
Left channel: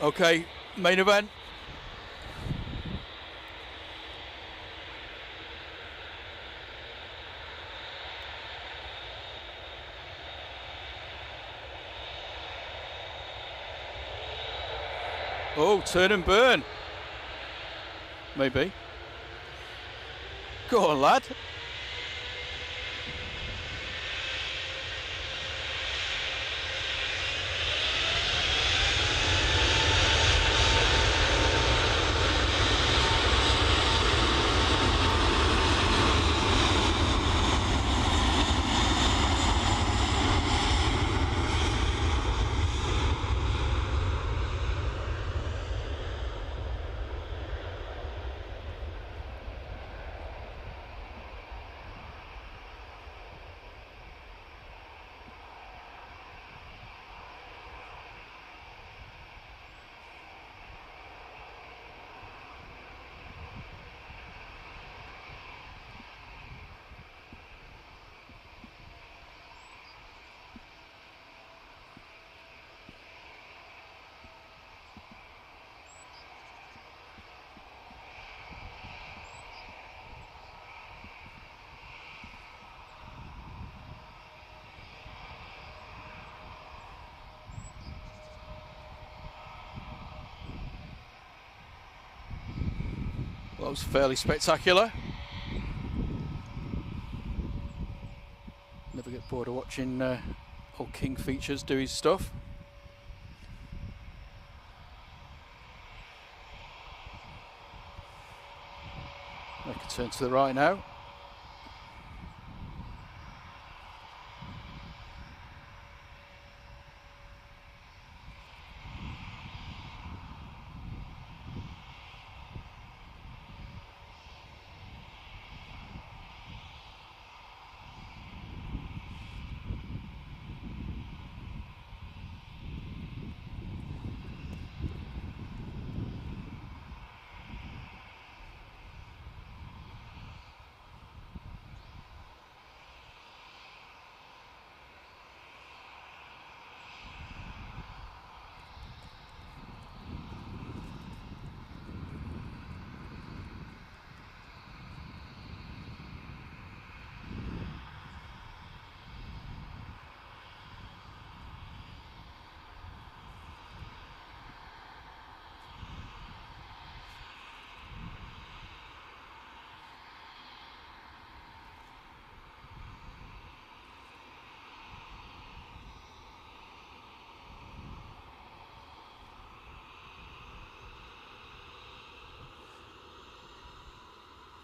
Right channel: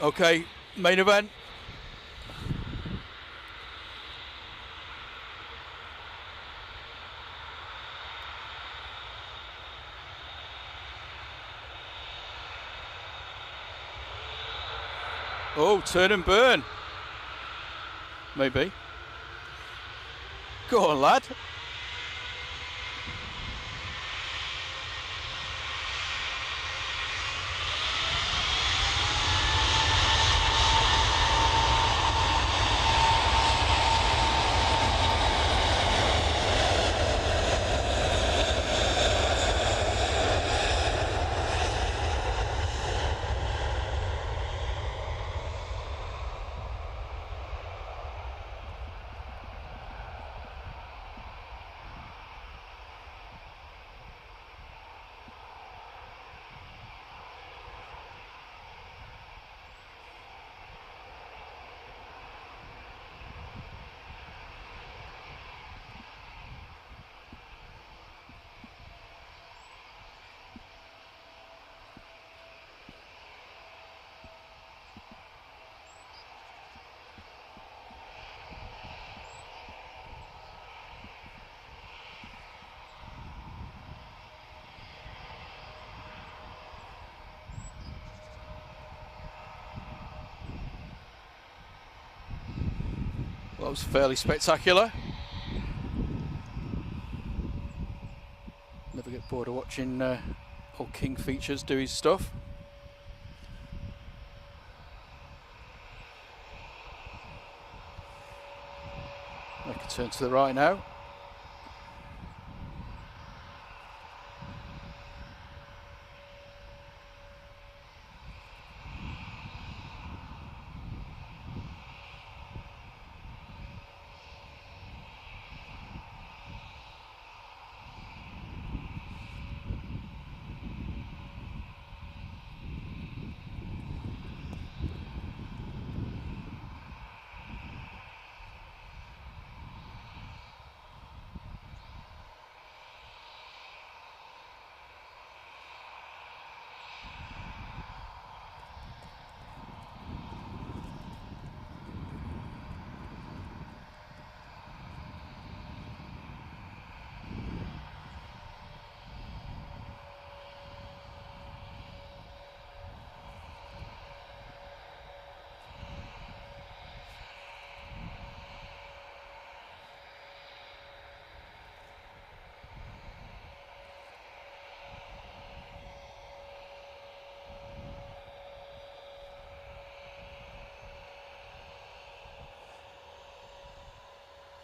Okay, main event. Oh, turn and burn. Maybe. Go on, lad. Well, that was fairly spectacular. Never get bored of watching old King Features do his stuff. Make a turn to the right now.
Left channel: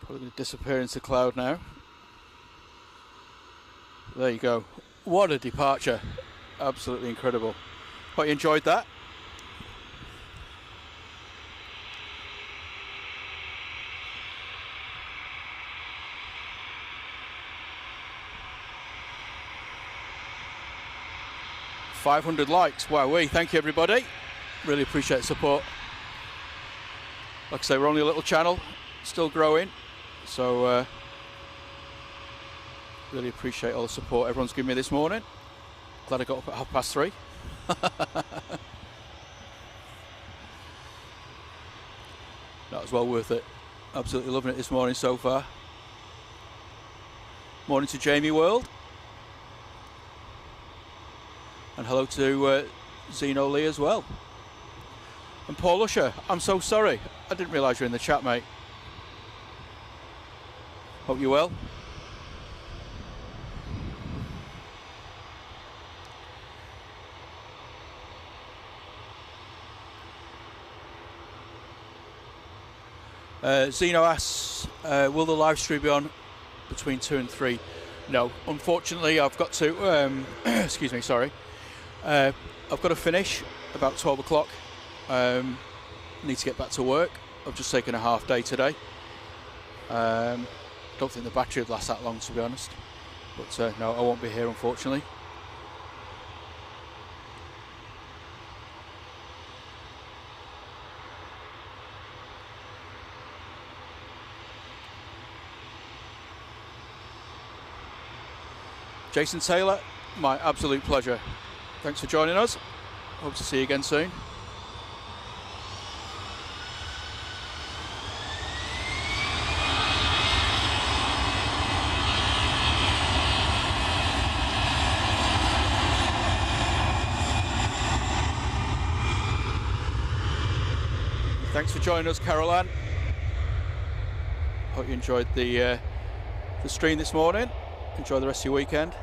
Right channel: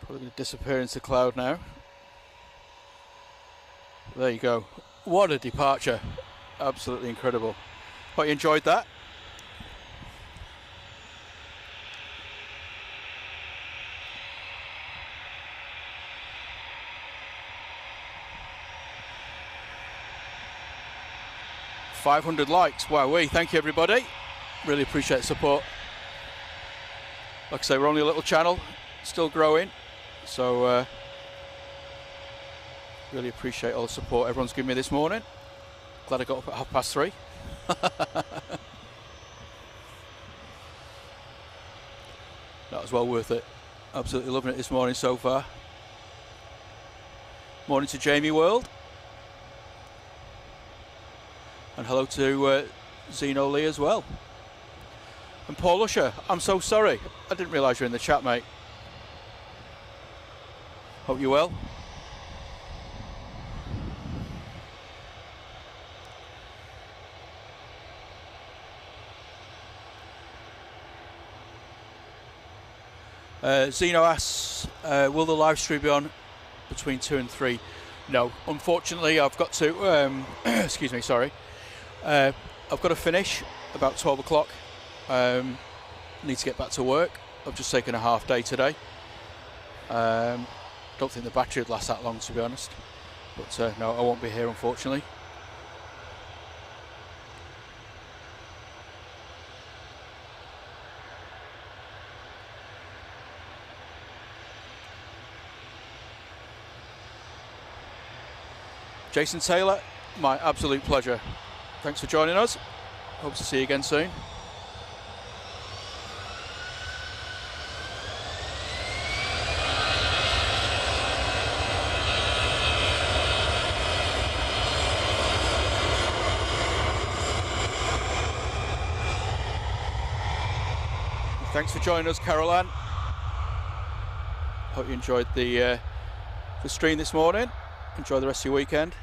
Probably going to disappear into the cloud now. There you go. What a departure. Absolutely incredible. Hope you enjoyed that. 500 likes. Wowee, thank you everybody. Really appreciate the support. Like I say, we're only a little channel, still growing. So really appreciate all the support everyone's given me this morning. Glad I got up at 3:30. That was well worth it. Absolutely loving it this morning so far. Morning to Jamie World. And hello to Zeno Lee as well. And Paul Usher, I'm so sorry. I didn't realise you're in the chat, mate. Hope you're well. Zeno asks, will the live stream be on between 2 and 3? No, unfortunately I've got to, excuse me, sorry. I've got to finish about 12 o'clock. Need to get back to work. I've just taken a half day today. Don't think the battery would last that long, to be honest. But no, I won't be here, unfortunately. Jason Taylor, my absolute pleasure. Thanks for joining us. Hope to see you again soon. Thanks for joining us, Caroline. Hope you enjoyed the stream this morning. Enjoy the rest of your weekend.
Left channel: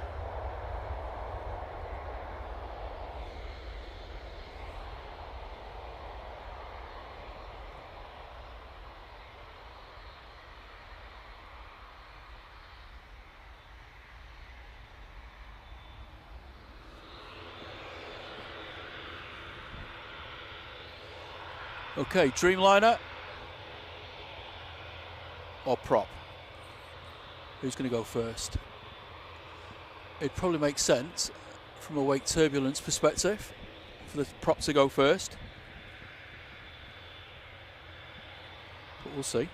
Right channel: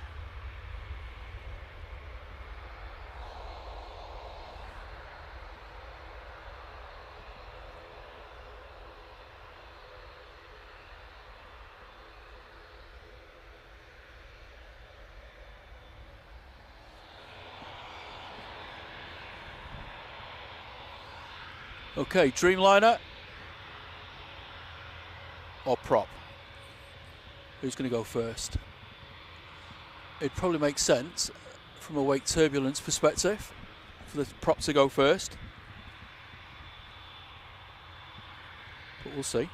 Okay, Dreamliner or prop? Who's going to go first? It'd probably make sense from a wake turbulence perspective for the prop to go first, but we'll see.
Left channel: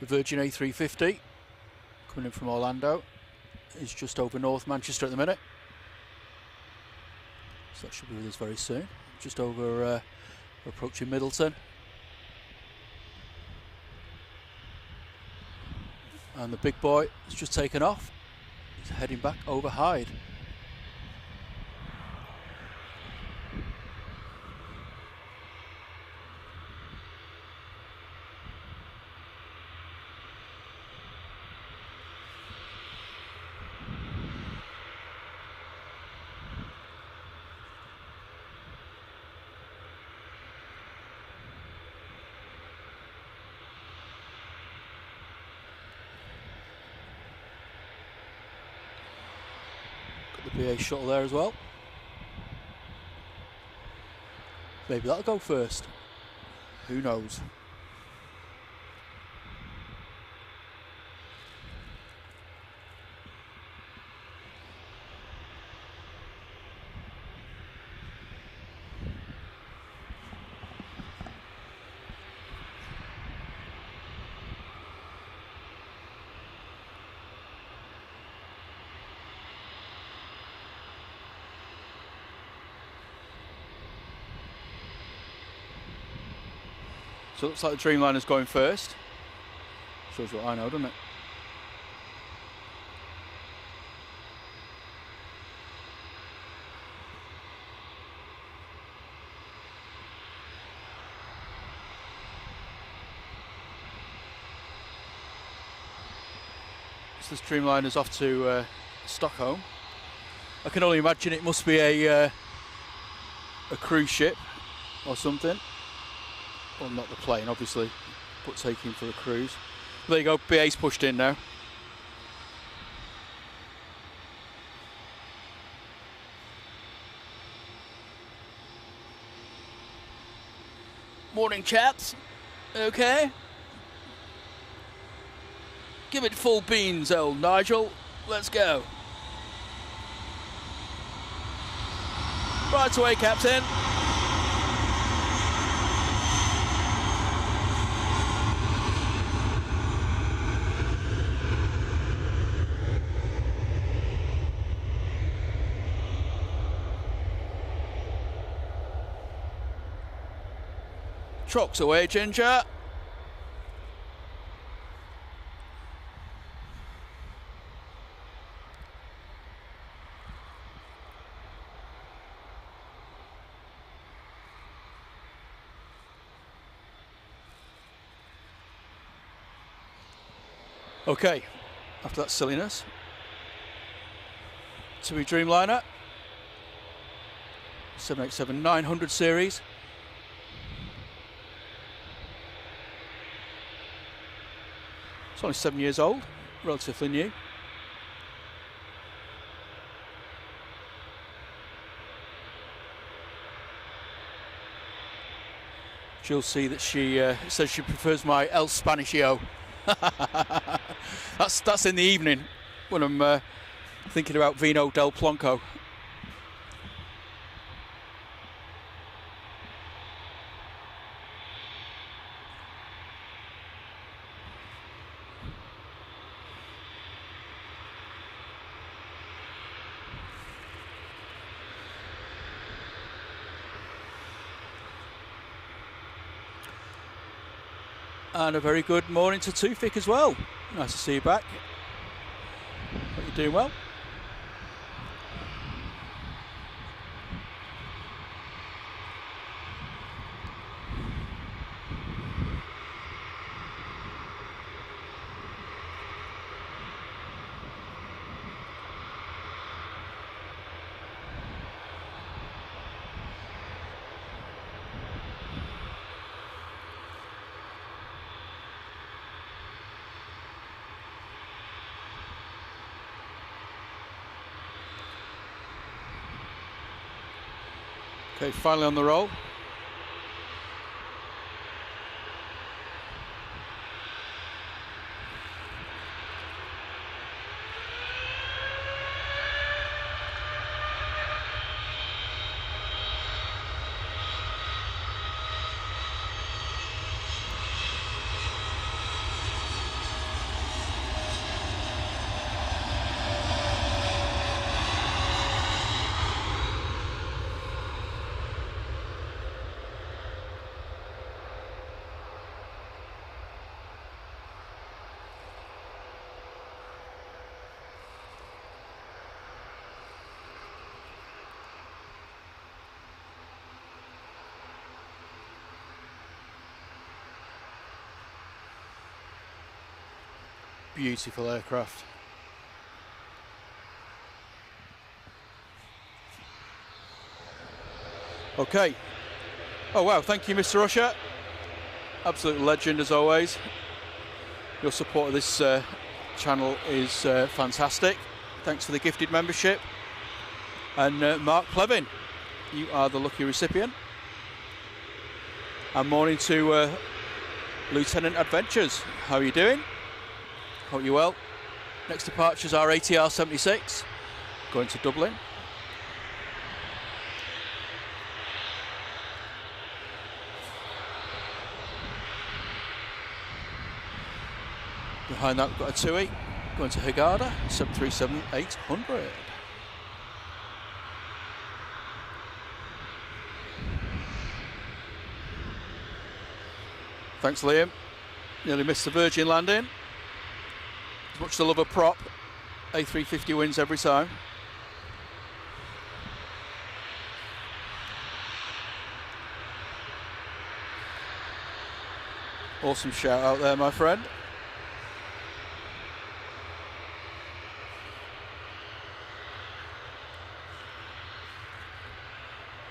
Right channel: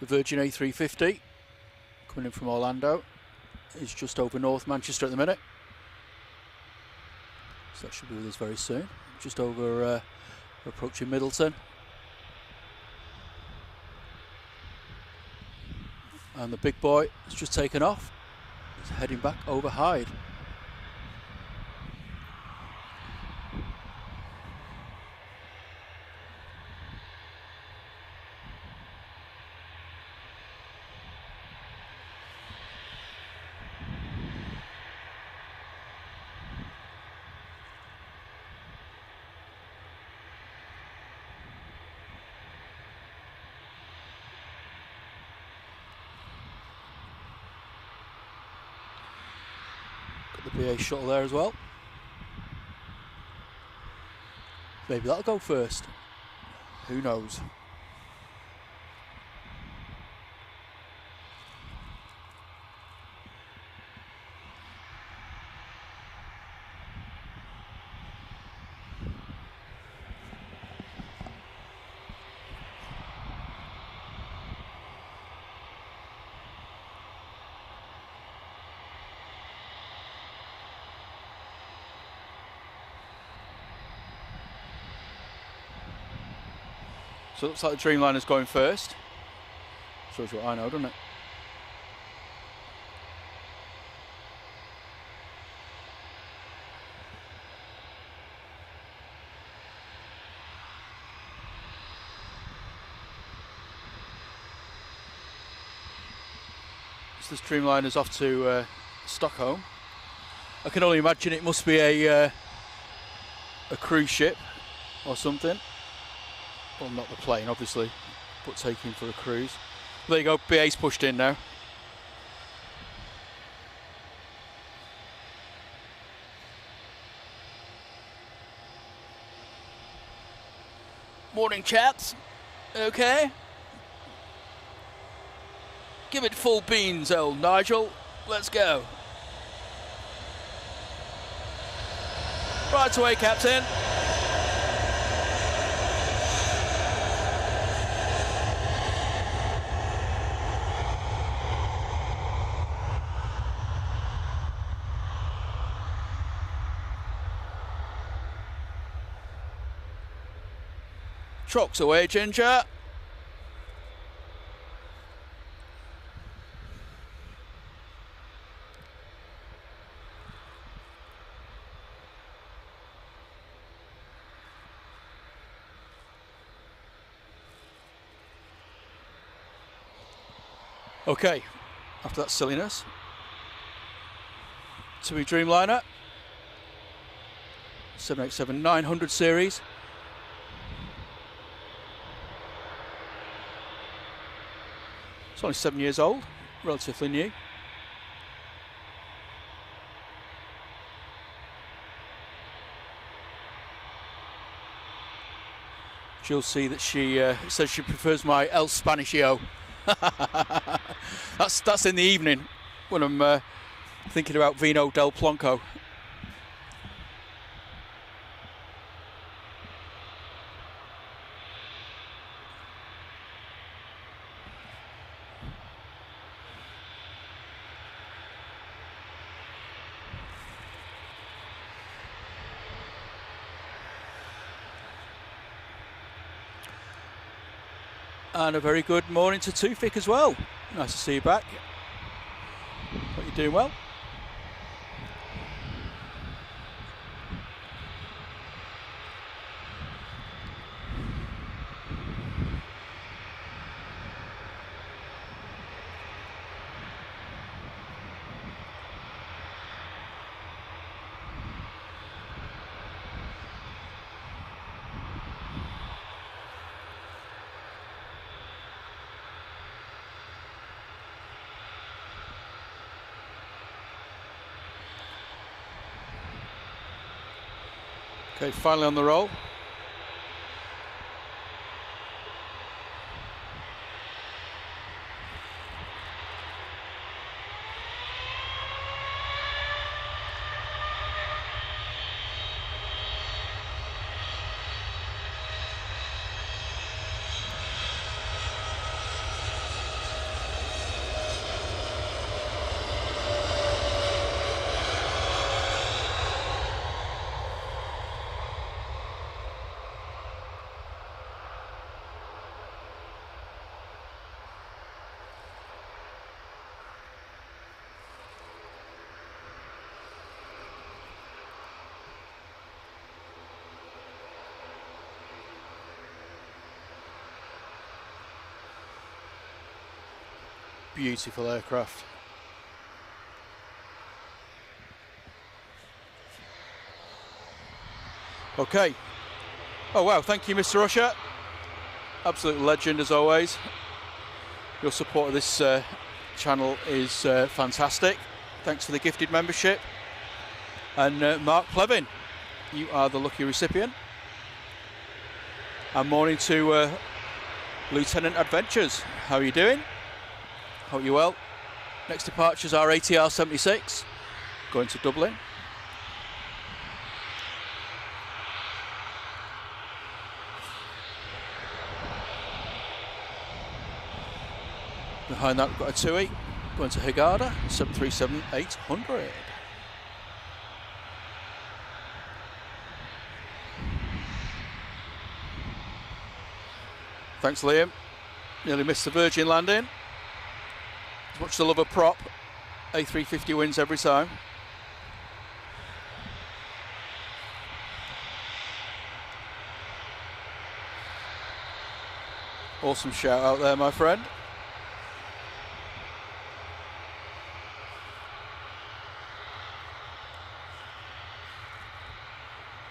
The Virgin A350 coming in from Orlando is just over North Manchester at the minute, so that should be with us very soon. Just over, we're approaching Middleton, and the big boy has just taken off. He's heading back over Hyde. The BA shuttle there as well. Maybe that'll go first. Who knows? So it looks like the Dreamliner's going first. Shows you what I know, doesn't it? So this Dreamliner's off to Stockholm I can only imagine it must be a cruise ship or something. Well, not the plane, obviously, but taking for a cruise. But there you go, BA's pushed in now. Morning, chaps. Okay. Give it full beans, old Nigel. Let's go. Right away, Captain. Trucks away, Ginger. Okay, after that silliness, Saudi Dreamliner, 787-900 series. It's only 7 years old, relatively new. You'll see that she says she prefers my El Spanishio. that's in the evening when I'm thinking about Vino del Plonco. And a very good morning to Tufik as well. Nice to see you back. Hope you're doing well. Okay, finally on the roll. Beautiful aircraft. Okay. Oh wow, thank you, Mr. Usher. Absolute legend as always. Your support of this channel is fantastic. Thanks for the gifted membership. And Mark Plevin, you are the lucky recipient. And morning to Lieutenant Adventures. How are you doing? Hope you're well. Next departures are ATR 76, going to Dublin. Behind that we've got a TUI, going to Hurghada, 737-800. Thanks, Liam. Nearly missed the Virgin landing. As much as I love a prop, A350 wins every time. Awesome shout out there, my friend.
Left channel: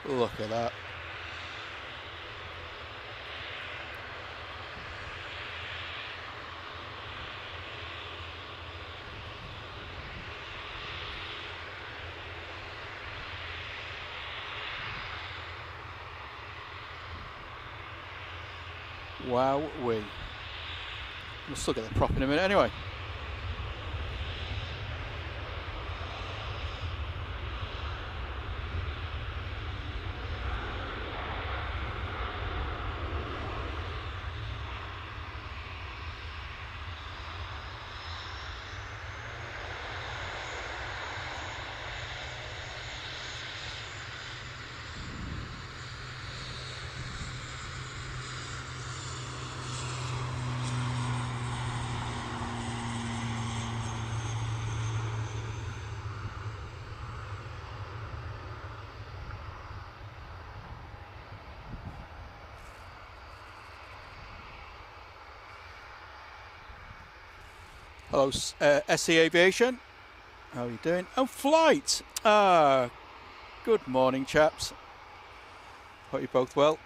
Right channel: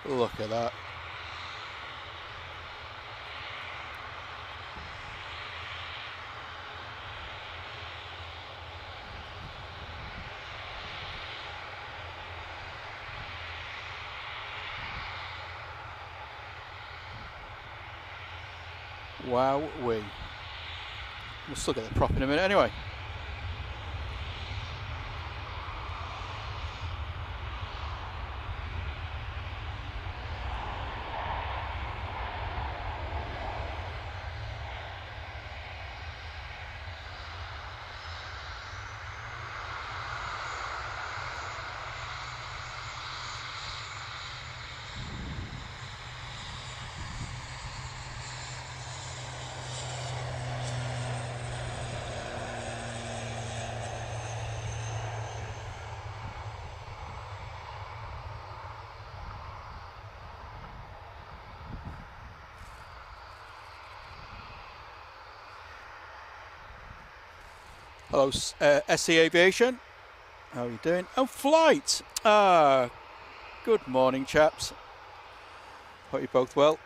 Look at that. Wow, we'll still get the prop in a minute anyway. Hello, SE Aviation. How are you doing? Oh, flight. Good morning, chaps. Hope you're both well.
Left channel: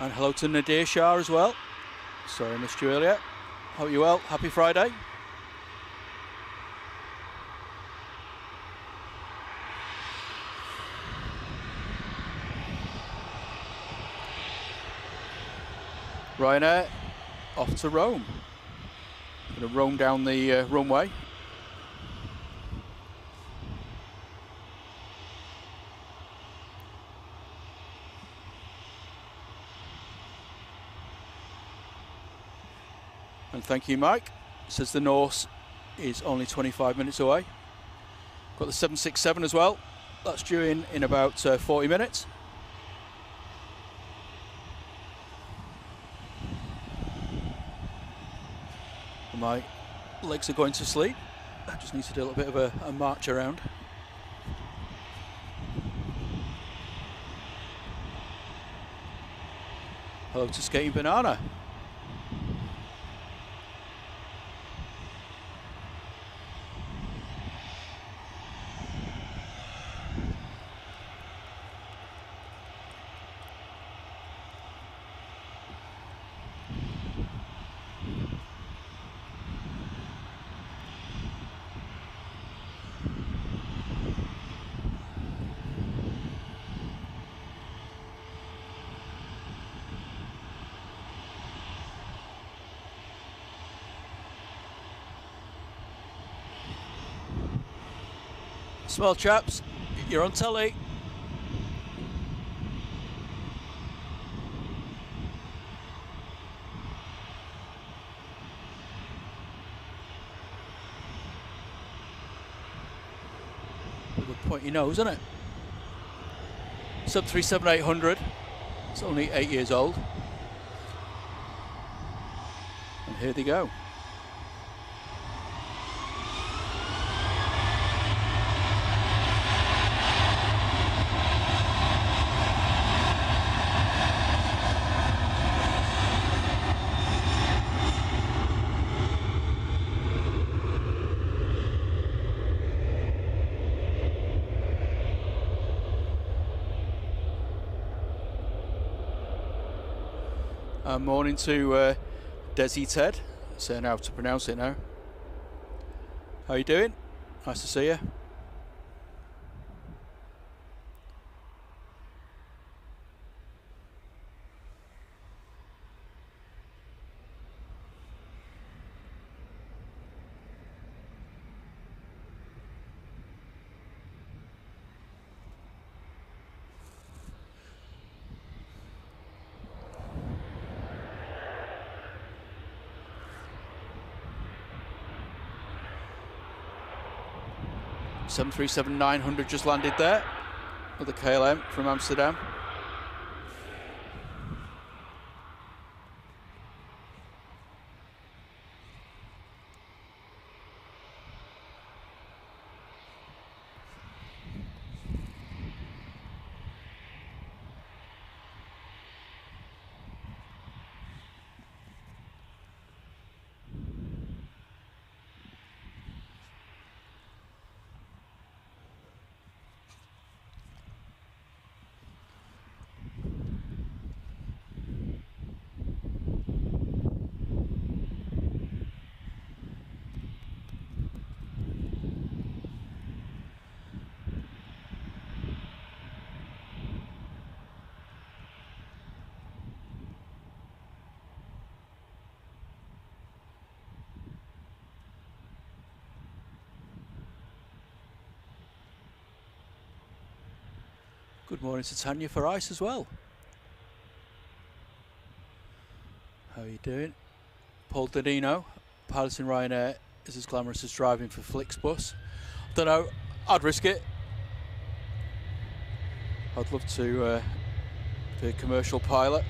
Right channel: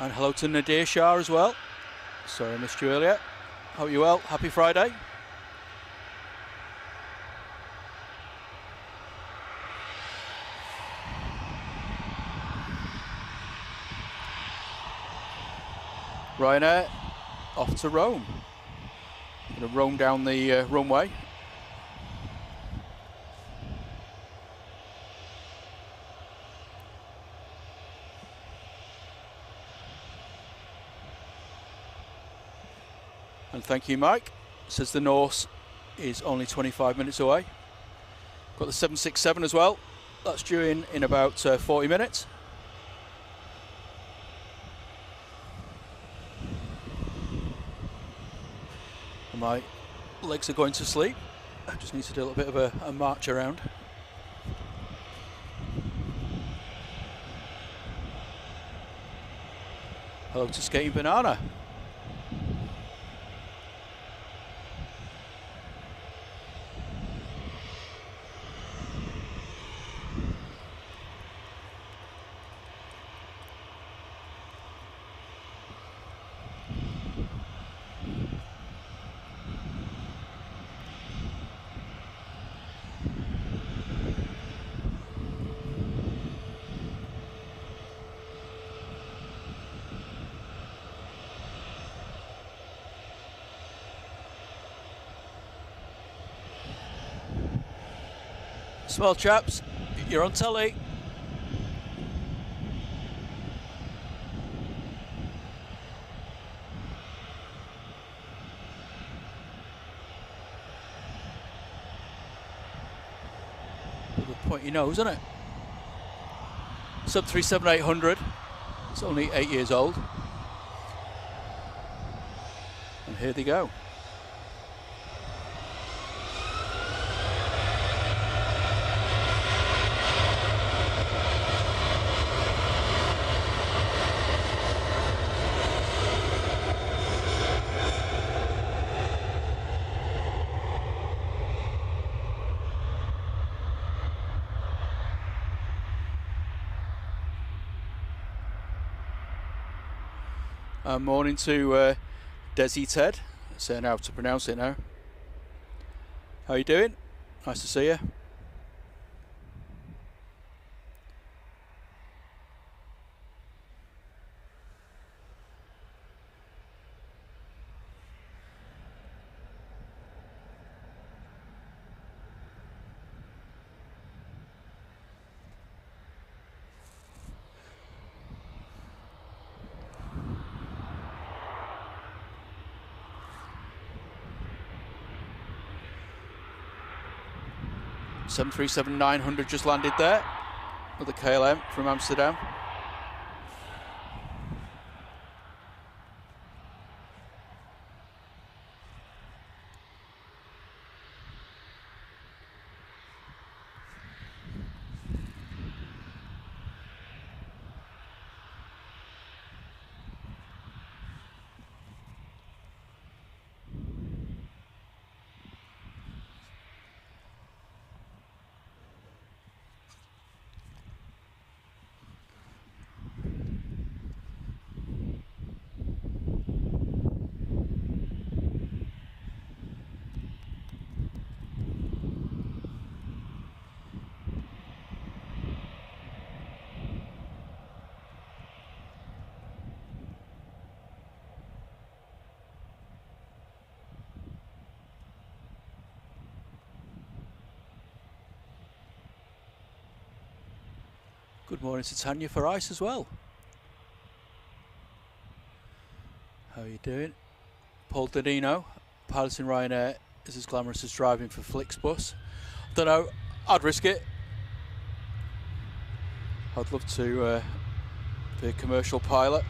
And hello to Nadir Shah as well. Sorry I missed you earlier. Hope you're well. Happy Friday. Ryanair off to Rome. Going to roam down the runway. And thank you, Mike. Says the Norse is only 25 minutes away. Got the 767 as well. That's due in about 40 minutes. And my legs are going to sleep. I just need to do a little bit of a march around. Hello to Skating Banana. Small chaps, you're on telly. Bit of a pointy nose, isn't it? Sub 37800. It's only 8 years old. And here they go. Morning to Desi Ted. Saying how to pronounce it now. How you doing? Nice to see you. Seven 737-900 just landed there. Another KLM from Amsterdam. Good morning to Tanya for ice as well. How are you doing? Paul Danino, piloting Ryanair, is as glamorous as driving for Flixbus. I don't know, I'd risk it. I'd love to be a commercial pilot.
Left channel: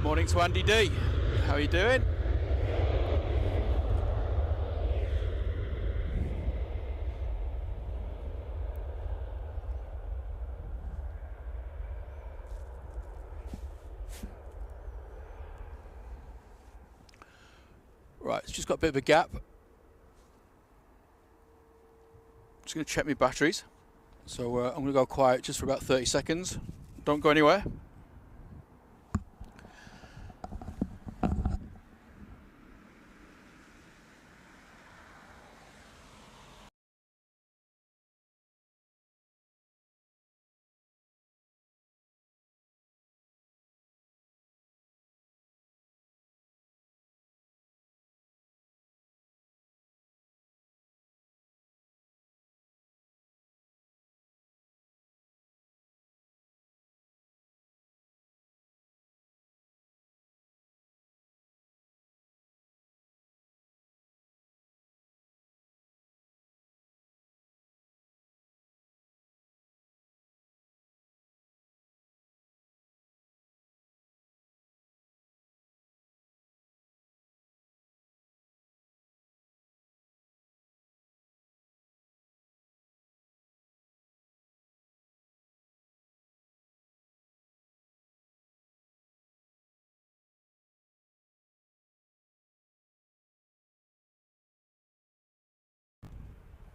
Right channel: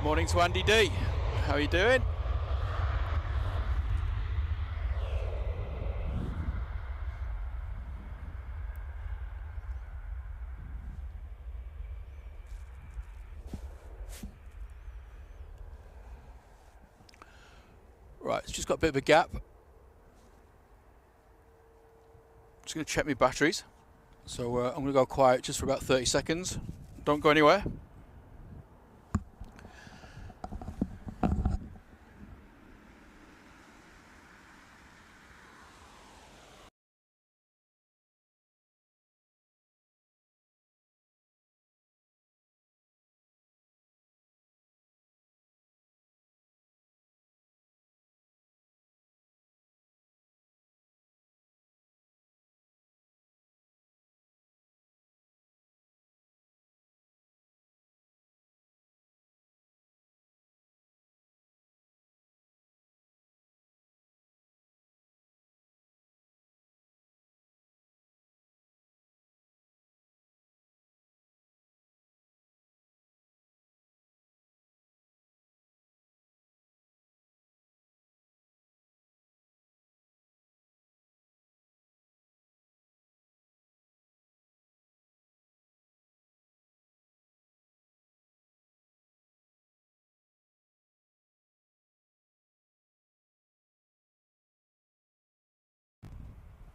Morning to Andy D. How are you doing? Right, it's just got a bit of a gap. Just going to check my batteries. So I'm going to go quiet just for about 30 seconds. Don't go anywhere.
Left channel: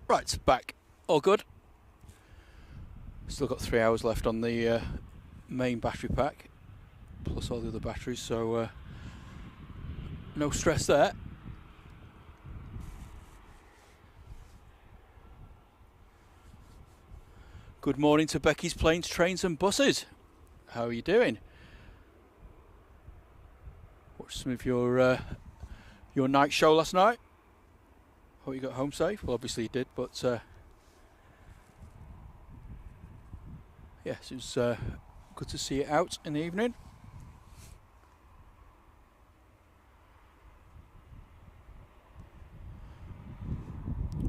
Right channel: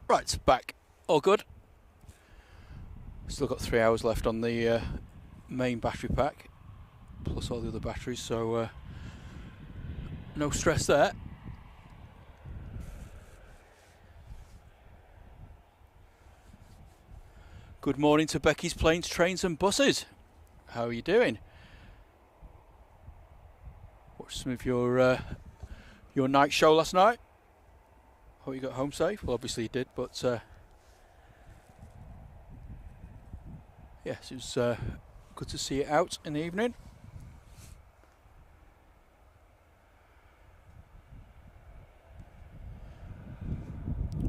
Right, back. All good. Still got 3 hours left on the main battery pack, plus all the other batteries, so no stress there. Good morning to Becky's Planes, Trains and Buses. How are you doing? Watched some of your night show last night. Hope you got home safe. Well, obviously you did, but yes, it was good to see it out in the evening.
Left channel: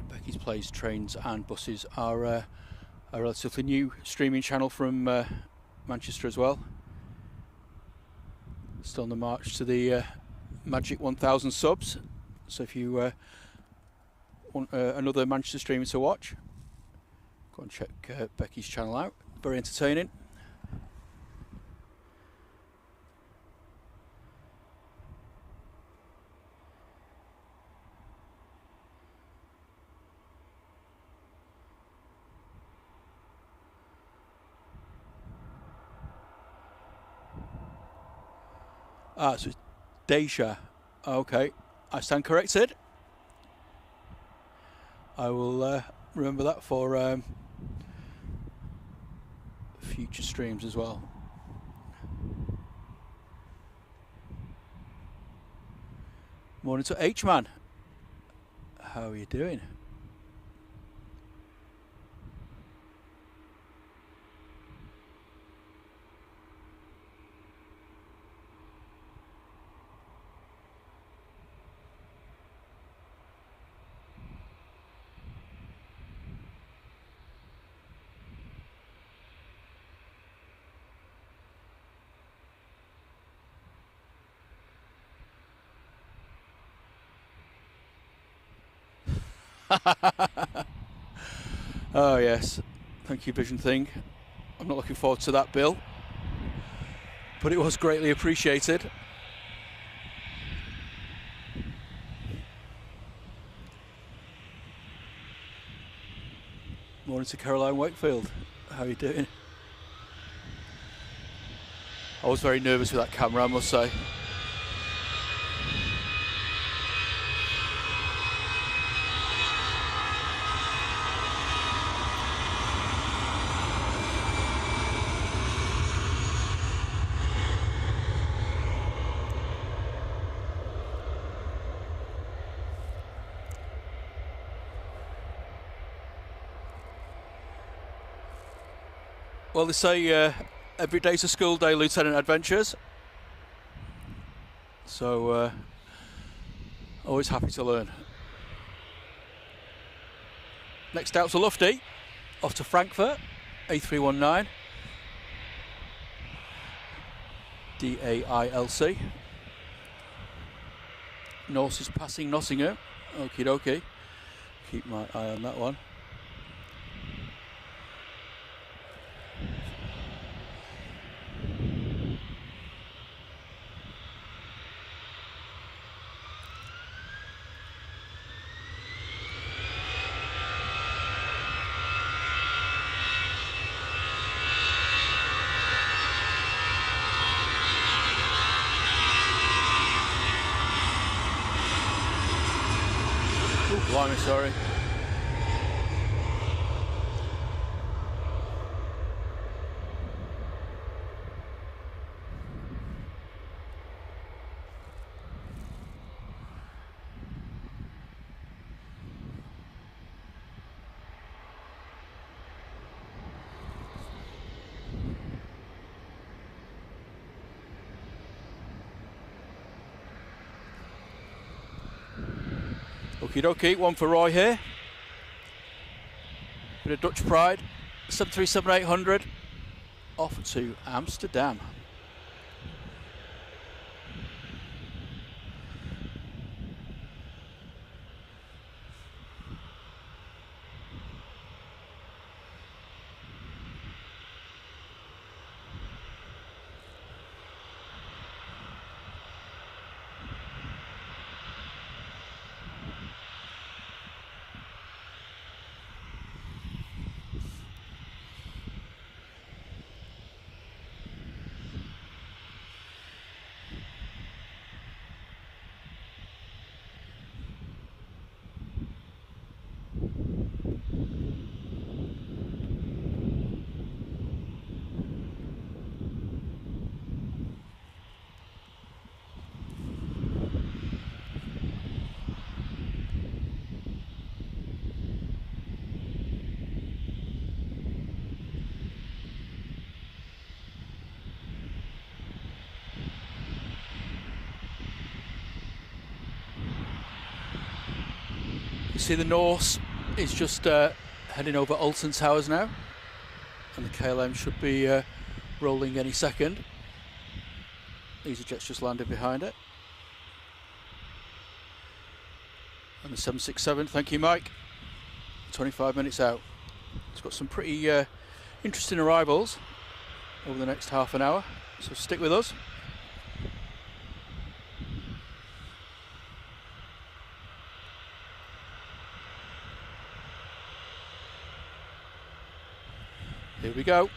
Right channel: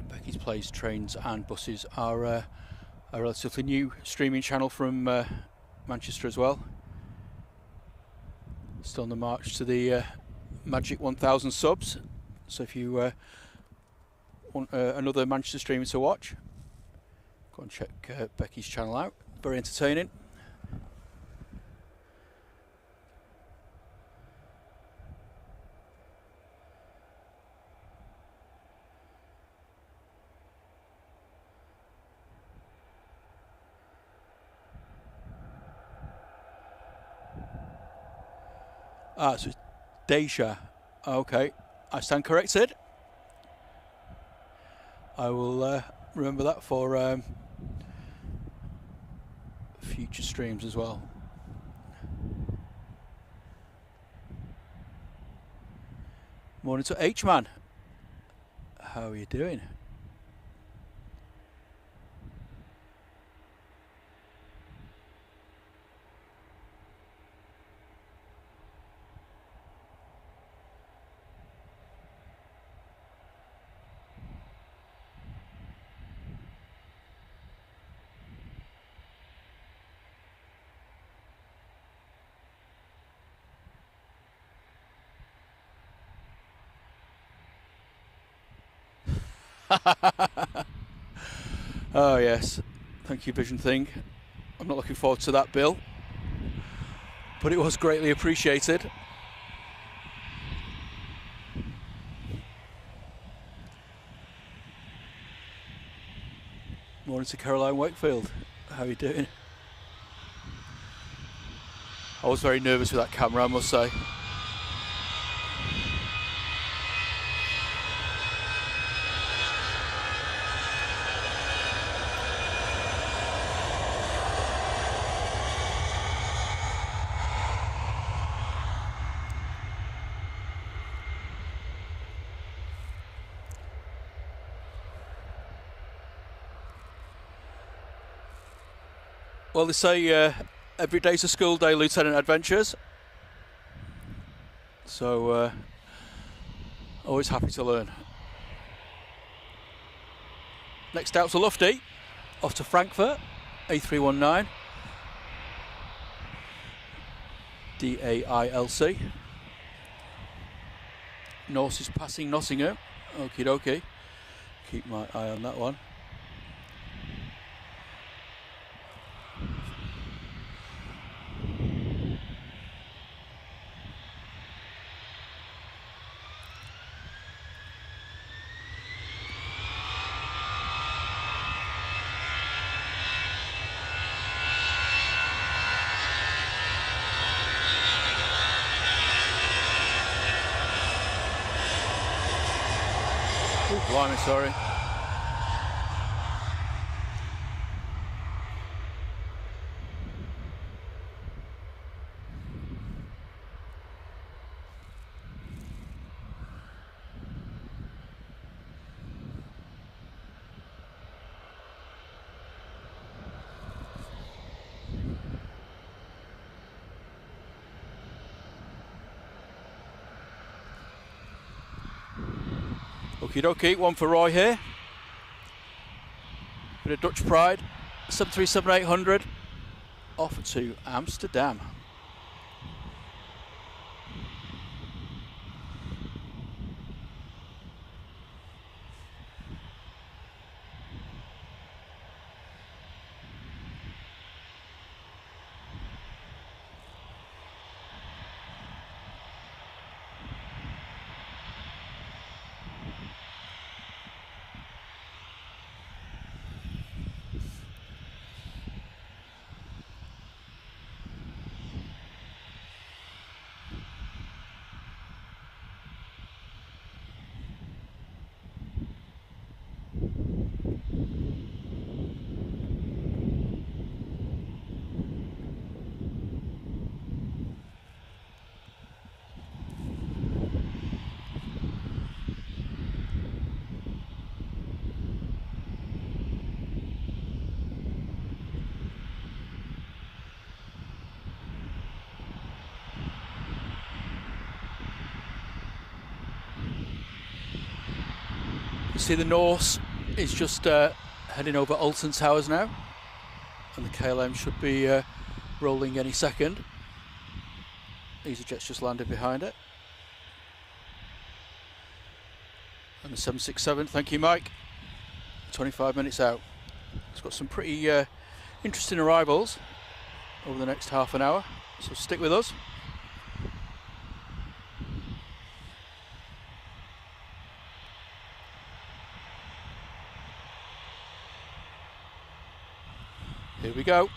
Becky's Planes, Trains and Buses are a relatively new streaming channel from Manchester as well. Still on the march to the magic 1,000 subs. So if you want another Manchester streamer to watch, go and check Becky's channel out. Very entertaining. Ah, so it's Deja. Okay, I stand corrected. I will remember that for future streams as well. Morning to H-Man. How are you doing? Oh yes, thank you Vision Thing. I'm not looking forward to that bill, but it was greatly appreciated. Morning to Caroline Wakefield. How are you doing? I was very nervous with that camera, I must say. Well, they say every day's a school day, Lieutenant Adventures. So, always happy to learn. Next out's a Lufty, off to Frankfurt, A319, DAILC. Norse is passing Nottingham, okie dokie. Keep my eye on that one. Oh, blimey, sorry. Okie dokie, one for Roy here. Bit of Dutch pride, 737-800, off to Amsterdam. You see the Norse is just heading over Alton Towers now, and the KLM should be rolling any second. EasyJet's just landed behind it. And the 767, thank you Mike, 25 minutes out. It's got some pretty interesting arrivals over the next half an hour, so stick with us. Here we go.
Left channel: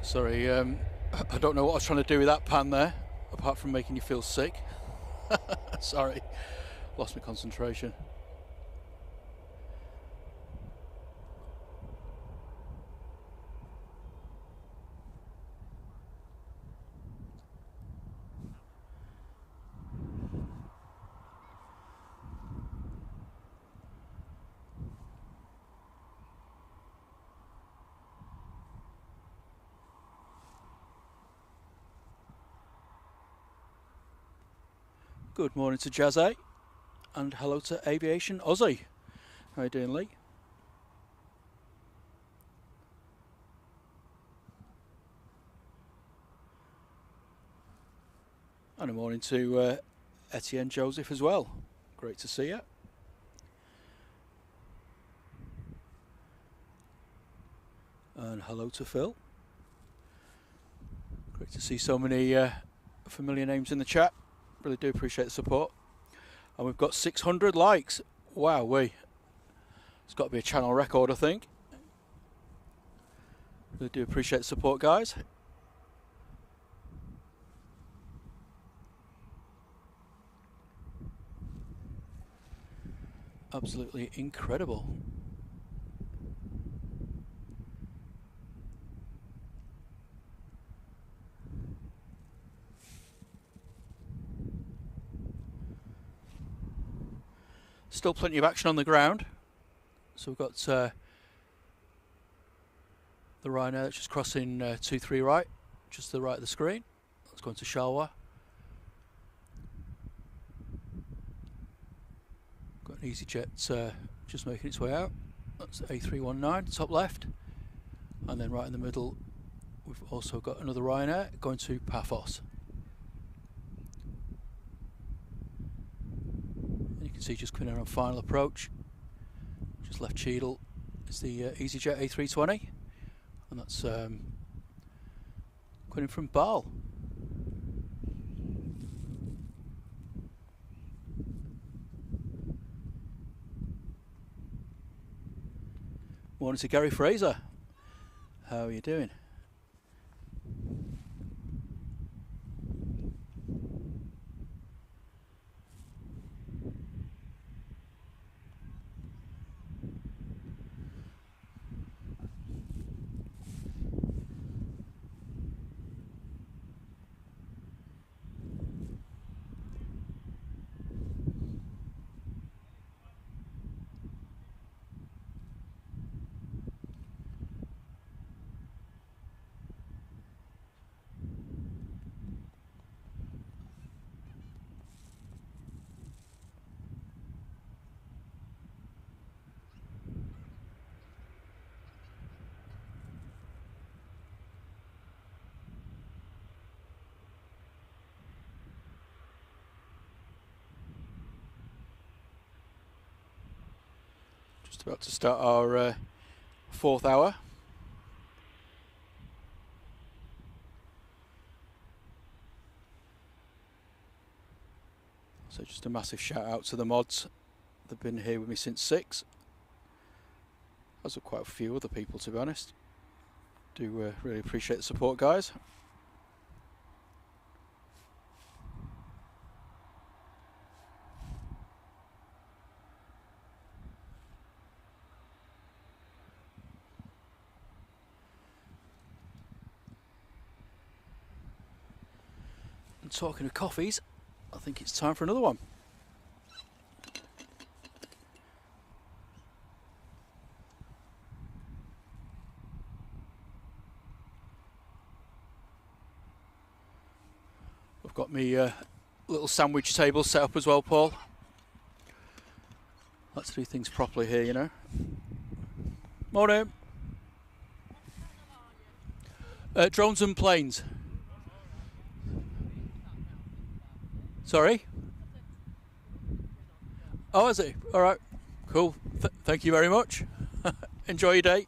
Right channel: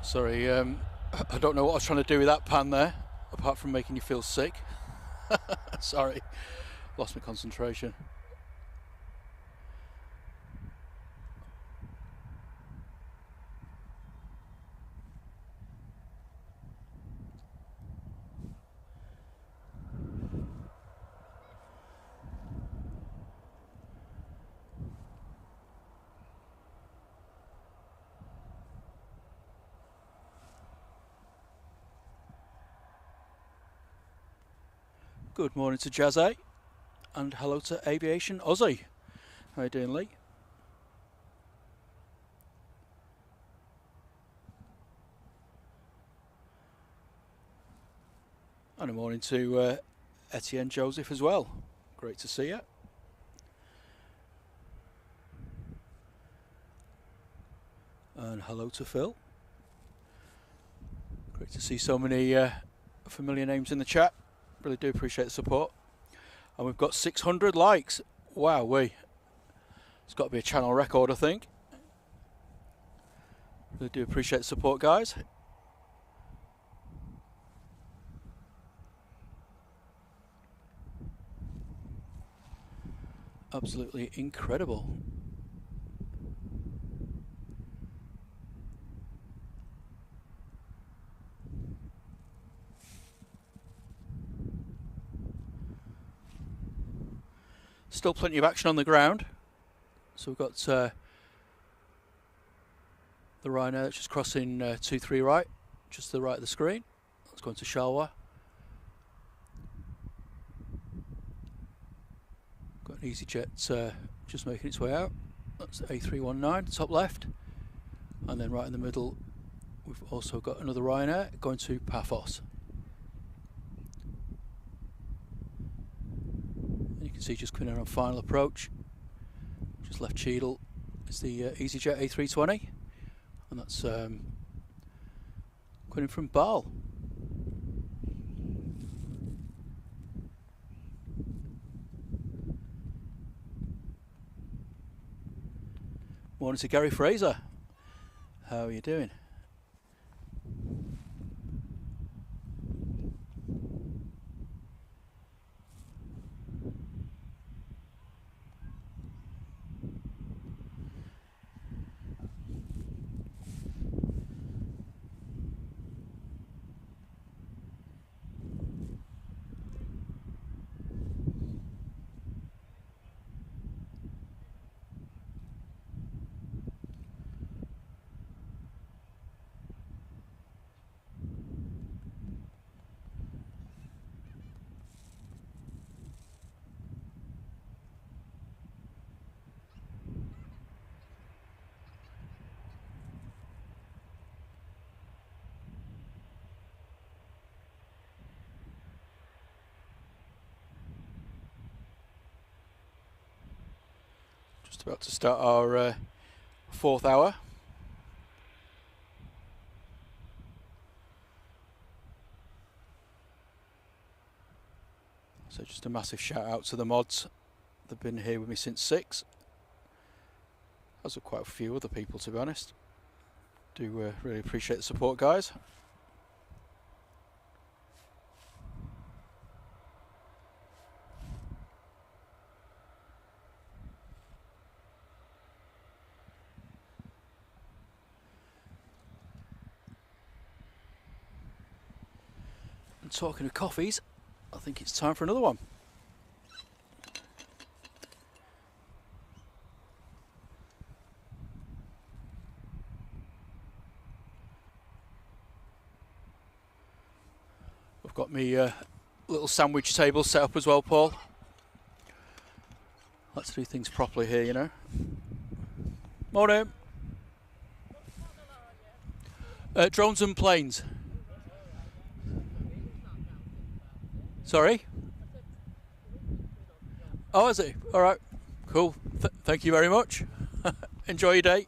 Sorry, I don't know what I was trying to do with that pan there, apart from making you feel sick. Sorry, lost my concentration. Good morning to Jazz A, and hello to Aviation Aussie. How you doing, Lee? And a morning to Etienne Joseph as well. Great to see you. And hello to Phil. Great to see so many familiar names in the chat. Really do appreciate the support. And we've got 600 likes. Wow, it's got to be a channel record, I think. Really do appreciate the support, guys. Absolutely incredible. Still plenty of action on the ground. So we've got the Ryanair that's just crossing 23 right, just to the right of the screen. That's going to Shalwa. Got an EasyJet just making its way out. That's A319, top left. And then right in the middle, we've also got another Ryanair going to Paphos. And you can see just coming in on final approach. Just left Cheadle. It's the EasyJet A320. And that's coming in from Bal. Morning to Gary Fraser. How are you doing? Just about to start our fourth hour. So just a massive shout out to the mods. They've been here with me since 6. As are quite a few other people, to be honest. Do really appreciate the support, guys. And talking of coffees, I think it's time for another one. I've got me little sandwich table set up as well, Paul. Let's do things properly here, you know. Morning. Drones and planes. Sorry? Oh, is it? All right. Cool. Thank you very much. Enjoy your day.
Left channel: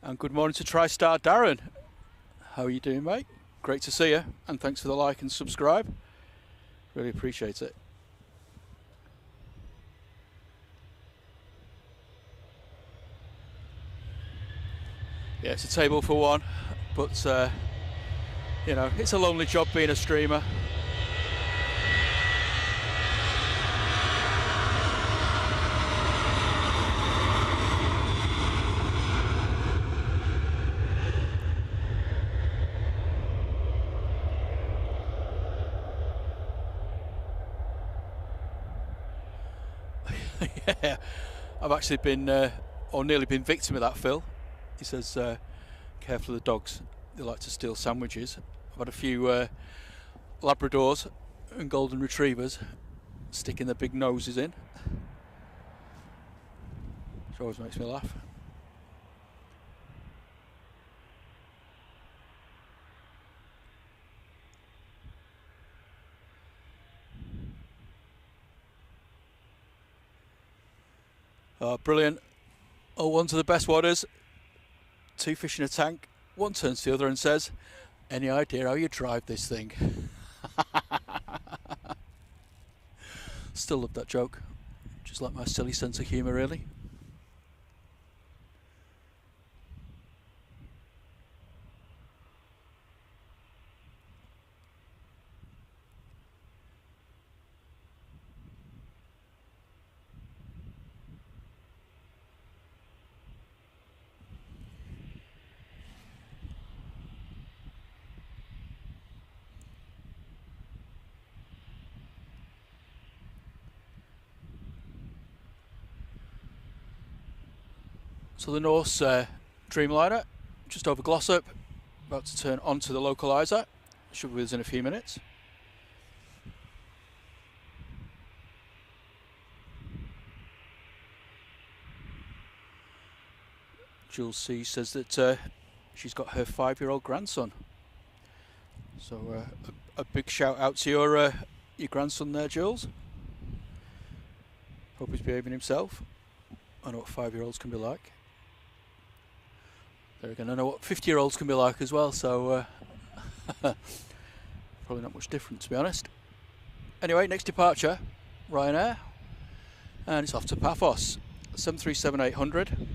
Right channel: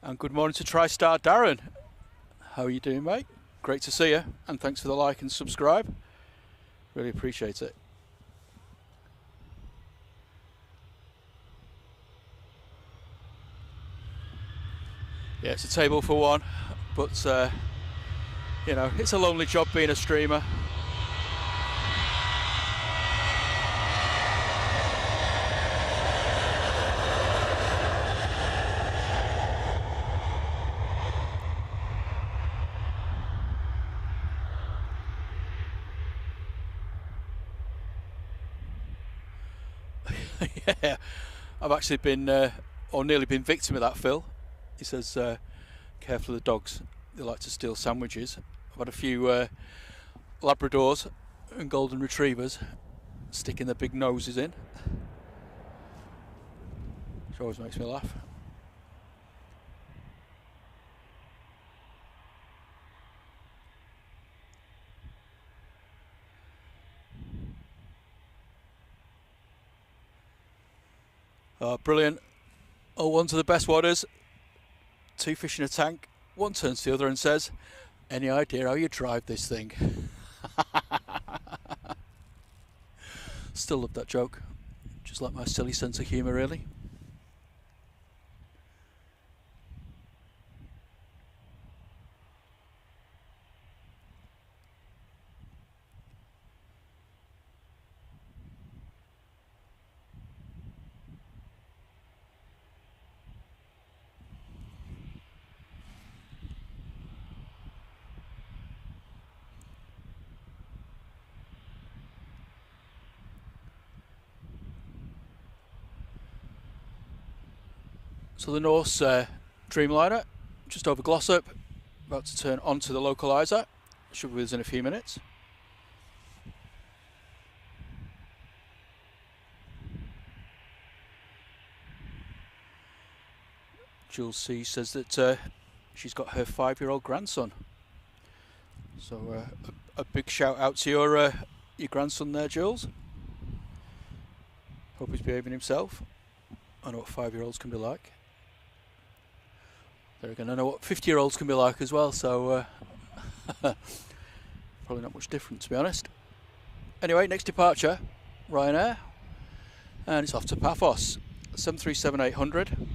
And good morning to TriStar Darren. How are you doing, mate? Great to see you, and thanks for the like and subscribe. Really appreciate it. Yeah, it's a table for one, but you know, it's a lonely job being a streamer. Yeah, I've actually been, or nearly been victim of that, Phil. He says, careful of the dogs, they like to steal sandwiches. I've had a few Labradors and Golden Retrievers sticking their big noses in. Which always makes me laugh. Oh, brilliant. Oh, one to the best wadders. 2 fish in a tank. One turns to the other and says, any idea how you drive this thing? Still love that joke. Just like my silly sense of humour, really. So the Norse Dreamliner, just over Glossop, about to turn onto the localiser. Should be with us in a few minutes. Jules C says that she's got her 5-year-old grandson. So a big shout out to your grandson there, Jules. Hope he's behaving himself. I know what 5-year-olds can be like. There again, I know what 50-year-olds can be like as well, so probably not much different, to be honest. Anyway, next departure, Ryanair, and it's off to Paphos, 737-800.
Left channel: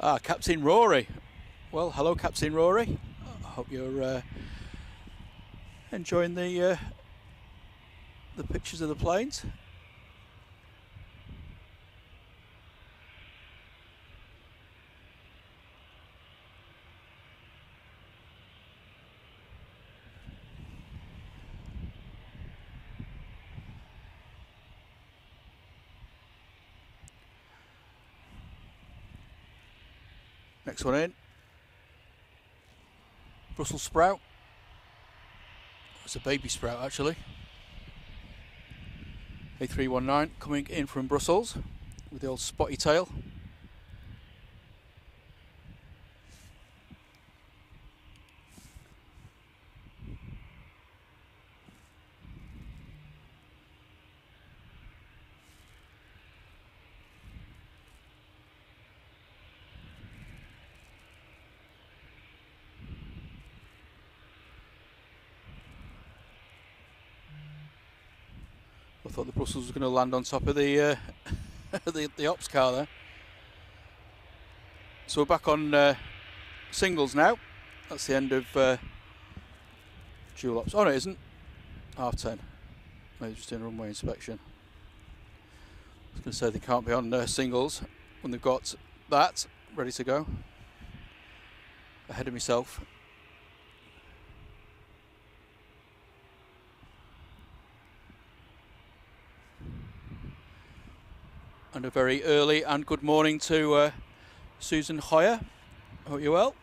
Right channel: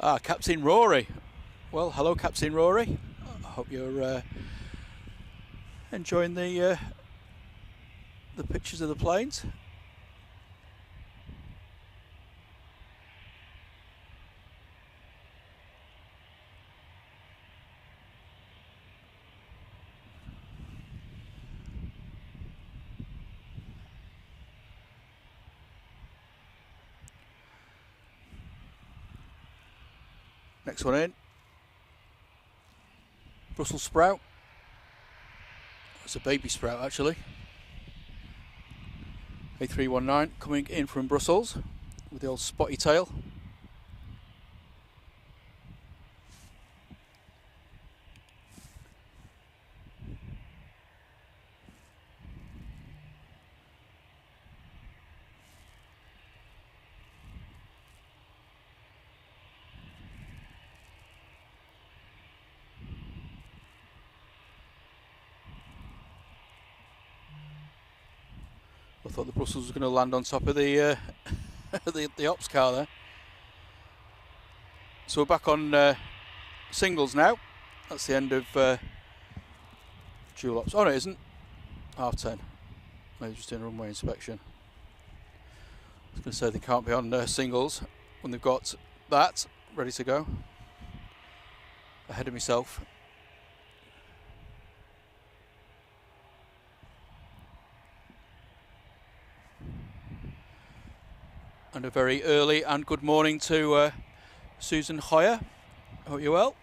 Ah, Captain Rory. Well, hello, Captain Rory. I hope you're enjoying the pictures of the planes. Next one in. Brussels sprout. It's a baby sprout, actually. A319 coming in from Brussels with the old spotty tail. I thought the Brussels was going to land on top of the the ops car there. So we're back on singles now. That's the end of dual ops. Oh no, it isn't. 10:30. Maybe just doing a runway inspection. I was going to say they can't be on singles when they've got that ready to go. Ahead of myself. And a very early and good morning to Susan Hoyer. Hope you're well.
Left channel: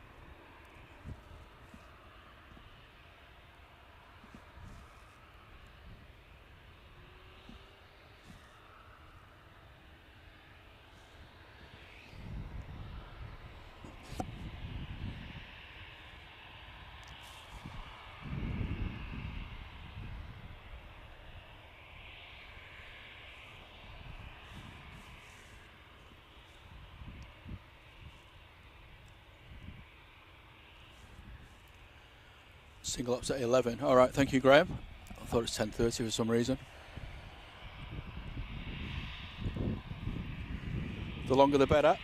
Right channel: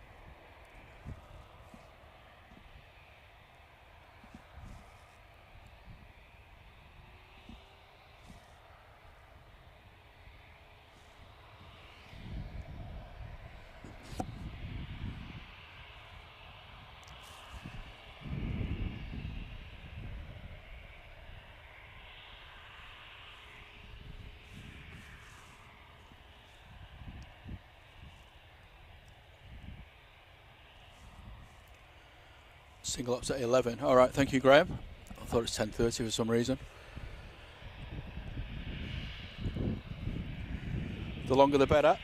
Single up's at 11. All right, thank you, Graham. I thought it was 10:30 for some reason. The longer the better.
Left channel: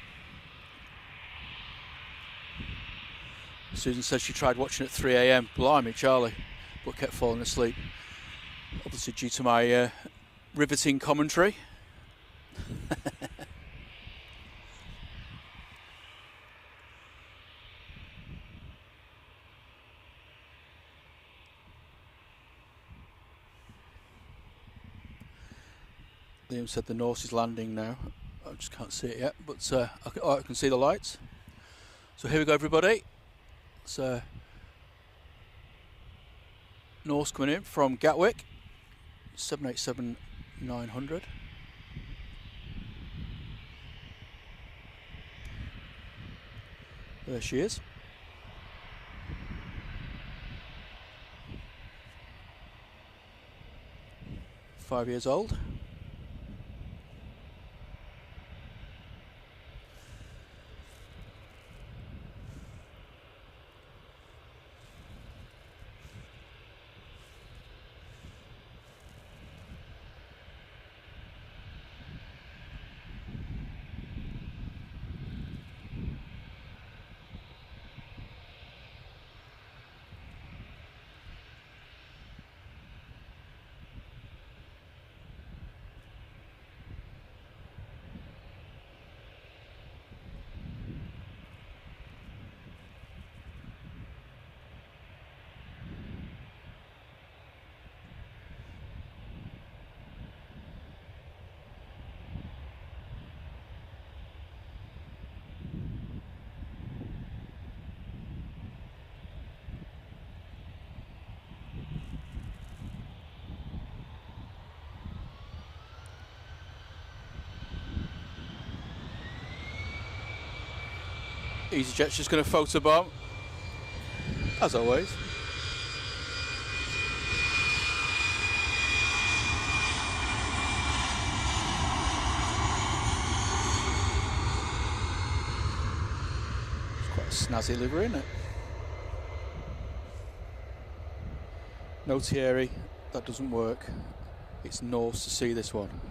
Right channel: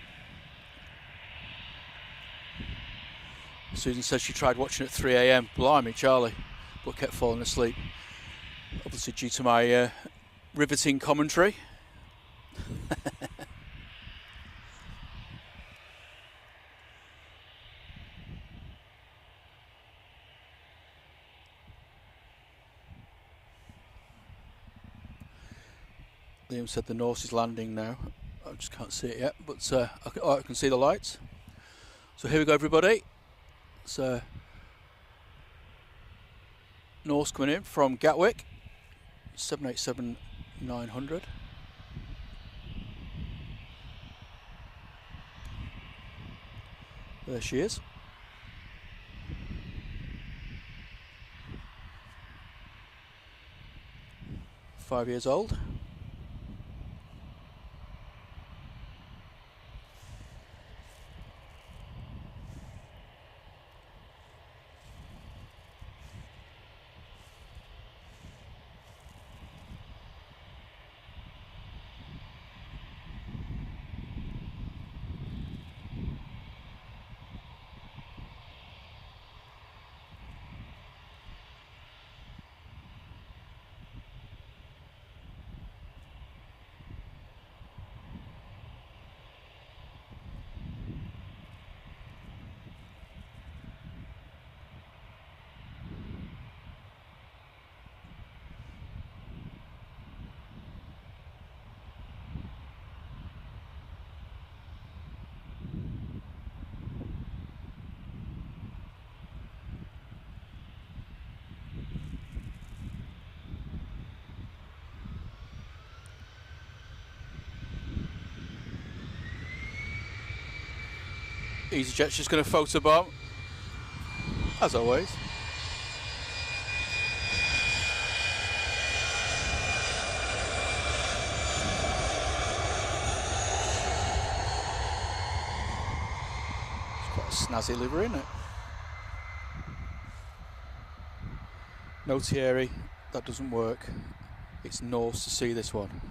Susan said she tried watching at 3 AM. Blimey, Charlie, but kept falling asleep. Obviously due to my riveting commentary. Liam said the Norse is landing now. I just can't see it yet, but I can see the lights. So here we go, everybody. It's Norse coming in from Gatwick, 787-900. There she is. Five years old. EasyJet's just going to photobomb, as always. It's quite a snazzy livery, isn't it? No Thierry, that doesn't work. It's Norse to see this one.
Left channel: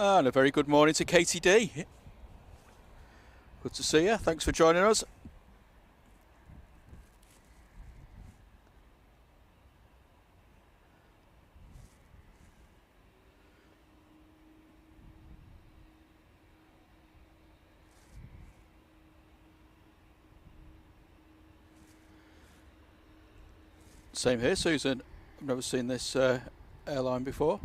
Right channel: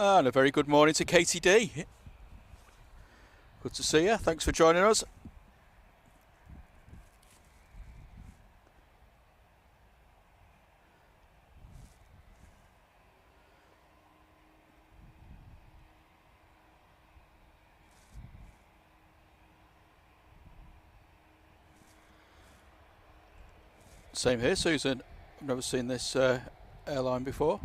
And a very good morning to Katie D. Good to see you. Thanks for joining us. Same here, Susan. I've never seen this airline before.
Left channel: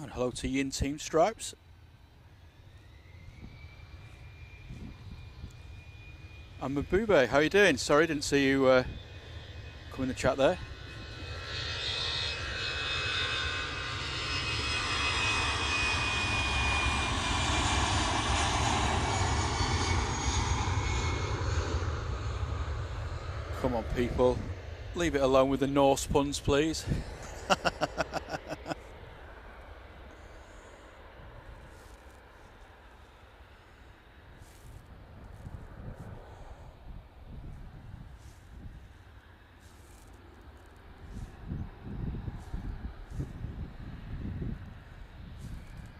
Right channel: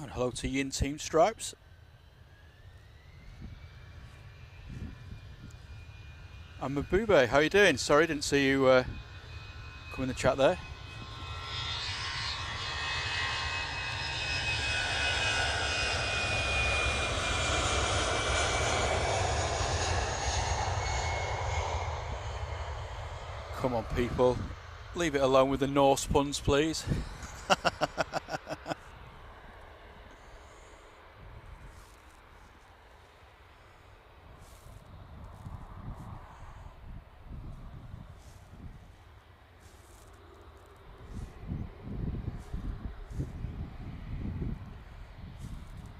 And hello to Yin Team Stripes. And Mabube, how you doing? Sorry, didn't see you come in the chat there. Come on, people. Leave it alone with the Norse puns, please.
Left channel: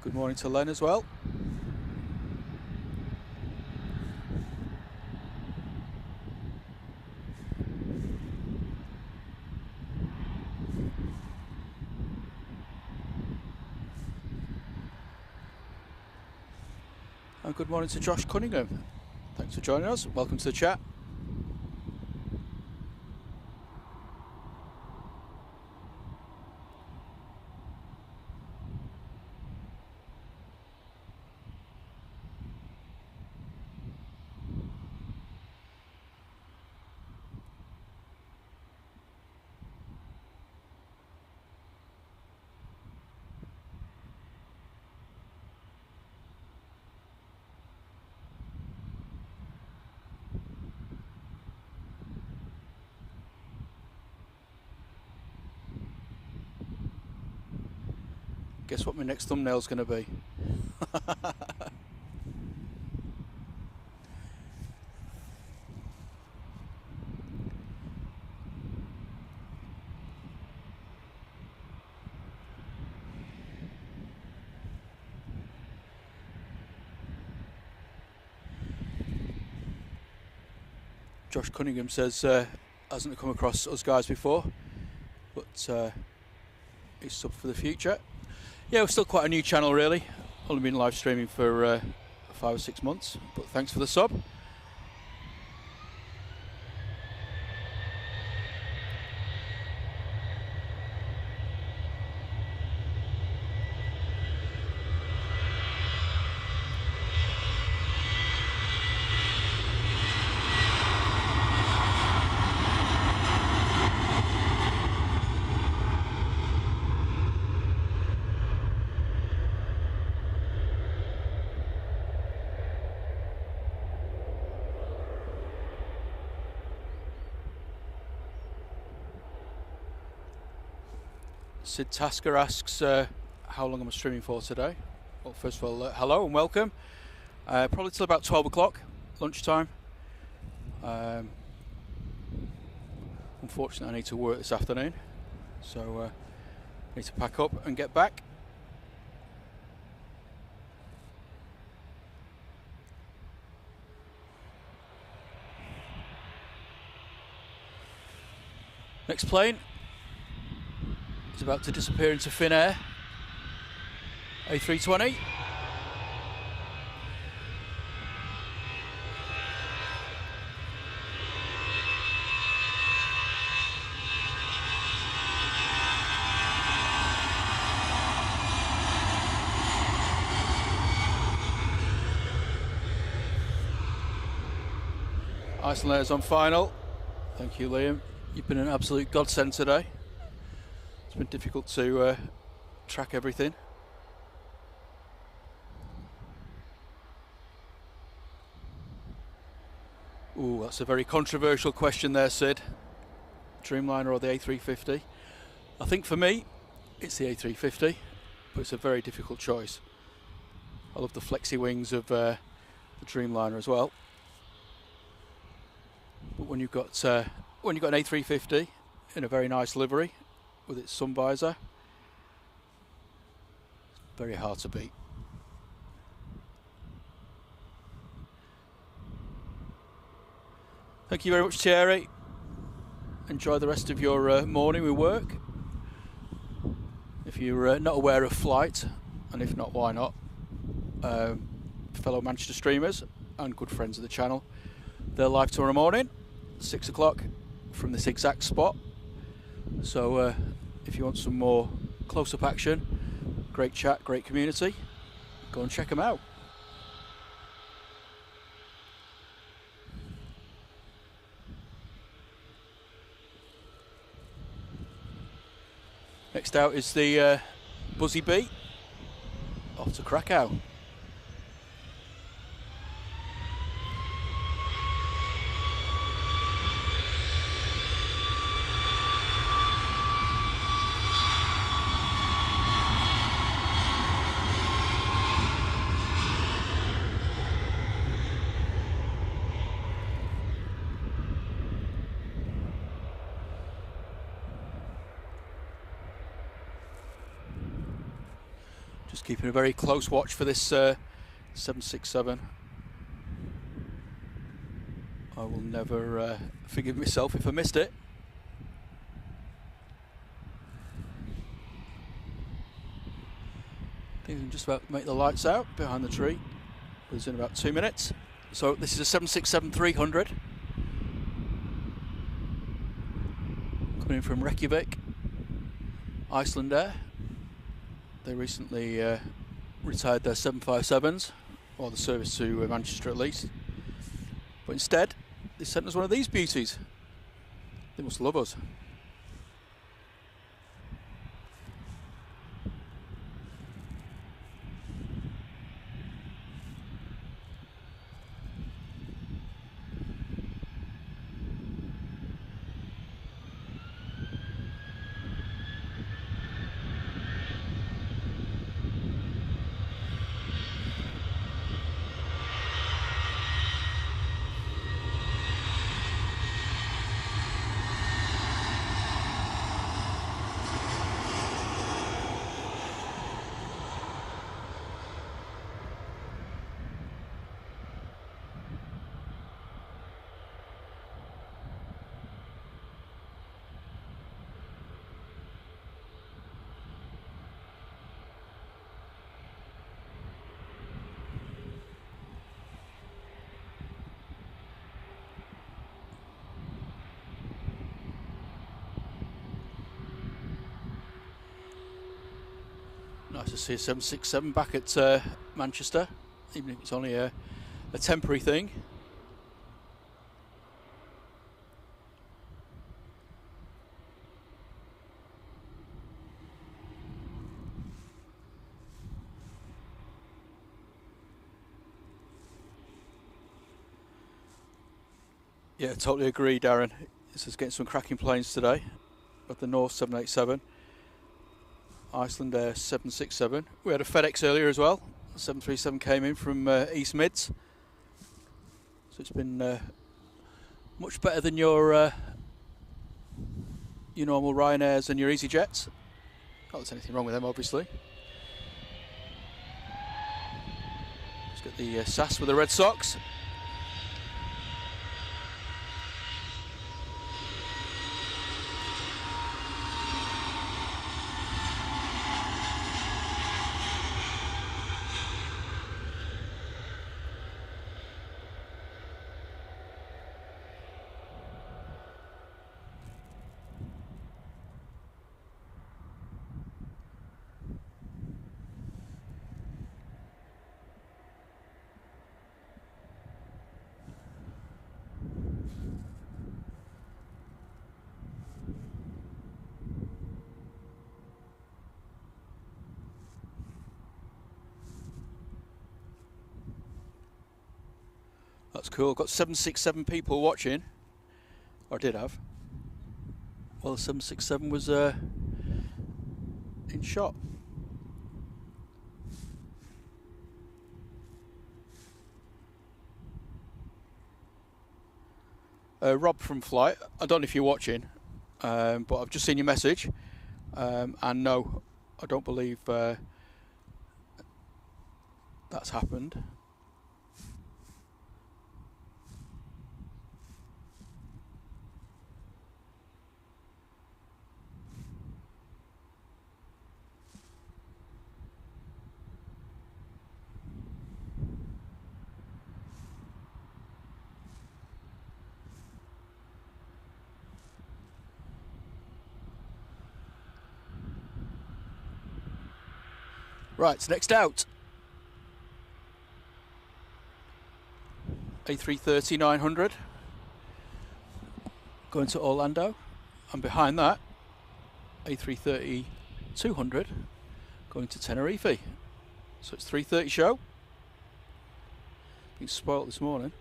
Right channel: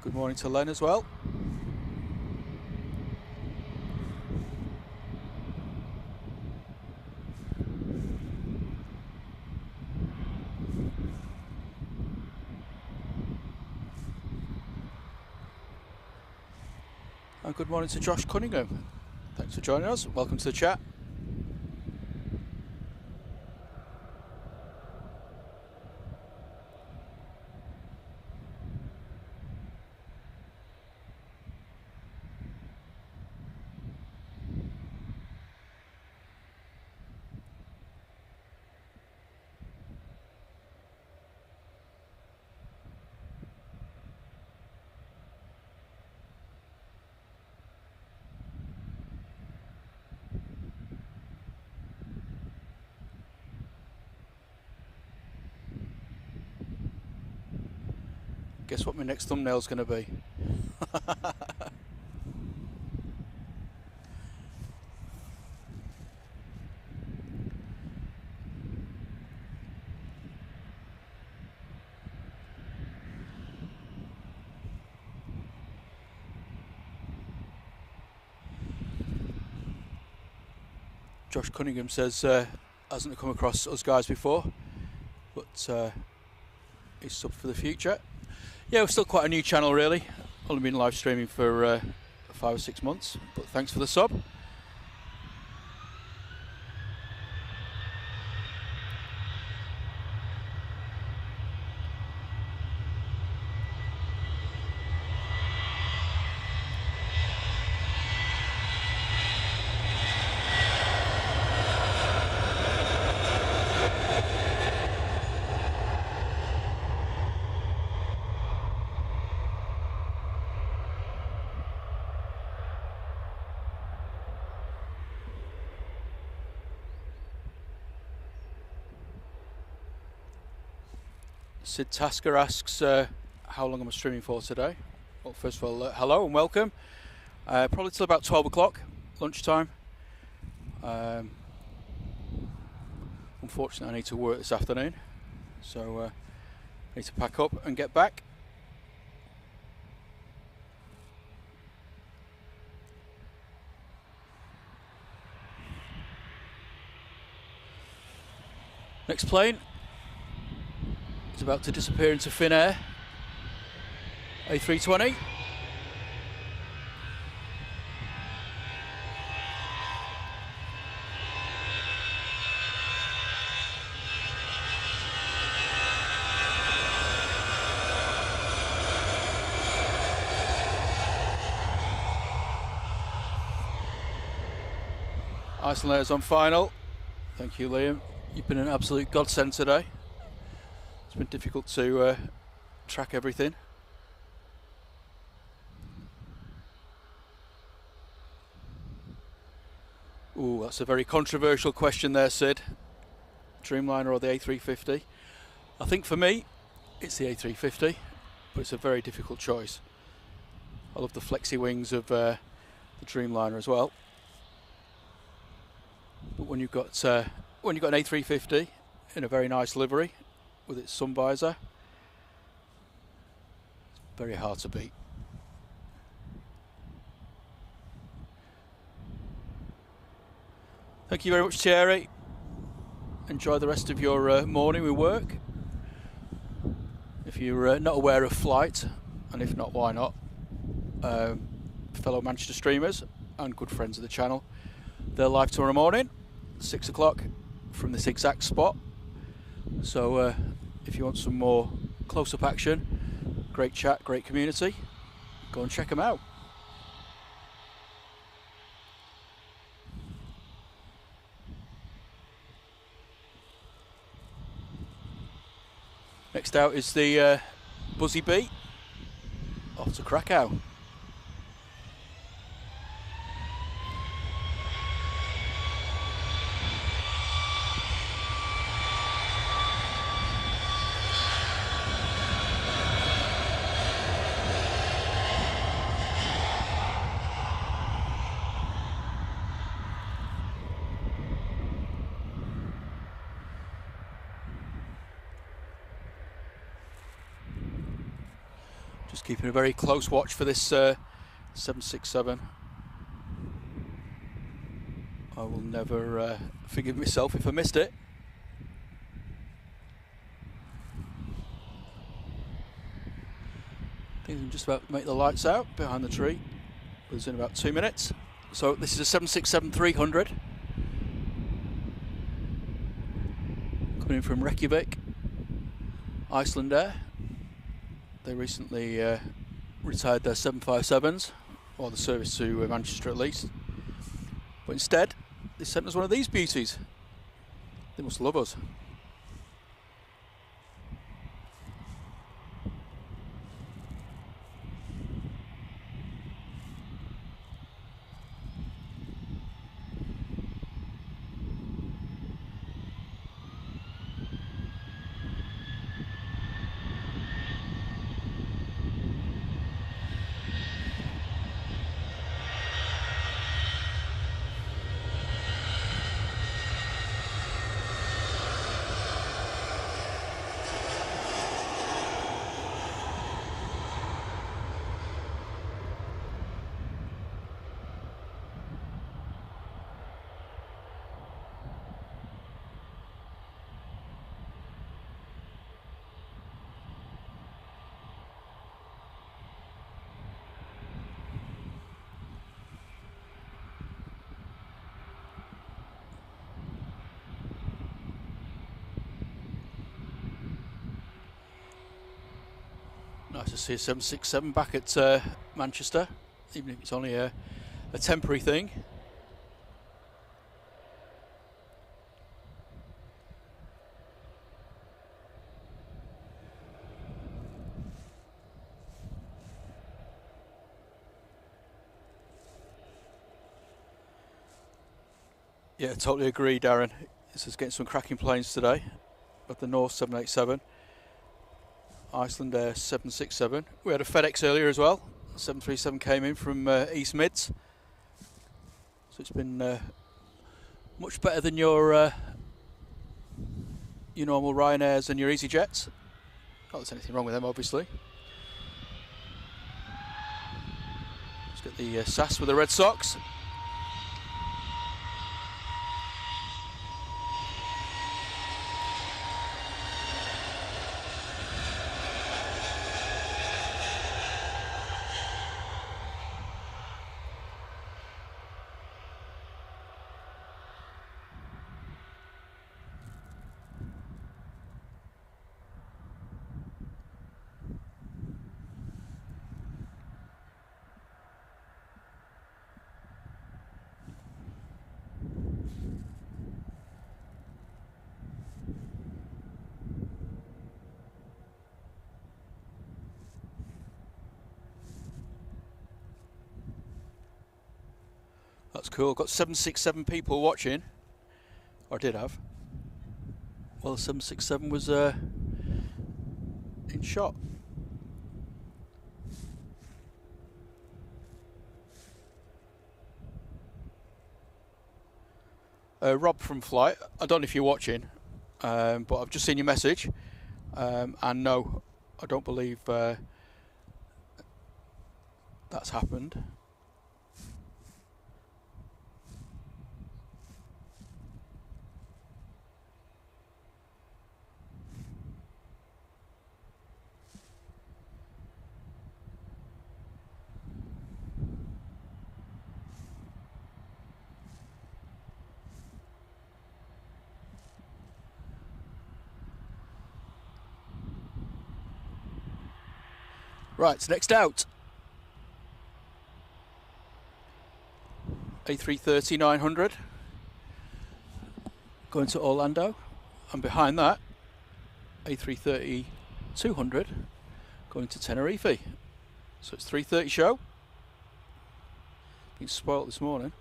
Good morning to Len as well. And good morning to Josh Cunningham. Thanks for joining us. Welcome to the chat. Guess what my next thumbnail's going to be? Josh Cunningham says hasn't come across us guys before, but he's sub for the future. Yeah, we're still quite a new channel really. Only been live streaming for 5 or 6 months, but thanks for the sub. Sid Tasker asks how long am I streaming for today? Well, first of all, hello and welcome. Probably till about 12 o'clock, lunchtime. Unfortunately, I need to work this afternoon, so I need to pack up and get back. Next plane is about to disappear into thin air. A320. Iceland is on final. Thank you, Liam. You've been an absolute godsend today. It's been difficult to track everything. Ooh, that's a very controversial question there, Sid. Dreamliner or the A350? I think for me, it's the A350, but it's a very difficult choice. I love the flexi wings of the Dreamliner as well. But when you've got an A350 in a very nice livery with its sun visor, it's very hard to beat. Thank you very much, Thierry. Enjoy the rest of your morning with work. If you're not aware of flight, and if not, why not? Fellow Manchester streamers and good friends of the channel, they're live tomorrow morning, 6 o'clock, from this exact spot. So if you want some more close-up action, great chat, great community, go and check them out. Next out is the Buzzy Bee off to Krakow. Just keeping a very close watch for this 767. I will never forgive myself if I missed it. I think I'm just about to make the lights out behind the tree. with us in about 2 minutes. So this is a 767-300 coming in from Reykjavik, Iceland Air. They recently retired their 757s, or the service to Manchester at least. But instead, they sent us one of these beauties. They must love us. Nice to see a 767 back at Manchester, even if it's only a temporary thing. Yeah, totally agree, Darren. This is getting some cracking planes today. Got the North 787. Iceland Air 767. We had a FedEx earlier as well. 737 came in from East Mids. So it's been much better than your normal Ryanairs and your EasyJets. Not that there's anything wrong with them, obviously. Just get the SAS with the Red Sox. That's cool. Got 767 people watching. Or I did have. Well, the 767 was in shot. Rob from Flight. I don't know if you're watching, but I've just seen your message. And no, I don't believe that's happened. Right, so next out, A330-900 going to Orlando, and behind that, A330-200 going to Tenerife. So it's 3:30 show. Been spoilt this morning.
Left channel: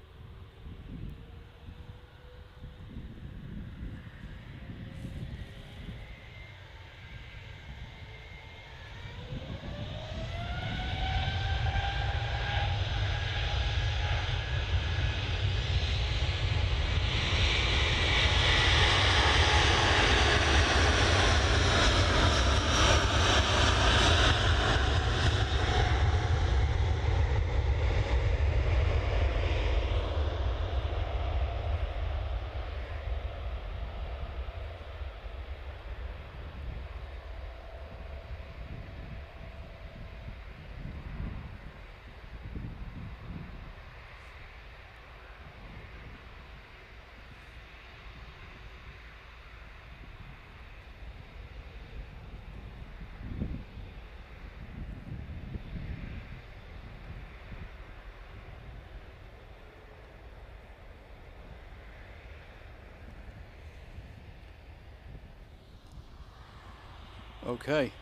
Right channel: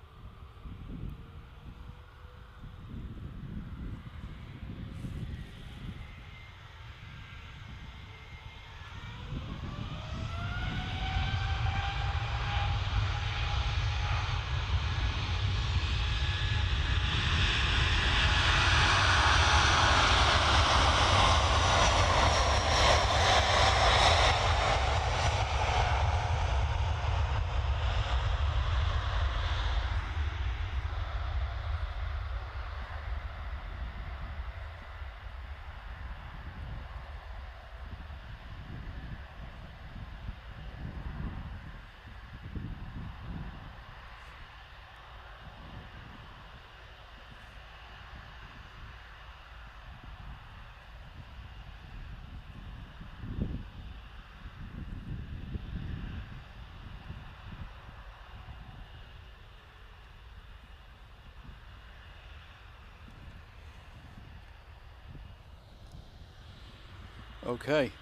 Okay,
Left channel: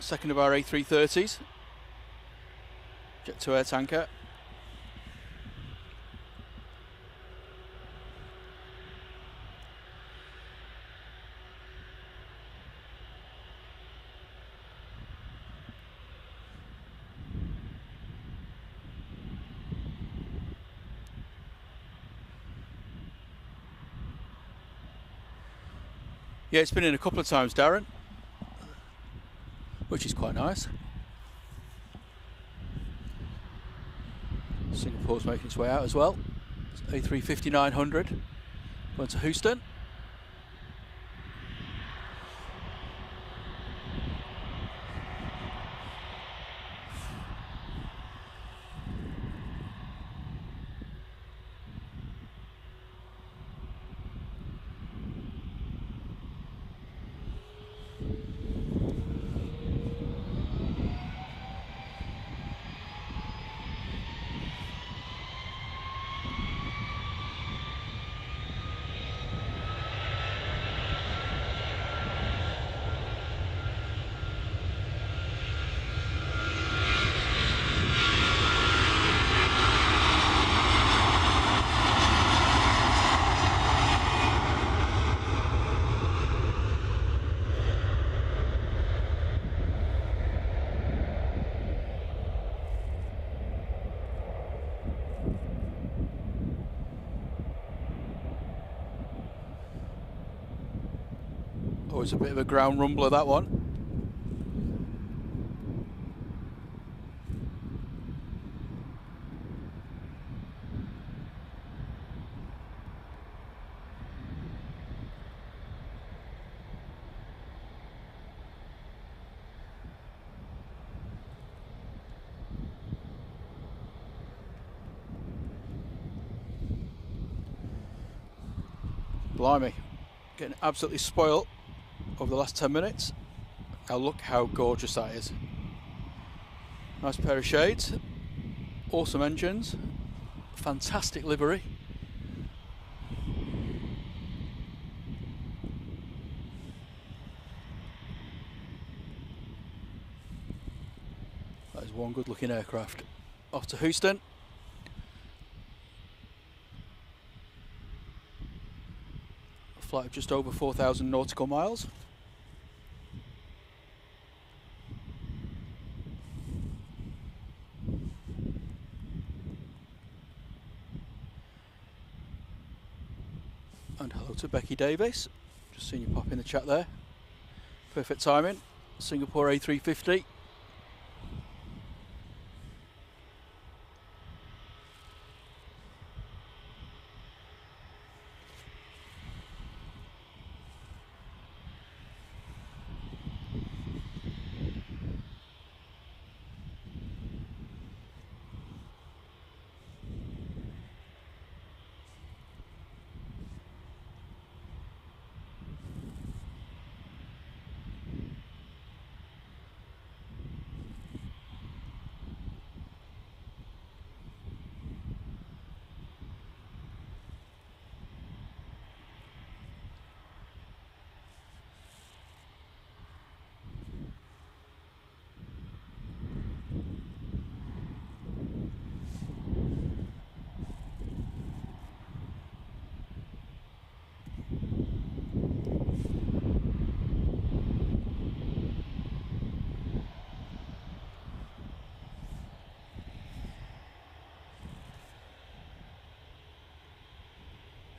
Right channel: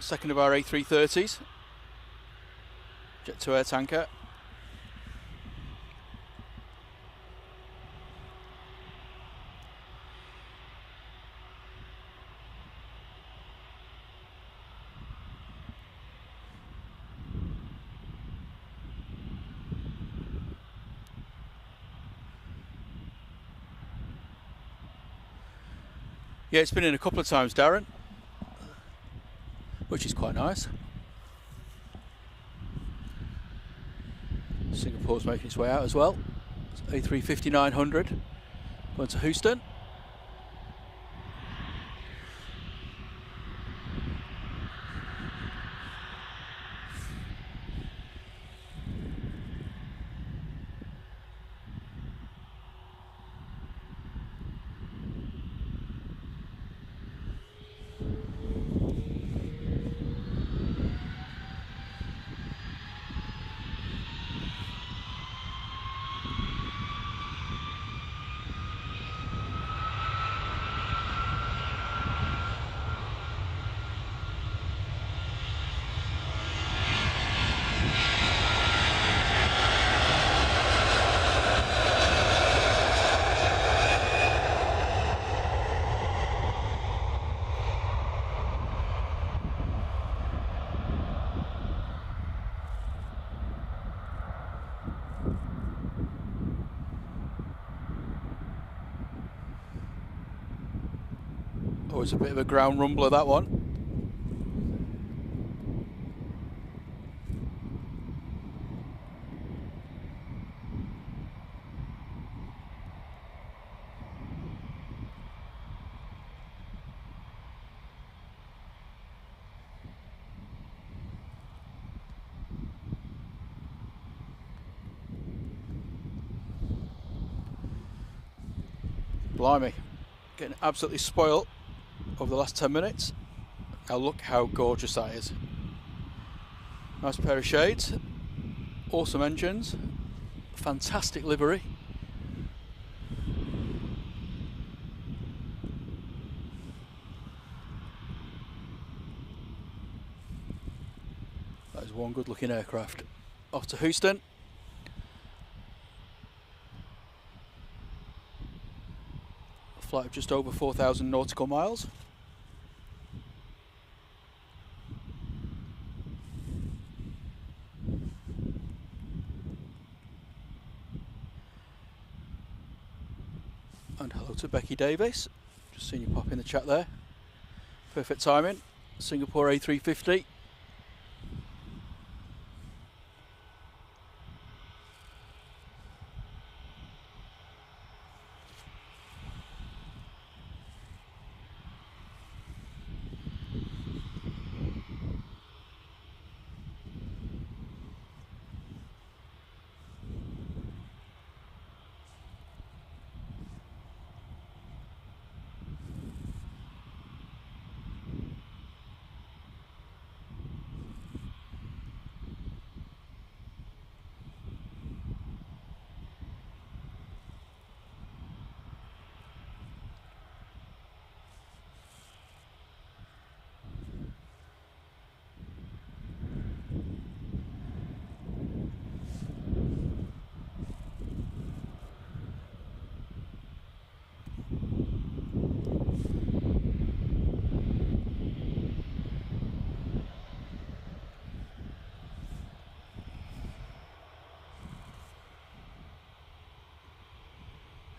second of our A330s, jet to air tanker. Yeah, it's been in a couple of times, Darren, which is quite nice. Singapore's making its way out as well. It's A350-900 going to Houston. Oh, it's a bit of a ground rumbler, that one. Blimey, getting absolutely spoilt over the last 10 minutes. Now look how gorgeous that is. Nice pair of shades, awesome engines, fantastic livery. That is one good looking aircraft. Off to Houston. A flight of just over 4,000 nautical miles. And hello to Becky Davis. Just seen you pop in the chat there. Perfect timing. Singapore A350.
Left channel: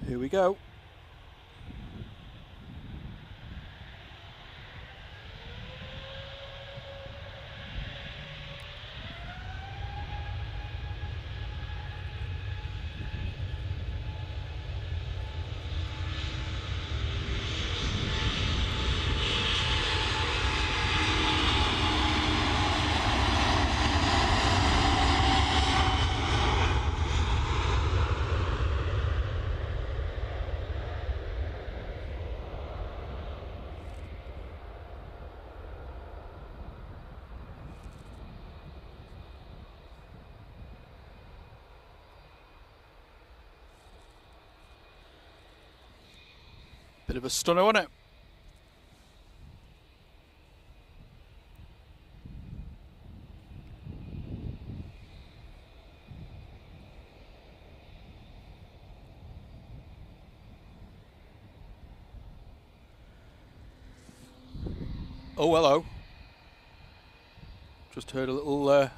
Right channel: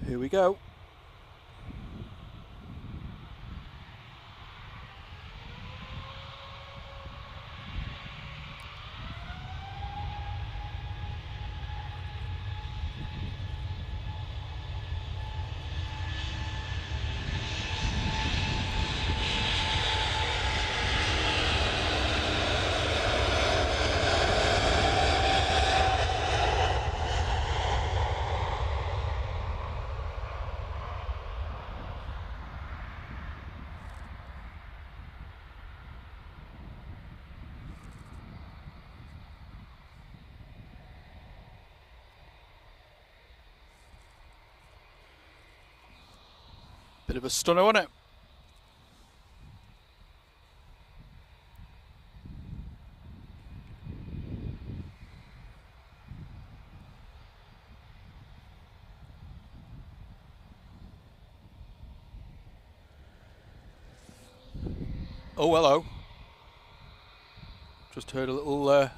Here we go. Bit of a stunner, wasn't it? Oh, hello. Just heard a little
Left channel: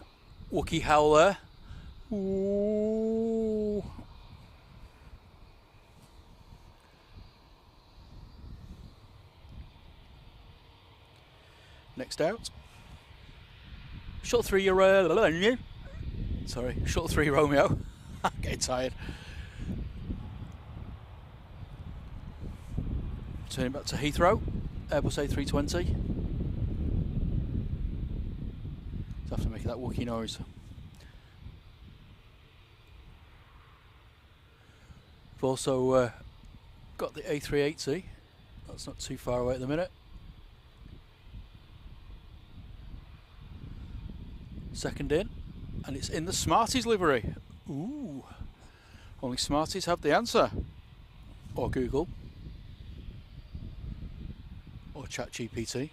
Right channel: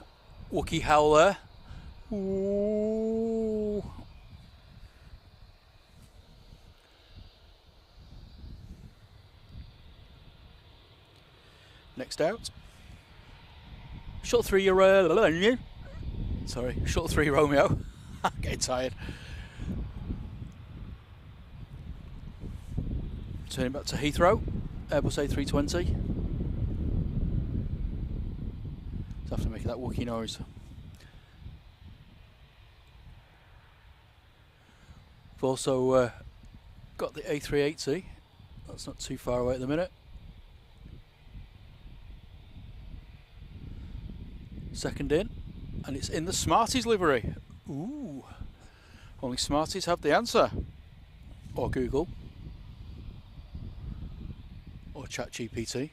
Wakey howl there. Ooh. Next out. Short 3 sorry, short 3 Romeo. I'm getting tired. Turning back to Heathrow, Airbus A320. It's after making that Wakey noise. We've also got the A380. That's not too far away at the minute. Second in, and it's in the Smarties livery. Ooh, only Smarties have the answer. Or Google. Or ChatGPT.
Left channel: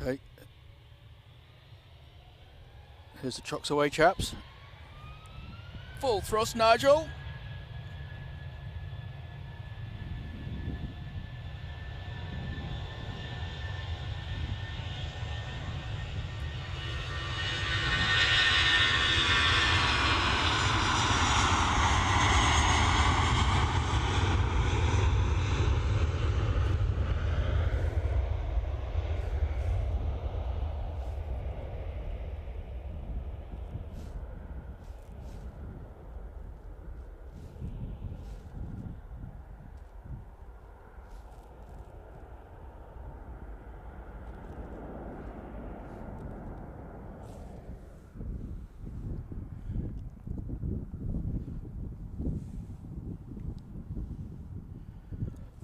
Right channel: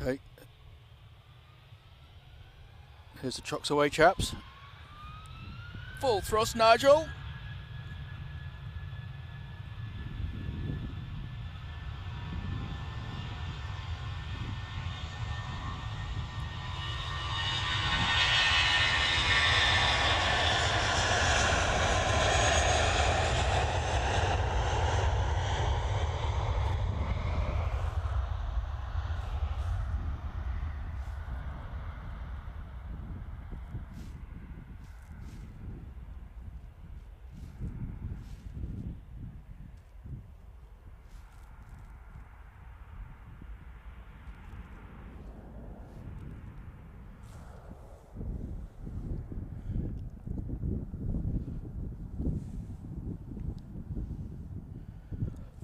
Okay. Here's the chocks away, chaps. Full thrust, Nigel.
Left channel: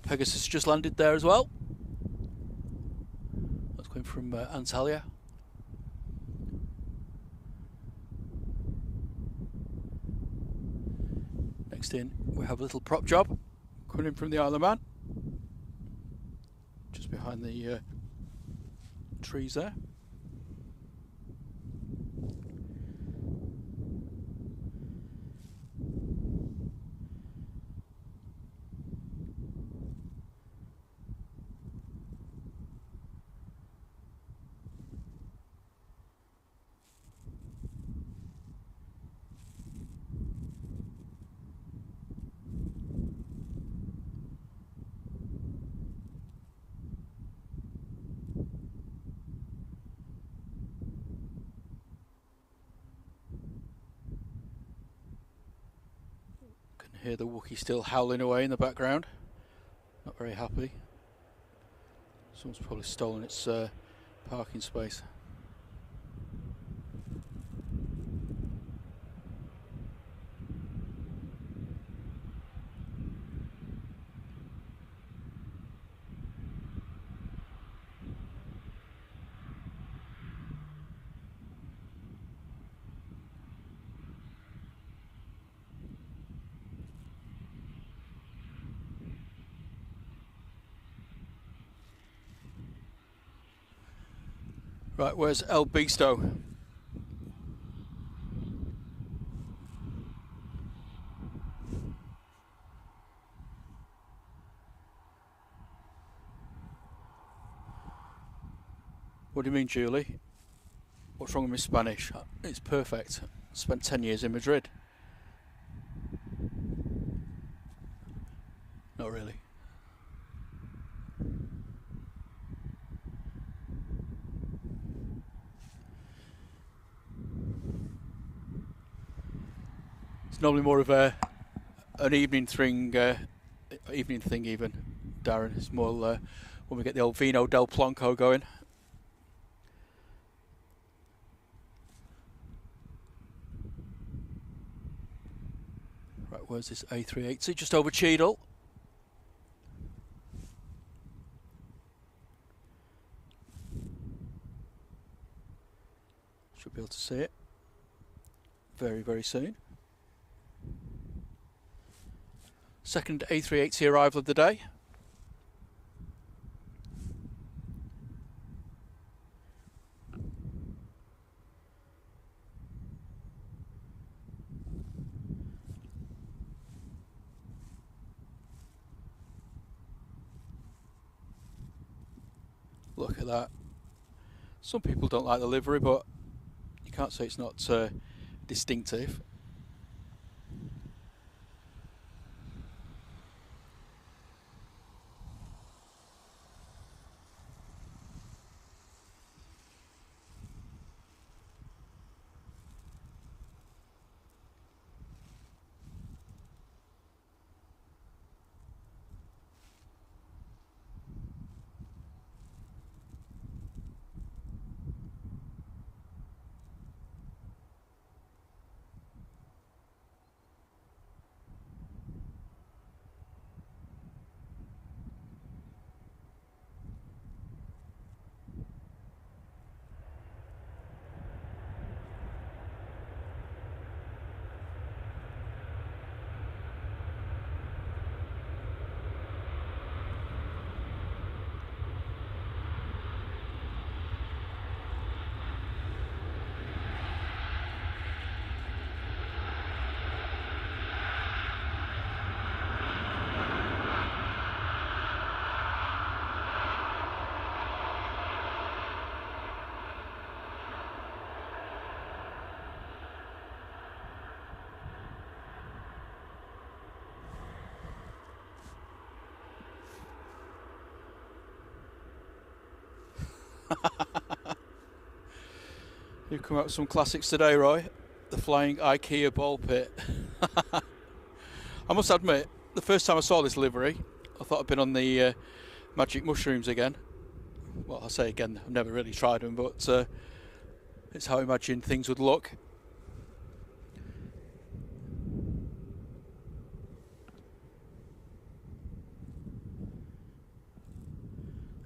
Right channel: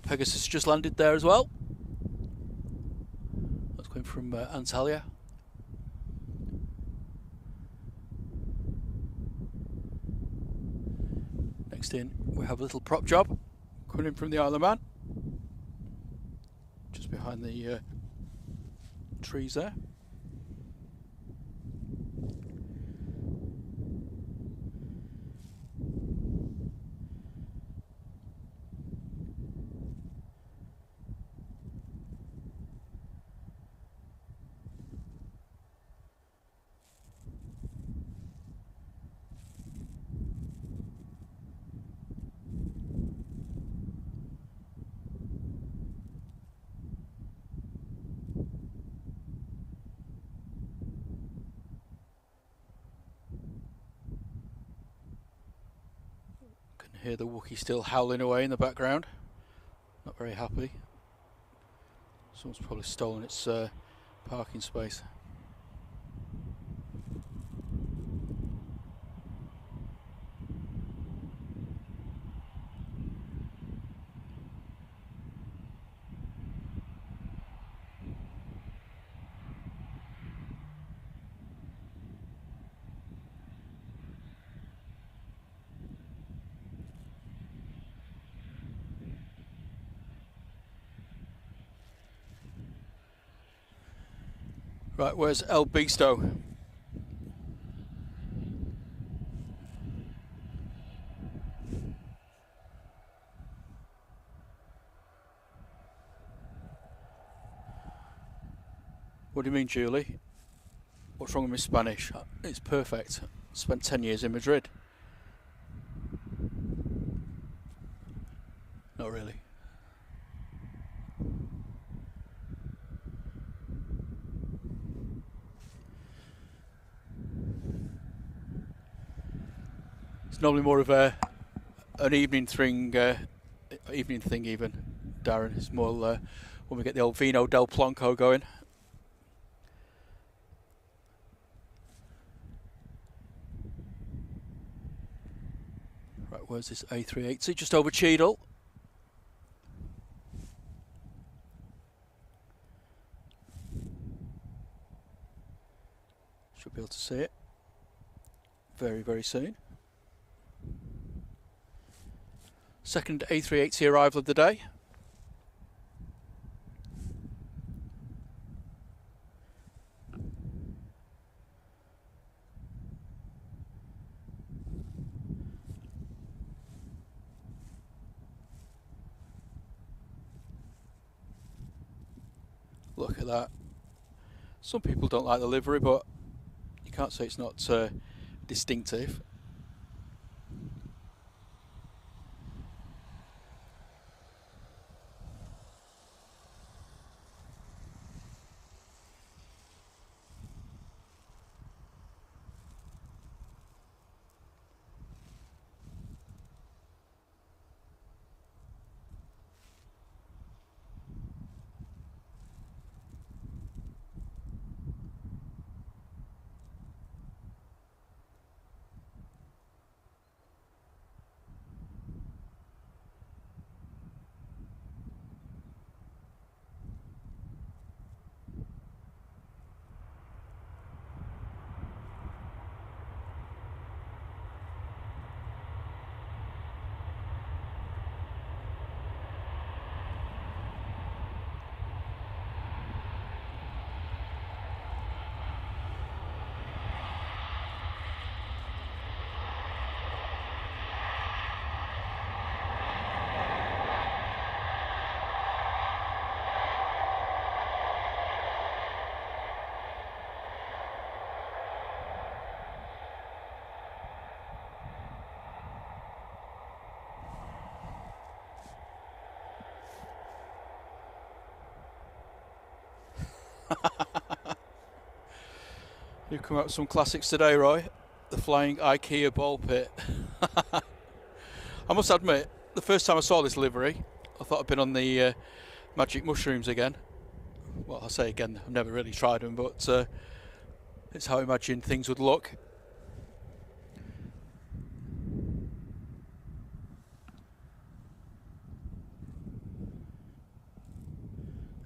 Pegasus just landed there as well. That's coming from Antalya. Next in, we have a little prop job coming in from the Isle of Man. Just behind the trees there. Hear the Wookiee still howling away in the background. Not very happy. Someone's probably stolen its parking space. Right, where's El Beasto? What do you mean, Julie? What's wrong with my Spanish? It's perfect. Spent 10 years in Madrid. Not really. It's normally more of an evening thing, even, Darren. It's more when we get the old Vino del Plonco going. Right, where's this A380? Just over Cheadle. Should be able to see it very, very soon. Second A380 arrival of the day. Look at that. Some people don't like the livery, but you can't say it's not distinctive. You've come out with some classics today, Roy. The flying IKEA ball pit. I must admit, the first time I saw this livery, I thought I'd been on the magic mushrooms again. Well, I say again, I've never really tried them, but it's how I imagined things would look.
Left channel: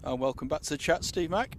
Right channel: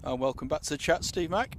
And welcome back to the chat, Steve Mack.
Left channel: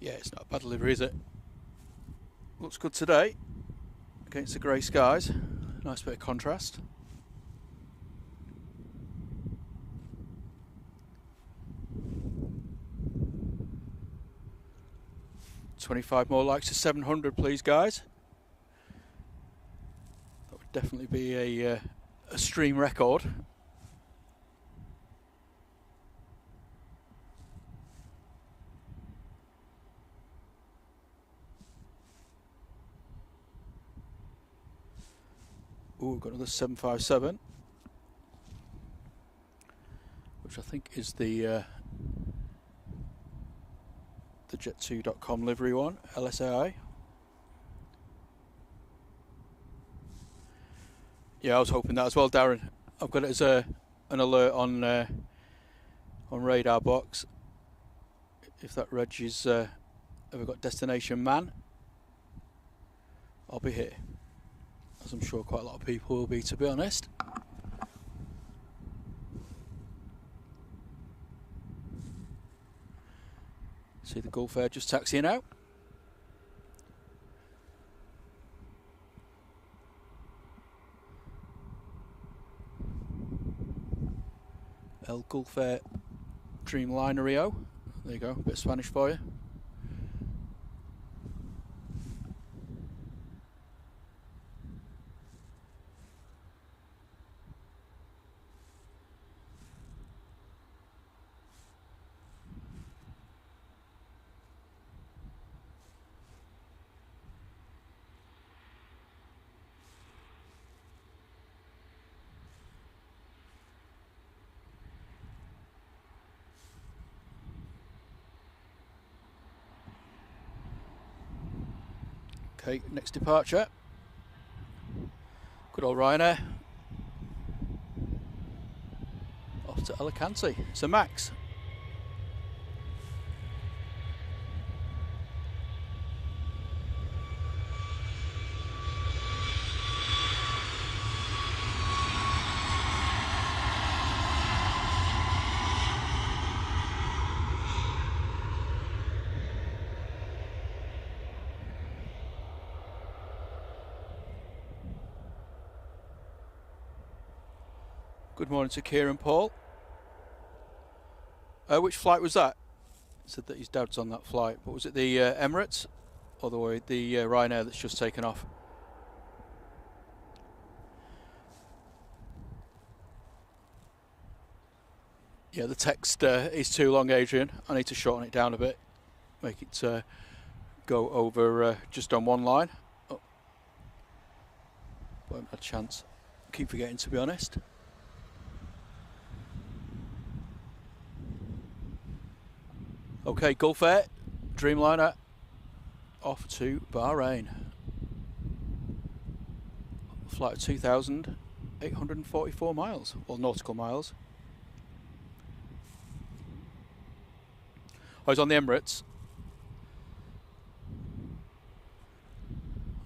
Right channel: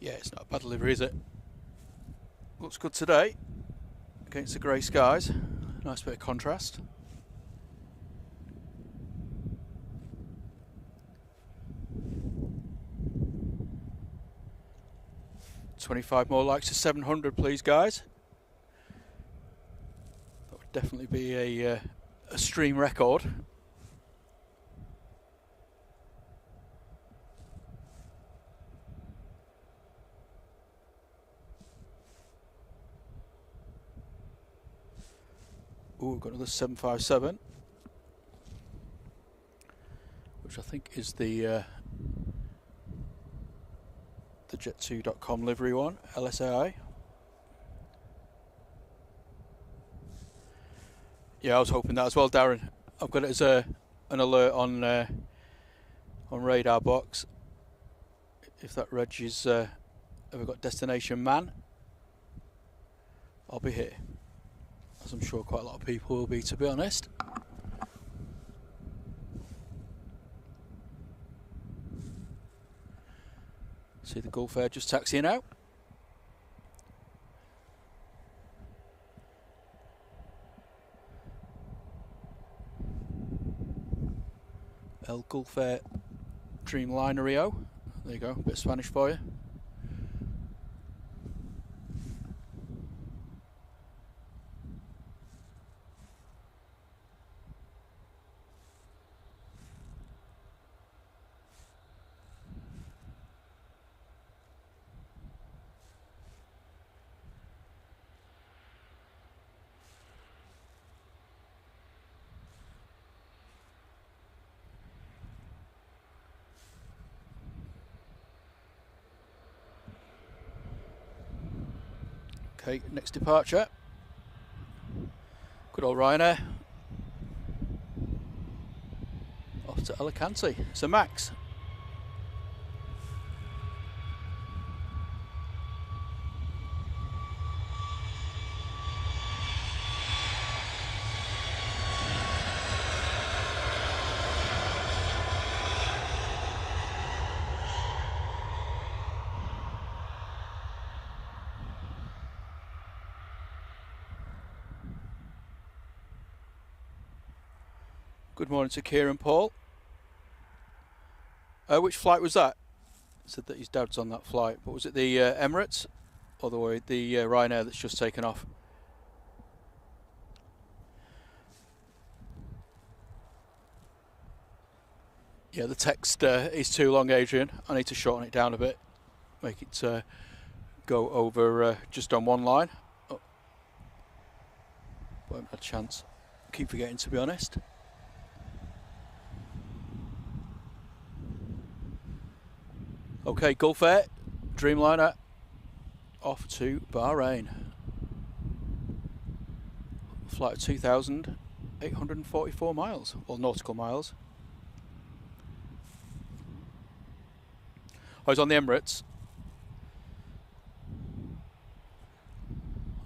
Yeah, it's not a bad livery, is it? Looks good today against the grey skies. Nice bit of contrast. $25 more likes to 700, please, guys. That would definitely be a stream record. Ooh, we've got another 757, which I think is the jet2.com livery one, LSAI. Yeah, I was hoping that as well, Darren. I've got it as an alert on radar box. If that reg is ever got destination man, I'll be here, as I'm sure quite a lot of people will be, to be honest. See the Gulf Air just taxiing out. El Gulf Air Dreamliner Rio. There you go, a bit of Spanish for you. Okay, next departure. Good old Ryanair. Off to Alicante. It's a Max. Good morning to Kieran Paul. Which flight was that? Said that his dad's on that flight. But was it the Emirates or the Ryanair that's just taken off? Yeah, the text is too long, Adrian. I need to shorten it down a bit. Make it go over just on one line. Oh. Won't have a chance. Keep forgetting, to be honest. Okay, Gulf Air, Dreamliner, off to Bahrain. Flight of 2,844 miles, well, nautical miles. I was on the Emirates.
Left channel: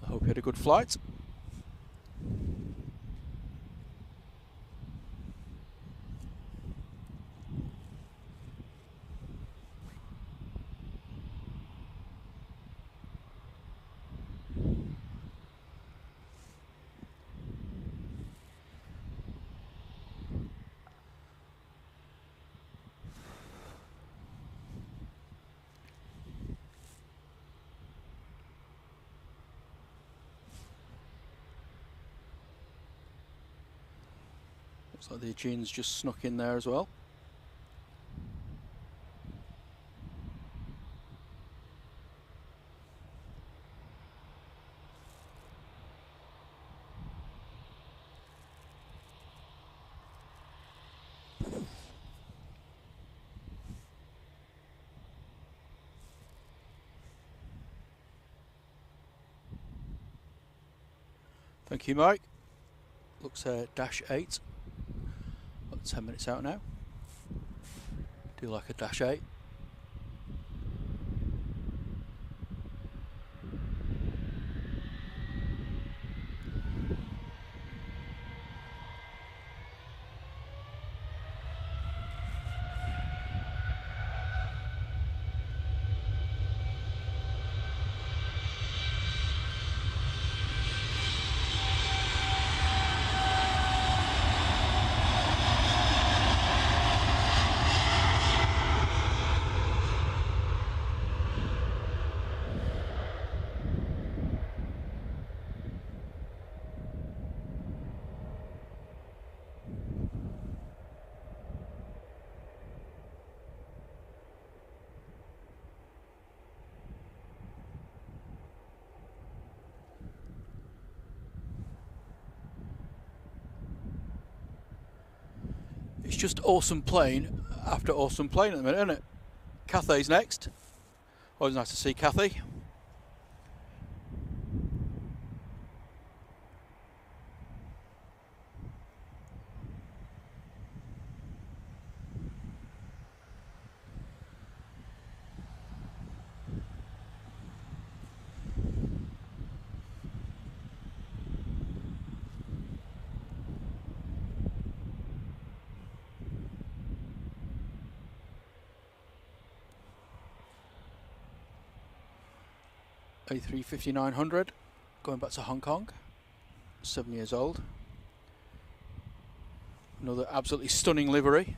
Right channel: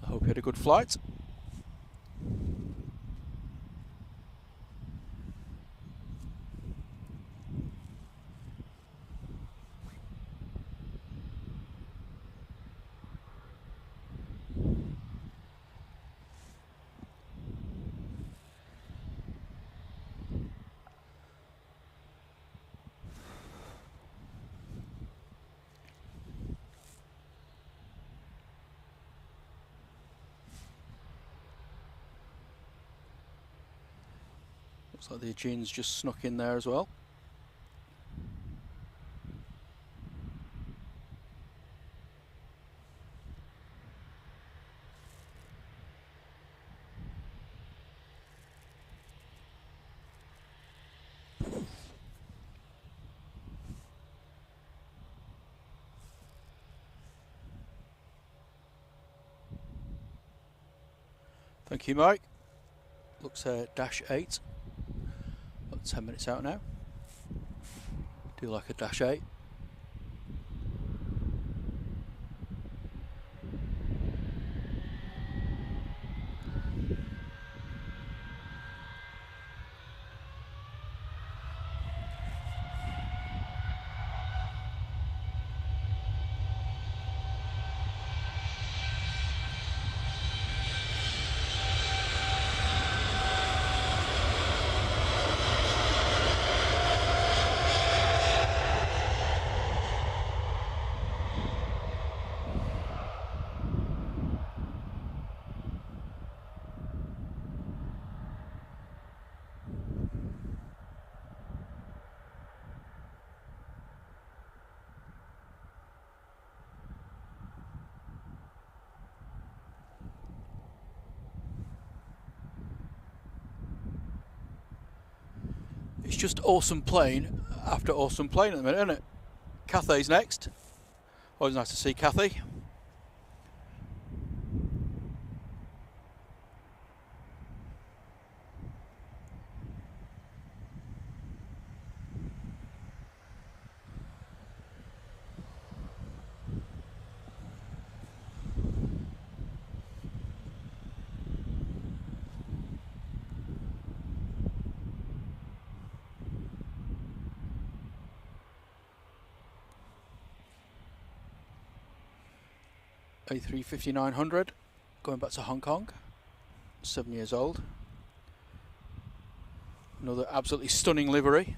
I hope you had a good flight. Looks like the Aegean's just snuck in there as well. Thank you, Mike. Looks -8. 10 minutes out now. Do like a -8. It's just awesome plane after awesome plane at the minute, isn't it? Cathay's next. Always nice to see Cathay. A350-900 going back to Hong Kong, 7 years old. Another absolutely stunning livery.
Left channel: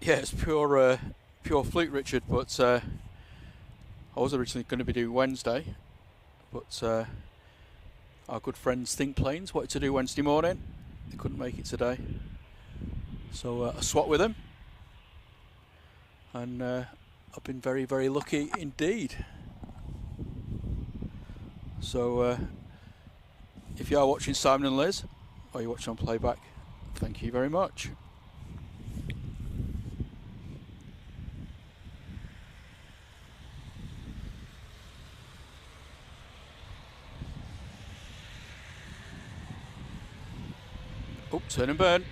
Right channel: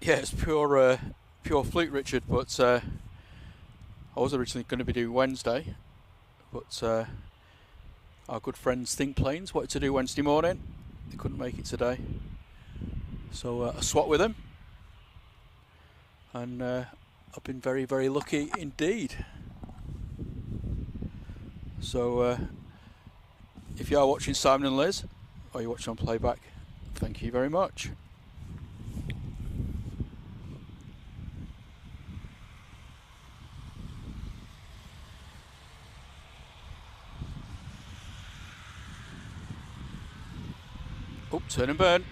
Yeah, it's pure fluke, Richard, but I was originally going to be doing Wednesday, but our good friends Think Planes wanted to do Wednesday morning. They couldn't make it today, so I swapped with them. and I've been very, very lucky indeed. So if you are watching Simon and Liz, or you're watching on playback, thank you very much. Oh, turn and burn.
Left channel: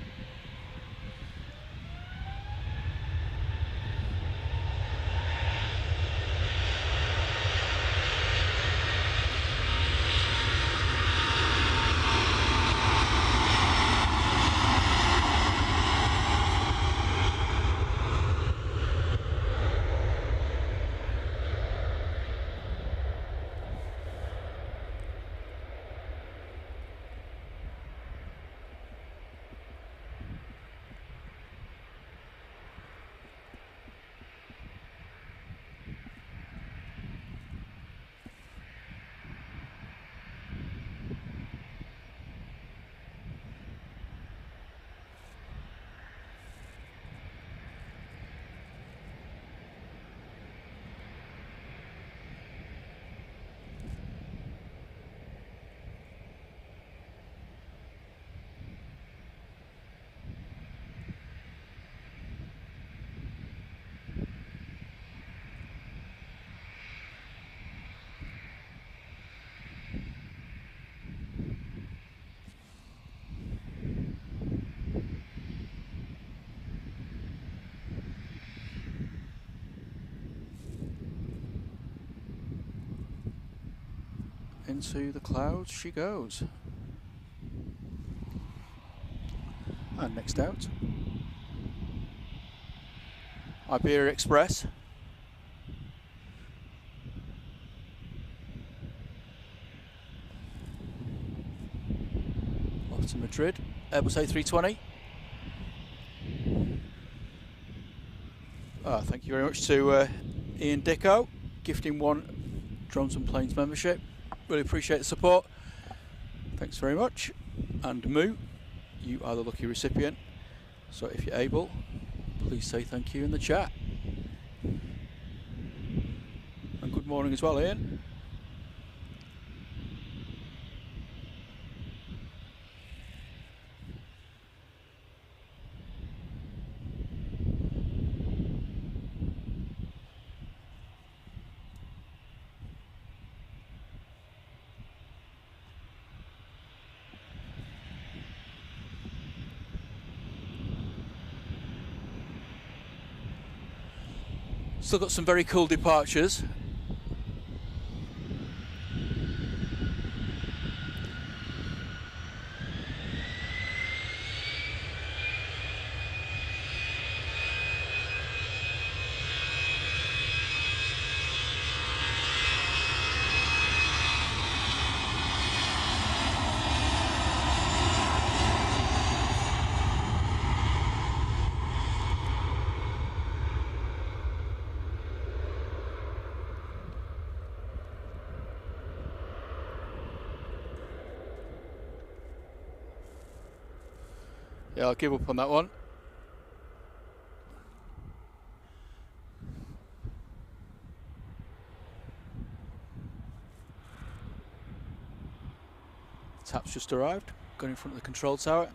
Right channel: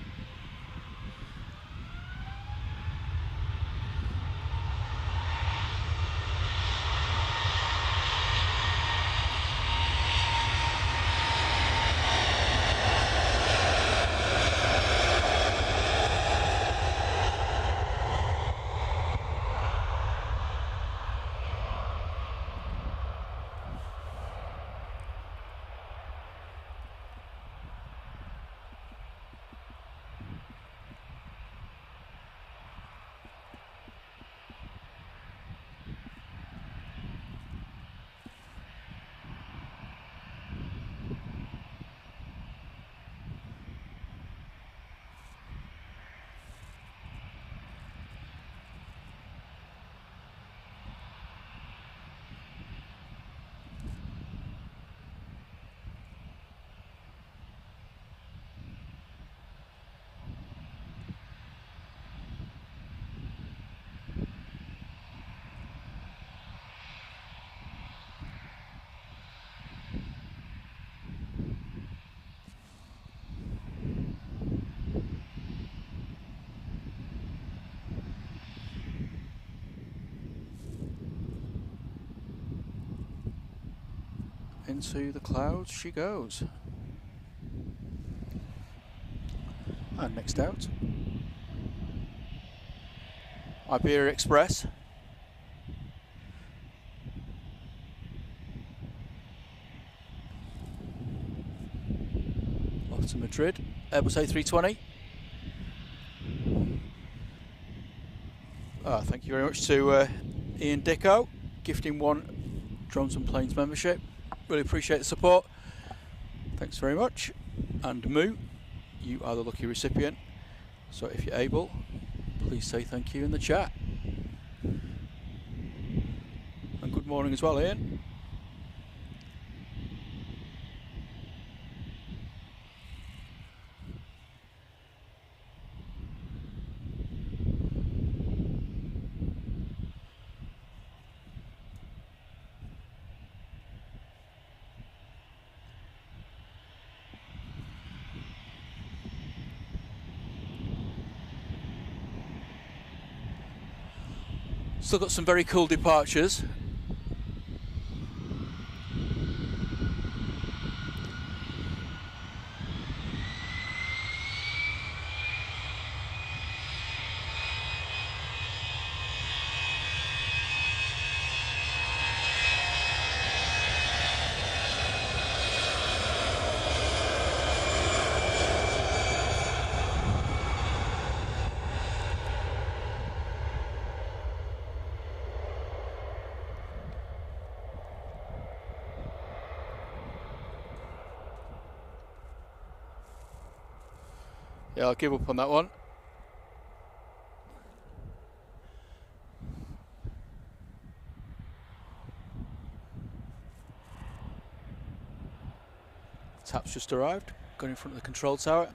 Into the clouds she goes. And next out, Iberia Express. Off to Madrid, Airbus A320. Thank you very much to Ian Dicko, gifting one Drones and Planes membership. Really appreciate the support. Thanks very much. And Moo, you are the lucky recipient. So if you're able, please say thank you in the chat. And good morning as well, Ian. Still got some very cool departures. Yeah, I'll give up on that one. Tap's just arrived, gone in front of the control tower.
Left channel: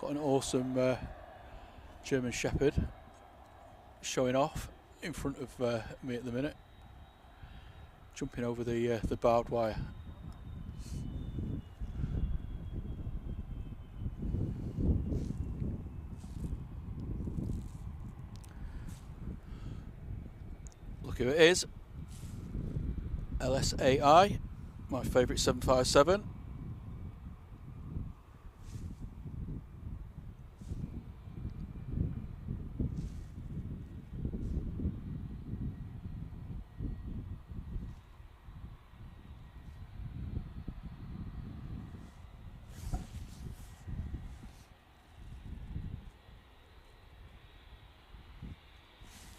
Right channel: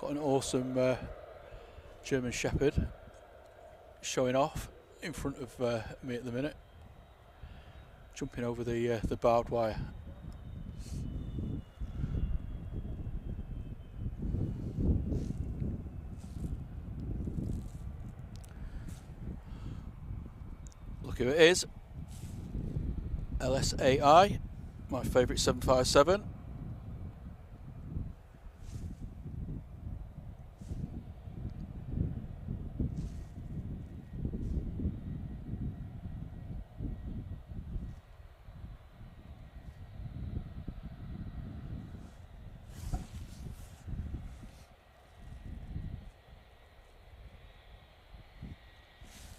Got an awesome German Shepherd showing off in front of me at the minute, jumping over the barbed wire. Look who it is. LSAI, my favourite 757.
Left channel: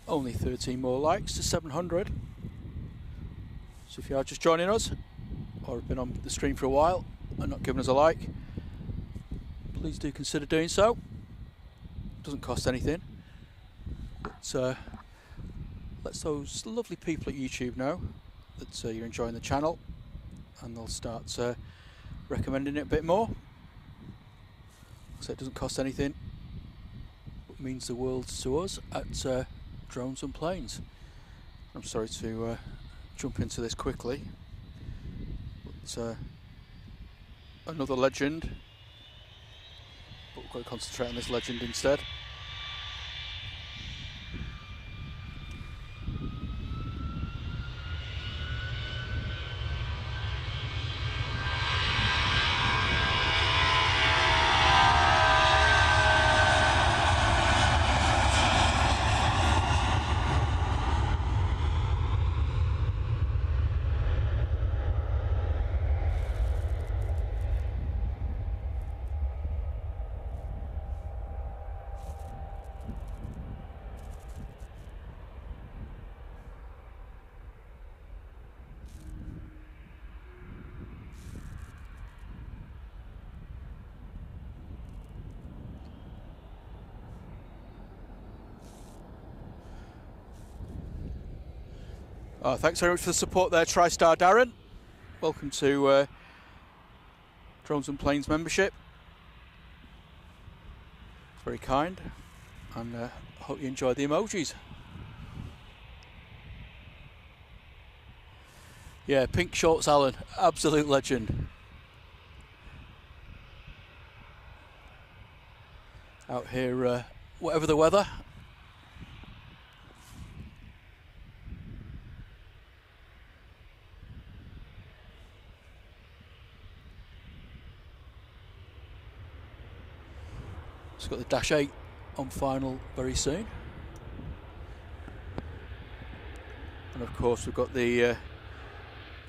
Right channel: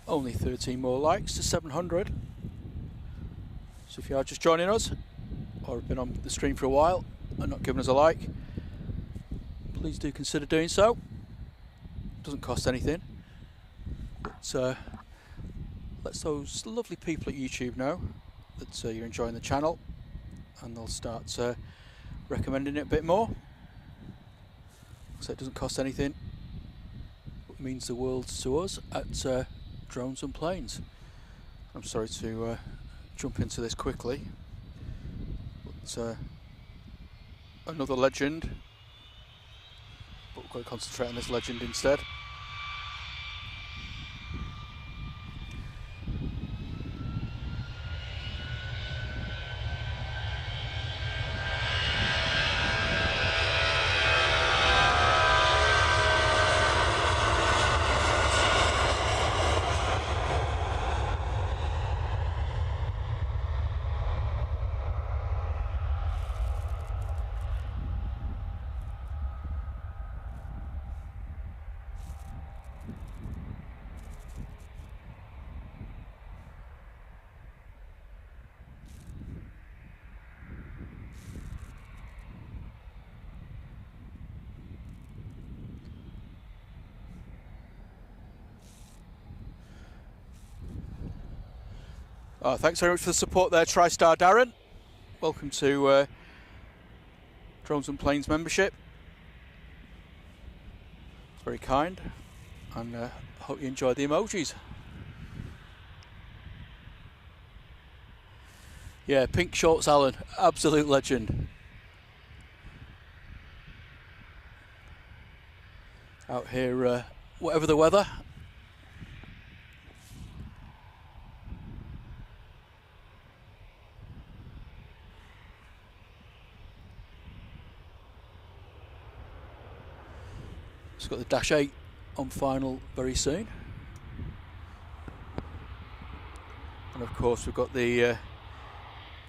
Only 13 more likes to 700. So if you are just joining us, or have been on the stream for a while and not given us a like, please do consider doing so. Doesn't cost anything. But let those lovely people at YouTube know that you're enjoying the channel, and they'll start recommending it a bit more. So it doesn't cost anything, but means the world to us at Drones and Planes. I'm sorry to jump into this quickly, but another legend, but we've got to concentrate on this legend instead. Oh, thanks very much for the support there, TriStar Darren. Welcome to Drones and Planes membership. It's very kind, and hope you enjoy the emojis. Yeah, pink shorts, Alan, absolute legend. Out here, whatever the weather. It's got the Dash 8 on final very soon. And of course we've got the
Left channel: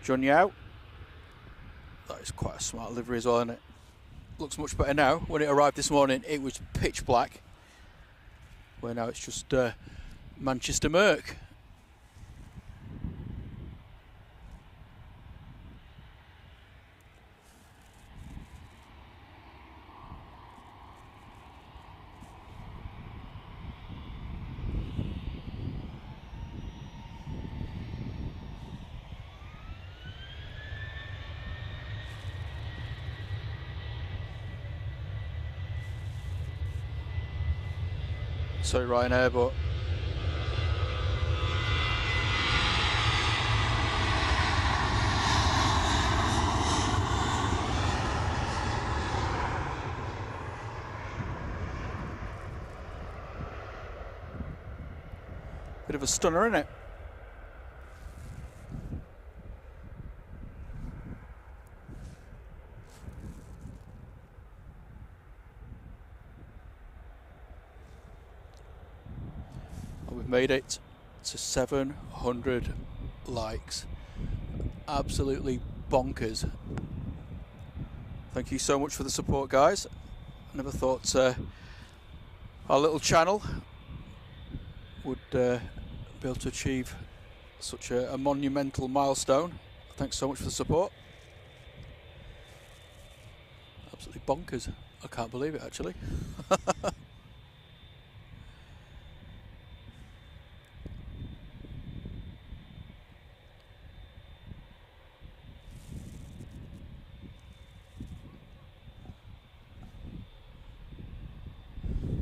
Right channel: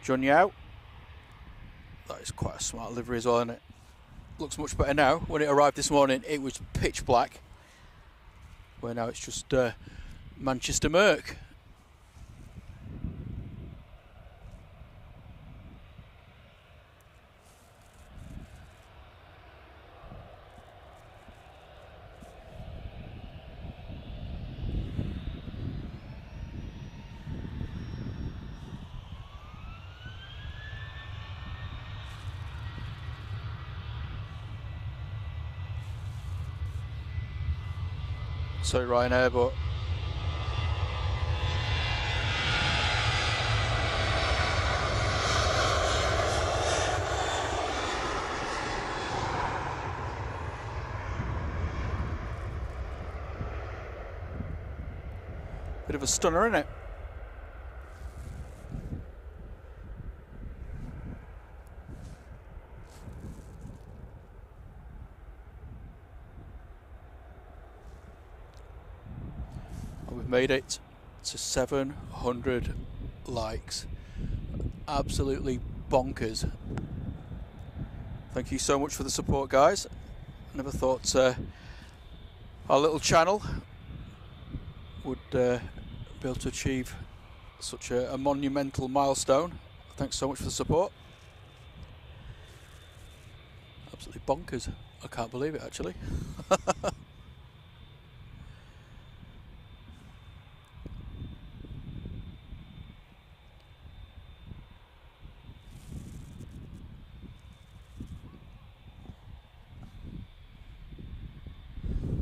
Jun Yao. That is quite a smart livery as well, isn't it? Looks much better now. When it arrived this morning it was pitch black, where now it's just Manchester Merc. Sorry Ryanair, but bit of a stunner, isn't it? We've made it to 700 likes. Absolutely bonkers. Thank you so much for the support, guys. I never thought our little channel would be able to achieve such a monumental milestone. Thanks so much for the support. Absolutely bonkers. I can't believe it, actually.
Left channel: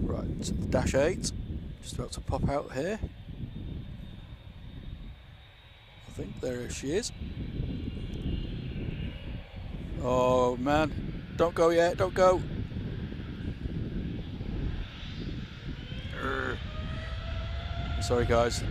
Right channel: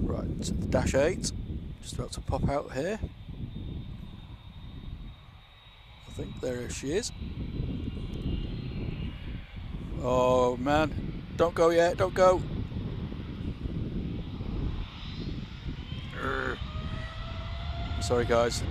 Right, the Dash 8, just about to pop out here. I think there she is. Oh man, don't go yet, don't go. Sorry guys.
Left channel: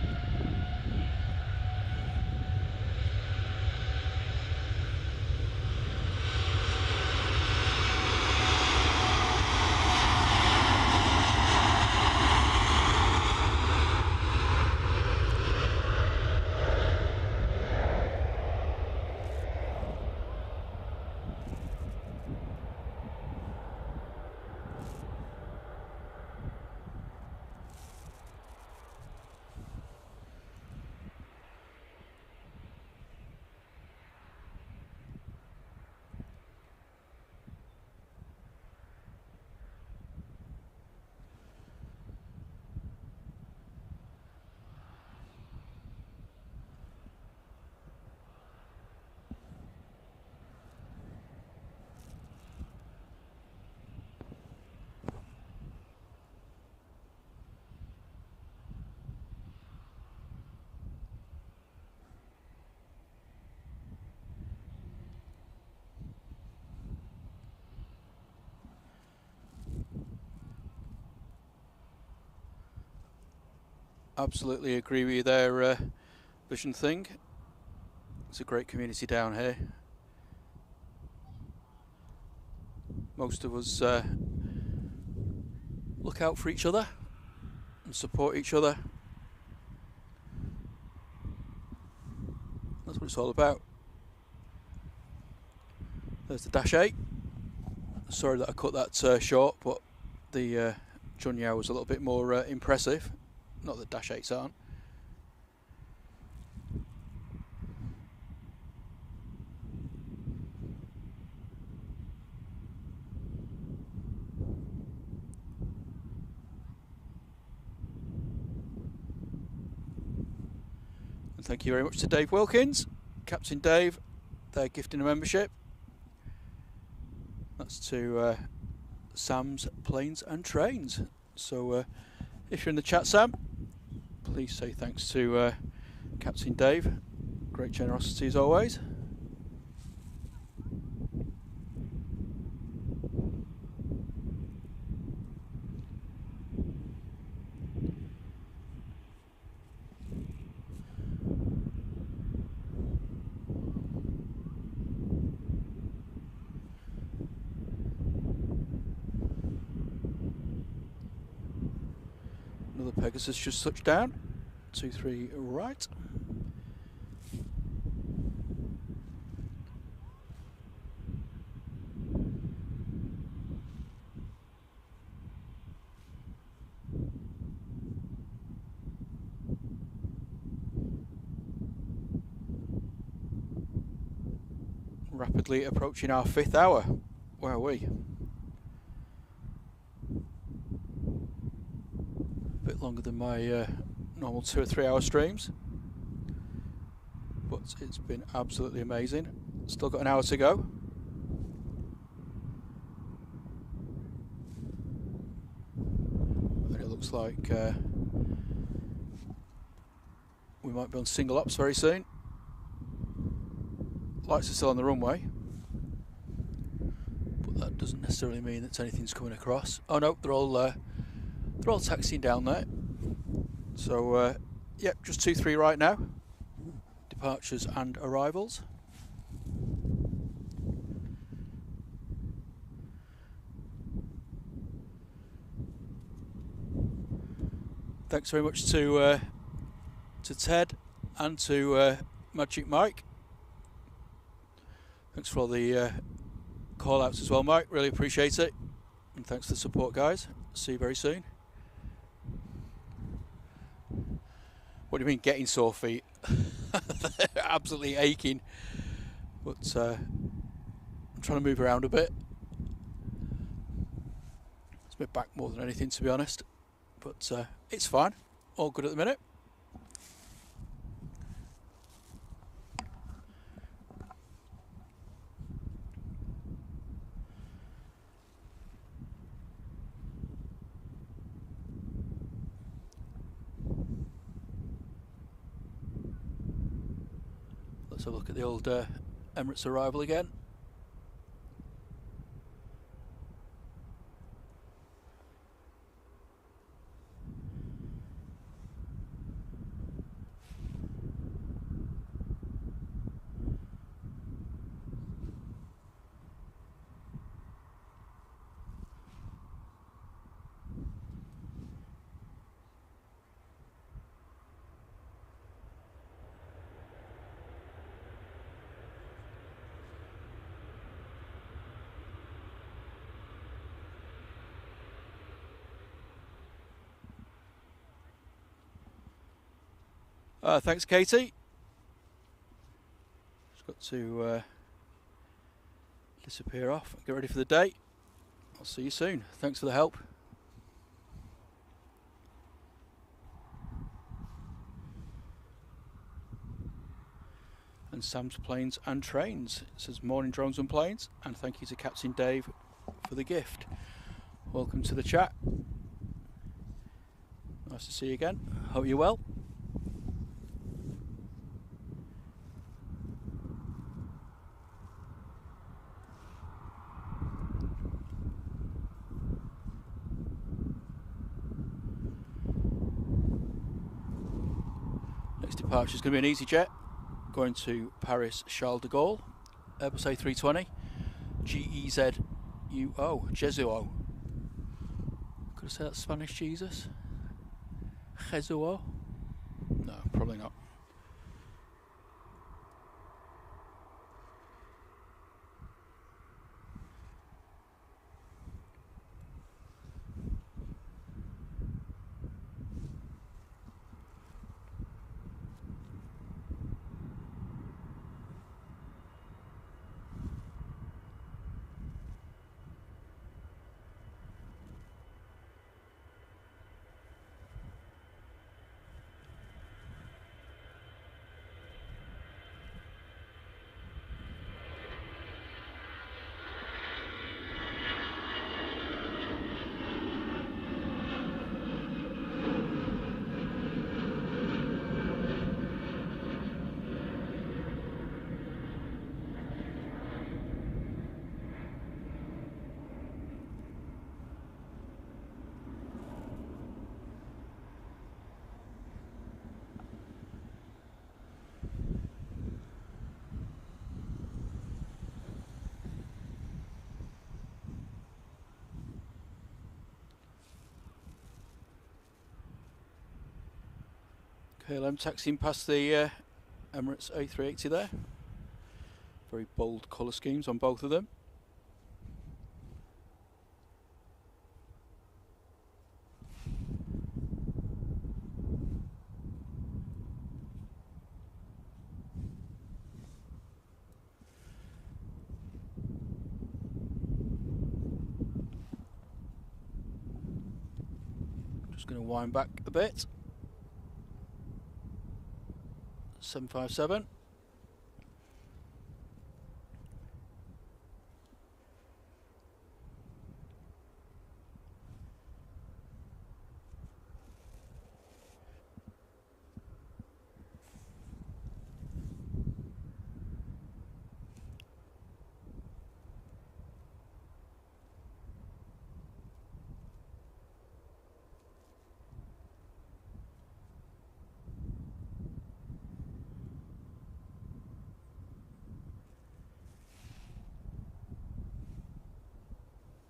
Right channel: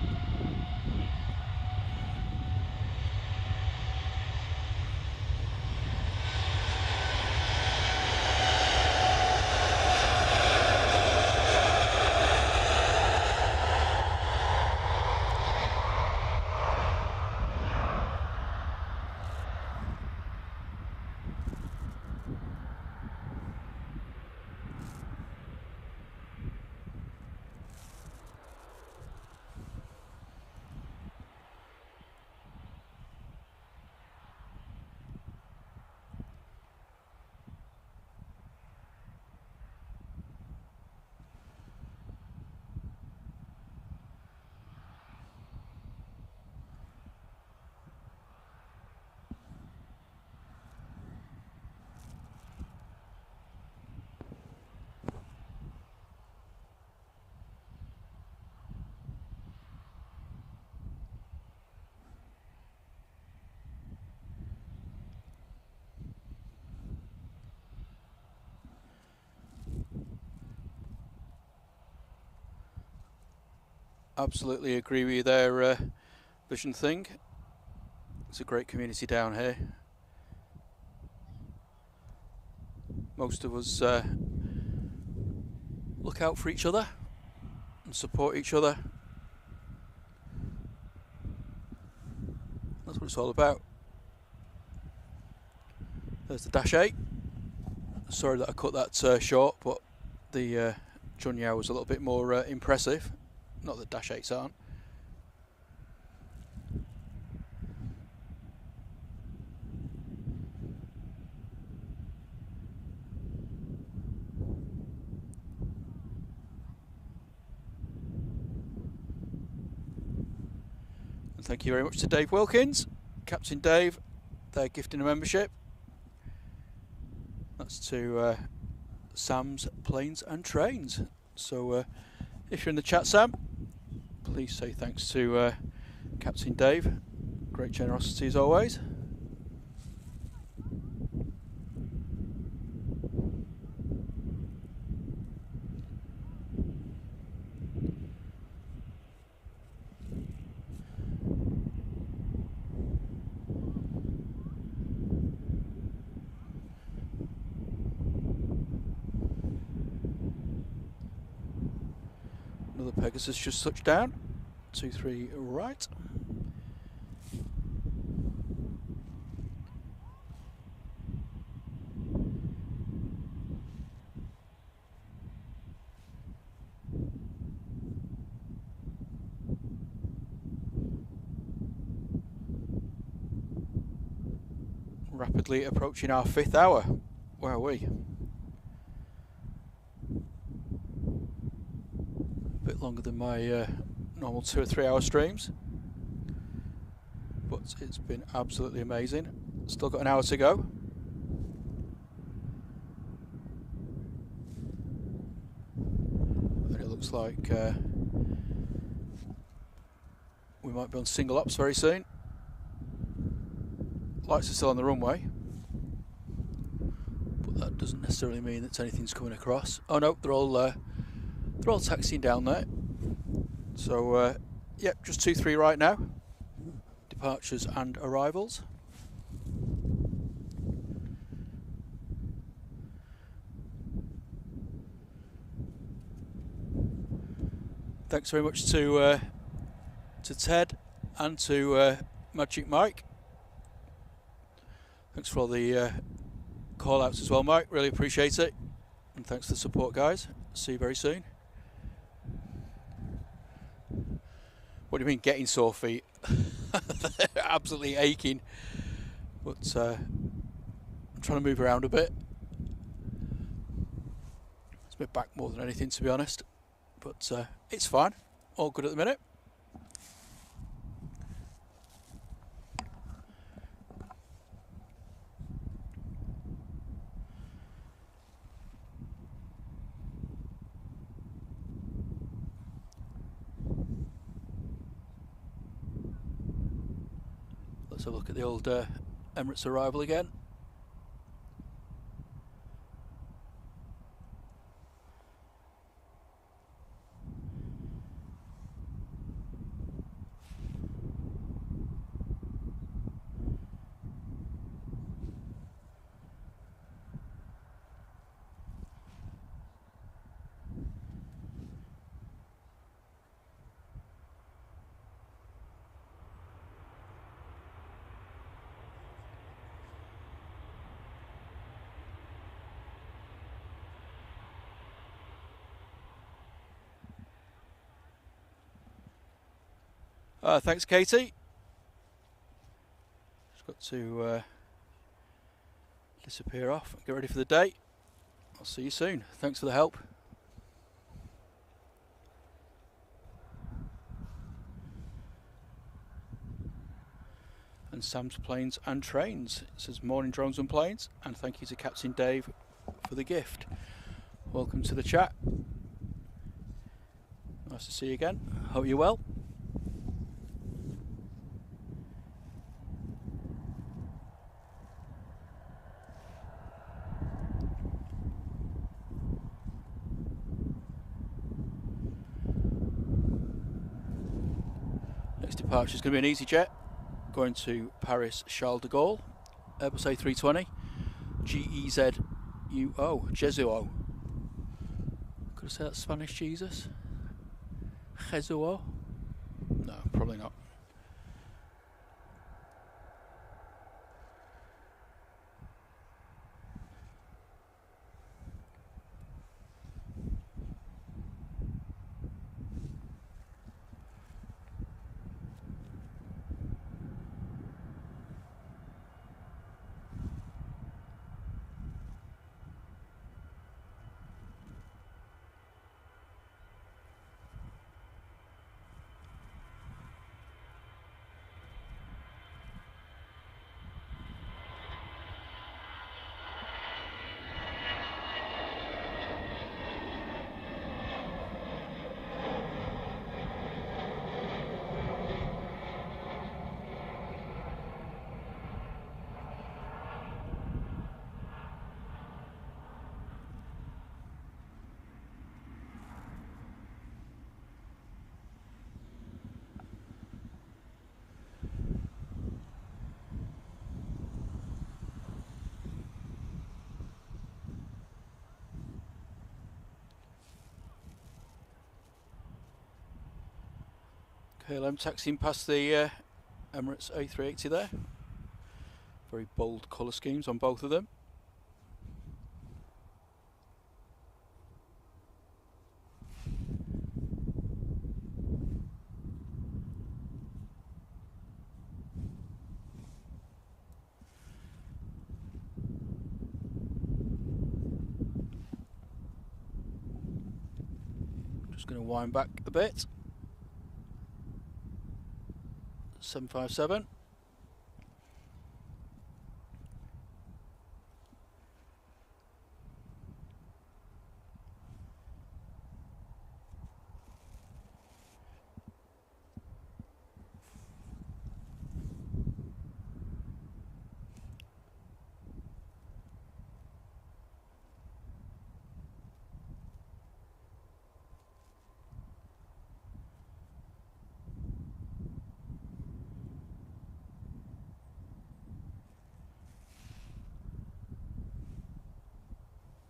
Absolutely agree with you there, Vision Thing. It's a great community down here. Most of us look out for each other and support each other. That's what it's all about. There's the Dash 8. Sorry that I cut that short, but the Junyao was a little bit more impressive. Not that Dash 8s aren't. And thank you very much to Dave Wilkins, Captain Dave. They're gifting a membership. That's to Sam's Planes and Trains. So if you're in the chat, Sam, please say thanks to Captain Dave. Great generosity as always. Another Pegasus just touched down. 23 right. Rapidly approaching our 5th hour. Where are we? A bit longer than my normal 2 or 3 hour streams, but it's been absolutely amazing. Still got an hour to go. And it looks like we might be on single ops very soon. Lights are still on the runway, but that doesn't necessarily mean that anything's coming across. Oh no, they're all taxiing down there. So yep, just 2-3 right now. Departures and arrivals. Thanks very much to Ted and to Magic Mike. Thanks for all the call outs as well, Mike. Really appreciate it. And thanks for the support, guys. See you very soon. What do you mean getting sore feet? They're absolutely aching. But I'm trying to move around a bit. It's my back more than anything, to be honest. But it's fine. All good at the minute. Let's have a look at the old Emirates arrival again. Thanks, Katie. Just got to disappear off and get ready for the day. I'll see you soon. Thanks for the help. And Sam's Planes and Trains. It says morning drones and planes, and thank you to Captain Dave for the gift. Welcome to the chat. Nice to see you again. Hope you're well. departure is going to be an easyJet going to Paris Charles de Gaulle, Airbus A320, GEZUO, Jesuo. Could I say that's Spanish Jesus? Jesuo? No, probably not. KLM taxiing past the Emirates A380 there. Very bold colour schemes on both of them. Just going to wind back a bit. 757.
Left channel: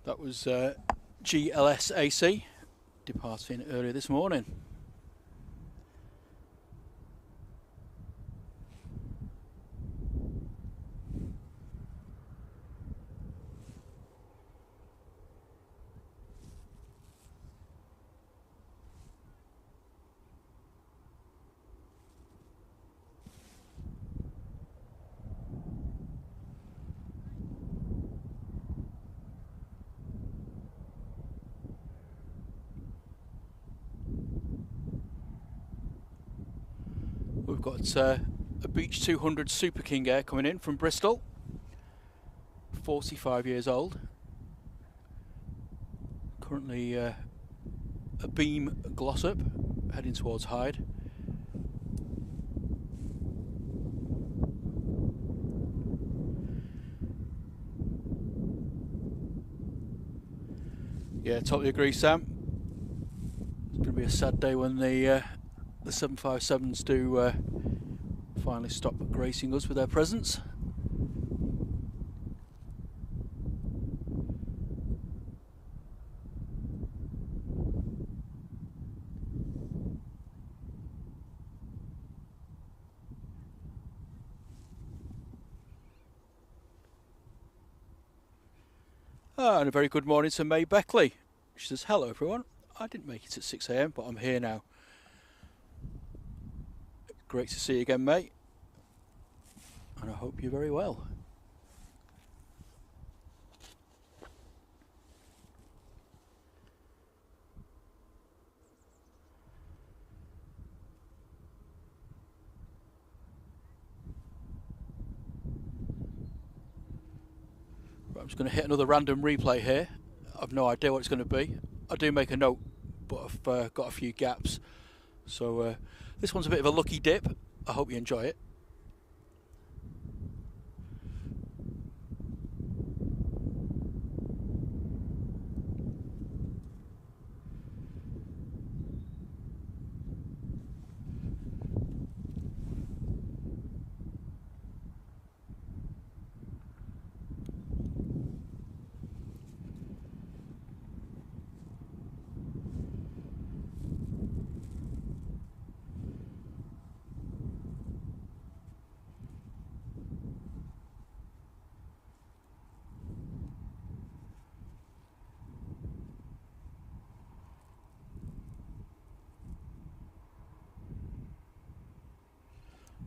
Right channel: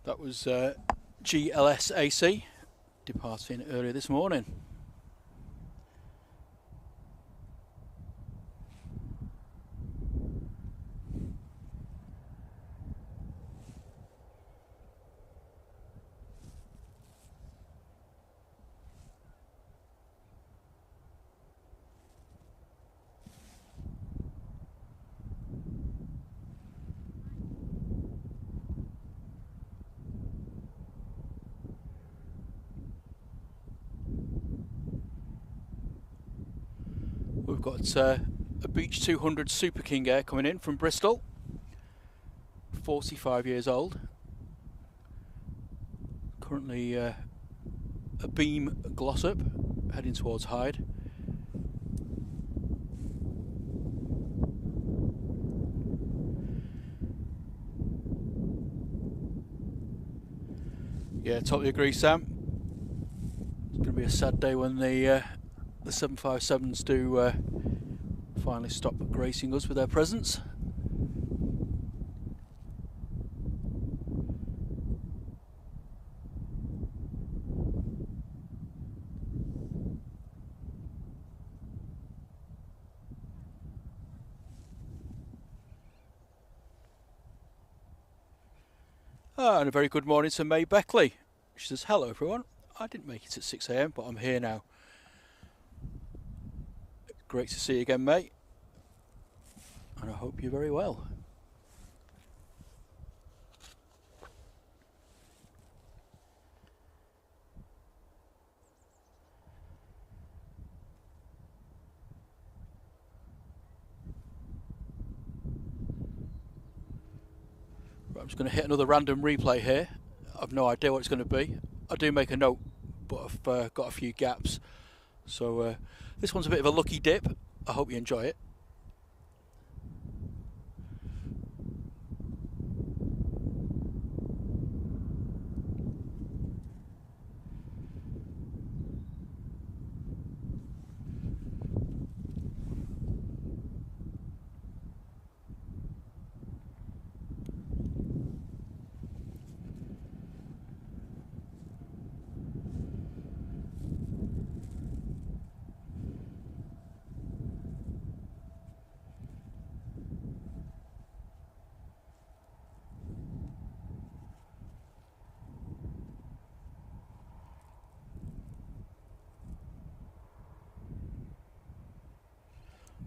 That was GLS AC departing earlier this morning. We've got a Beech 200 Super King Air coming in from Bristol, 45 years old. Currently a beam gloss up, heading towards Hyde. Yeah, totally agree, Sam. It's going to be a sad day when the 757s do finally stop gracing us with their presence. And a very good morning to May Beckley. She says, hello everyone, I didn't make it at 6 AM, but I'm here now. Great to see you again, mate, and I hope you're very well. Right, I'm just going to hit another random replay here. I've no idea what it's going to be. I do make a note, but I've got a few gaps. So this one's a bit of a lucky dip. I hope you enjoy it.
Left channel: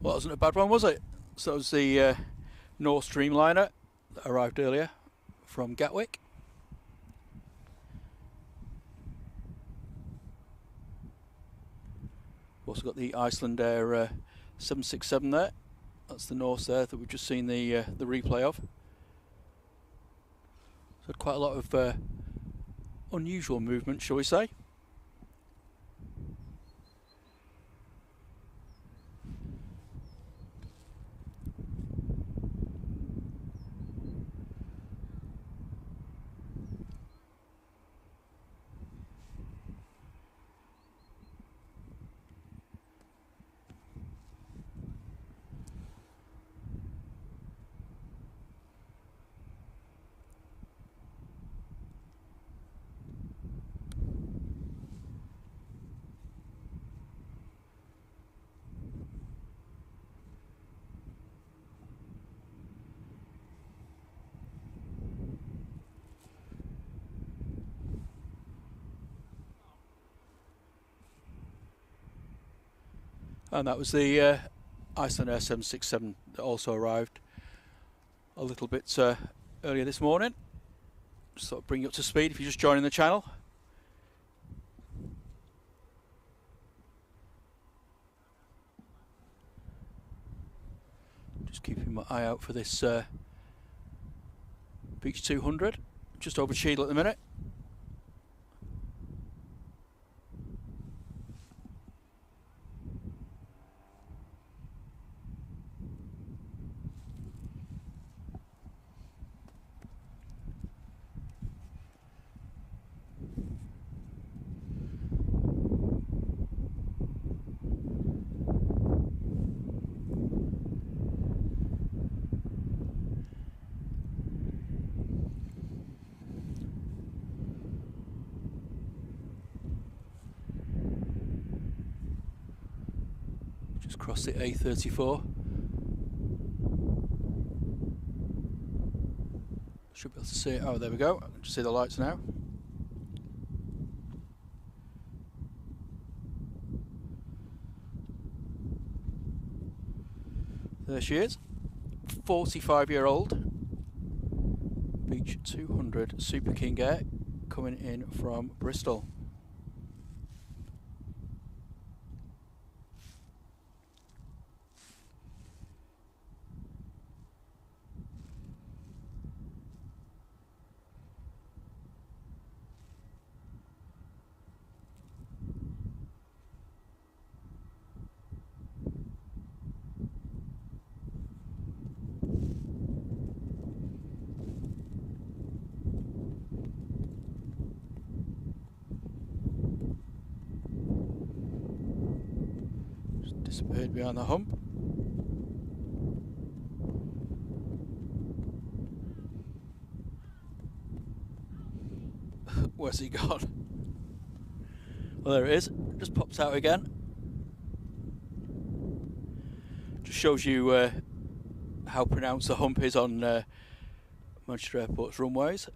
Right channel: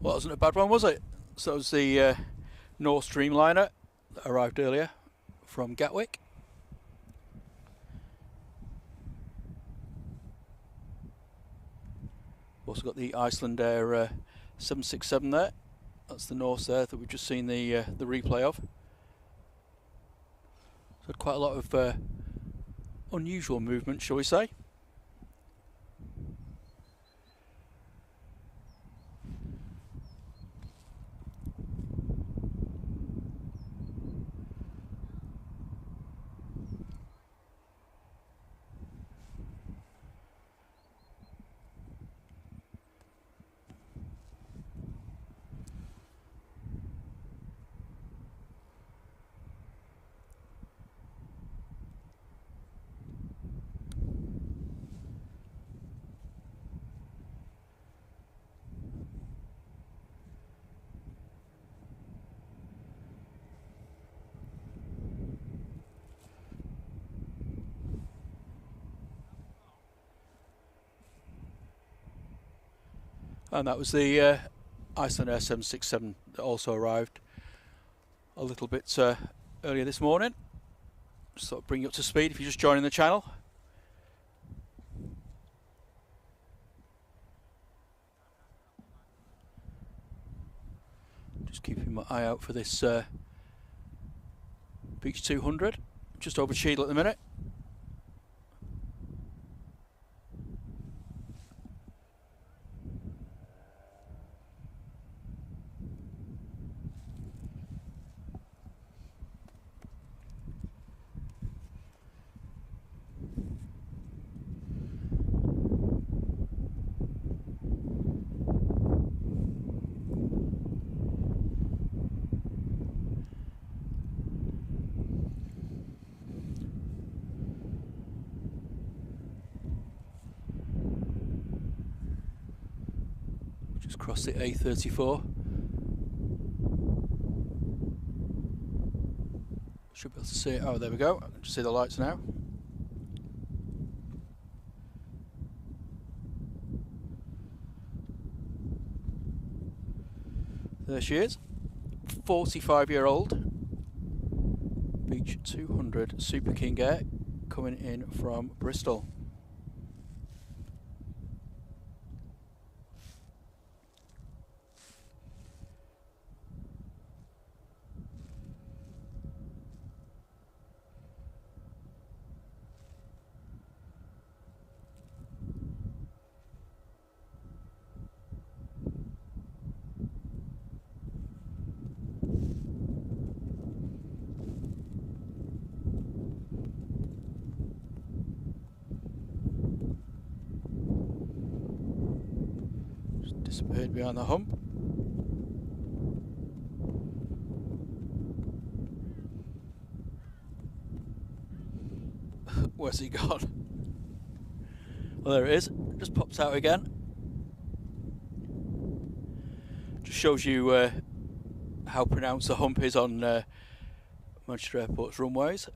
Well, that wasn't a bad one, was it? So that was the North Dreamliner that arrived earlier from Gatwick. Also got the Iceland Air 767 there. That's the Norse there that we've just seen the replay of. So quite a lot of unusual movement, shall we say. And that was the Iceland Air 767 that also arrived a little bit earlier this morning. Just sort of bring you up to speed if you're just joining the channel. Just keeping my eye out for this Beech 200, just over Cheadle at the minute. Just crossed the A34. Should be able to see it. Oh, there we go. I can just see the lights now. There she is. 45-year-old Beech 200 Super King Air coming in from Bristol. Disappeared behind the hump. Where's he gone? Well, there it is. Just pops out again. Just shows you how pronounced the hump is on Manchester Airport's runways.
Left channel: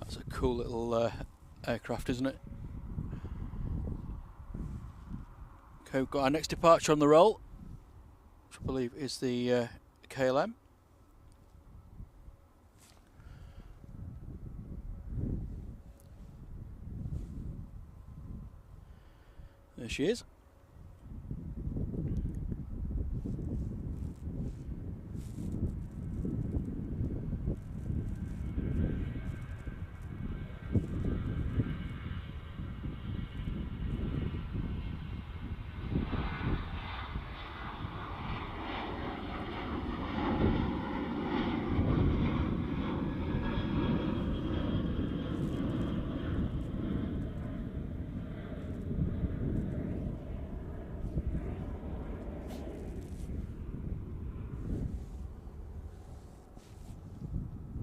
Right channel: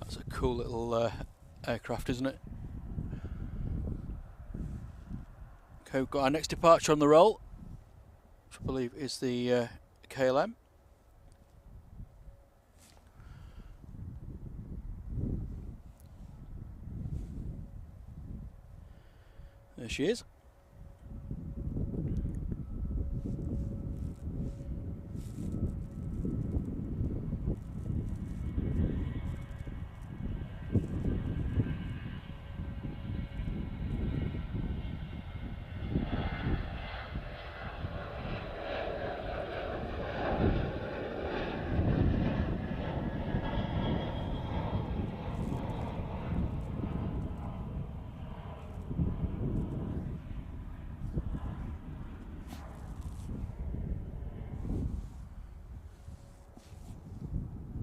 That's a cool little aircraft, isn't it? Okay, we've got our next departure on the roll, which I believe is the KLM. There she is.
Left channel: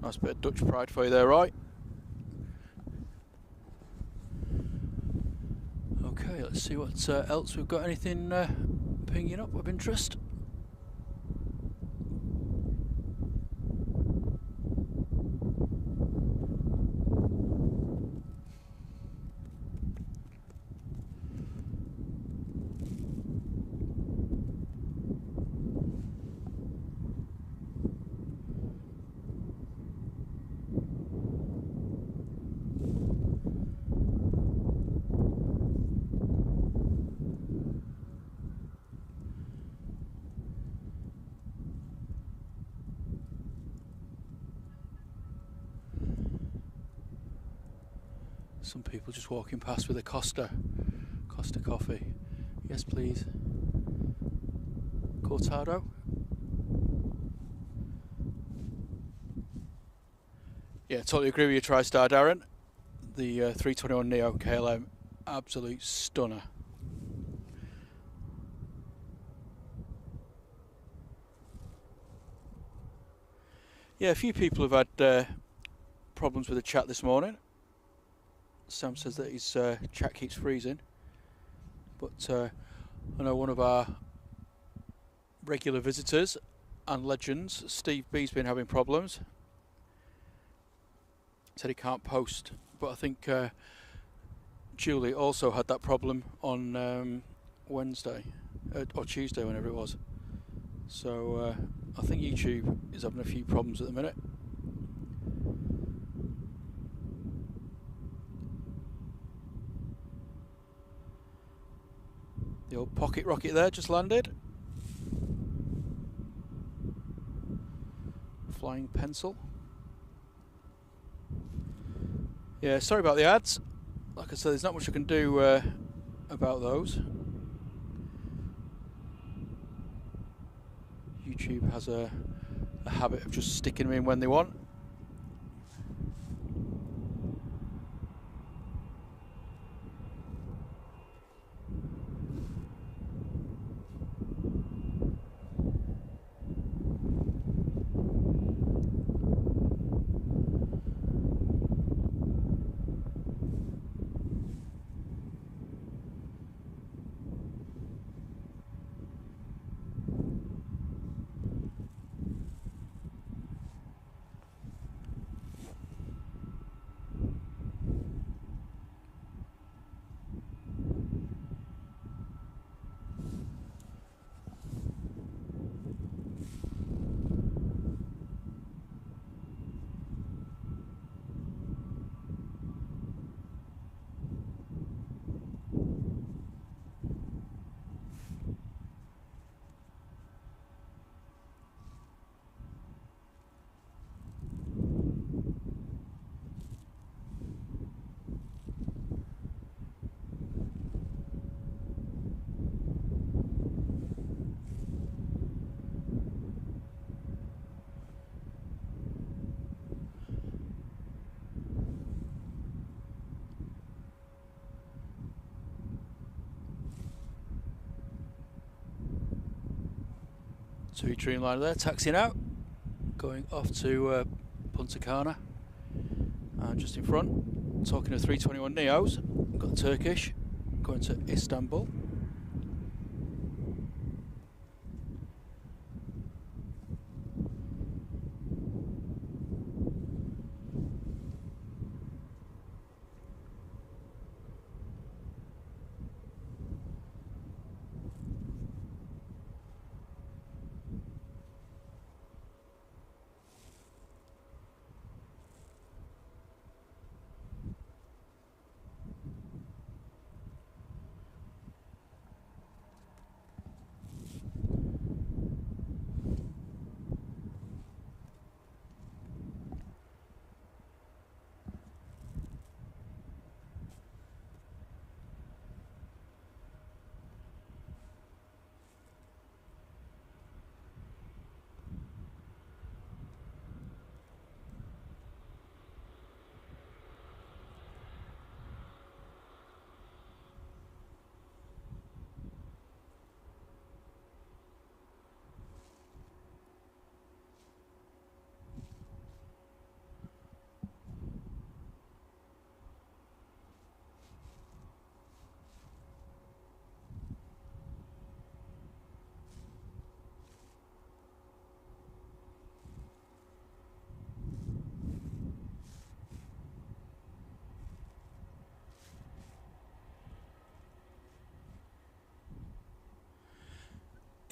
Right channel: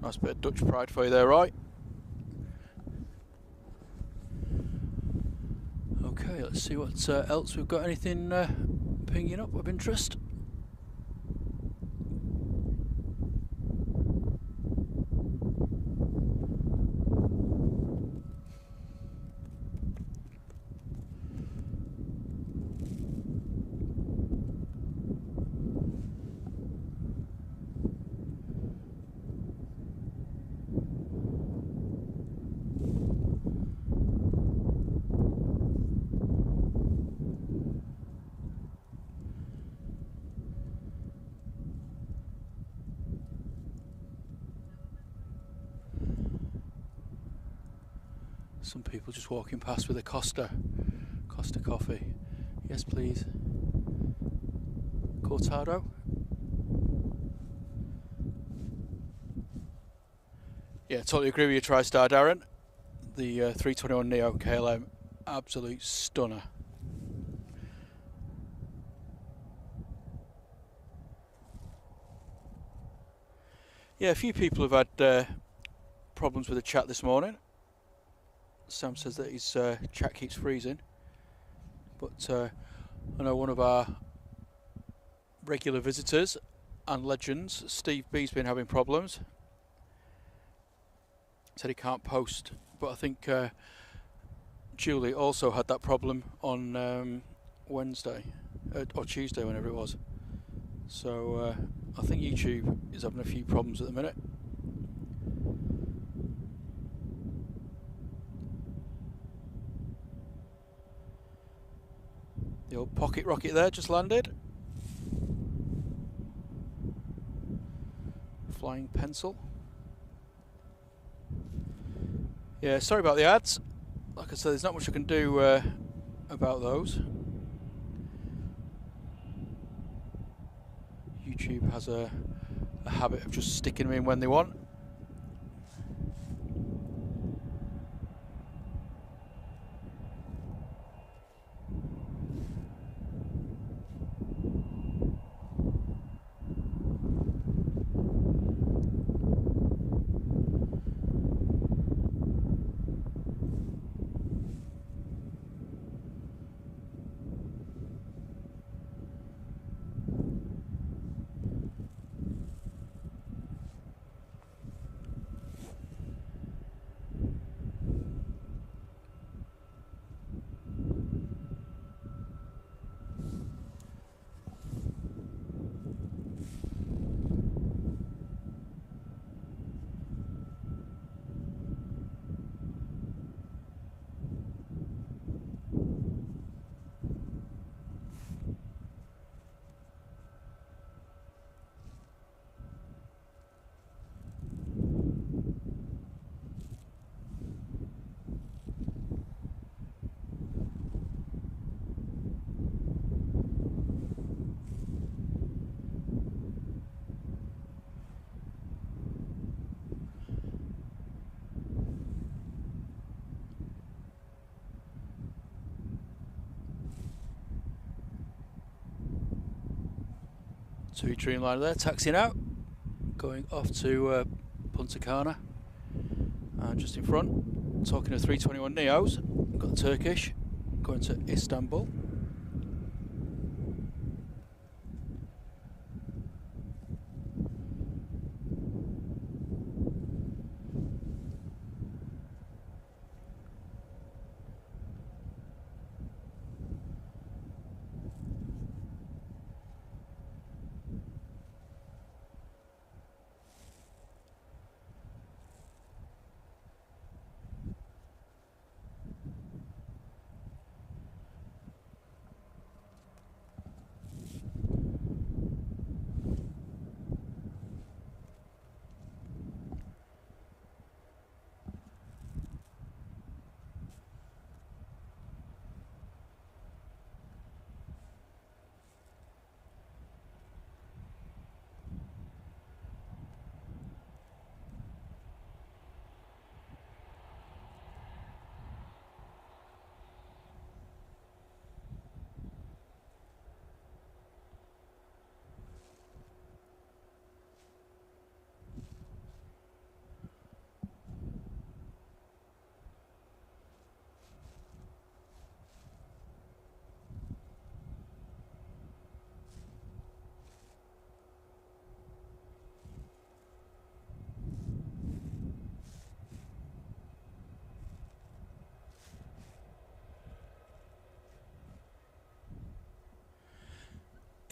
Nice bit of Dutch pride for you there, right? Okay, let's see what else we've got. Anything pinging up of interest? Some people just walking past with a Costa coffee. Yes, please. Cortado. Yeah, totally agree with your TriStar, Darren. The 321 Neo KLM, absolute stunner. Yeah, a few people have had problems with the chat this morning. Sam says that his chat keeps freezing, but I know one of our regular visitors and legends, Steve B's been having problems. Said he can't post, but I think Julie also had that problem on Wednesday or Tuesday, whenever it was. So I think YouTube is having a few problems at the minute. The old pocket rocket there just landed. Flying pencil. Yeah, sorry about the ads. Like I said, there's not much I can do about those. YouTube has a habit of just sticking them in when they want. Saudi Dreamliner there, taxiing out, going off to Punta Cana, and just in front, talking to 321 Neos, we've got Turkish, going to Istanbul.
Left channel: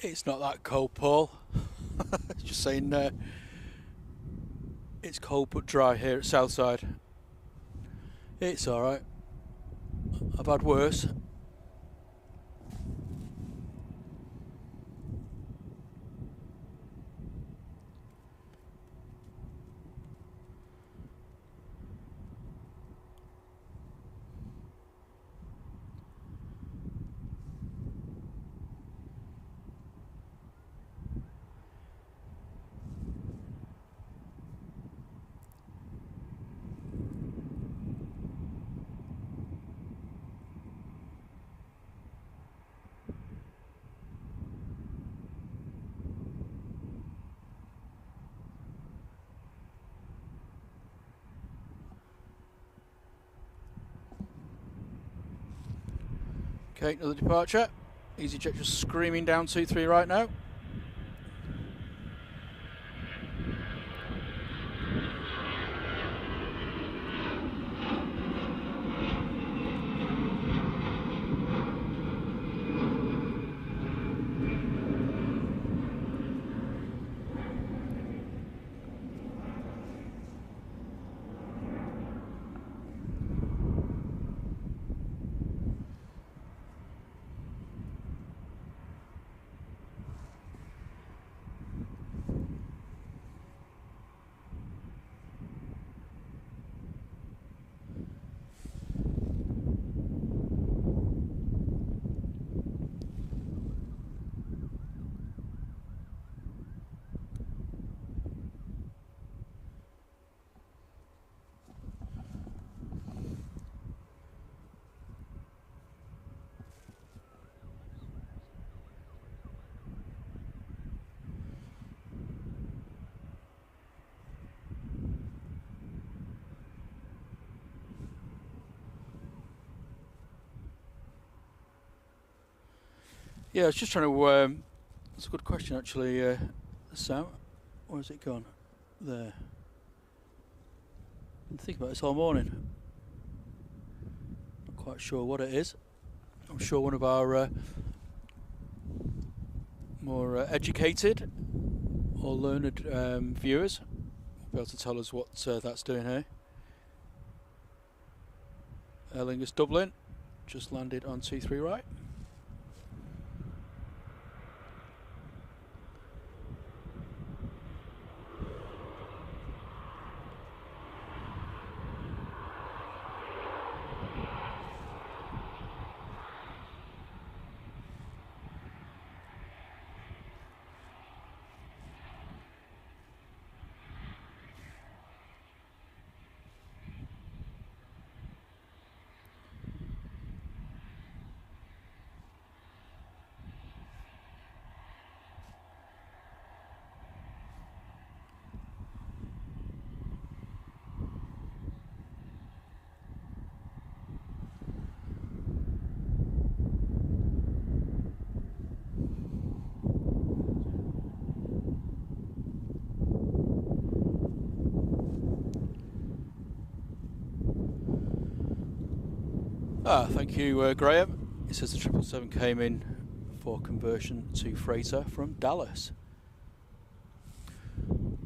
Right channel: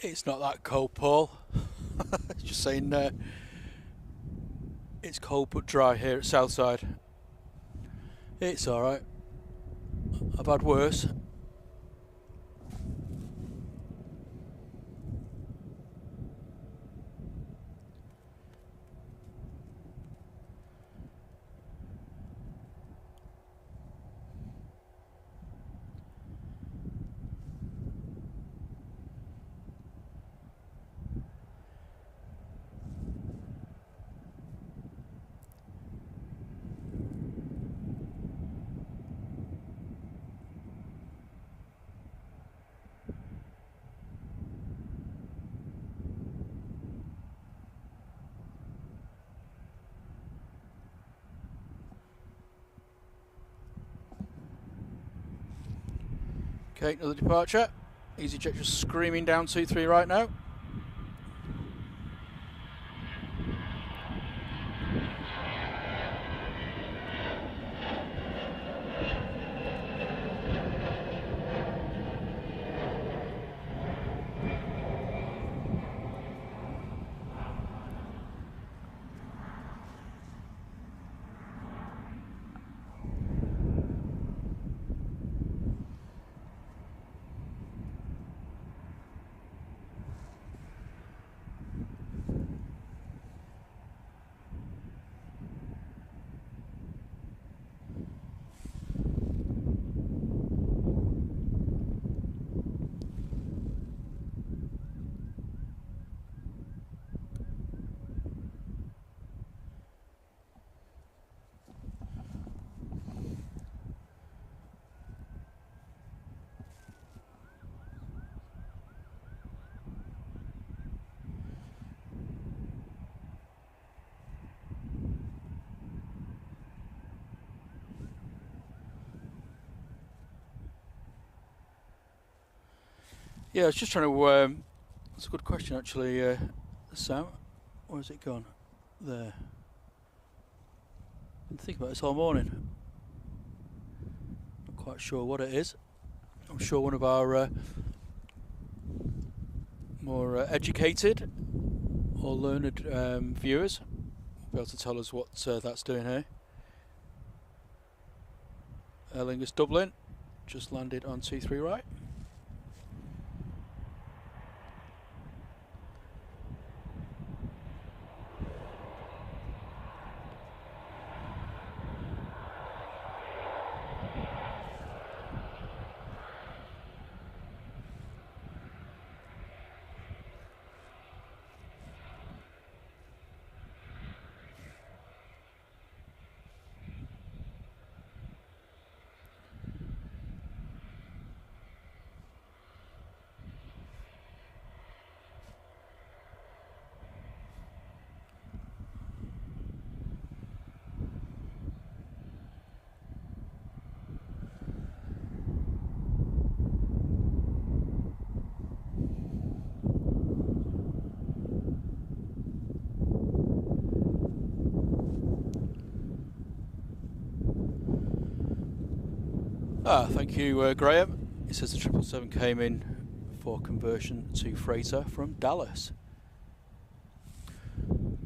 It's not that cold, Paul. Just saying, it's cold but dry here at Southside. It's alright. I've had worse. Okay, another departure. EasyJet just screaming down 2-3 right now. Yeah, I was just trying to. That's a good question, actually, Sam. Where's it gone? There. Been thinking about this all morning. Not quite sure what it is. I'm sure one of our more educated or learned viewers will be able to tell us what that's doing here. Aer Lingus Dublin just landed on 2-3 right. Thank you, Graham. It says the 777 came in for conversion to freighter from Dallas.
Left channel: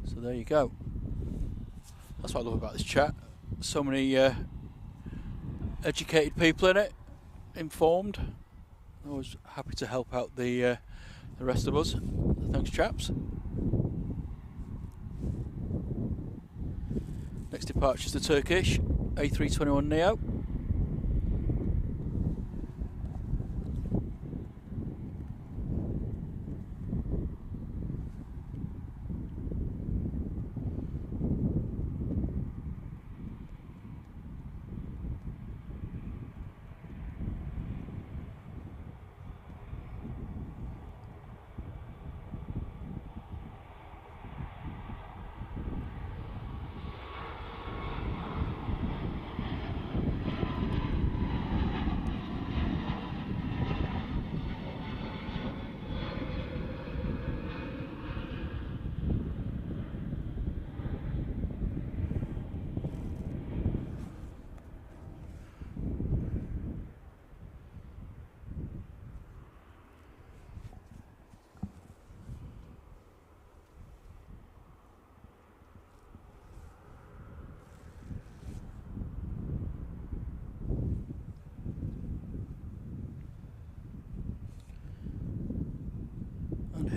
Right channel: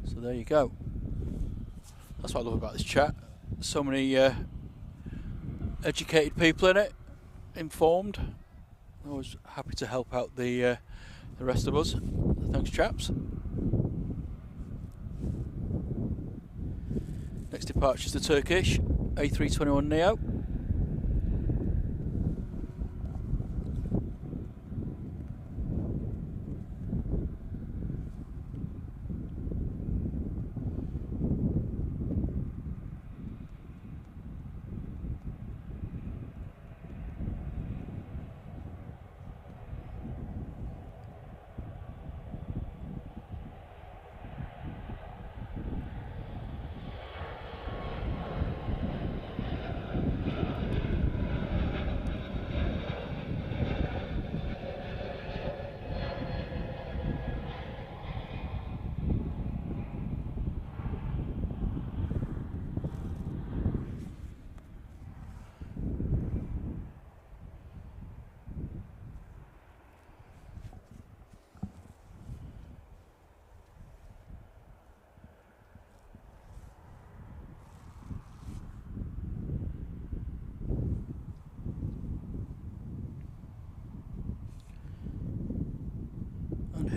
So there you go. That's what I love about this chat. So many educated people in it, informed. Always happy to help out the rest of us. Thanks, chaps. Next departure is the Turkish A321neo.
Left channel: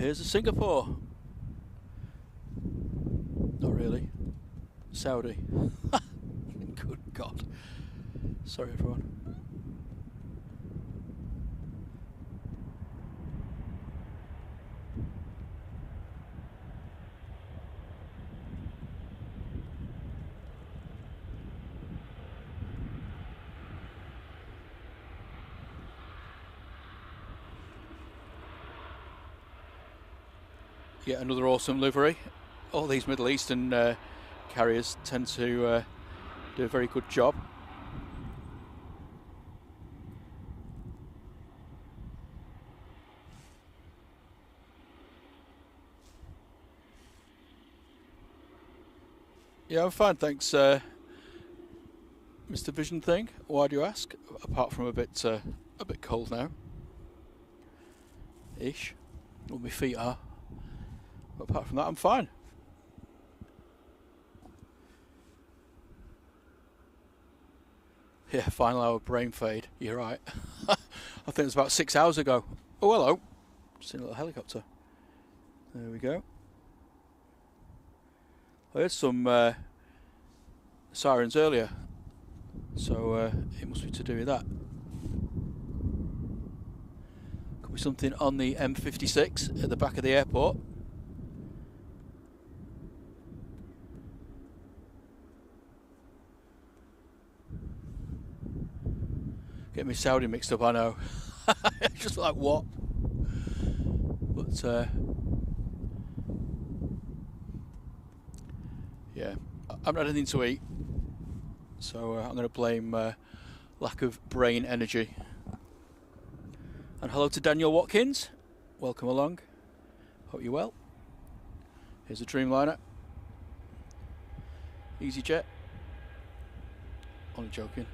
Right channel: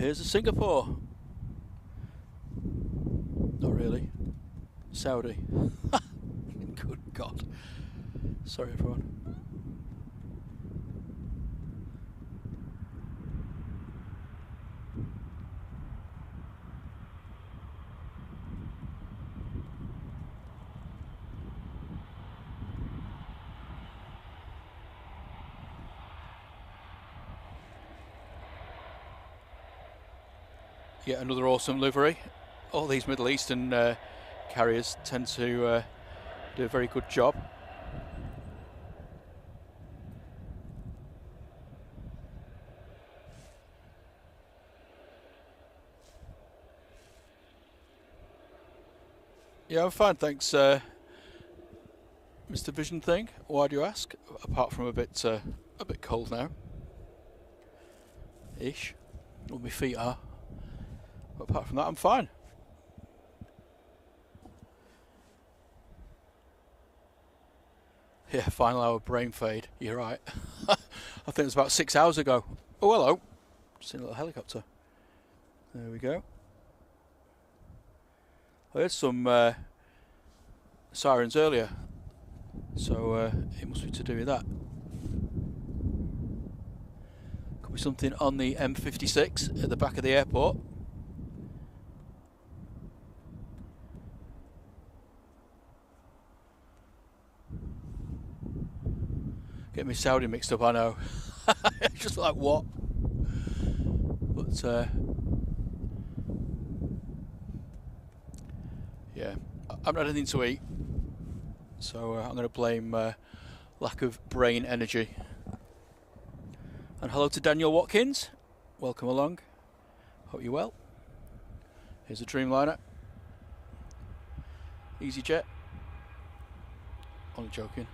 here's a Singapore. Not really. Saudi. Good God. Sorry everyone. Yet another awesome livery. All these Middle Eastern carriers tend to do a very good job. Yeah, I'm fine, thanks, Mr. Vision Thing. Why do you ask? Apart from a bit cold now, ish. Well, my feet are. But apart from that, I'm fine. Yeah, final hour brain fade. You're right. I think it was about 6 hours ago. Oh, hello. Seen a little helicopter. There we go. I heard some sirens earlier, so it must be to do with that. Could be something on the M56 at the back of the airport. Get me Saudi mixed up, I know. Just like what? But yeah, I haven't had anything to eat, so I'm going to blame lack of brain energy. And hello to Daniel Watkins. Welcome along. Hope you're well. Here's a Dreamliner. EasyJet. Only joking.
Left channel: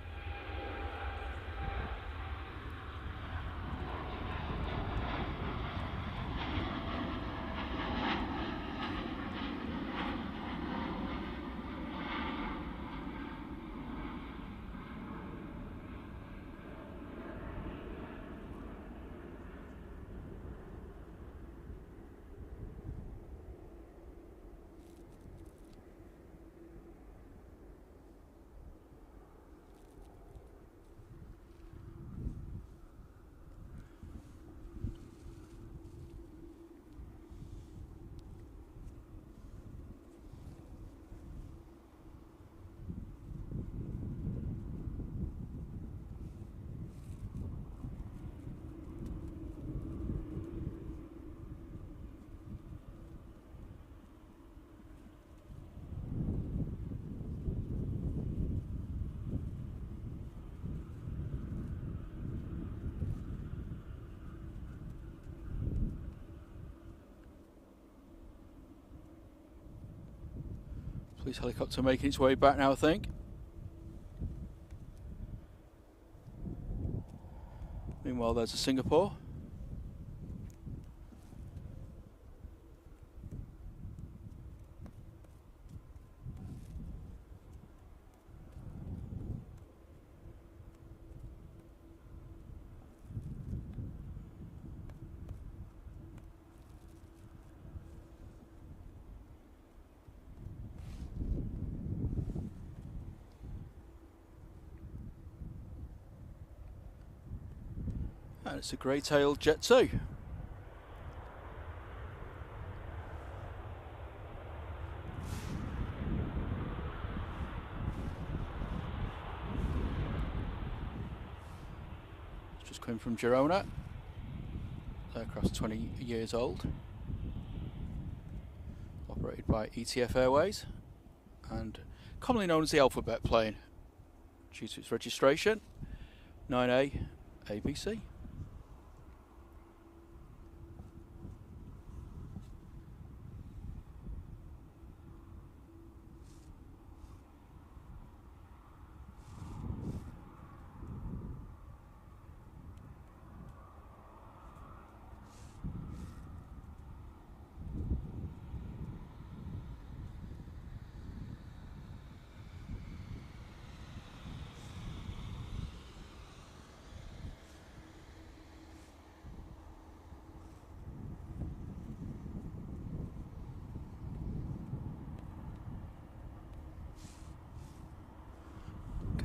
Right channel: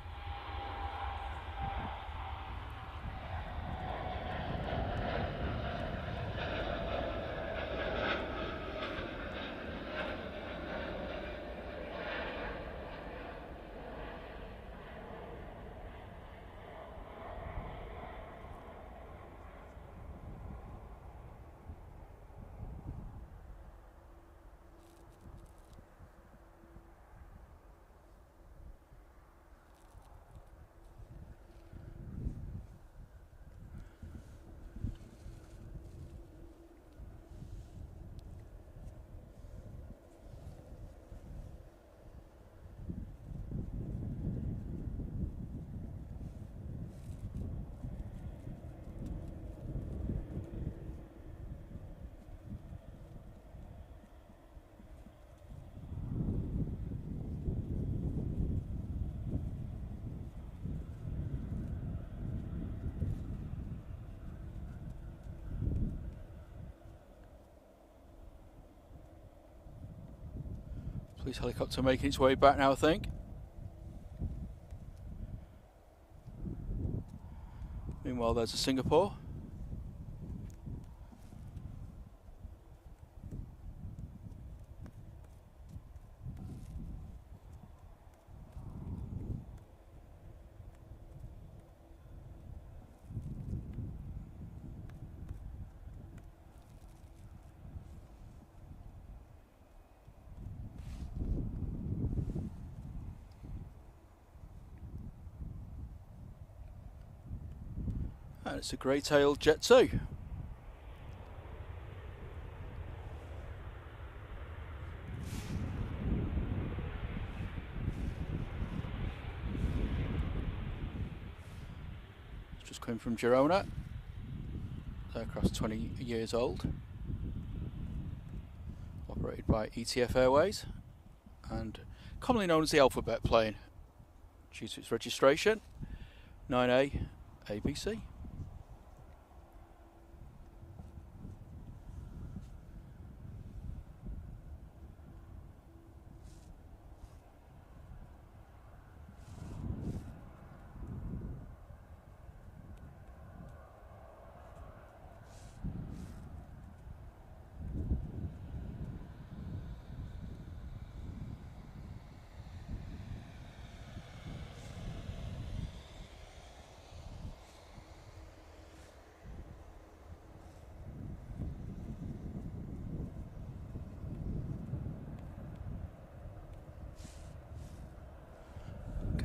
Police helicopter making its way back now, I think. Meanwhile, there's a Singapore. And it's a grey-tailed Jet 2. It's just coming from Girona. The aircraft's 20 years old. Operated by ETF Airways and commonly known as the Alphabet plane due to its registration 9A ABC.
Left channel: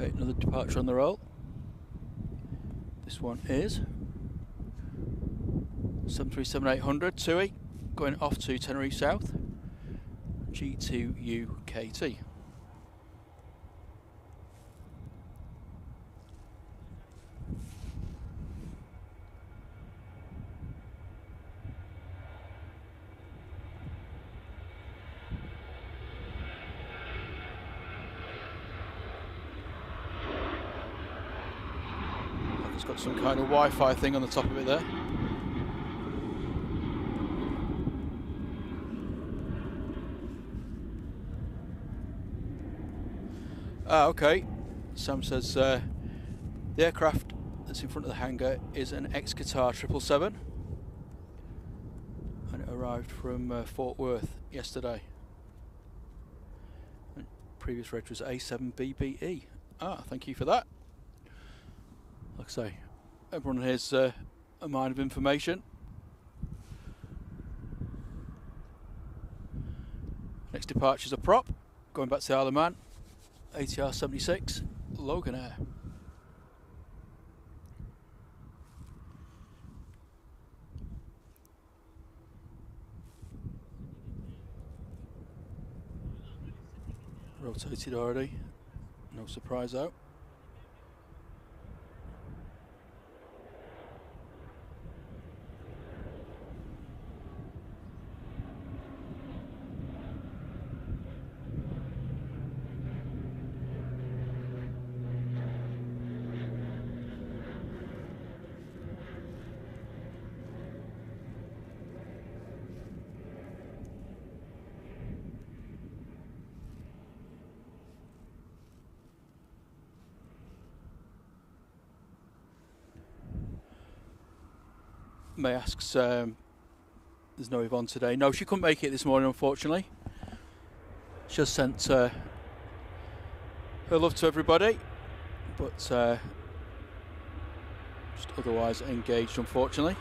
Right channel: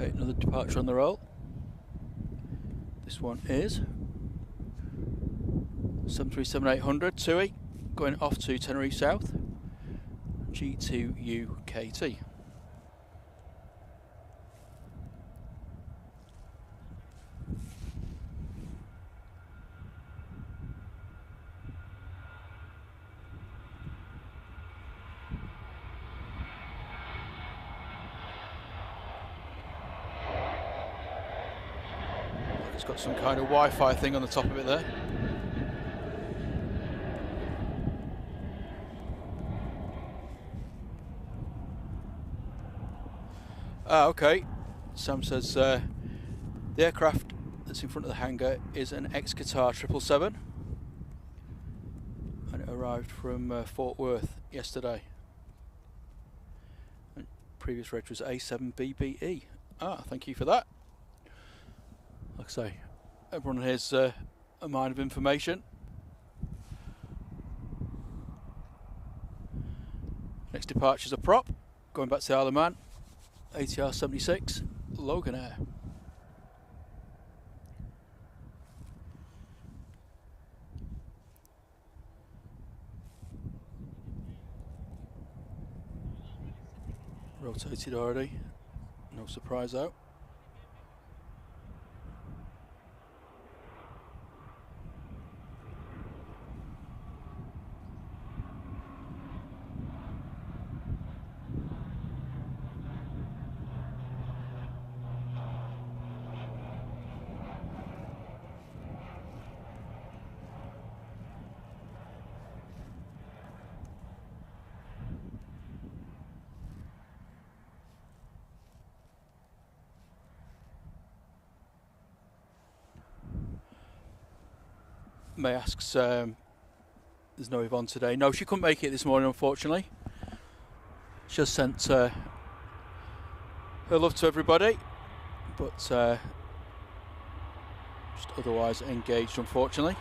Okay, another departure on the roll. This one is 737-800 TUI going off to Tenerife South, G2UKT. It's got some kind of Wi-Fi thing on the top of it there. Ah, okay. Sam says the aircraft that's in front of the hangar is an ex-Qatar 777 and it arrived from Fort Worth yesterday. And previous reg was A7BBE. Ah, thank you for that. Like I say, everyone here's a mine of information. Next departure's a prop, going back to the Isle of Man, ATR 76, Logan Air. Rotated already, no surprise out. May asks, there's no Yvonne today. No, she couldn't make it this morning, unfortunately. She just sent her love to everybody, but just otherwise engaged, unfortunately.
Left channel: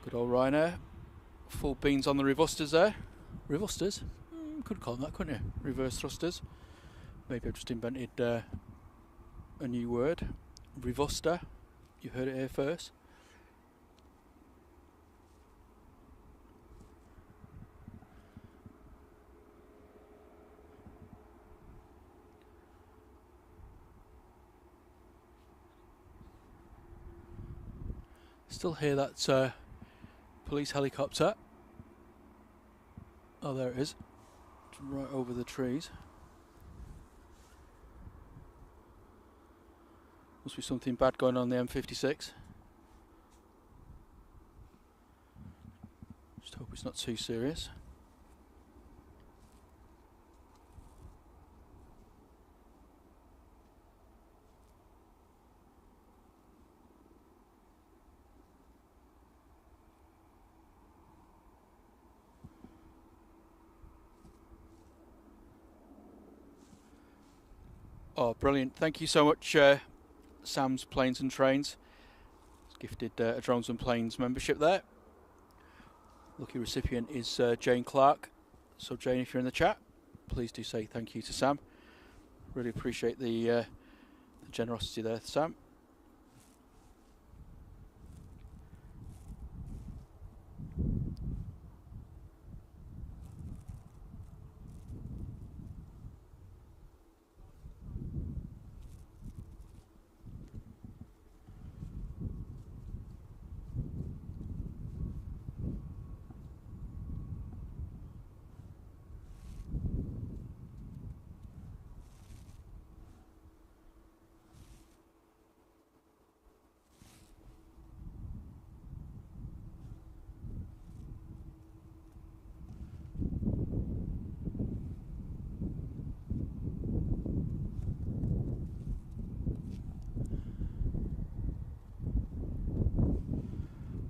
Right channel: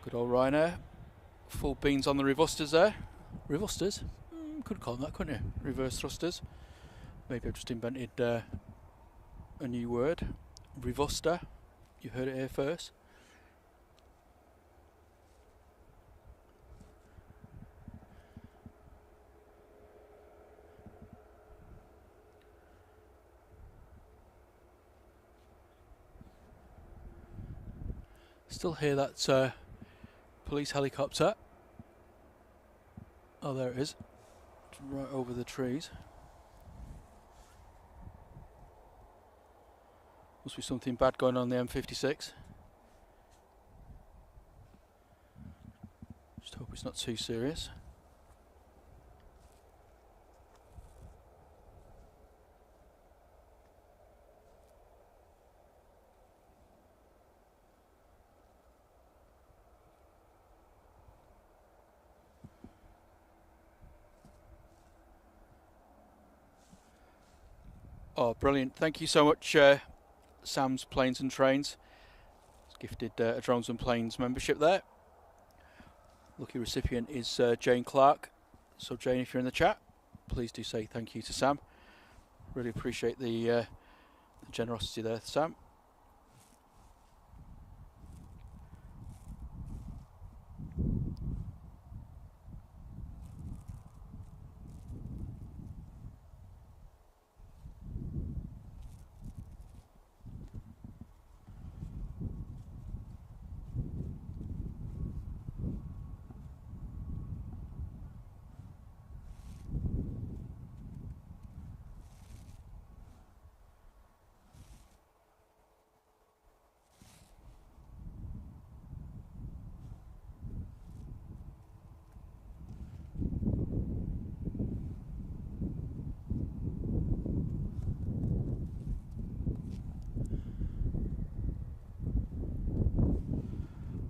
Good old Ryanair. Full beans on the revusters there. Revusters? Could call them that, couldn't you? Reverse thrusters. Maybe I've just invented a new word. Revuster. You heard it here first. Still hear that police helicopter. Oh, there it is. It's right over the trees. Must be something bad going on the M56. Just hope it's not too serious. Oh, brilliant. Thank you so much, Sam's Planes and Trains. He's gifted a Drones and Planes membership there. Lucky recipient is Jane Clark. So Jane, if you're in the chat, please do say thank you to Sam. Really appreciate the generosity there, Sam.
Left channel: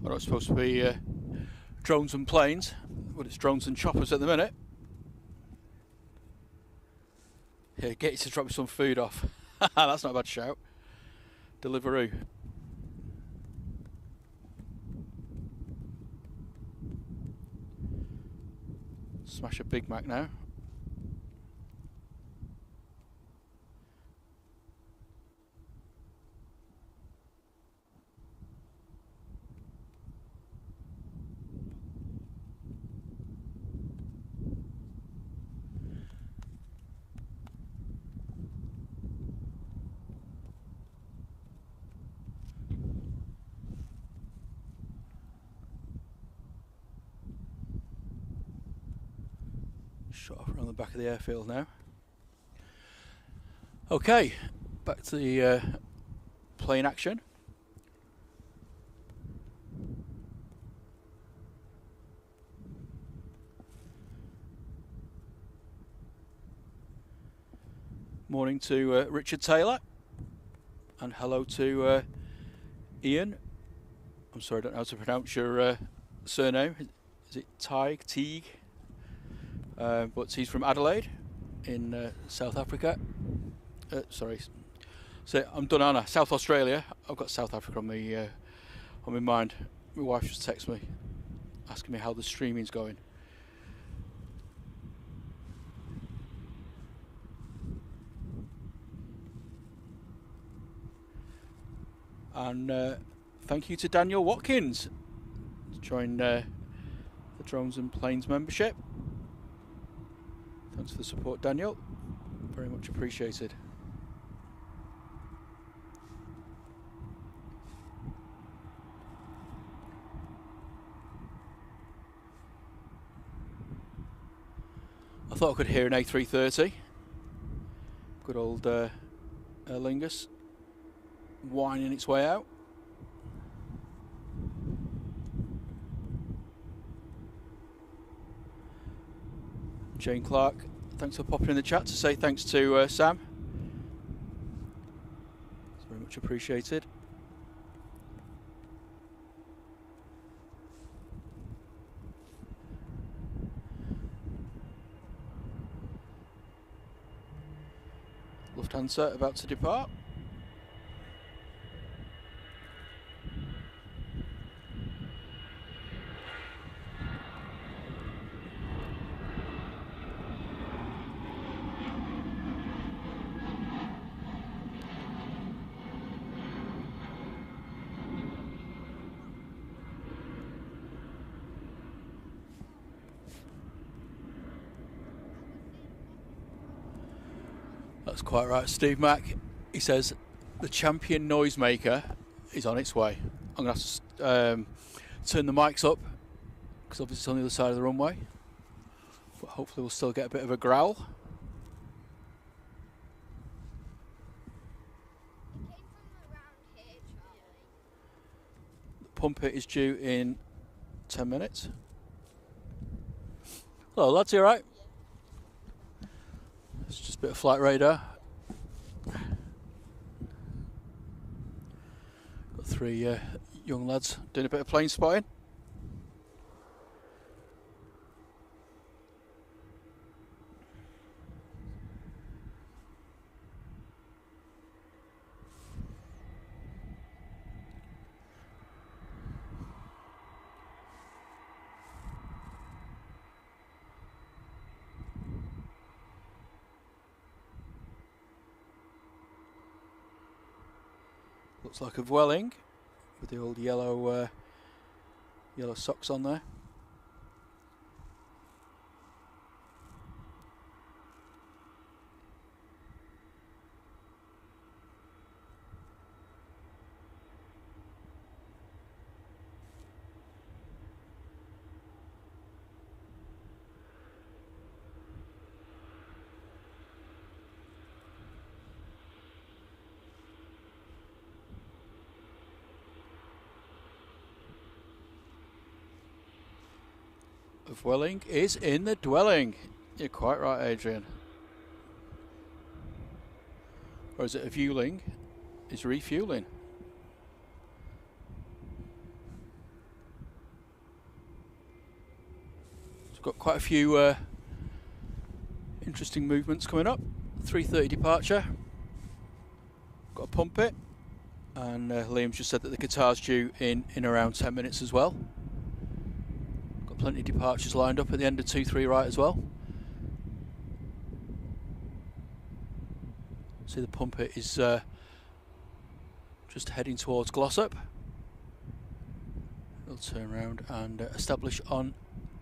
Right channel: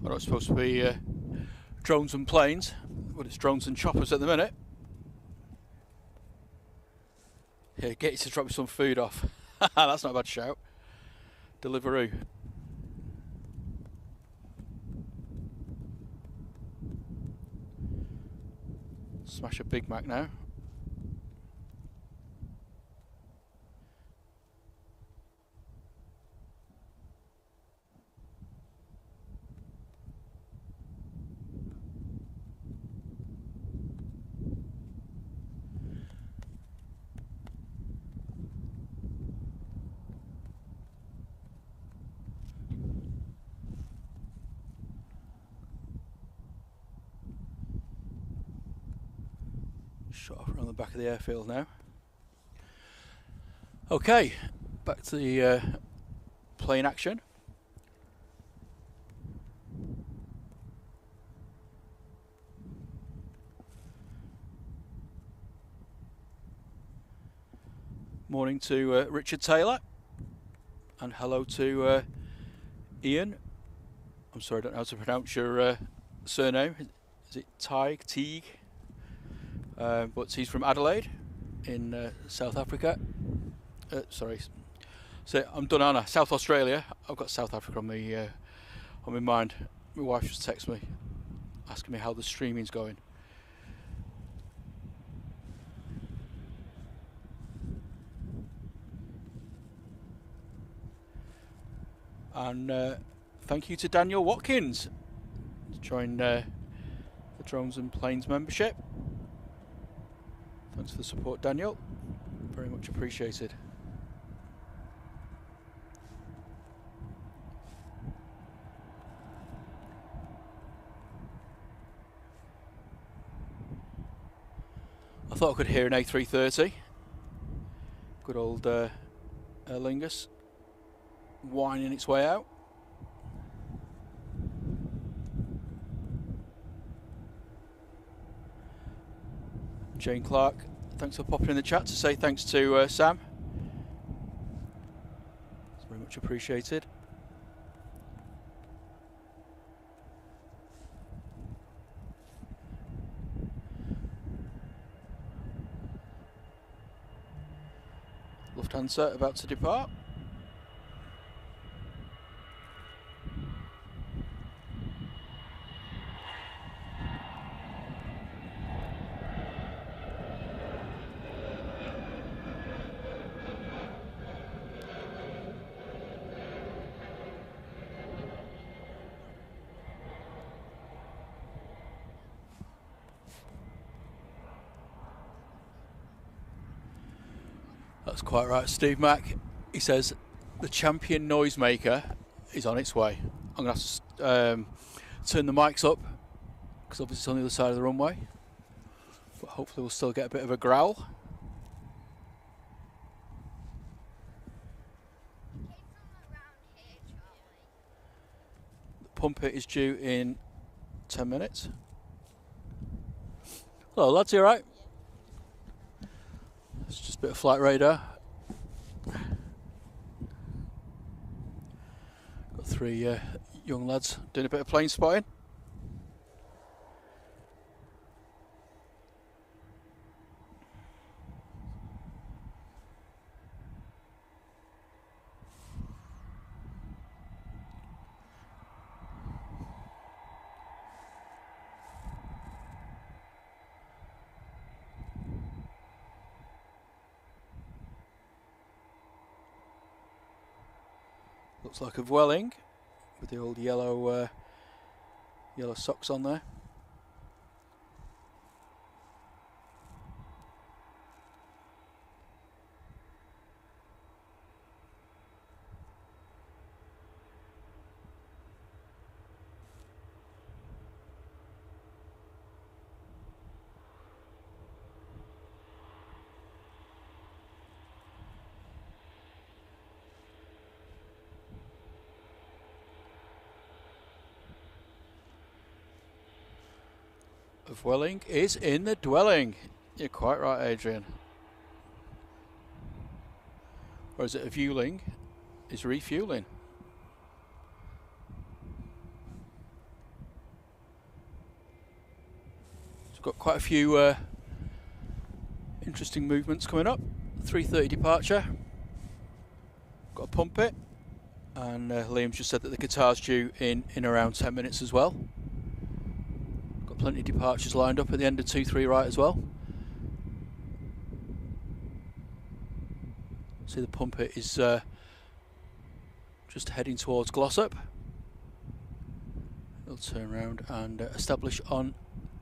Well, it's supposed to be drones and planes, but it's drones and choppers at the minute. Here, get you to drop me some food off. That's not a bad shout. Deliveroo. smash a Big Mac now. Shot off around the back of the airfield now. Okay, back to the plane action. Morning to Richard Taylor, and hello to Ian. I'm sorry, I don't know how to pronounce your surname. Is it Teague? But he's from Adelaide in South Africa. Sorry, so I'm done, Anna. South Australia. I've got South Africa on my mind. My wife just texted me asking me how the streaming's going. And thank you to Daniel Watkins to join the Drones and Planes membership. Thanks for the support, Daniel. Very much appreciated. I thought I could hear an A330. Good old Aer Lingus winding its way out. Jane Clark, thanks for popping in the chat to say thanks to Sam. It's very much appreciated. Lufthansa about to depart. That's quite right, Steve Mack. He says the champion noisemaker is on its way. I'm going to have to turn the mics up because obviously it's on the other side of the runway, but hopefully we'll still get a bit of a growl. It came from around here, Charlie. The pumper is due in 10 minutes. Hello lads, you alright? It's just a bit of flight radar. Got three young lads doing a bit of plane spotting. Looks like a Vueling with the old yellow yellow socks on there. Of Welling is in the dwelling. You're quite right, Adrian. Or is it a viewling? Is refueling. So we've got quite a few interesting movements coming up. 3:30 departure. Got to pump it. And Liam's just said that the Qatar's due in around 10 minutes as well. Plenty of departures lined up at the end of 2-3 right as well. See the Pumpet is just heading towards Glossop. It'll turn around and establish on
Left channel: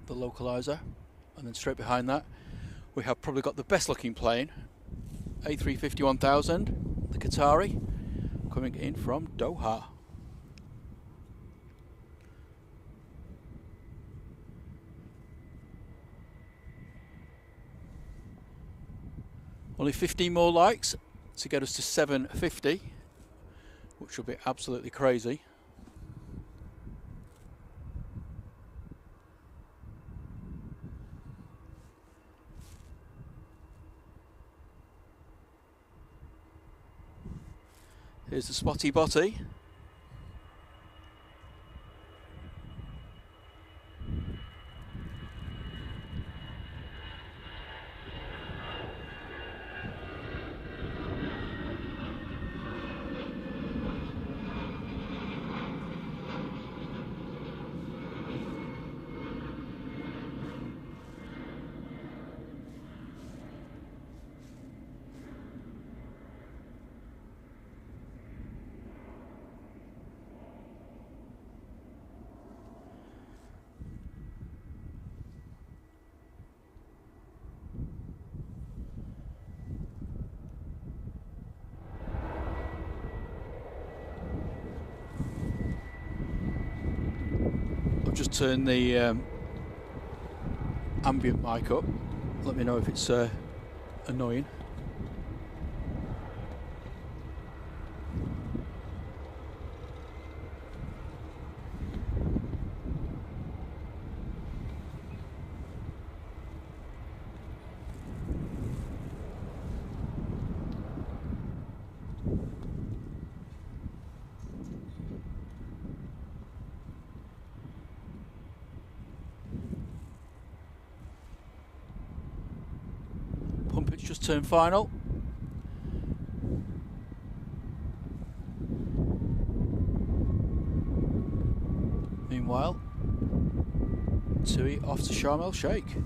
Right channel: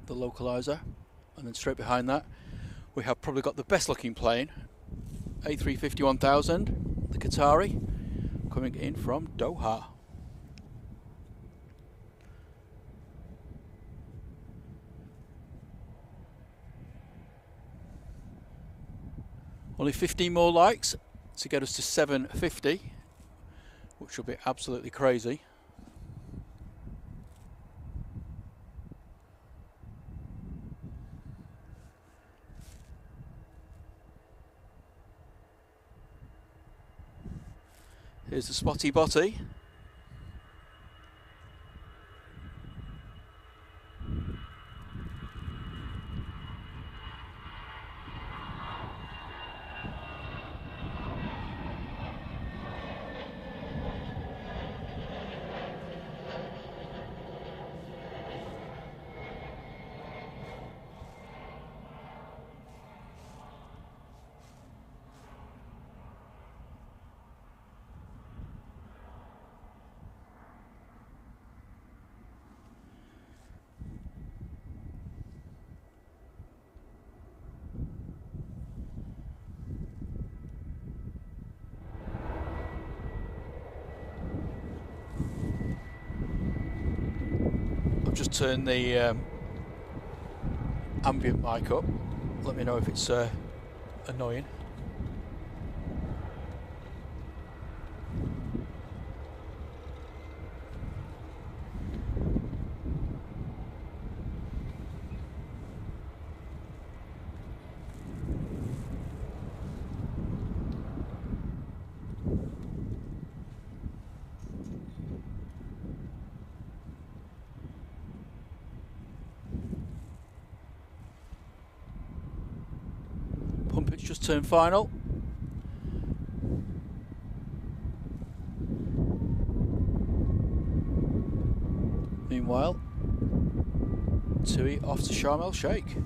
the localizer, and then straight behind that we have probably got the best looking plane, A350 1000, the Qatari, coming in from Doha. Only 15 more likes to get us to 750, which will be absolutely crazy. Here's the Spotty Botty. I've just turned the ambient mic up. Let me know if it's annoying. Pumpet's just turned final. Meanwhile, Tui off to Sharm el Sheikh.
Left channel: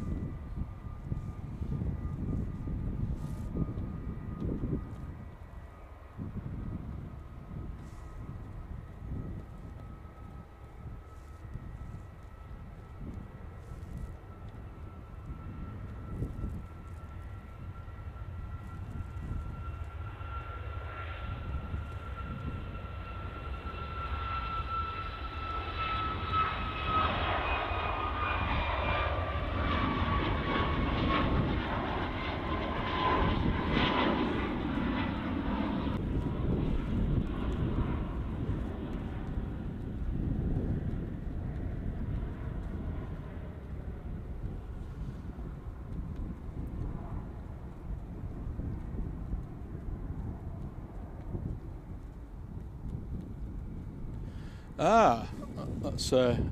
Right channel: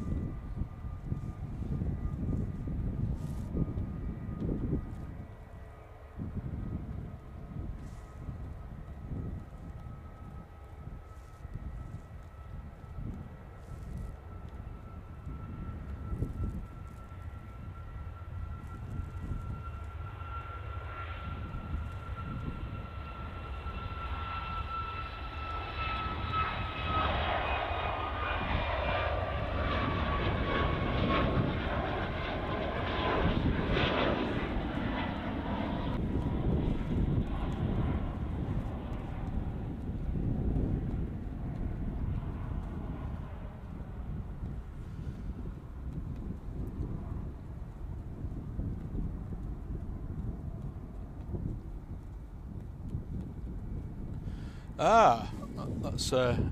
Ah, that's a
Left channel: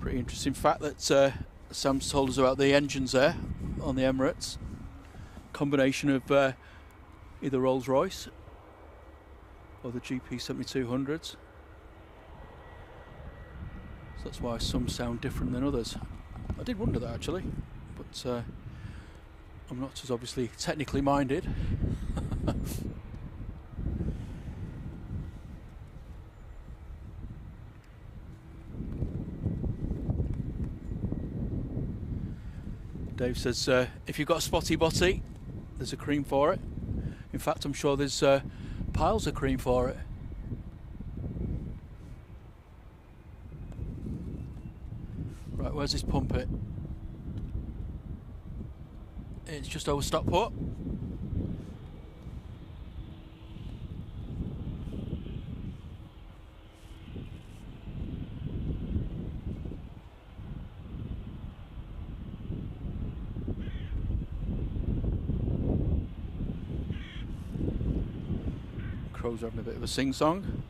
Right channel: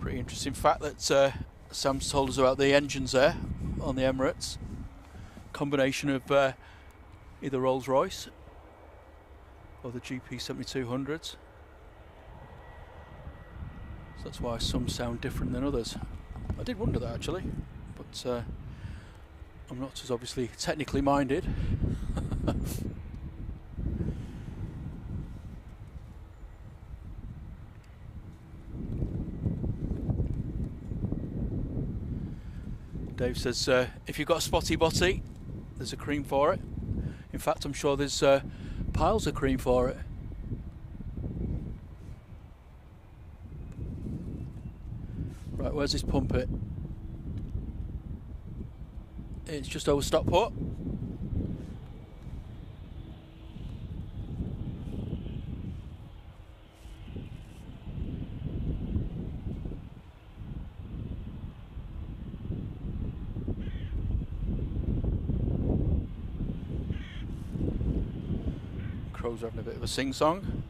pretty interesting fact that Sam's told us about the engines there on the Emirates. Combination of either Rolls-Royce or the GP 7200s. So that's why some sound different than others. I did wonder that actually, but I'm not as obviously technically minded. Dave says, if you've got a Spotty Botty, there's a cream for it. In fact, I'm sure there's piles of cream for it. Right, where's this Pumpet? It's just over Stockport. Crows are having a bit of a sing-song.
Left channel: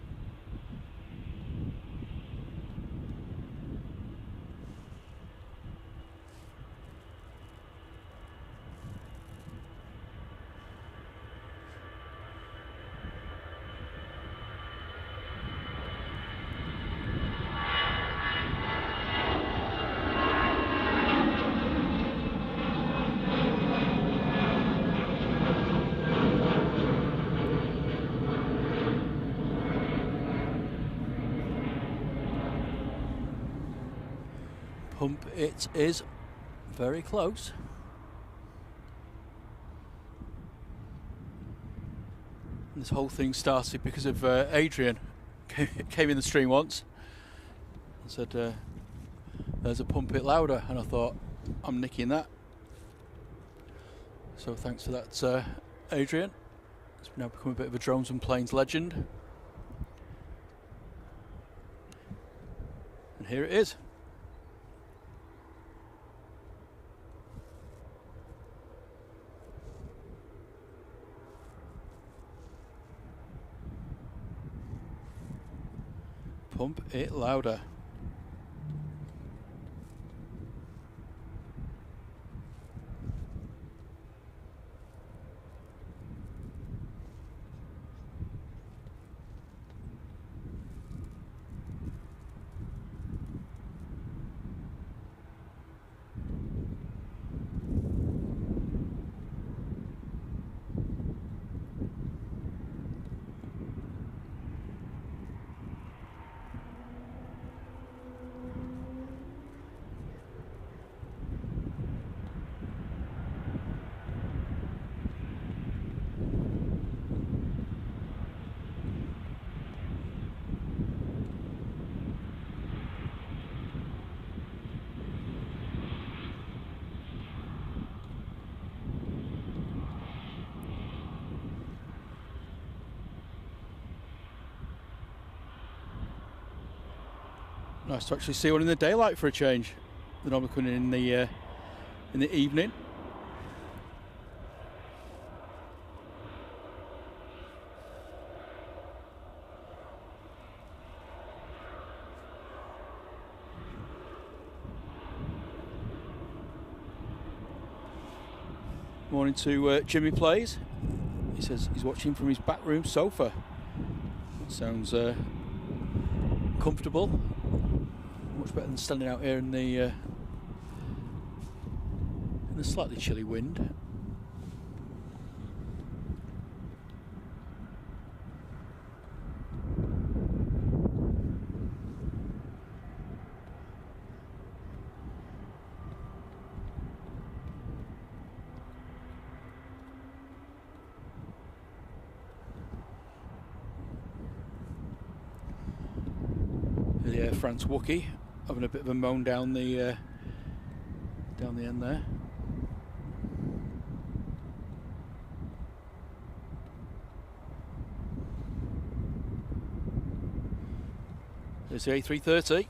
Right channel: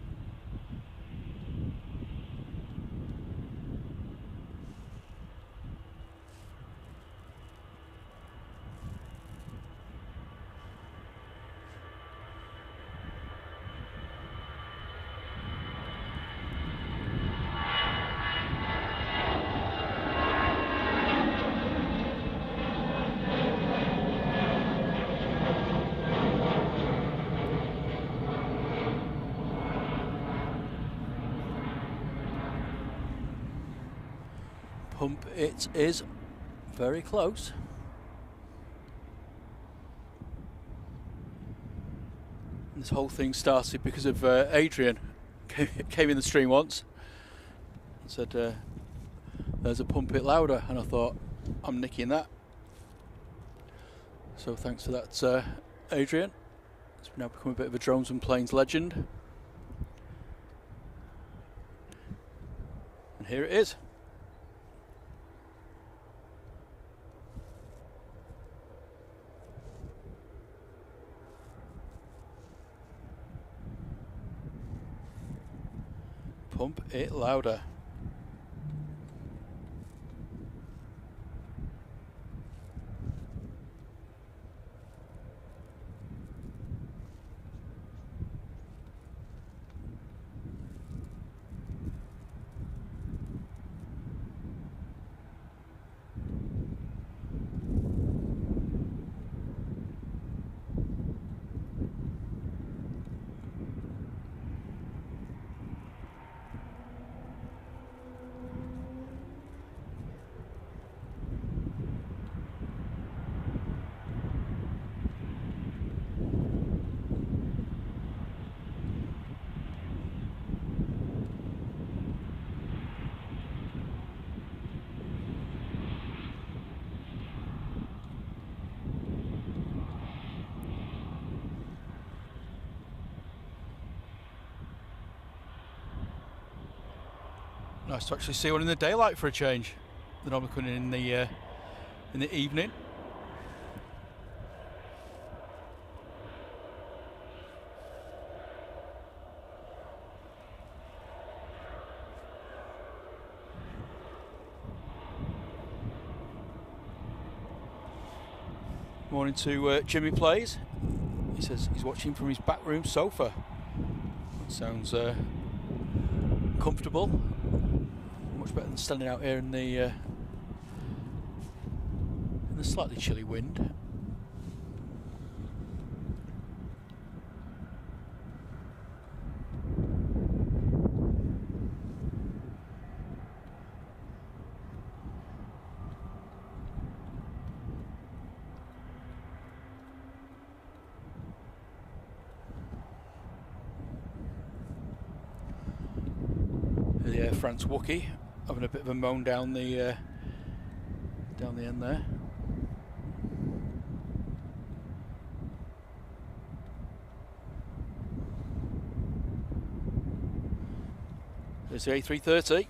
pump it is. Very close. And this whole thing started because of Adrian came in the stream once and said there's a pump it louder, and I thought, I'm nicking that. So thanks for that, Adrian. It's now become a bit of a drones and planes legend. And here it is. Pump it louder. Nice to actually see one in the daylight for a change. They're normally coming in the evening. Morning to Jimmy Plays. He says he's watching from his back room sofa. That sounds comfortable. Much better than standing out here in the slightly chilly wind. The Air France Wakey having a bit of a moan down the end there. There's the A330.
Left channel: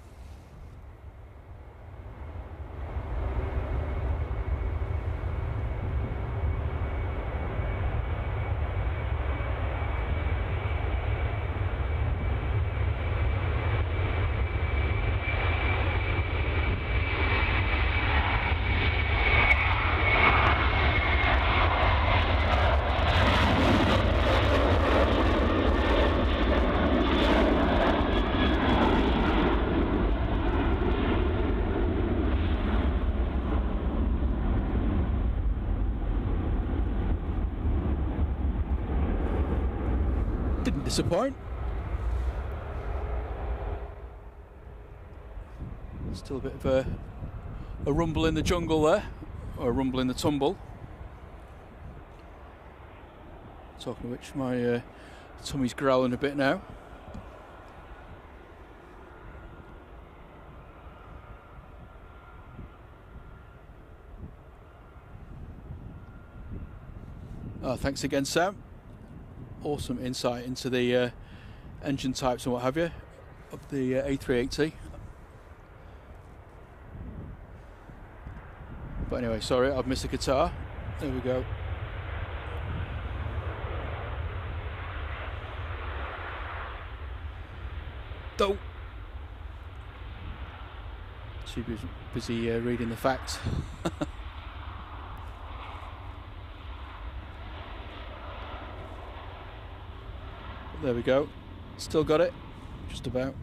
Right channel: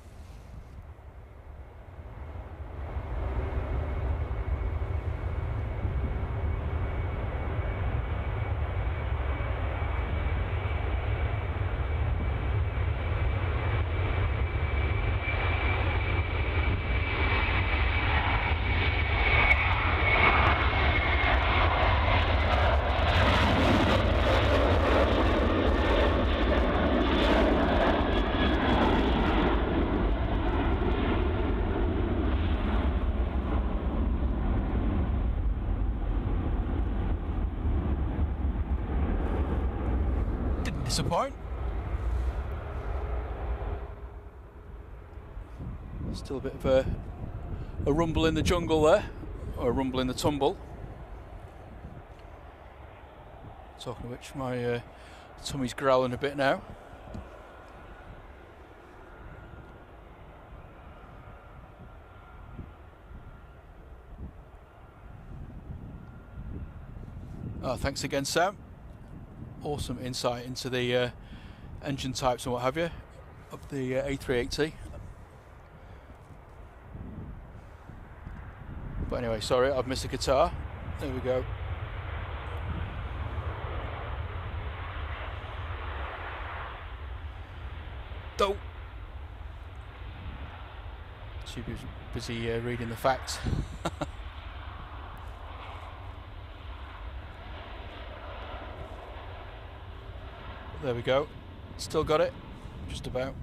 Didn't disappoint. Still a bit of a rumble in the jungle there, or a rumble in the tumble. Talking of which, my tummy's growling a bit now. Oh, thanks again, Sam. Awesome insight into the engine types and what have you of the A380. But anyway, sorry, I've missed the guitar. There we go. Too busy reading the facts. But there we go. Still got it. Just about.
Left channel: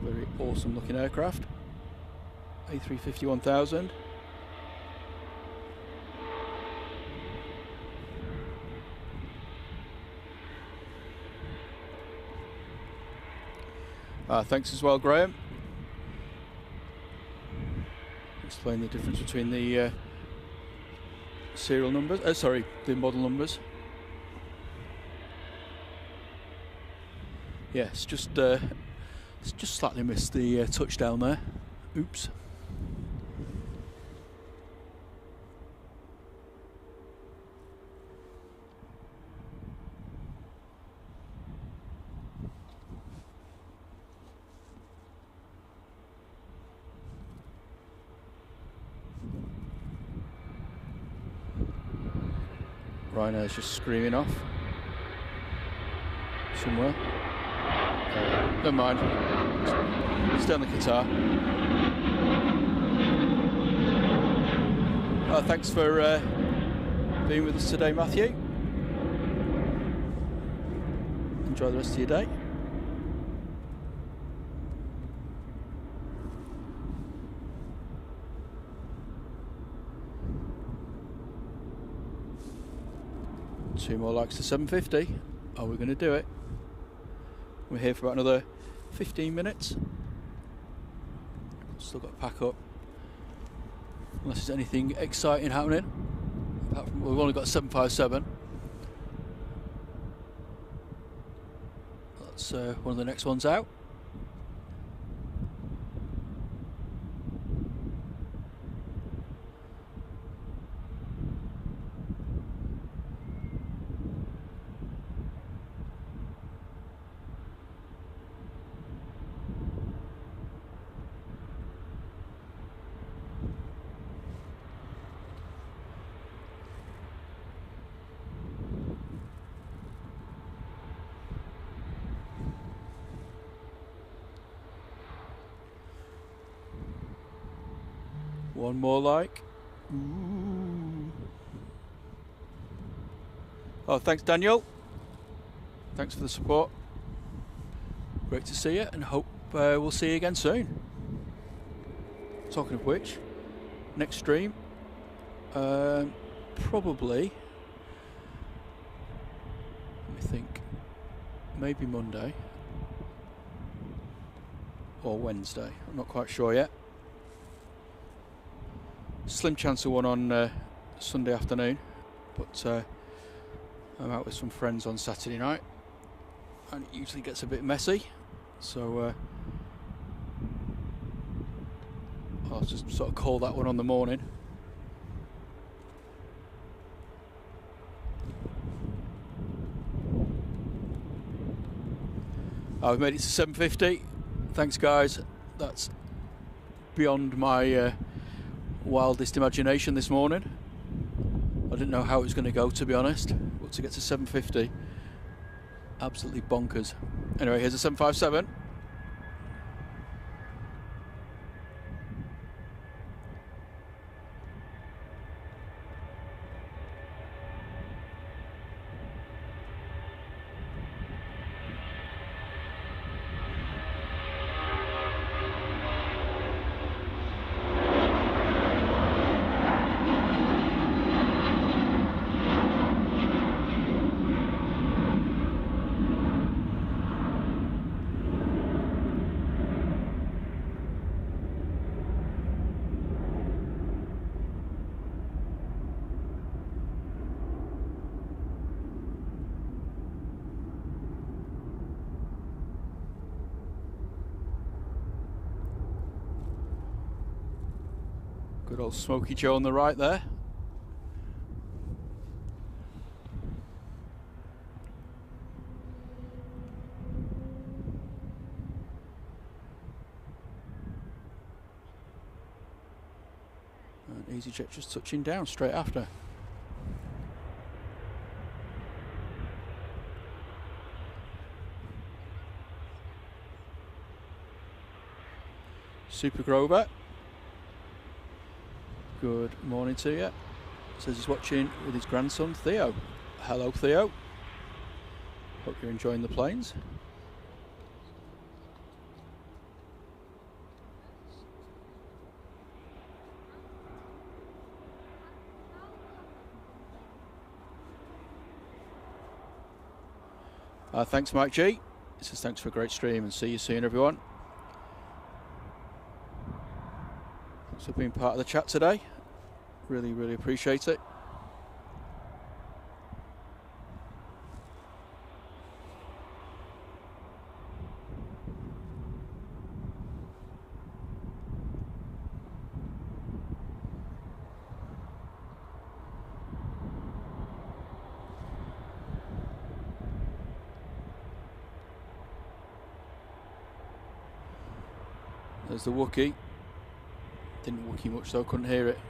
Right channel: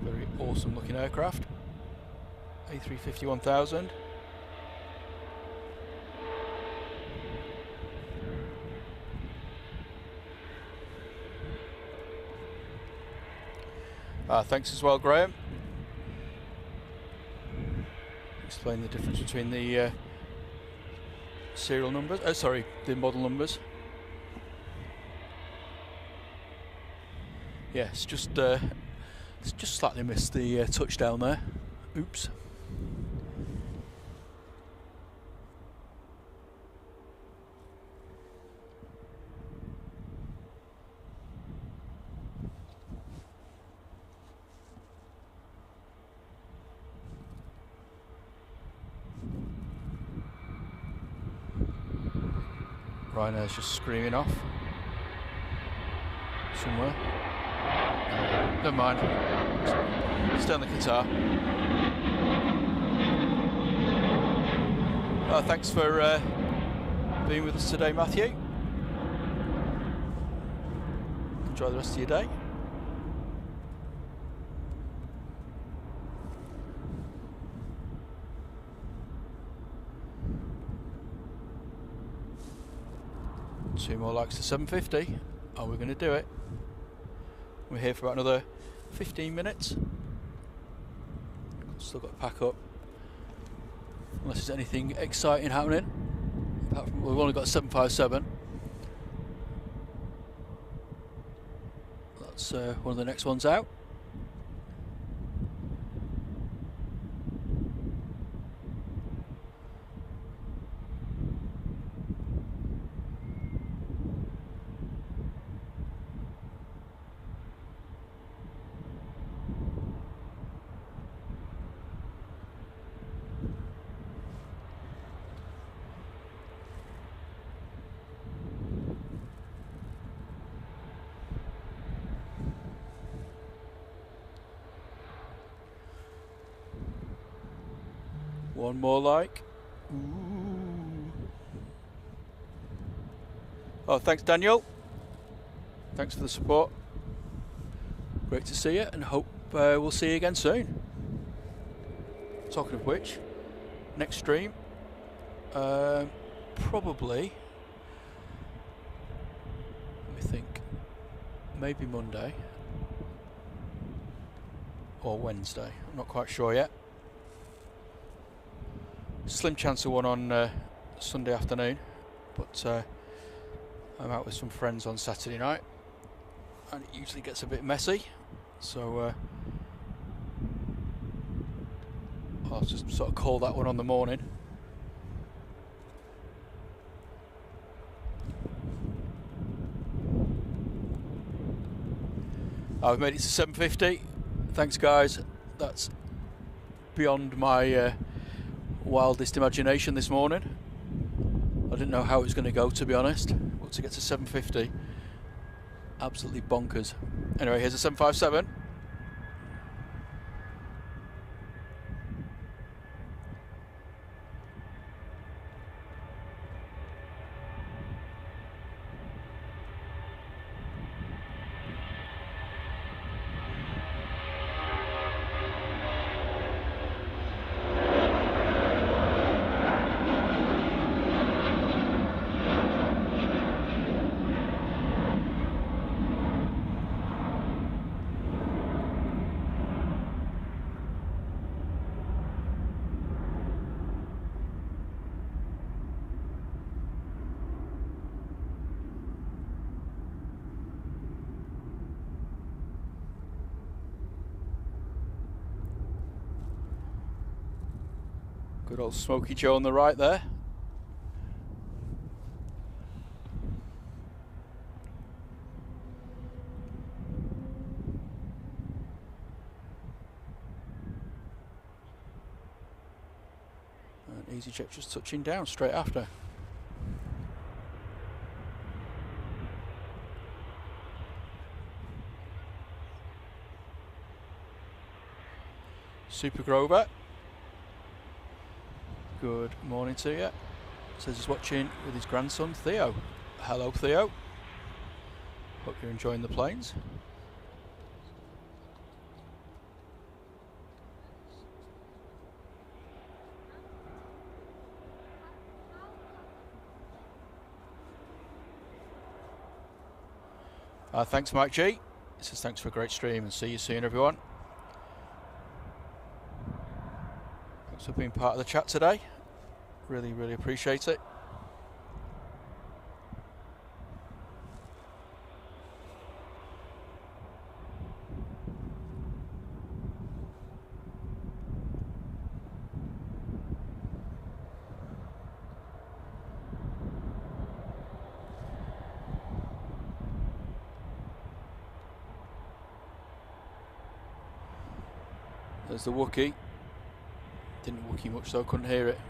Very awesome looking aircraft. A350 1000. Thanks as well, Graham. Explain the difference between the serial numbers. Sorry, the model numbers. Yes, just slightly missed the touchdown there. Oops. Ryanair's just screaming off somewhere. Oh well, never mind. Stay on the Qatar. Thanks for being with us today, Matthew. Enjoy the rest of your day. Two more likes to 750. Are we going to do it? We're here for about another 15 minutes. Still got to pack up. Unless there's anything exciting happening. Apart from, we've only got 757. That's one of the next ones out. One more like. Ooh. Oh, thanks, Daniel. Thanks for the support. Great to see you, and hope we'll see you again soon. Talking of which, next stream, probably, let me think, maybe Monday or Wednesday. I'm not quite sure yet. Slim chance of one on Sunday afternoon, but I'm out with some friends on Saturday night, and it usually gets a bit messy, so I'll just sort of call that one on the morning. I've made it to 750. Thanks, guys. That's beyond my wildest imagination this morning. I didn't know how it was going to go, to be honest, but to get to 750, absolutely bonkers. Anyway, here's a 757. Good old Smoky Joe on the right there. And EasyJet just touching down straight after. Super Grover. Good morning to you. Says he's watching with his grandson Theo. Hello, Theo. Hope you're enjoying the planes. Thanks, Mike G. It says thanks for a great stream and see you soon, everyone. Thanks for being part of the chat today. Really, really appreciate it. There's the Wakey. Didn't Wakey much though, couldn't hear it.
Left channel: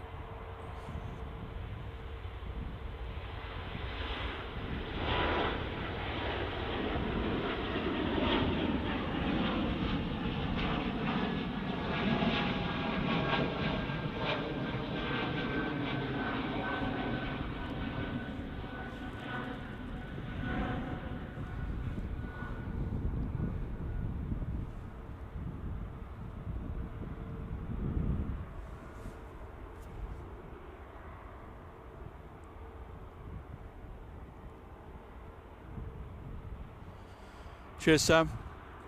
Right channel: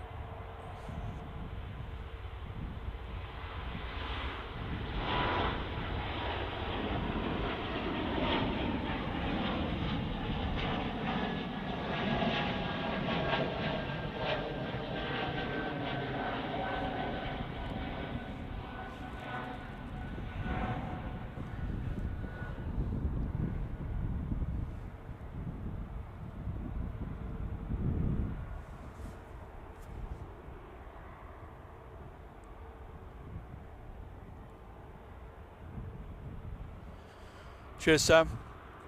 Cheers, Sam.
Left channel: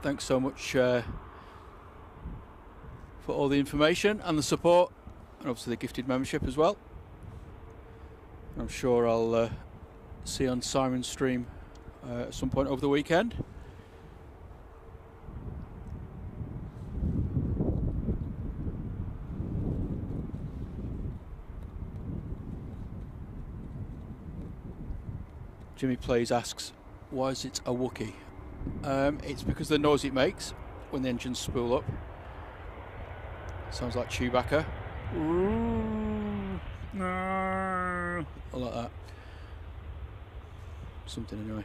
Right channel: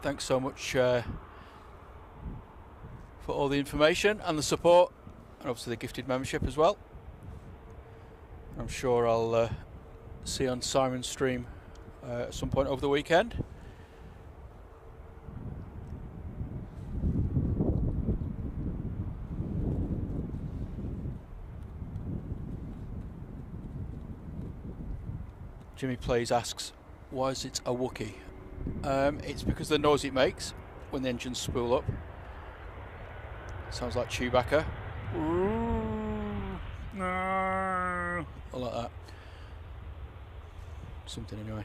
Thanks so much for all the information and the support, and obviously the gifted membership as well. I'm sure I'll see you on Simon's stream at some point over the weekend. Jimmy Plays asks, why is it a Wakey? It's because of the noise it makes when the engines spool up. Sounds like Chewbacca. Ooh, no. I like that. Something anyway.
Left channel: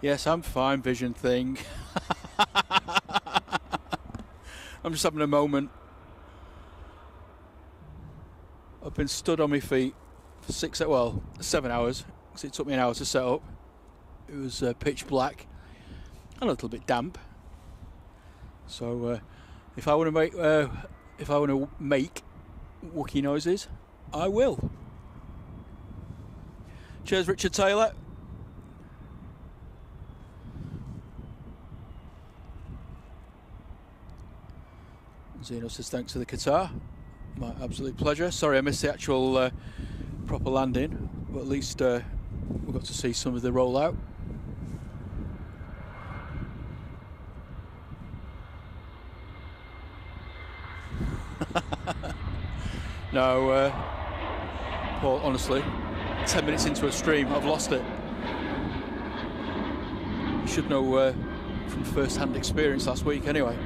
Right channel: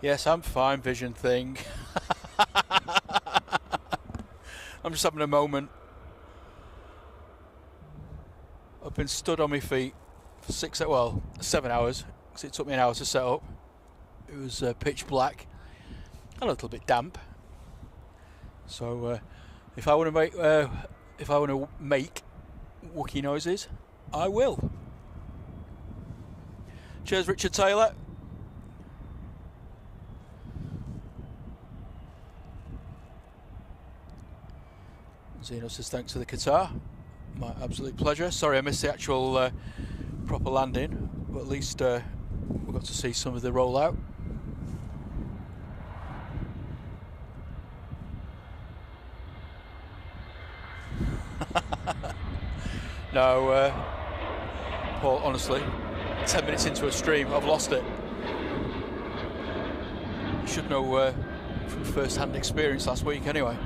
Yes, I'm fine, vision thing. I'm just having a moment. I've been stood on my feet for 7 hours, because it took me an hour to set up. It was pitch black, and a little bit damp. So if I want to make Wakey noises, I will. Cheers, Richard Taylor. Zeno says thanks for the guitar. My absolute pleasure. Sorry I missed the actual proper landing, but at least we got to see some of the rollout. No, Paul, honestly, 10 minutes into a stream, I've lost it. You should know from first-hand experience last week anyway.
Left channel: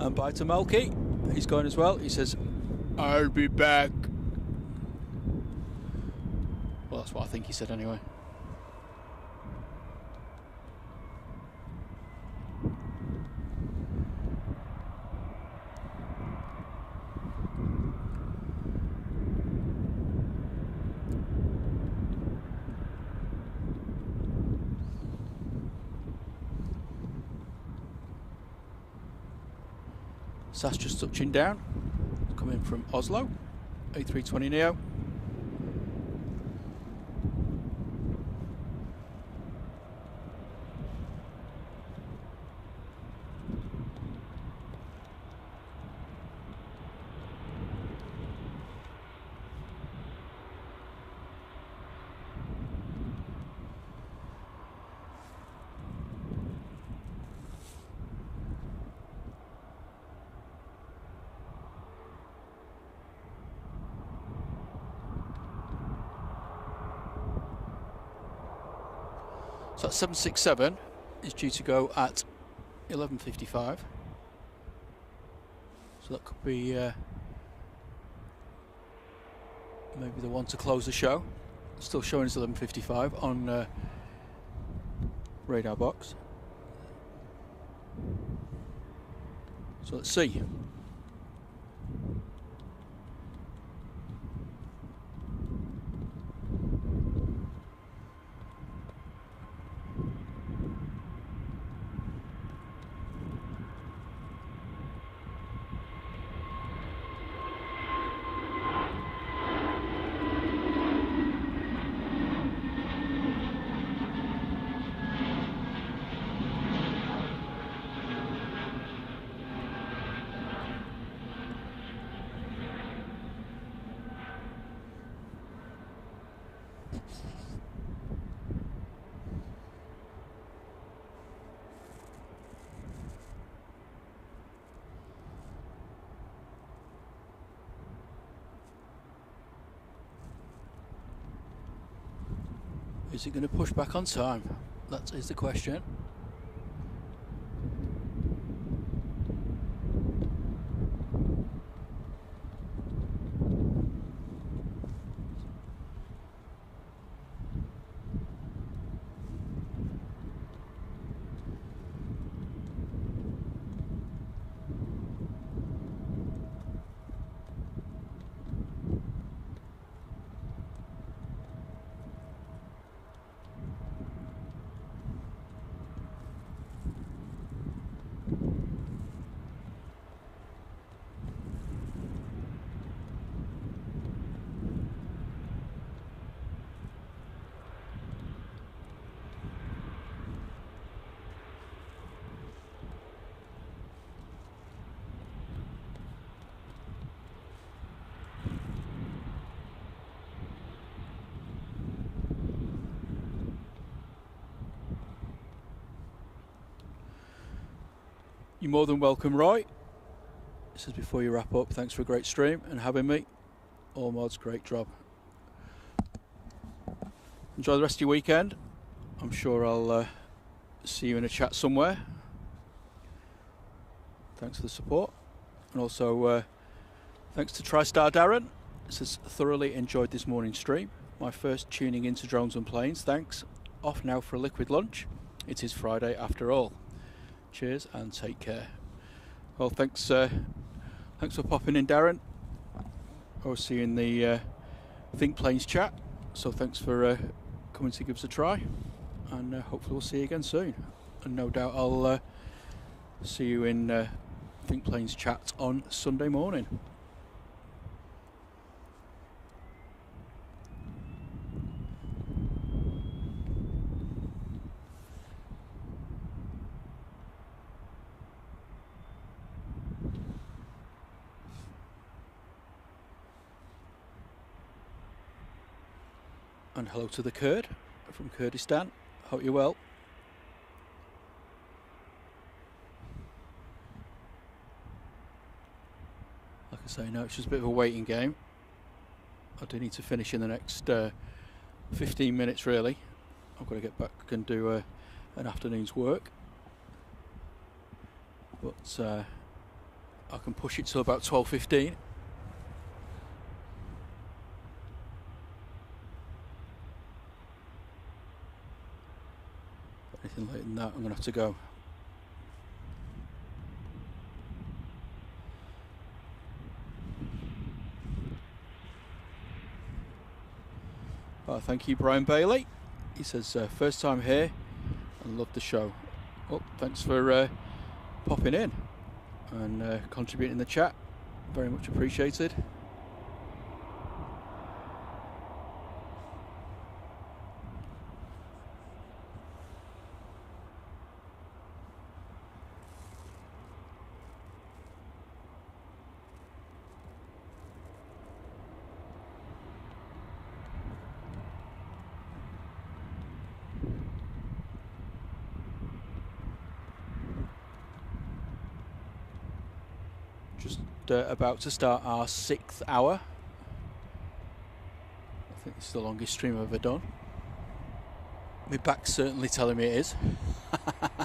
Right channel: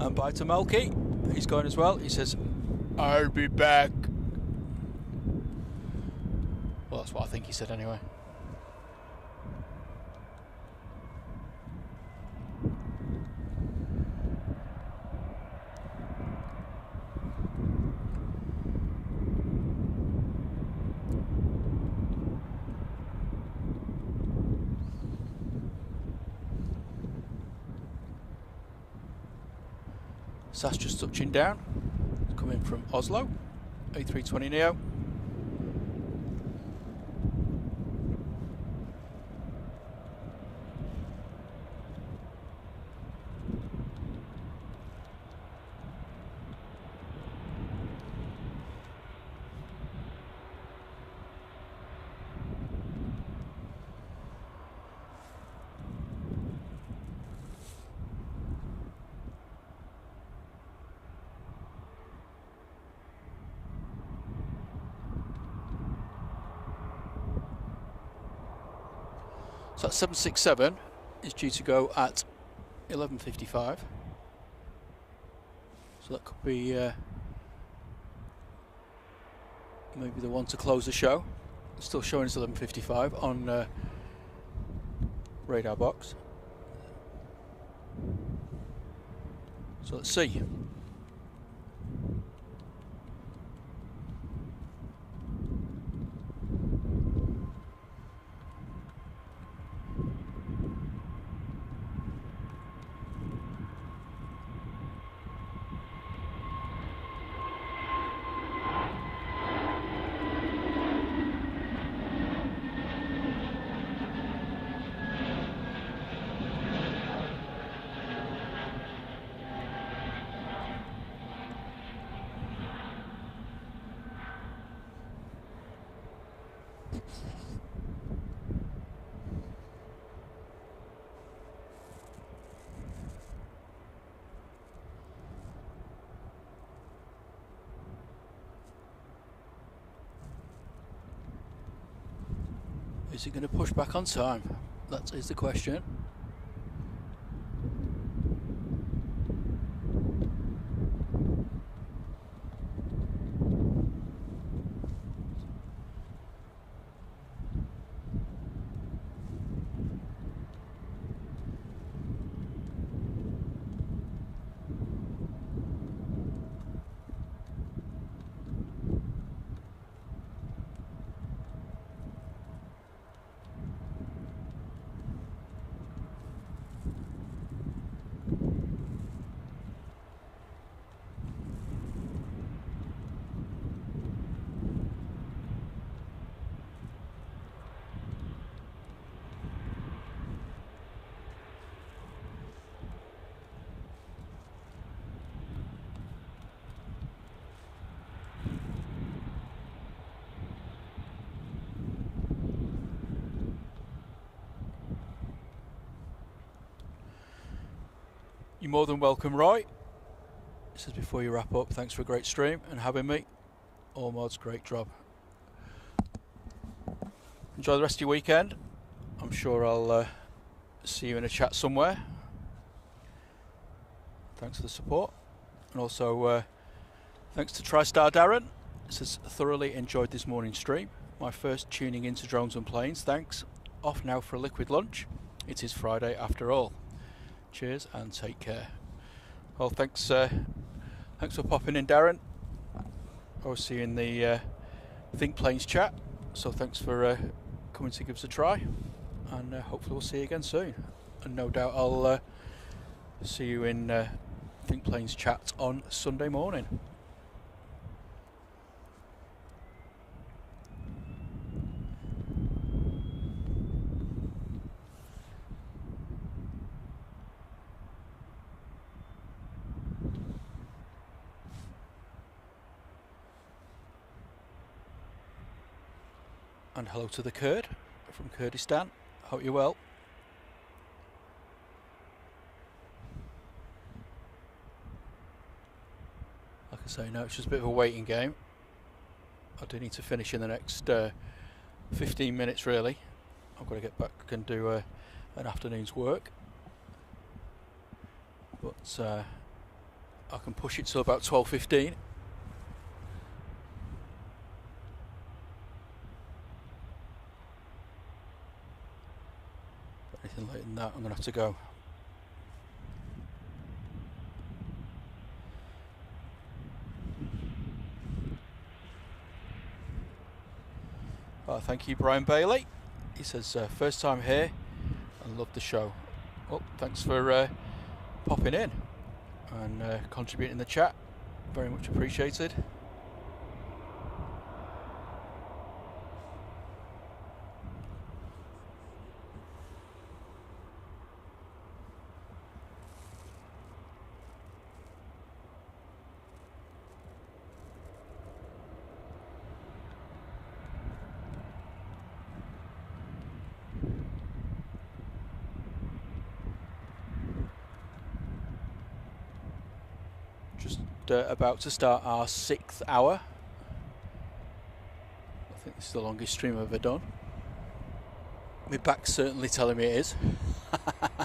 And bye to Melky. He's going as well. He says, I'll be back. Well, that's what I think he said anyway. SAS just touching down, coming from Oslo, A320 Neo. So that 767 is due to go at 11:55. So that could be maybe the one to close the show. Still showing us 11:55 on radar box. So let's see. Is it going to push back on time? That is the question. You're more than welcome, Roy. It says before you wrap up, thanks for a great stream and having me. All mods, great job. Enjoy the rest of your weekend. I'm sure I'll see you in a chat somewhere. Thanks for the support. And also thanks to TriStar Darren. It says thoroughly enjoyed this morning's stream. My first tuning into drones and planes. Thanks. Off now for a liquid lunch. It is Friday after all. Cheers and take care. Well, thanks for popping in, Darren. I'll see you in the Think Planes chat. So thanks for coming to give us a try, and hopefully we'll see you again soon. And no doubt I'll see you in Think Planes chat on Sunday morning. And hello to the Kurd from Kurdistan. Hope you're well. Like I say, no, it's just a bit of a waiting game. I do need to finish in the next 15 minutes really. I've got to get back and do an afternoon's work. But I can push it till about 12:15. Anything later than that, I'm going to have to go. Thank you, Brian Bailey. He says, first time here and love the show. Well, thanks for popping in and contributing in the chat. Very much appreciated. About to start our 6th hour. I think this is the longest stream I've ever done. My back's certainly telling me it is. Won't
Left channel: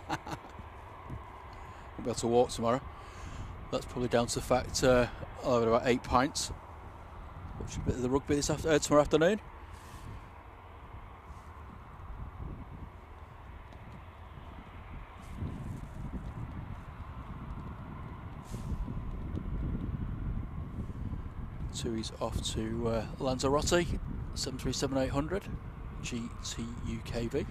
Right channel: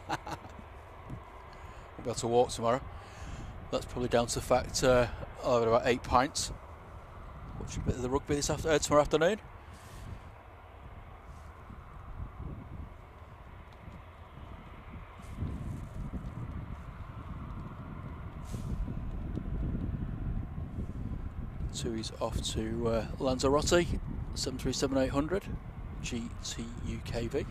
be able to walk tomorrow. That's probably down to the fact I'll have about 8 pints. Watch a bit of the rugby tomorrow afternoon. Tui's off to Lanzarote 737-800 GTUKV.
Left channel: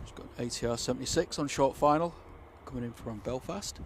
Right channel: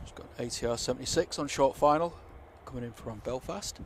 Just got an ATR 76 on short final coming in from Belfast.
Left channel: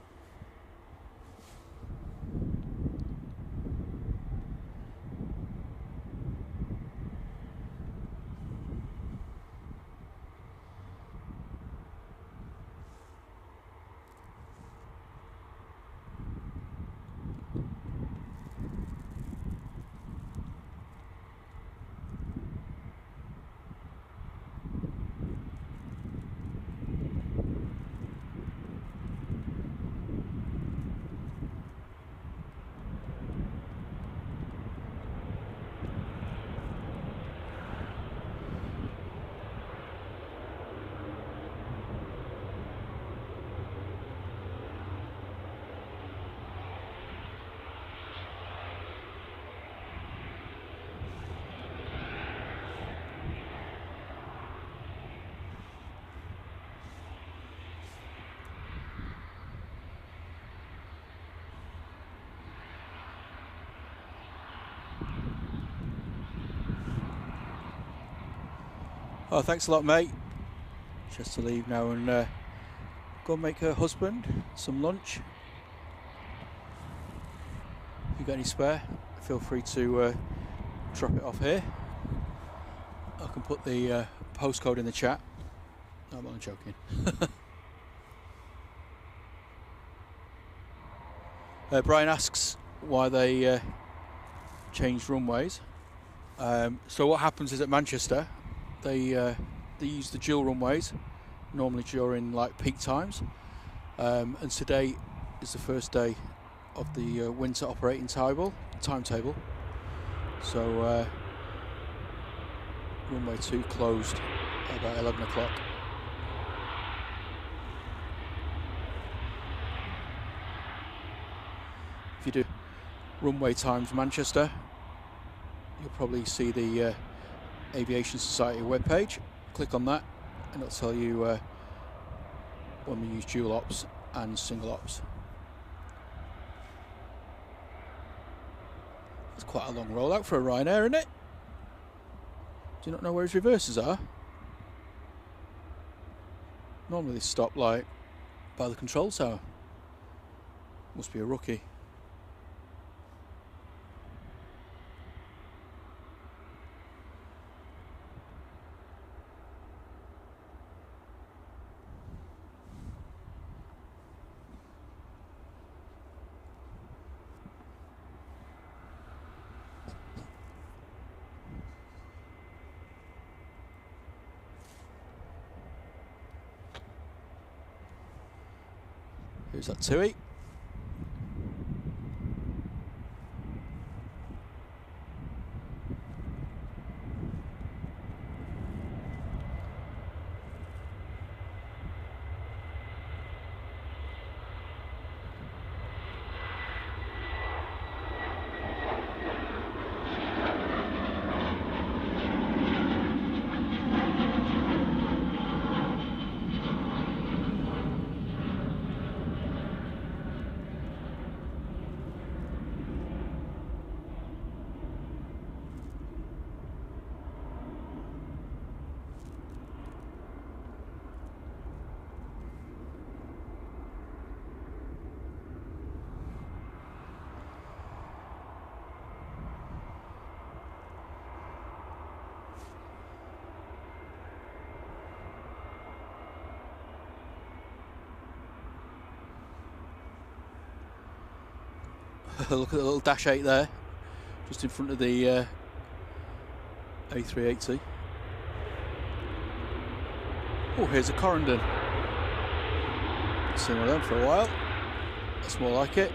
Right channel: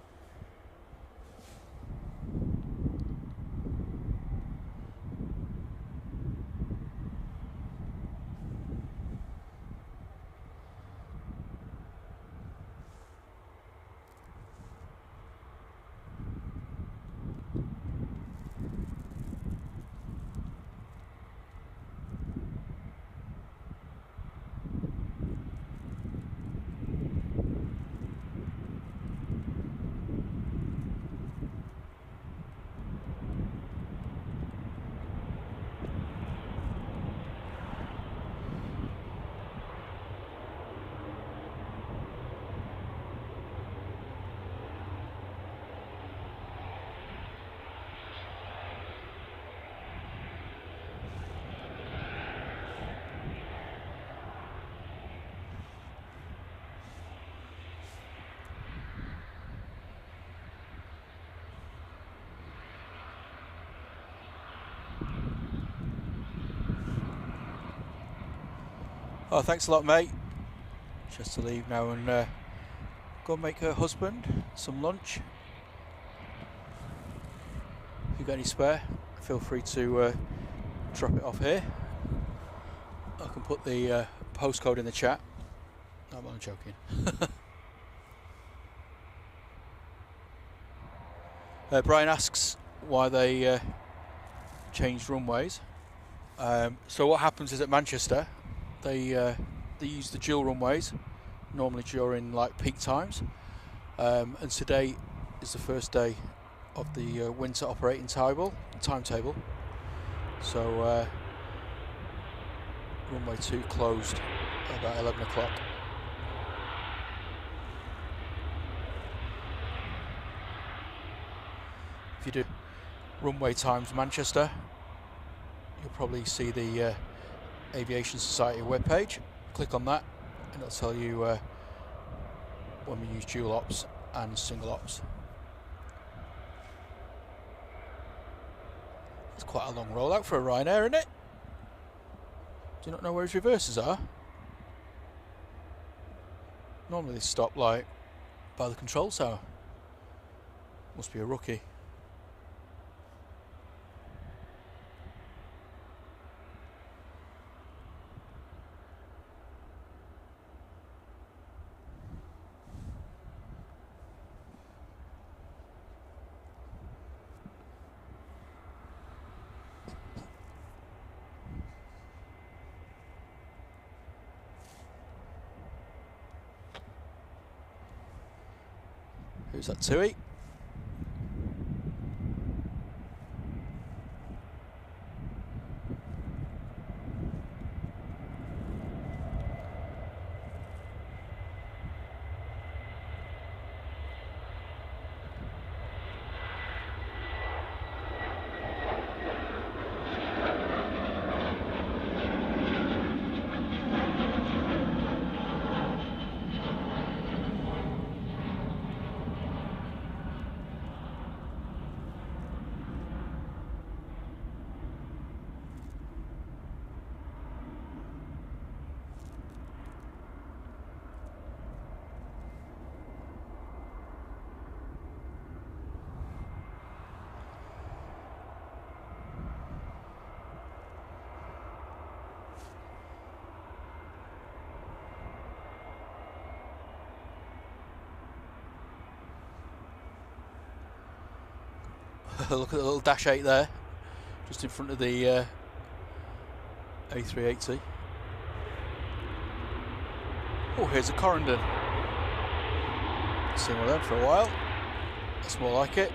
Oh, thanks a lot, mate. She has to leave now and go and make her husband some lunch. If you've got any spare, feel free to drop it off here. I can put the postcode in the chat. No, I'm only joking. Brian asks why they changed runways. So what happens is at Manchester, they use the dual runways normally during like peak times, and today is the first day of the winter operating timetable. So runway 2 closed about 11 o'clock. If you do runway times Manchester, you'll probably see the Aviation Society webpage. Click on that and it'll tell you when we use dual ops and single ops. That's quite a long rollout for a Ryanair, isn't it? Do you not know where his reverses are? Normally they stop like by the control tower. Must be a rookie. Who's that, Tui? Look at the little Dash 8 there, just in front of the A380. Oh, here's a Corendon. Not seen one of them for a while. That's more like it.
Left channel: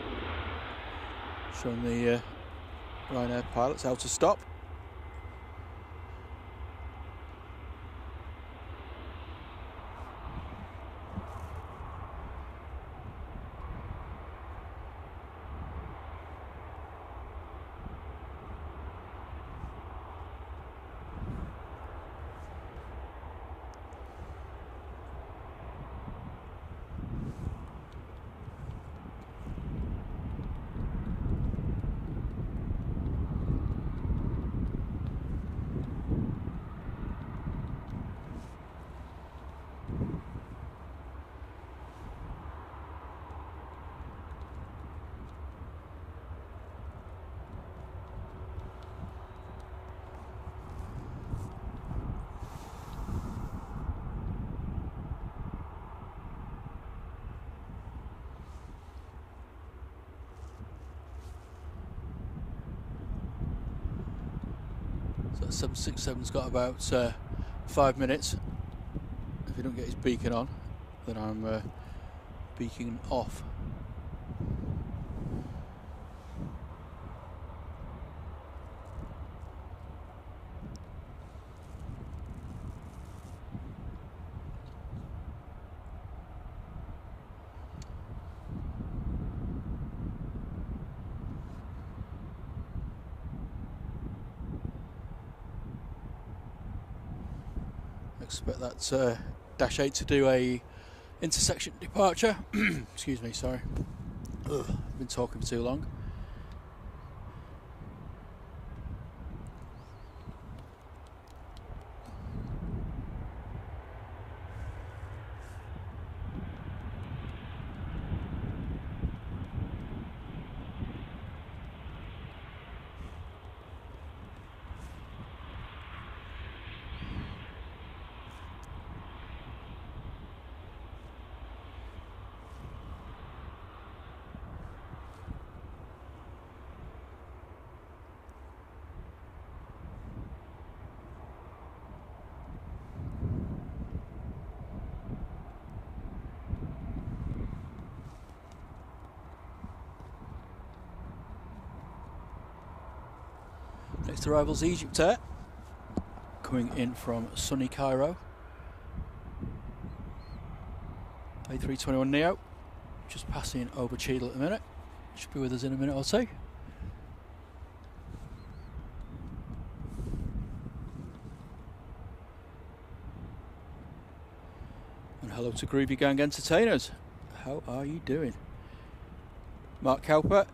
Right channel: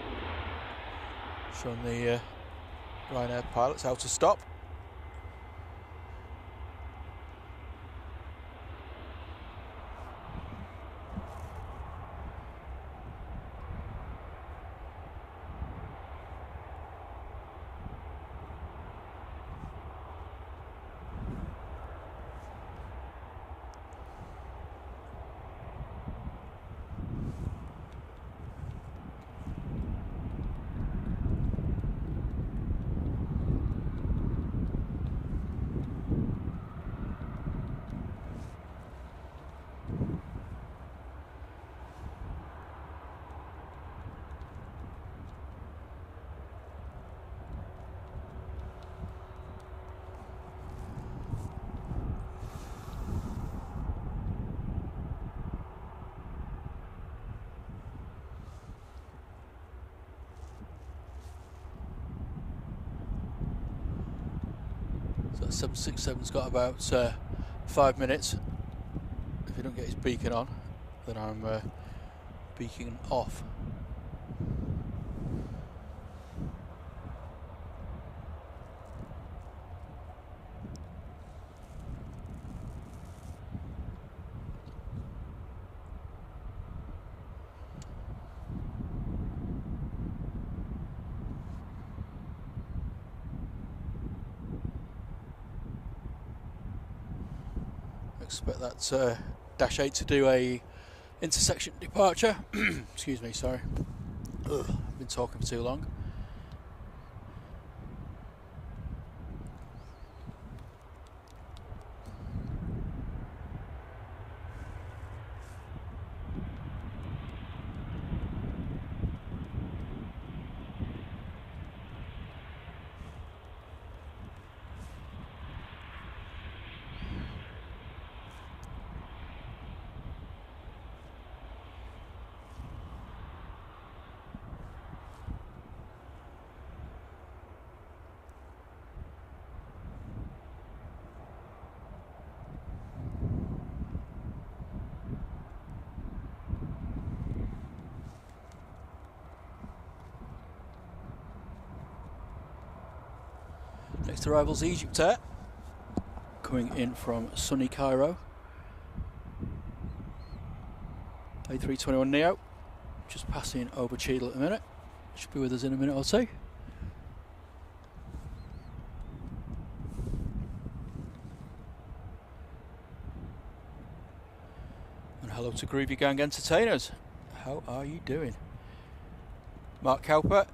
Showing the Ryanair pilots how to stop. So that 767's got about 5 minutes. If he don't get his beacon on, then I'm beacon off. Expect that Dash 8 to do a intersection departure. Excuse me, sorry. Ugh, I've been talking for too long. Next arrival's Egypt Air, coming in from sunny Cairo. A321 Neo, just passing over Cheadle at the minute. Should be with us in a minute or two. And hello to Groovy Gang Entertainers. How are you doing? Mark Cowper,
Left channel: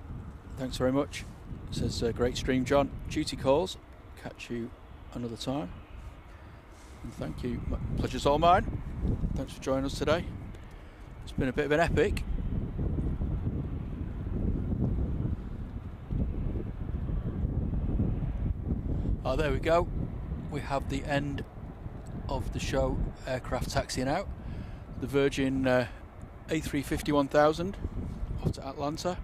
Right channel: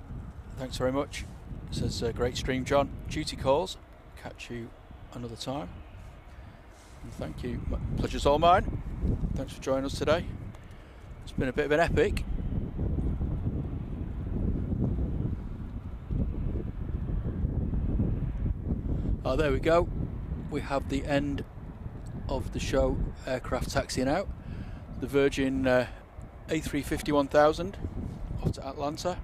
thanks very much. It says great stream, John. Duty calls. Catch you another time. And thank you. Pleasure's all mine. Thanks for joining us today. It's been a bit of an epic. Oh, there we go. We have the end of the show. Aircraft taxiing out. The Virgin A350 1000 off to Atlanta.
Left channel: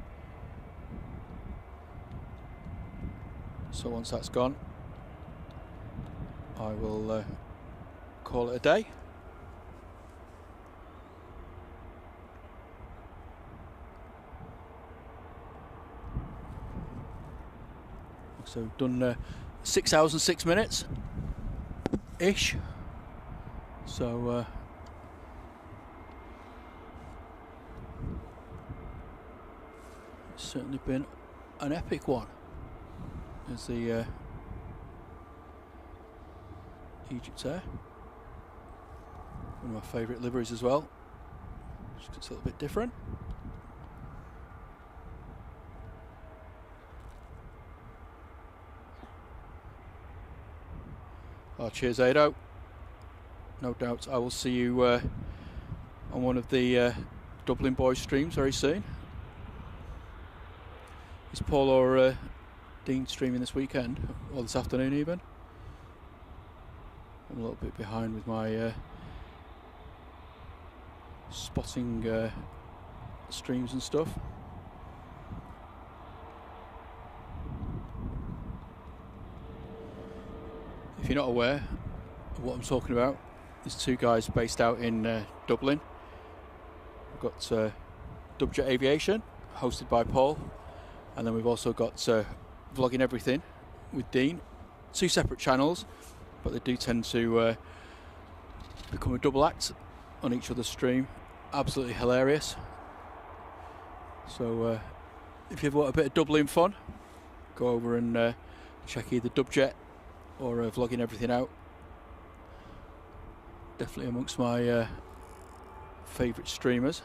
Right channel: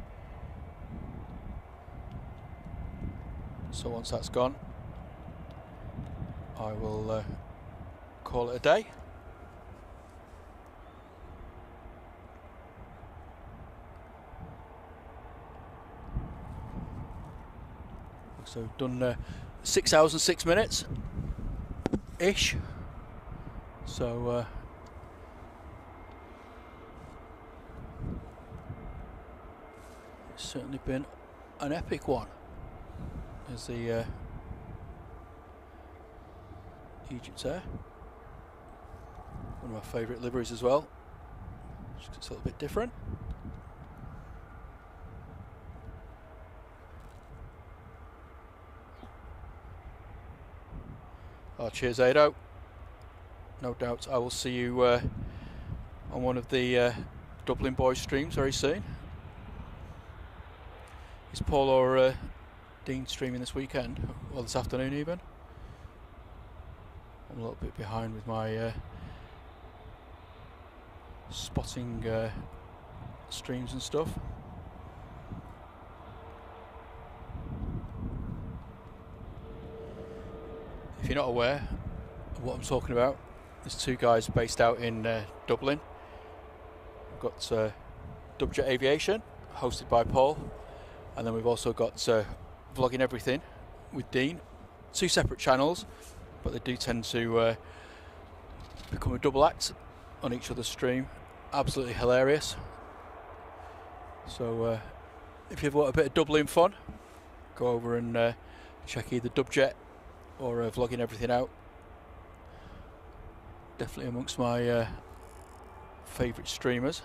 So once that's gone, I will call it a day. So done 6 hours and 6 minutes ish. So it's certainly been an epic one. There's the Egypt Air, one of my favourite liveries as well, just 'cause it's a little bit different. Oh, cheers, Ado. No doubt I will see you on one of the Dublin Boys streams very soon. Is Paul or Dean streaming this weekend, or this afternoon even? I'm a little bit behind with my spotting streams and stuff. If you're not aware of what I'm talking about, there's two guys based out in Dublin. We've got Dubjet Aviation, hosted by Paul, and then we've also got Vlogging Everything with Dean. Two separate channels, but they do tend to become a double act on each other's stream. Absolutely hilarious. So if you ever want a bit of Dublin fun, go over and check either Dubjet or Vlogging Everything out. Definitely amongst my favourite streamers.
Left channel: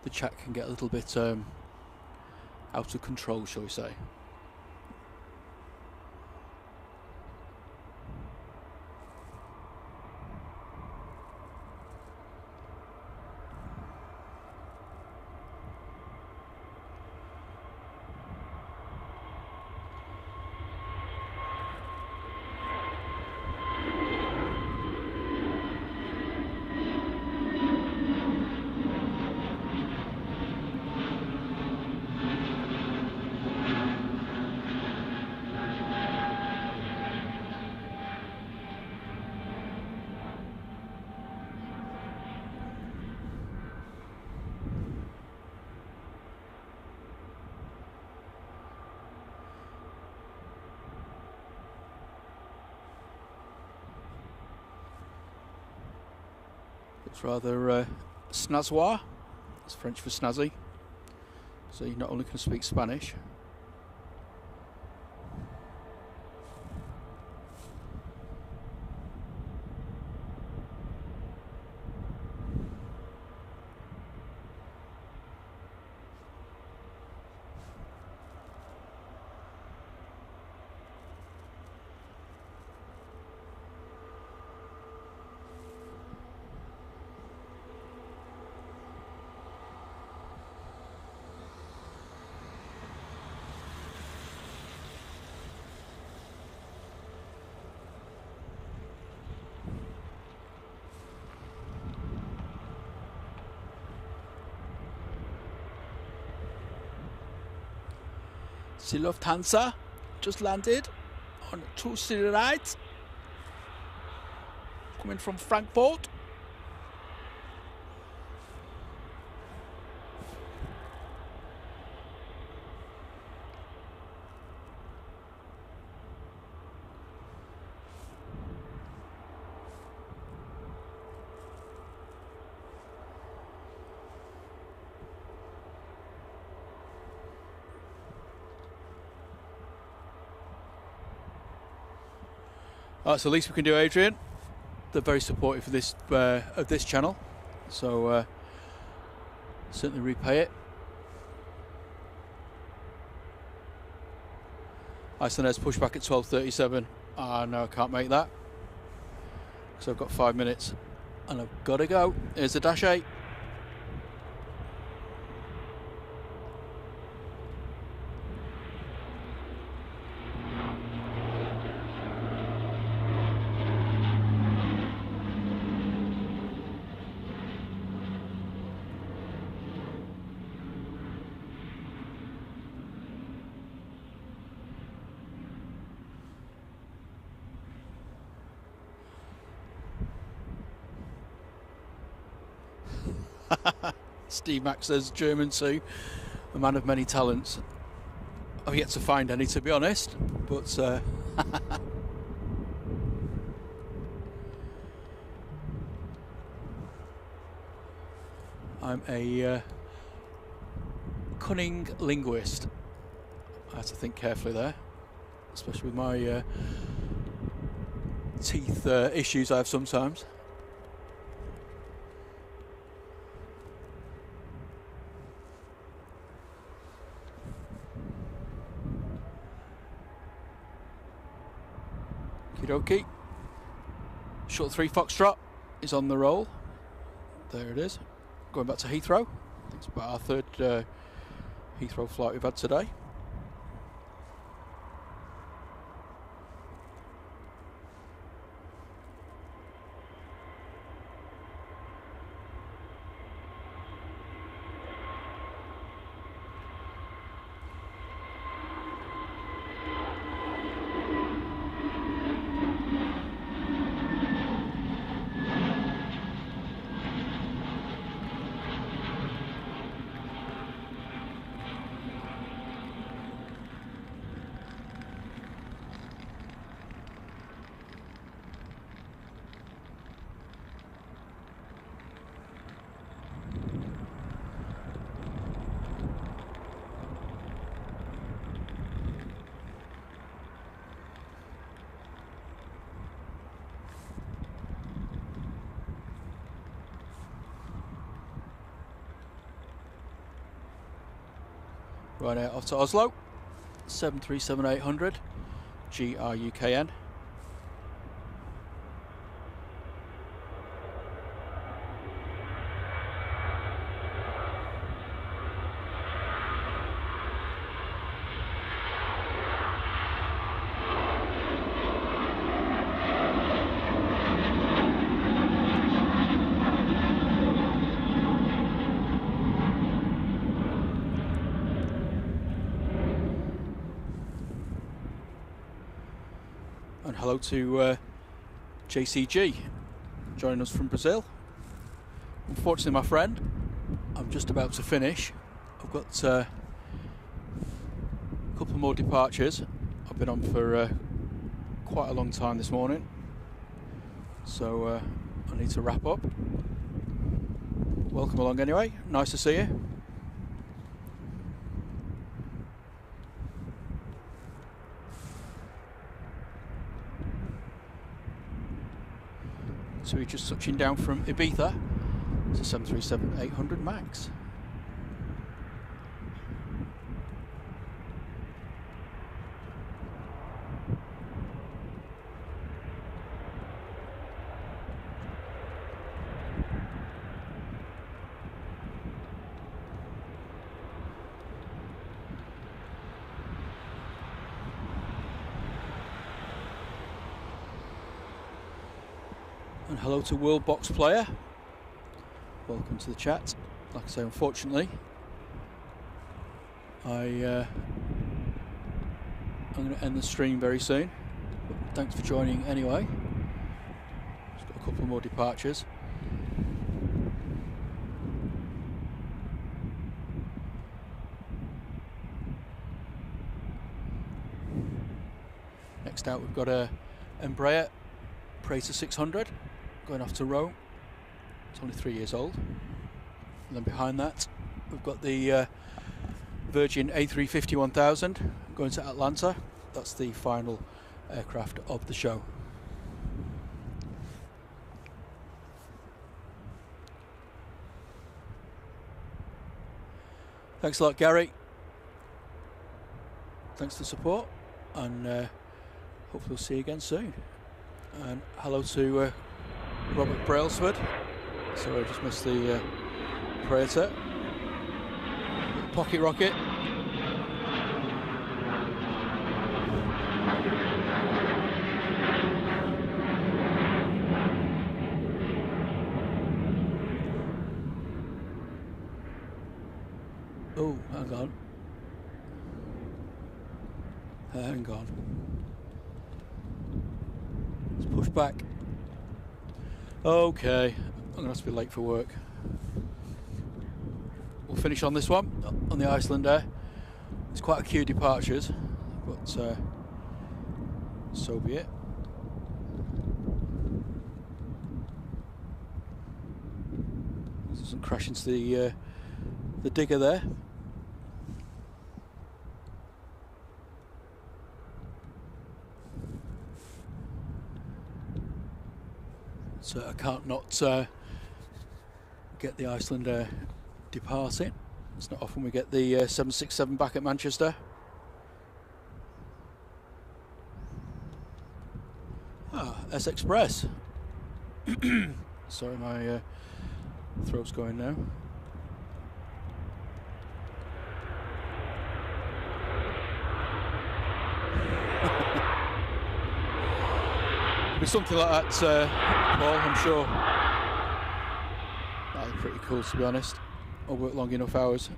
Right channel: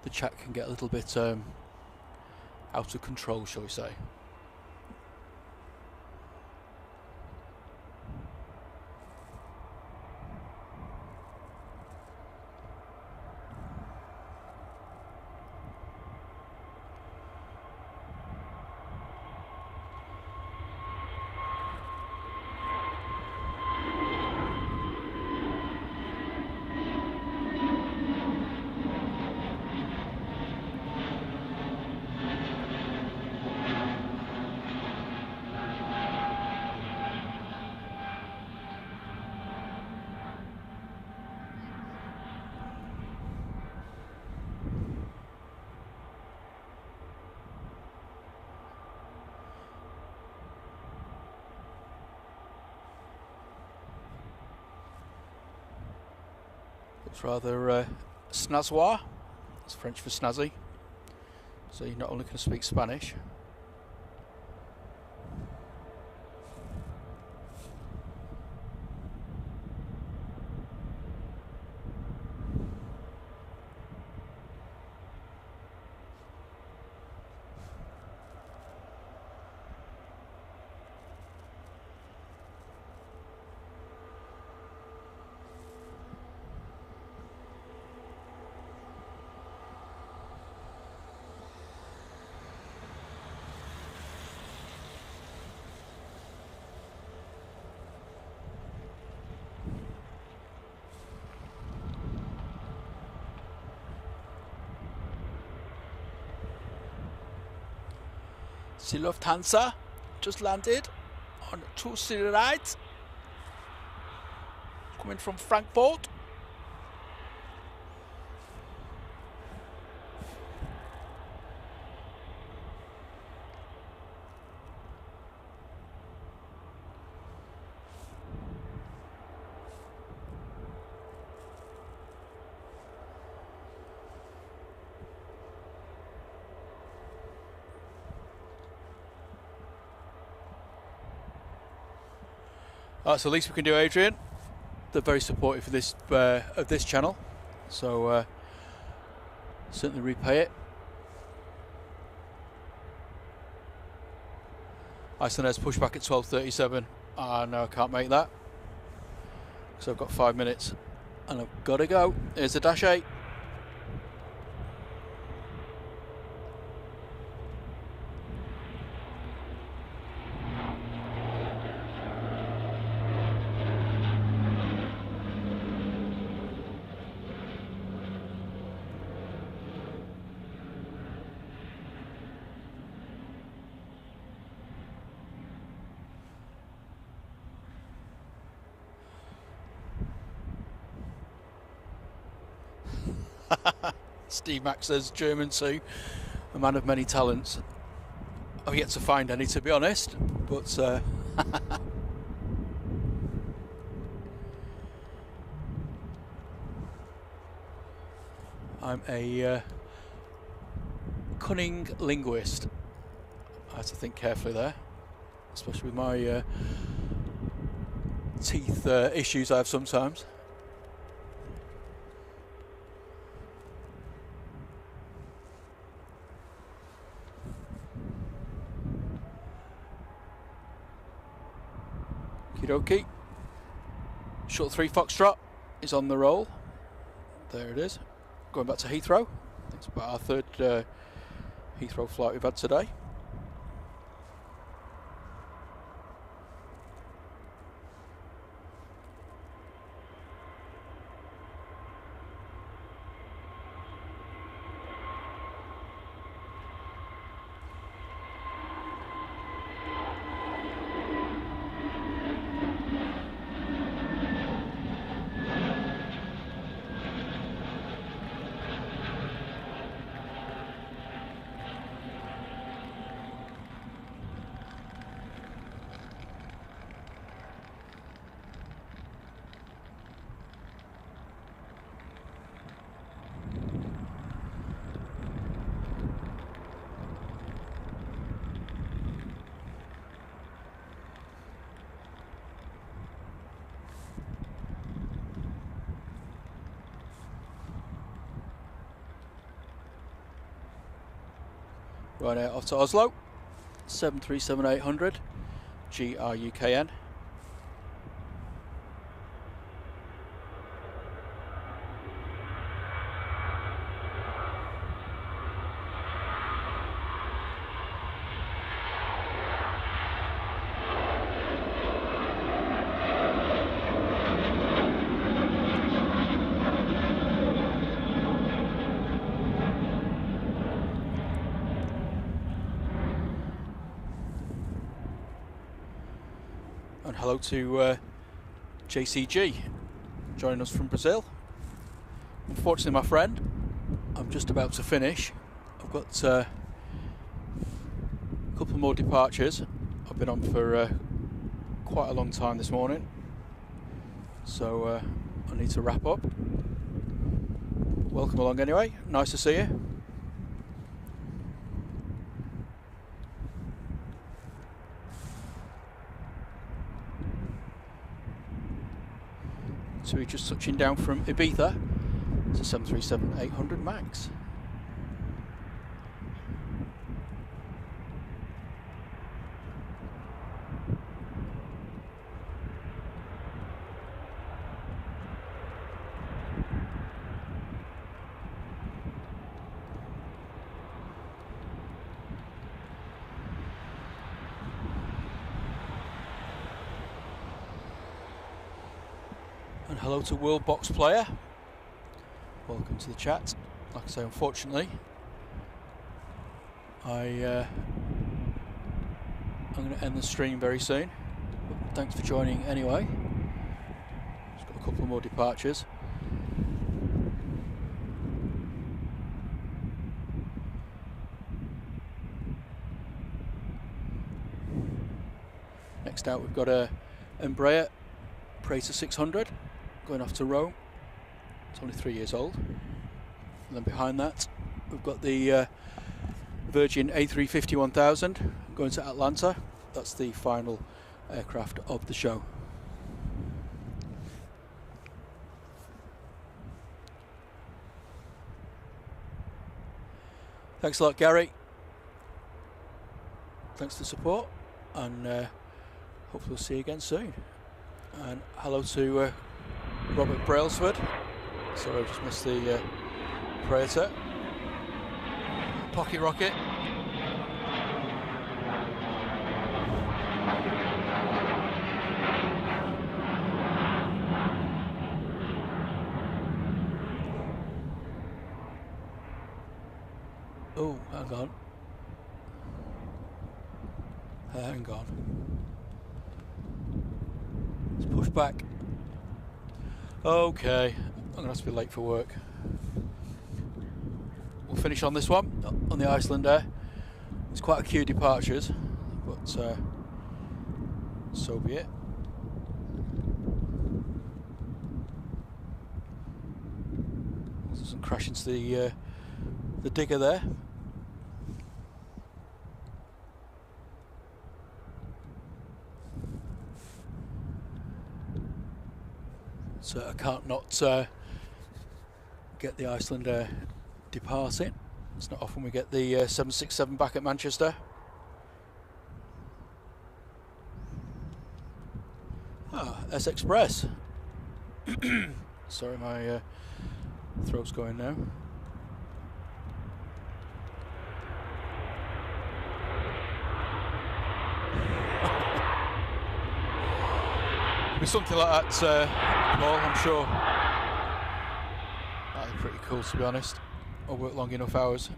The chat can get a little bit out of control, shall we say. Looks rather snazzoir. That's French for snazzy. So you not only can speak Spanish. The Lufthansa just landed on 208. It's coming from Frankfurt. So the least we can do, Adrian. They're very supportive of this channel, so certainly repay it. Iceland's pushback at 12:37. No, I can't make that because I've got 5 minutes and I've got to go. Here's the Dash 8. Steve Mack says German too, a man of many talents. I've yet to find any, to be honest, but I'm a cunning linguist. I have to think carefully there, especially with my teeth issues I have sometimes. Okie, short 3 Foxtrot is on the roll. There it is. Going back to Heathrow. I think it's about our third Heathrow flight we've had today. Right out off to Oslo, 737-800, GRUKN. And hello to JCG joining us from Brazil. Unfortunately, my friend, I'm just about to finish. I've got a couple more departures. I've been on for quite a long time this morning, so I need to wrap up. welcome along anyway. Nice to see you. So we're just touching down from Ibiza. It's a 737-800 MAX. And hello to World Box Player. Welcome to the chat. Like I say, unfortunately, I'm going to end the stream very soon. But thanks for joining anyway. Just got a couple more departures. Next out, we've got a Emirates A380 600. Going off to Rome. It's only 3 years old. And then behind that we've got the Virgin A350 1000 going to Atlanta. That's the final aircraft of the show. Thanks a lot, Gary. Thanks for the support, and hopefully we'll see you again soon. And hello to Robert Brailsford. Sorry, I just missed the Praetor. Little pocket rocket. Oh, hang on. Hang on. Let's push back. Okay, I'm going to have to be late for work. We'll finish on this one, on the Iceland Air. It's quite a few departures, but so be it. Doesn't crash into the digger there. So I can't not get the Iceland Air departing. It's not often we get the 767 back at Manchester. Ah, S-Express. Sorry, my throat's going now. It'll be something like that, Paul, I'm sure. That'll be pretty cool, to be honest. I'll work long enough hours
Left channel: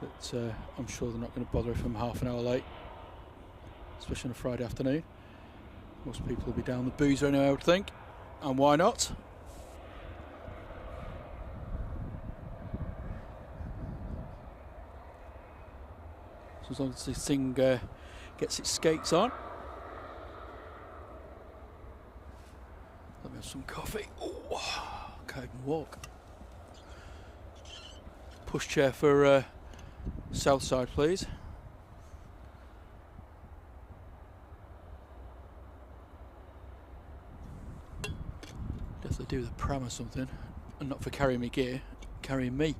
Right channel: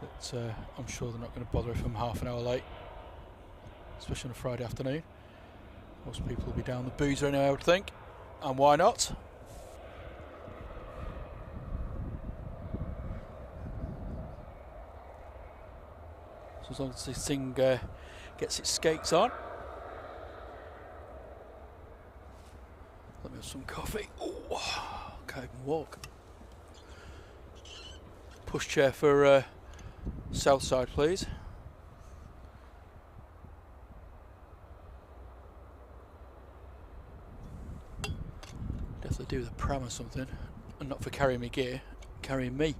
that I'm sure they're not going to bother if I'm half an hour late, especially on a Friday afternoon. Most people will be down the boozer anyway, I would think, and why not? So as long as this thing gets its skates on. Let me have some coffee. Oh, can't even walk. Pushchair for south side, please. Definitely do with a pram or something, and not for carrying me gear, carrying me.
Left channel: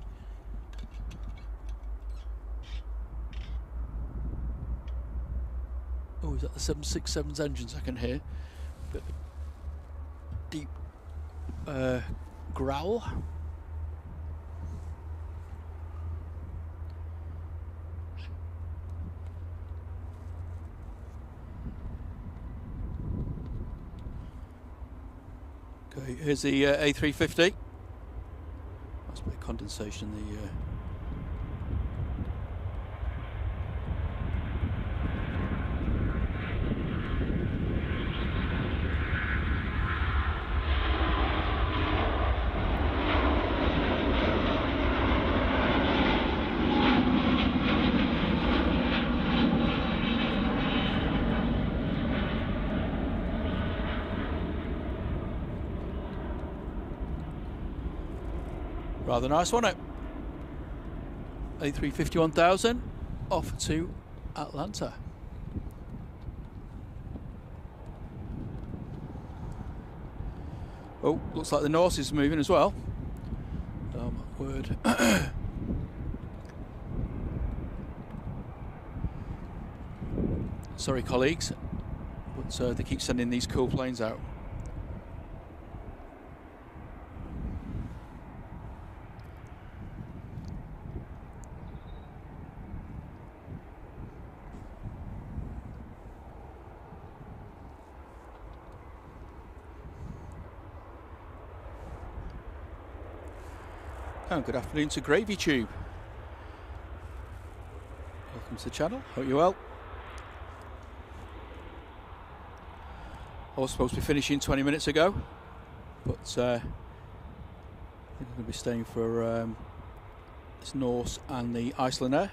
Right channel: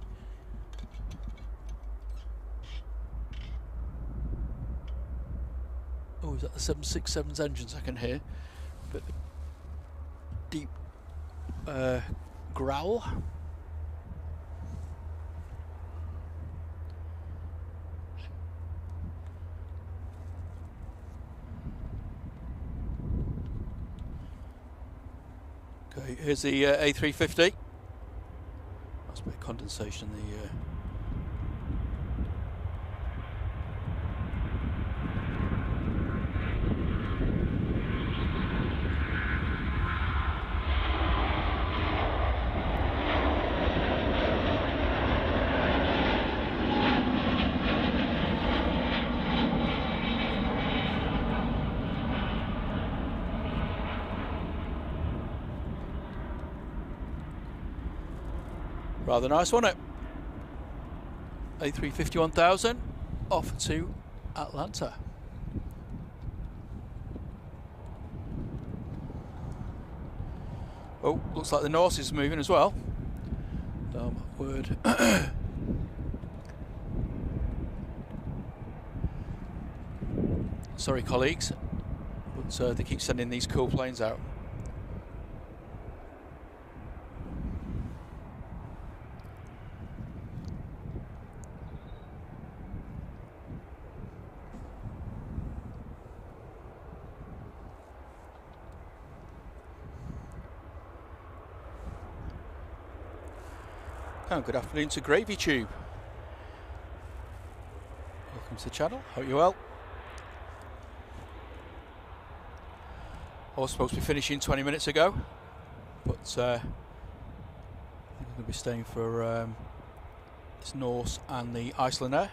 Oh, is that the 767's engines I can hear? Bit of a deep growl. Okay, here's the A350. Nice bit of condensation in the Rather nice, wasn't it? A350 1000 off to Atlanta. Oh, looks like the Norse is moving as well. Word. Sorry, colleagues, but they keep sending these cool planes out. Oh, good afternoon to Gravy Tube. Welcome to the channel. Hope you're well. I was supposed to be finishing 20 minutes ago, but I think I'm going to be staying for this Norse and the Icelander.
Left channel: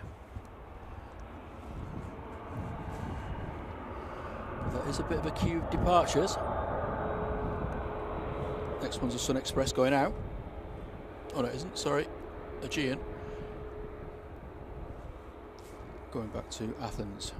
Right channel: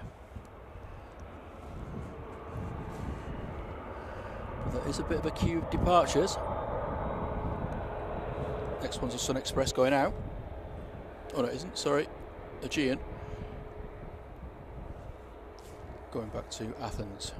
But there is a bit of a queue of departures. Next one's a Sun Express going out. Oh, no, it isn't. Sorry. Aegean. Going back to Athens.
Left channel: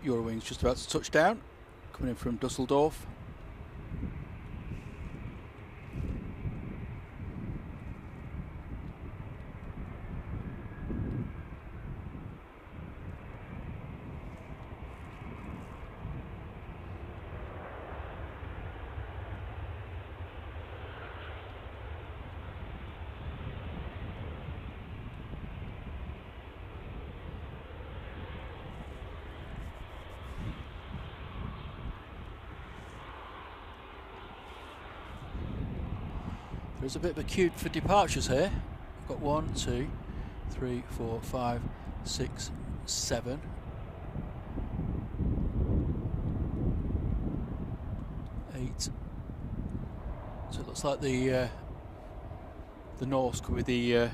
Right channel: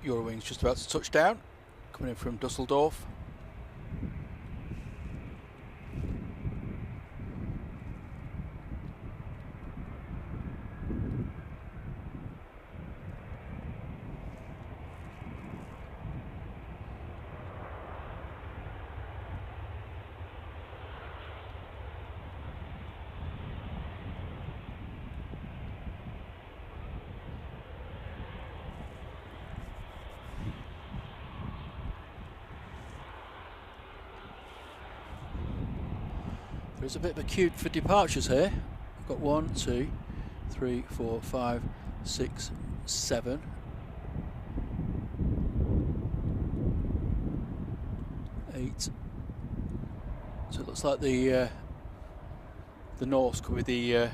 Eurowings just about to touch down, coming in from Dusseldorf. There's a bit of a queue for departures here. We've got 1, 2, 3, 4, 5, 6, 7, 8. So it looks like the Norse could be the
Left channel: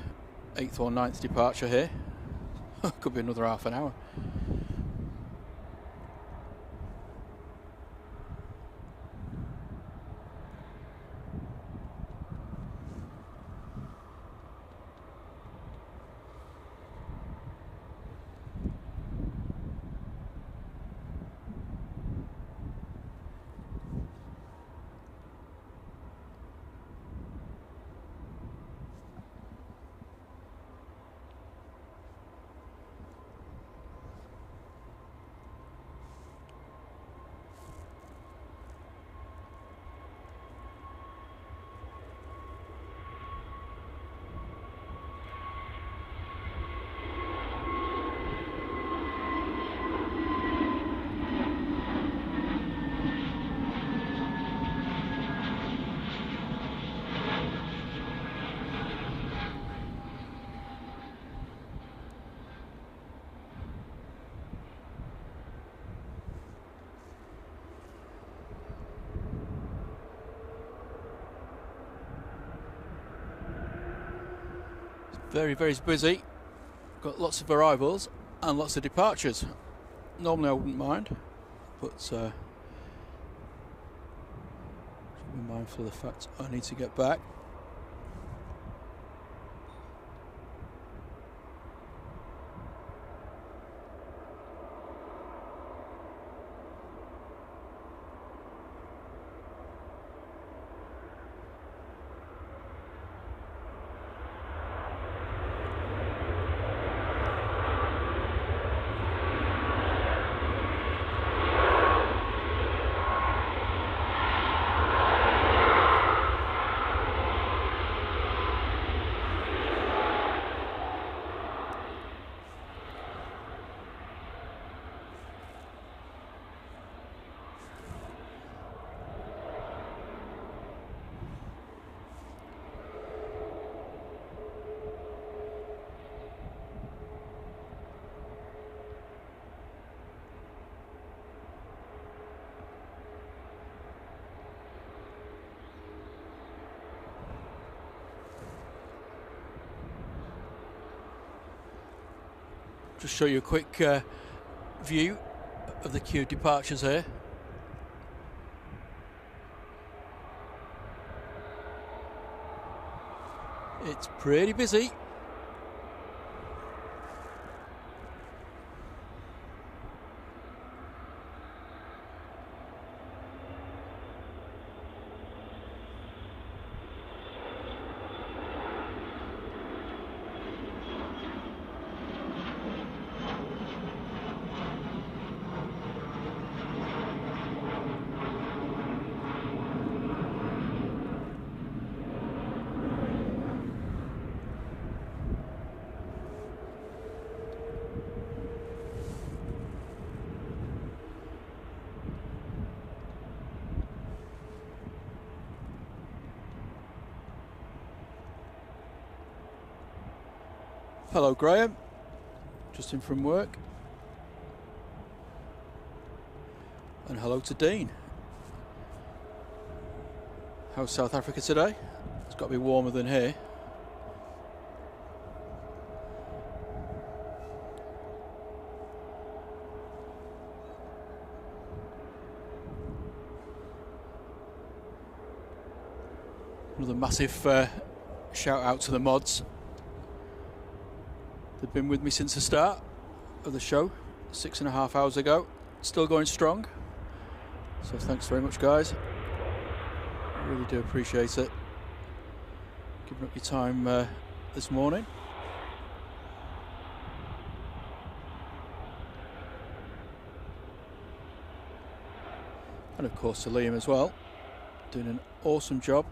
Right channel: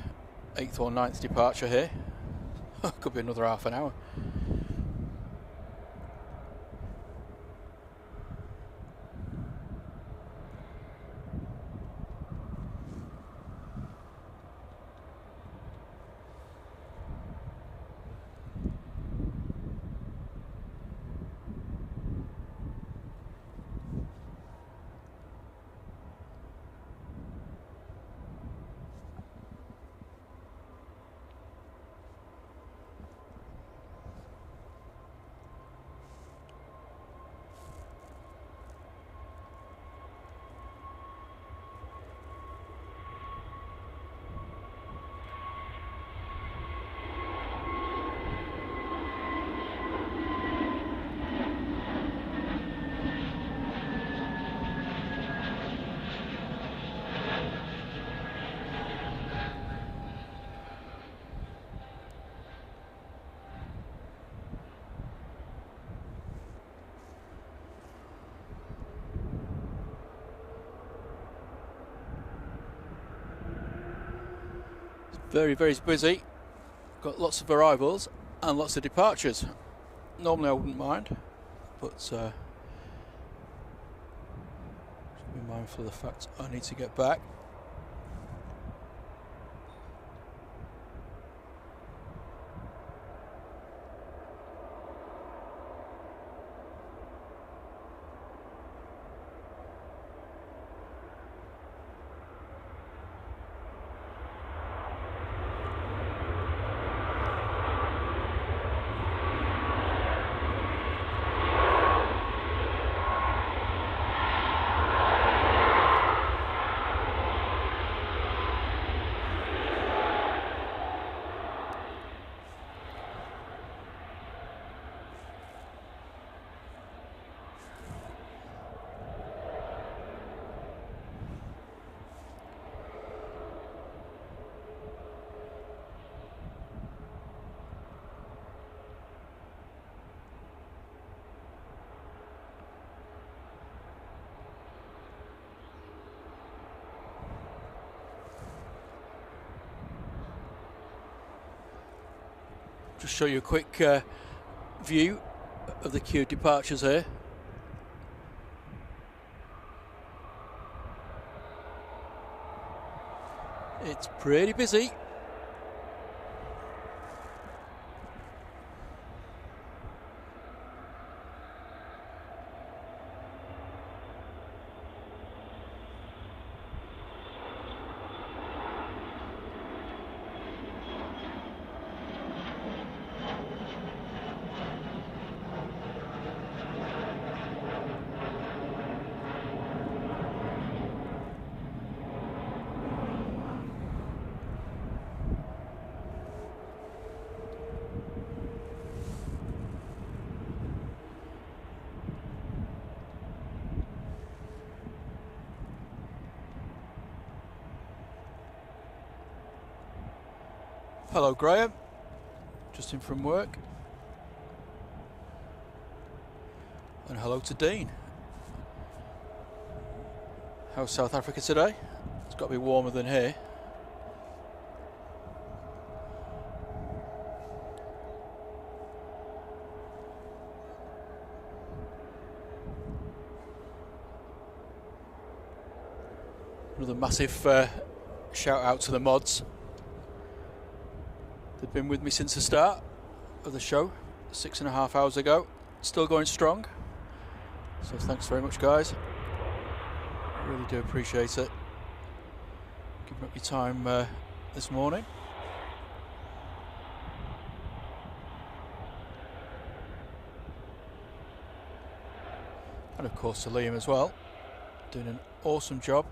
8th or 9th departure here. Could be another half an hour. Very, very busy. Got lots of arrivals and lots of departures. Normally I wouldn't mind, but just be mindful of the fact I need to get back. Just show you a quick view of the queue departures here. It's pretty busy. Hello Graham, just in from work. And hello to Dean. How's South Africa today? It's got to be warmer than here. Another massive shout out to the mods. They've been with me since the start of the show, 6.5 hours ago. Still going strong. So thanks very much, guys. Really do appreciate it. Giving up your time this morning. And of course to Liam as well. Doing an awesome job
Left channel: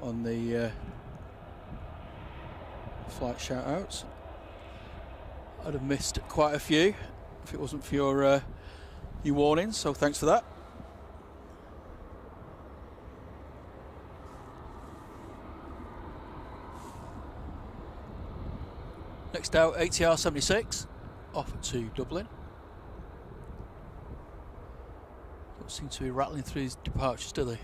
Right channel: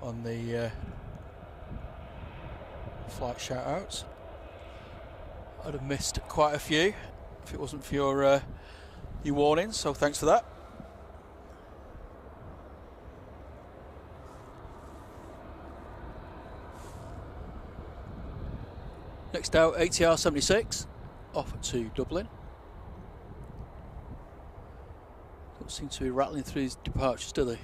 on the flight shout outs. I'd have missed quite a few if it wasn't for your warnings, so thanks for that. Next out, ATR 76 off to Dublin. Don't seem to be rattling through his departures, do they?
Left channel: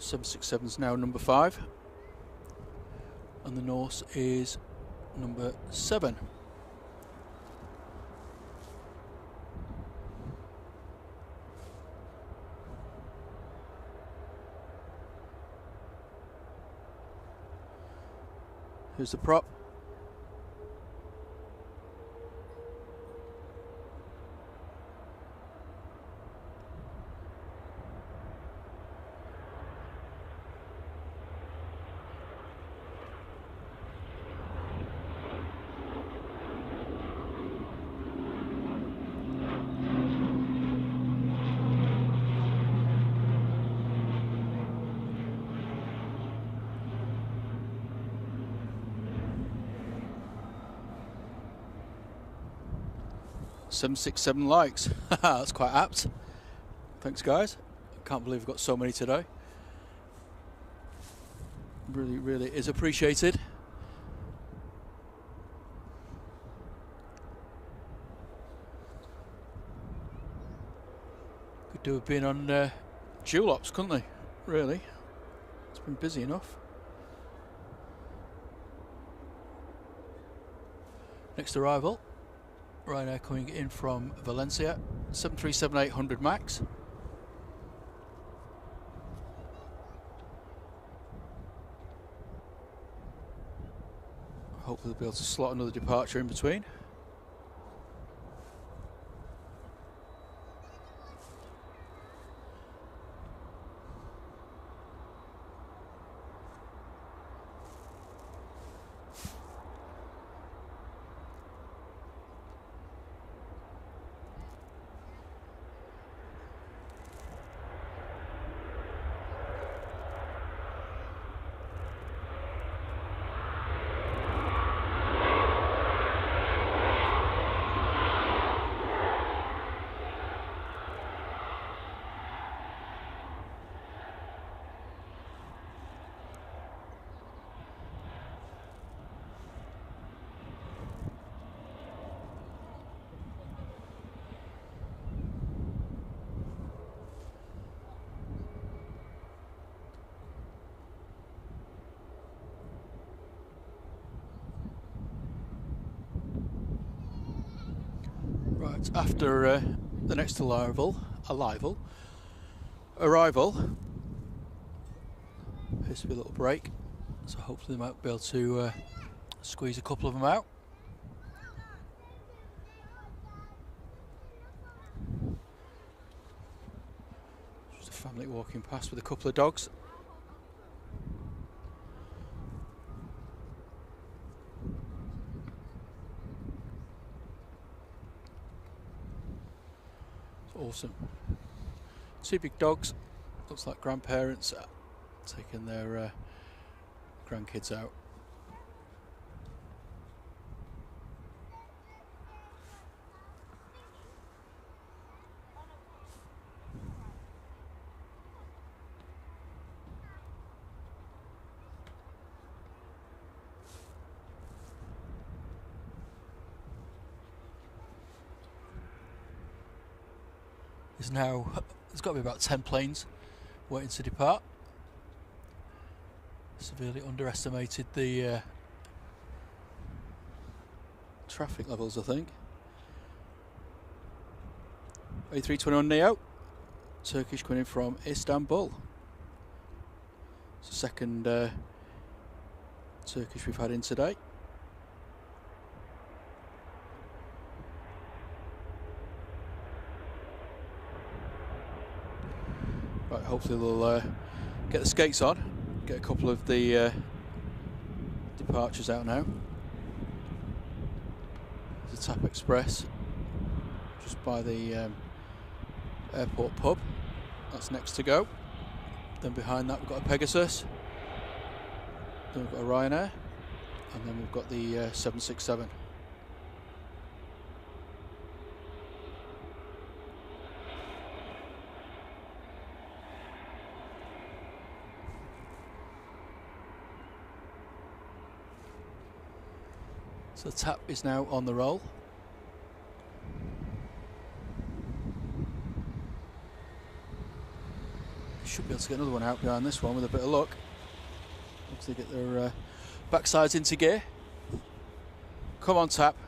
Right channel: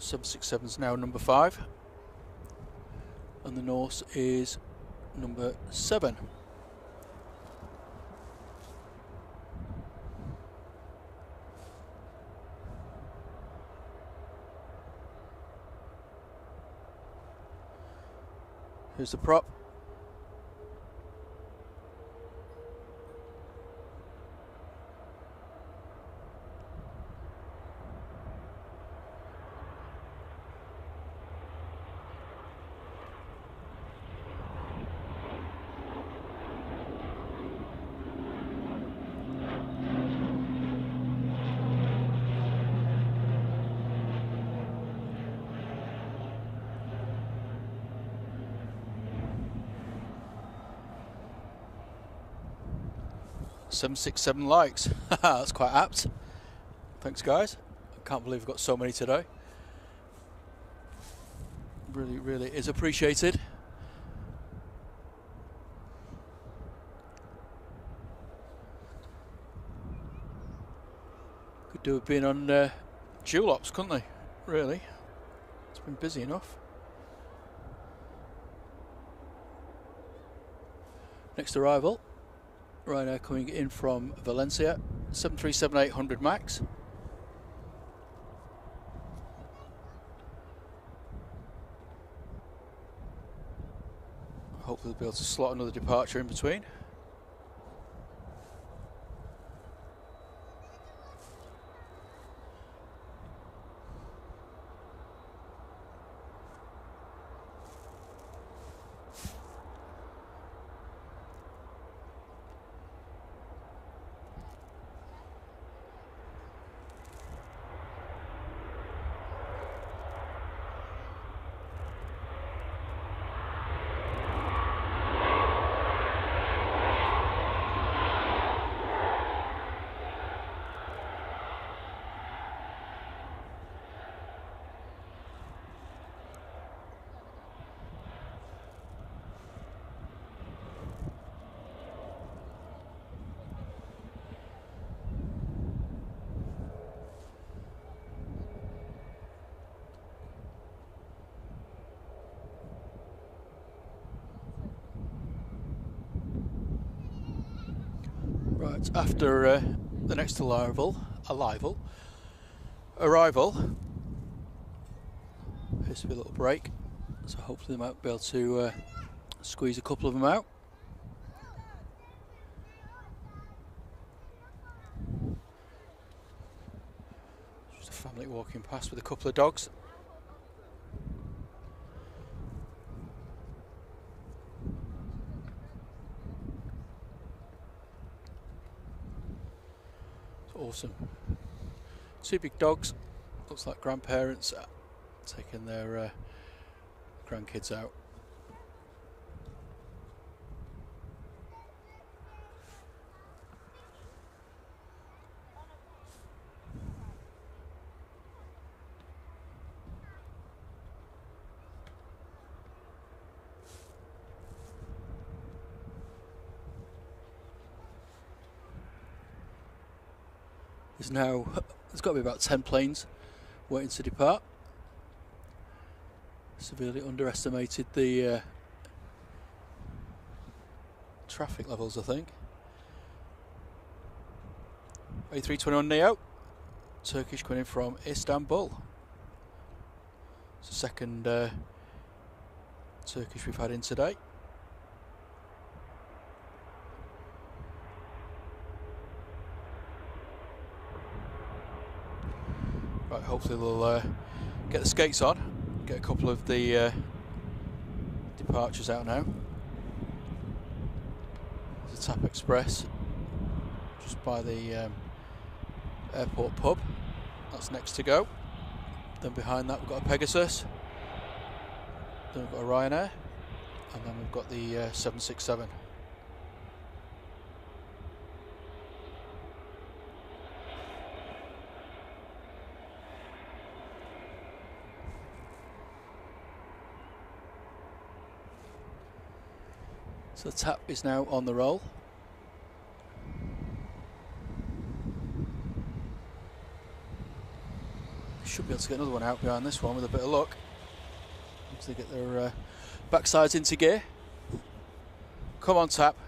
.767's now number 5. And the Norse is number 7. Here's the prop. .767 likes. That's quite apt. Thanks, guys. I can't believe I've got so many today. Really, really is appreciated. Could do have been on dual ops, couldn't they? Really. been busy enough. Next arrival, Ryanair coming in from Valencia, 737-800 MAX. Hopefully they'll be able to slot another departure in between. Right, after the next arrival, appears to be a little break, so hopefully they might be able to squeeze a couple of them out. Just a family walking past with a couple of dogs. Awesome. Two big dogs, looks like grandparents taking their grandkids out. There's got to be about 10 planes waiting to depart. Severely underestimated the traffic levels, I think. A321 Neo, Turkish coming in from Istanbul. It's the second Turkish we've had in today. Right, hopefully they'll get the skates on, get a couple of the departures out now. There's a Tap Express just by the airport pub, that's next to go. Then behind that we've got a Pegasus, then we've got a Ryanair, and then we've got the 767. So the Tap is now on the roll. They should be able to get another one out behind this one with a bit of luck. Looks like they get their backsides into gear. Come on, Tap.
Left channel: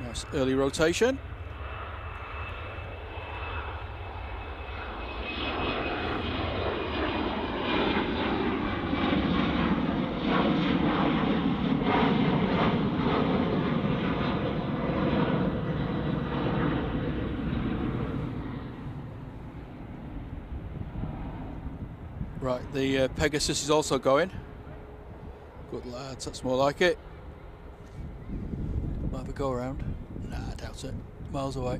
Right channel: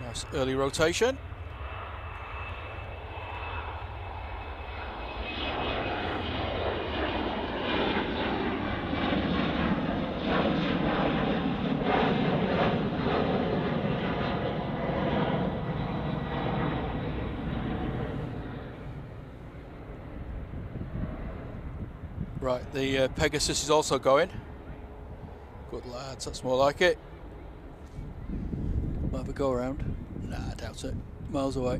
Nice early rotation. Right, the Pegasus is also going. Good lads, that's more like it. Might have a go around. Nah, I doubt it. Miles away.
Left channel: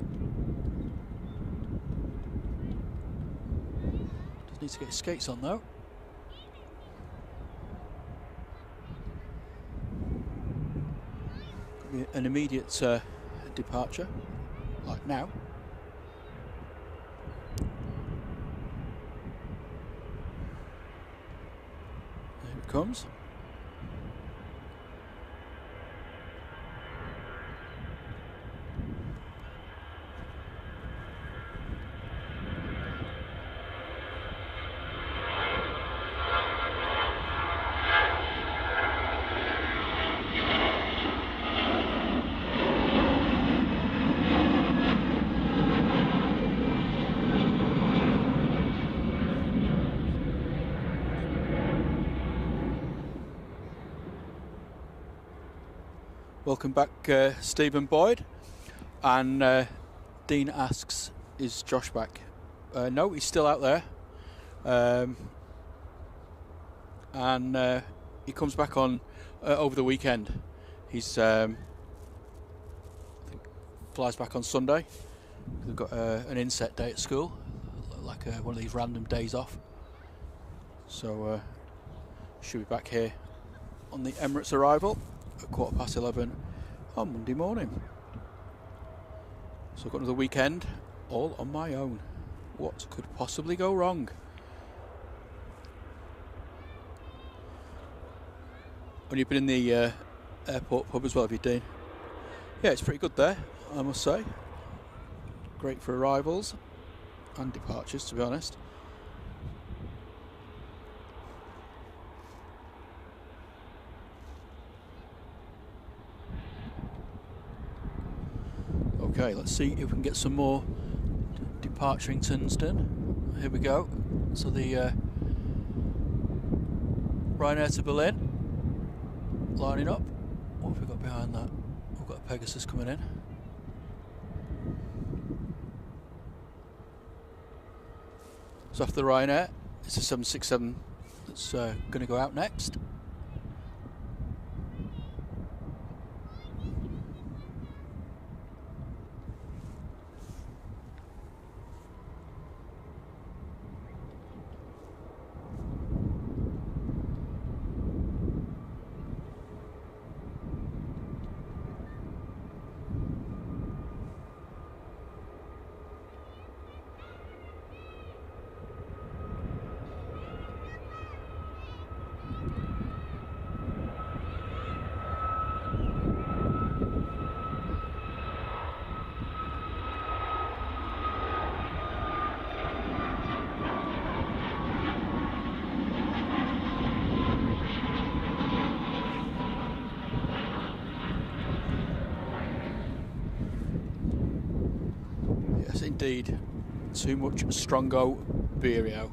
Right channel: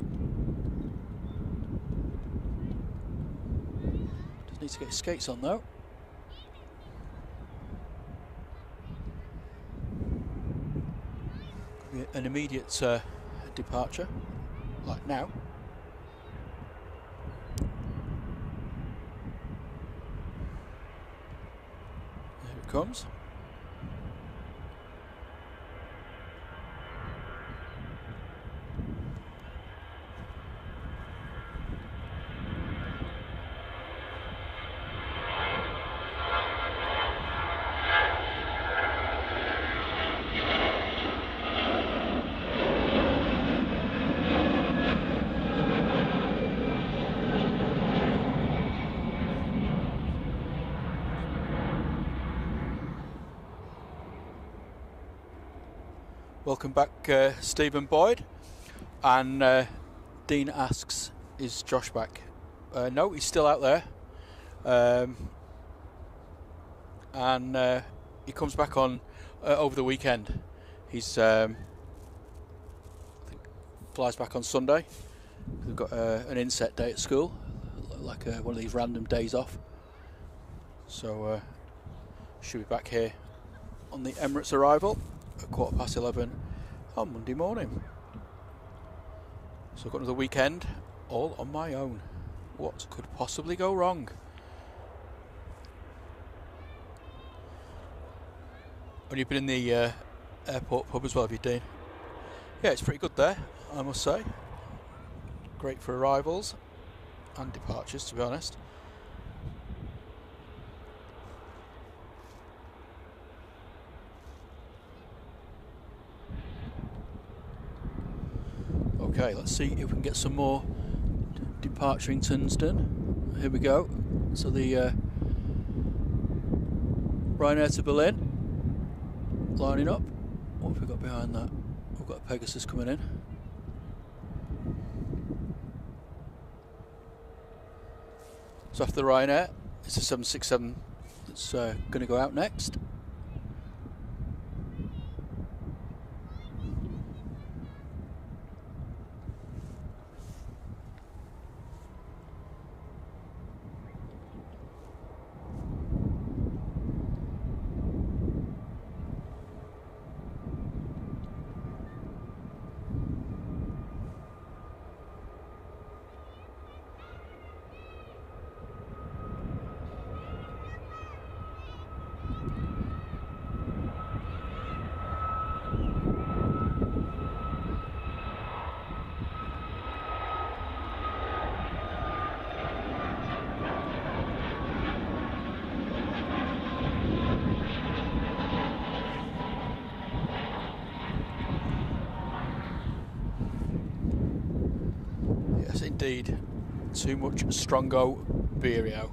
Does need to get his skates on though. Could be an immediate departure, like now. comes. Welcome back, Stephen Boyd. And Dean asks, is Josh back? No, he's still out there. And he comes back on over the weekend. He's I think flies back on Sunday. We've got an inset day at school, like one of these random days off. So should be back here on the Emirates arrival at 11:15 on Monday morning. So I've got another weekend all on my own. What could possibly go wrong? And you've been in the airport pub as well, have you, Dean? Yeah, it's pretty good there, I must say. Great for arrivals and departures, to be honest. Okay, let's see if we can get some more departuringtons done. Here we go. So the Ryanair to Berlin, lining up. What have we got behind that? We've got a Pegasus coming in. So after the Ryanair, it's a 767 that's going to go out next. Yes, indeed. Too much Strongo Birrio.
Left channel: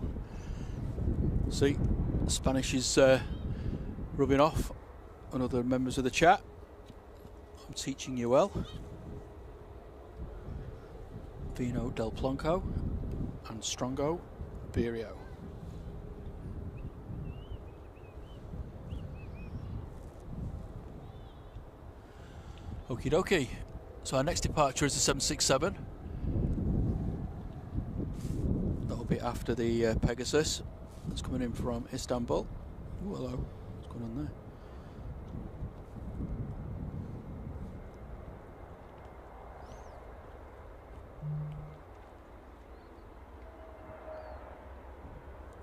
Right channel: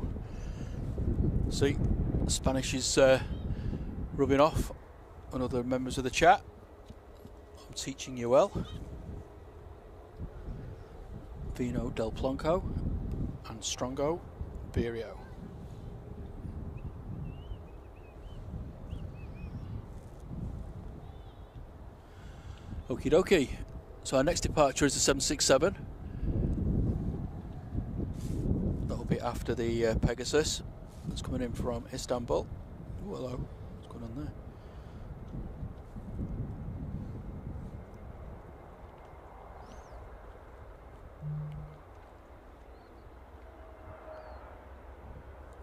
See, Spanish is rubbing off on other members of the chat. I'm teaching you well. Vino del Plonco and Strongo Birrio. Okie dokie. So our next departure is the 767. That'll be after the Pegasus that's coming in from Istanbul. Oh, hello. What's going on there?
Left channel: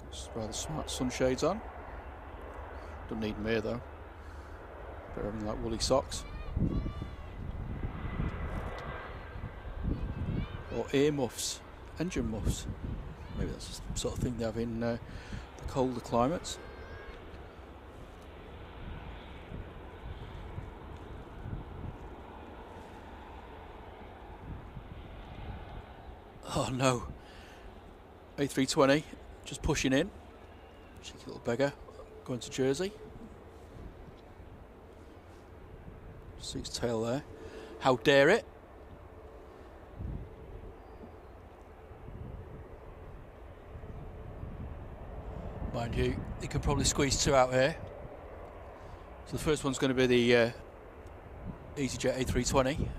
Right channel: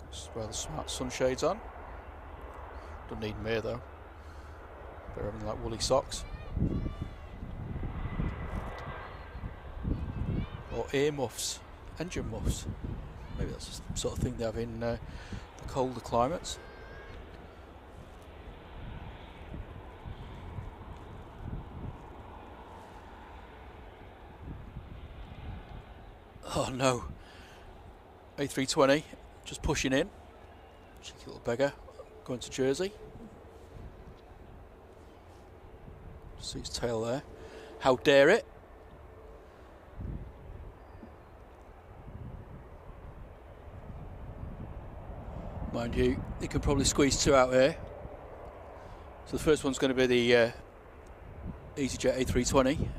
Got rather smart sunshades on. Don't need them here though. Better having like woolly socks. Or ear muffs, engine muffs. Maybe that's the sort of thing they have in the colder climates. Oh no, A320 just pushing in. Cheeky little beggar, going to Jersey. Just see his tail there. How dare it? Mind you, you can probably squeeze two out here. So the first one's going to be the EasyJet A320,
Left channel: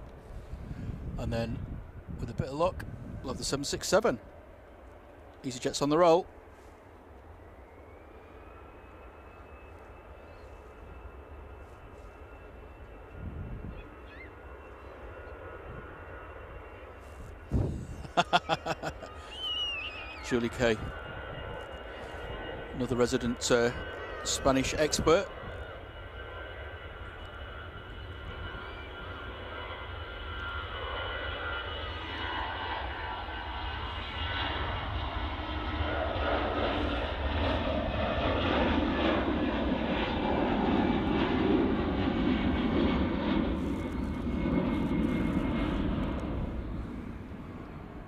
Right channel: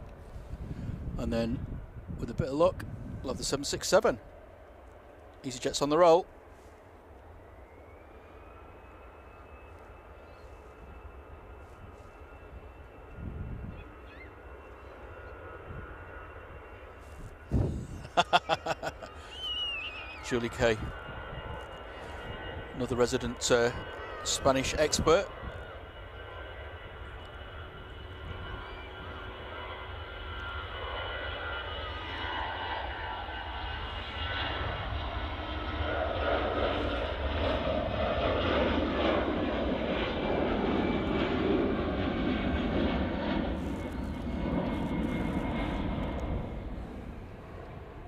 and then with a bit of luck we'll have the 767. EasyJet's on the roll. Julie K, another resident Spanish expert.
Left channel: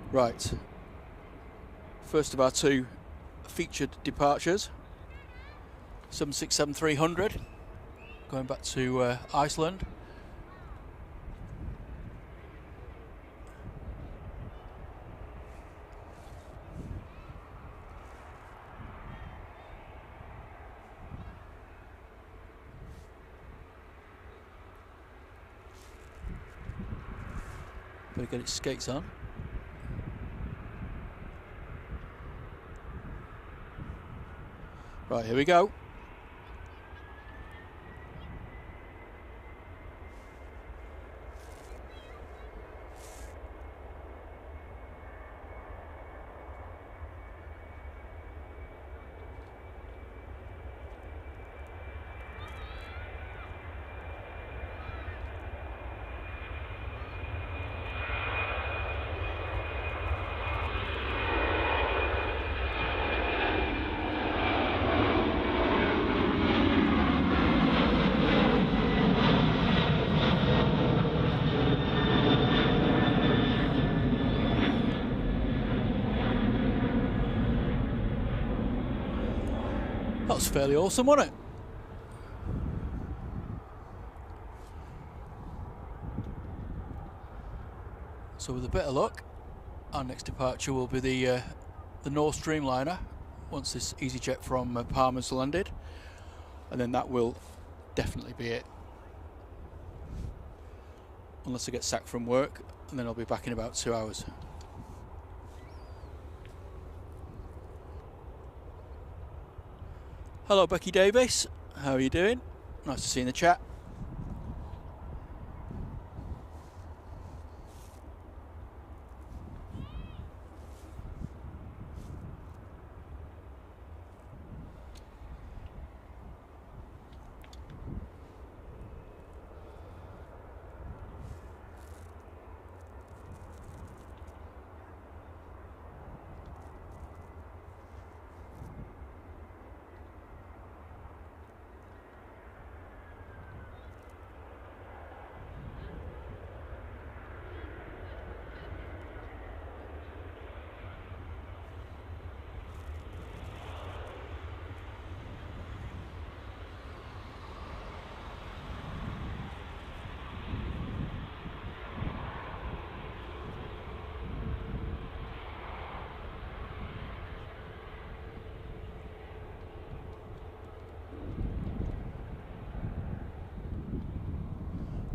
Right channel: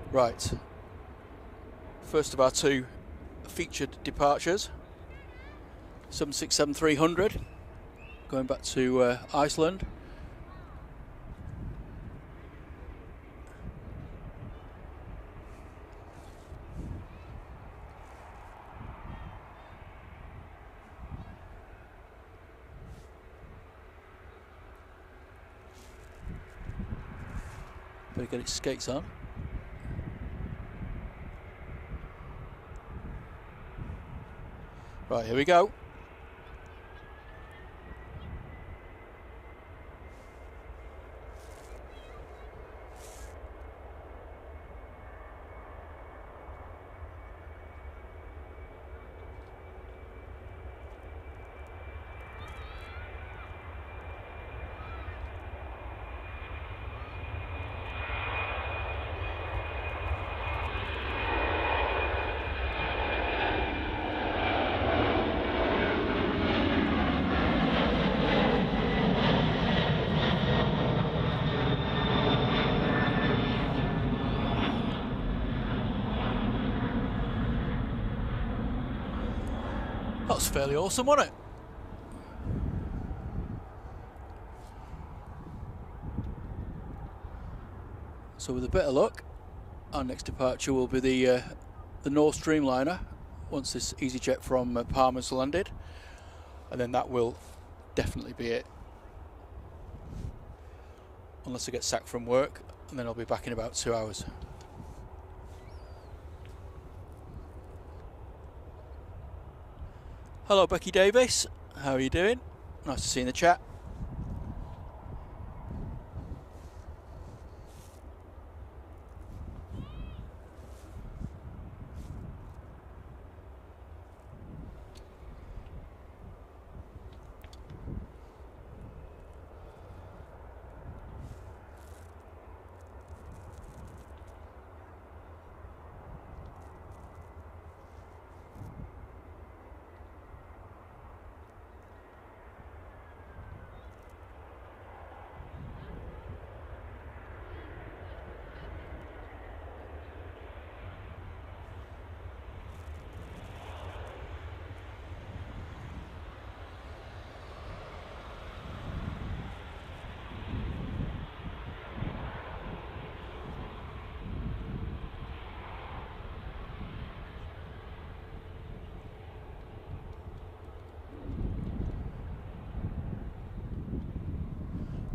Right, first of our two featured departures, 767-300, going back to Iceland. Better get its skates on. Right, here we go. That was fairly awesome, wasn't it? So with a bit of luck, our next departure will be the North Dreamliner, once this EasyJet from Palmer's landed, and then that will definitely be it. Unless I get sacked from work, and then I'll be back in about 2 hours. Hello Becky Davis, how are you doing? Nice to see you in the chat.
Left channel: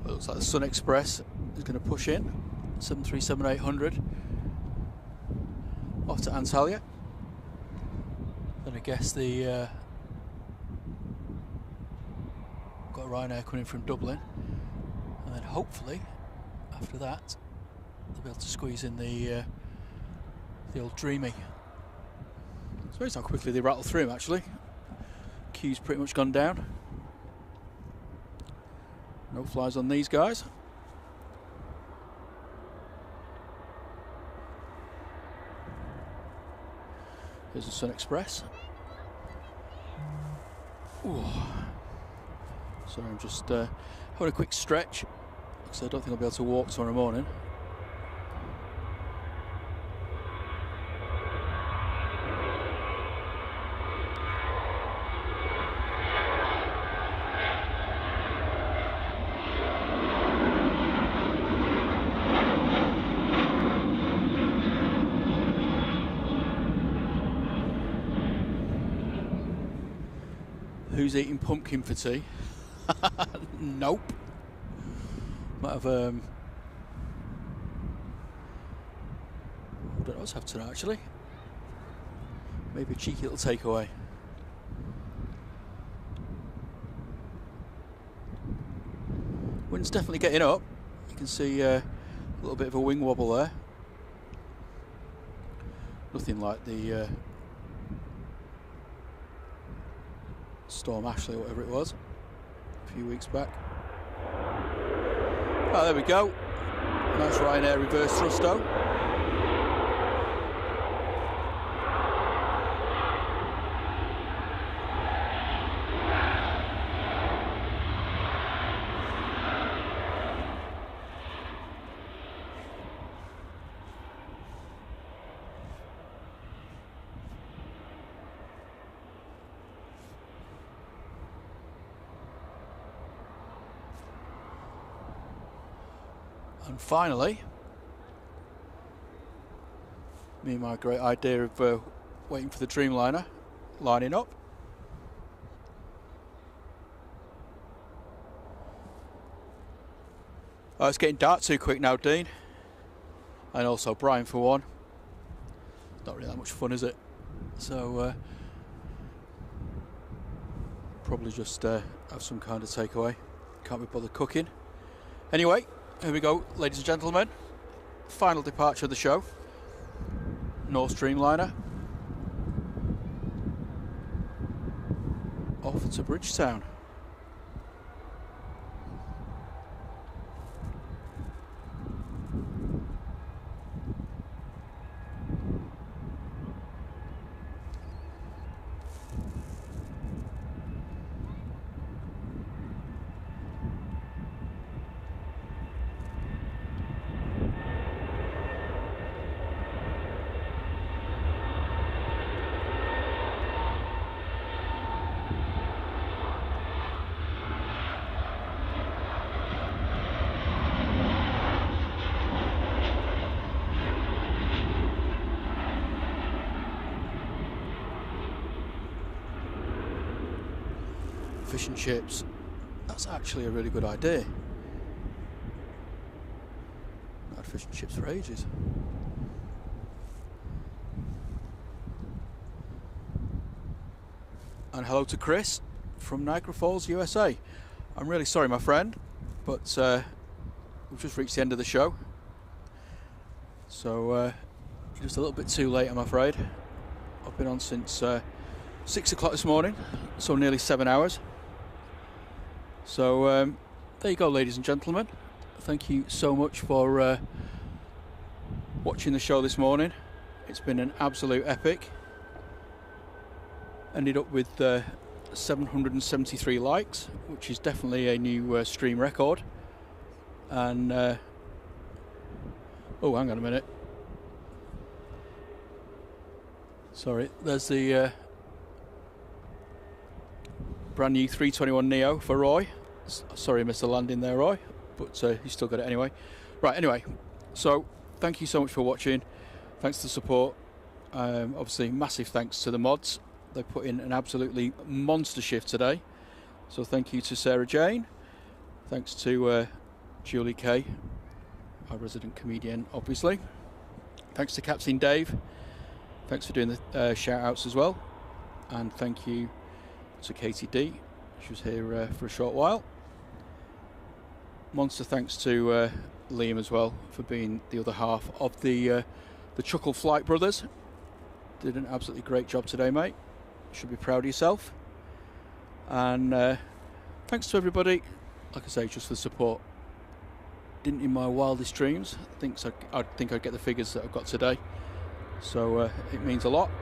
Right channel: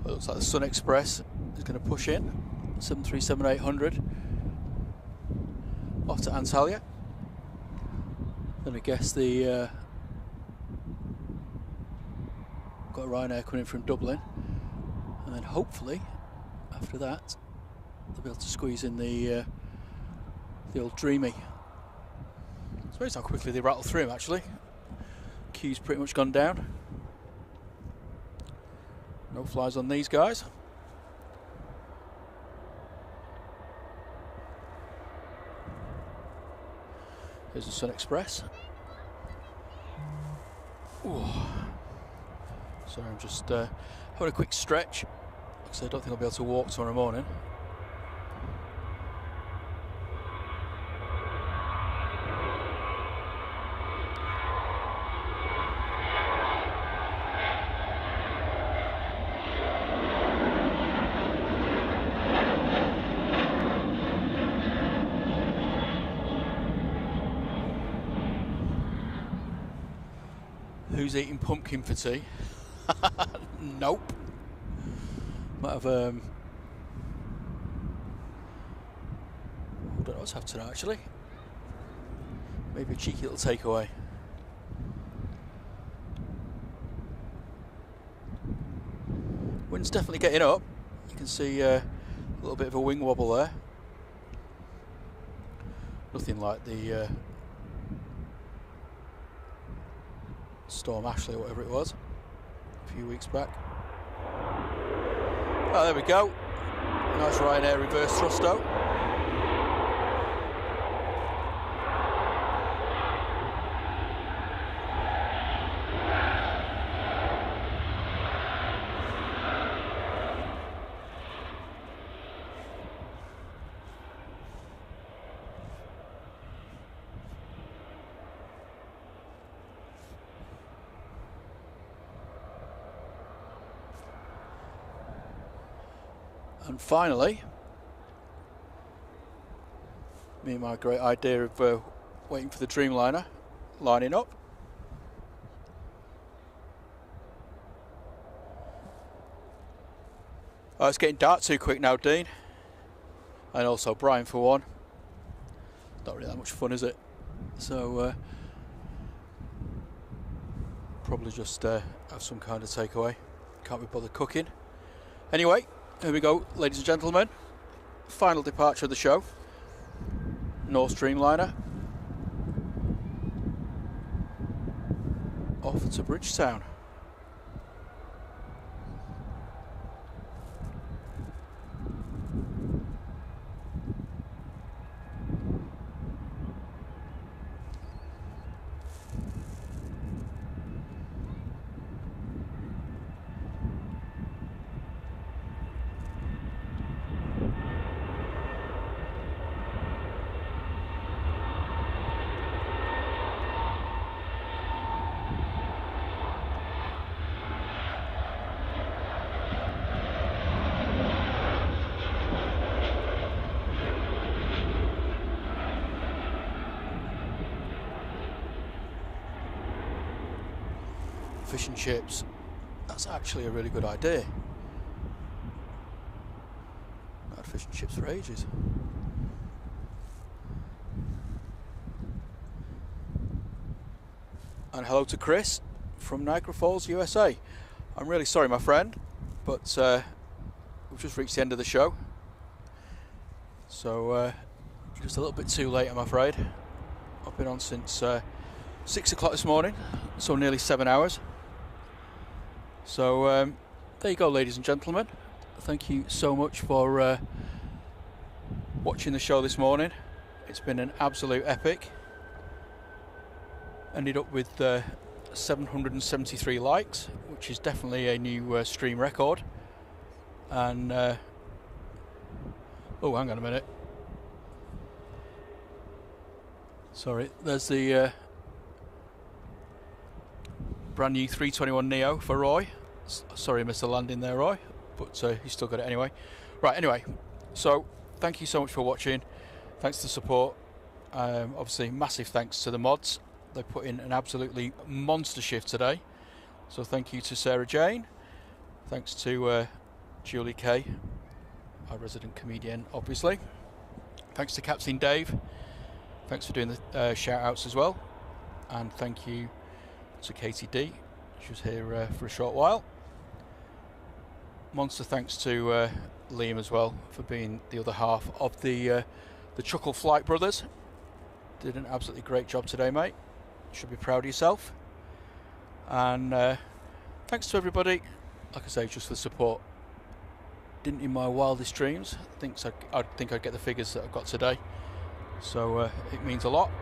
Well, it looks like the Sun Express is going to push in, 737-800 off to Antalya. Then I guess the got a Ryanair coming in from Dublin, and then hopefully after that they'll be able to squeeze in the old Dreamy. It's amazing how quickly they rattle through them actually. Queue's pretty much gone down. No flies on these guys. Here's the Sun Express. Ooh. Sorry, I'm just having a quick stretch because I don't think I'll be able to walk tomorrow morning. Who's eating pumpkin for tea? Nope. Might have I don't know what's happening actually. Maybe a cheeky little takeaway. Wind's definitely getting up. You can see a little bit of a wing wobble there. Nothing like the Storm Ashley or whatever it was a few weeks back. Oh, there we go. Nice Ryanair reverse thrusto. And finally, me and my great idea of waiting for the Dreamliner lining up. Oh, it's getting dark too quick now, Dean. And also Brian for one. Not really that much fun, is it? So probably just have some kind of takeaway. Can't be bothered cooking. Anyway, here we go, ladies and gentlemen. Final departure of the show. North Dreamliner. Off to Bridgetown. Fish and chips. That's actually a really good idea. Not had fish and chips for ages. And hello to Chris from Niagara Falls, USA. I'm really sorry, my friend, but we've just reached the end of the show. So just a little bit too late, I'm afraid. I've been on since 6 o'clock this morning, so nearly 7 hours. So there you go, ladies and gentlemen. Thank you so much for watching the show this morning. It's been an absolute epic. Ended up with 773 likes, which is definitely a new stream record. And oh, hang on a minute. Sorry, there's the brand new 321 Neo for Roy. Sorry, Mr. Landing there, Roy, but he's still got it anyway. Right, anyway, so thank you so much for watching. Thanks for the support. Obviously, massive thanks to the mods. They put in an absolutely monster shift today. So thank you to Sarah Jane. Thanks to Julie Kay, our resident comedian, obviously. Thanks to Captain Dave. Thanks for doing the shout outs as well. And thank you to Katie D. She was here for a short while. Monster thanks to Liam as well for being the other half of the Chuckle Flight Brothers. Did an absolutely great job today, mate. Should be proud of yourself. And thanks to everybody, like I say, just for the support. Didn't in my wildest dreams I think I'd get the figures that I've got today. So it means a lot.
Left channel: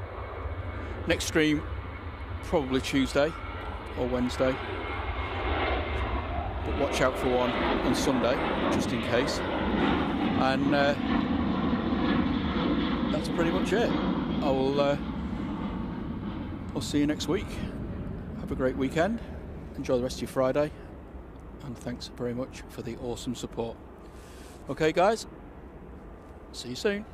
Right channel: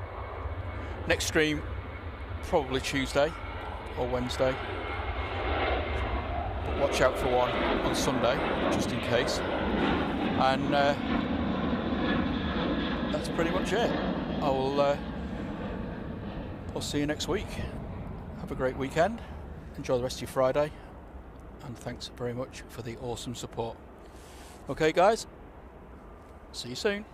Next stream probably Tuesday or Wednesday, but watch out for one on Sunday just in case. And that's pretty much it. I'll see you next week. Have a great weekend, enjoy the rest of your Friday, and thanks very much for the awesome support. Okay guys, see you soon.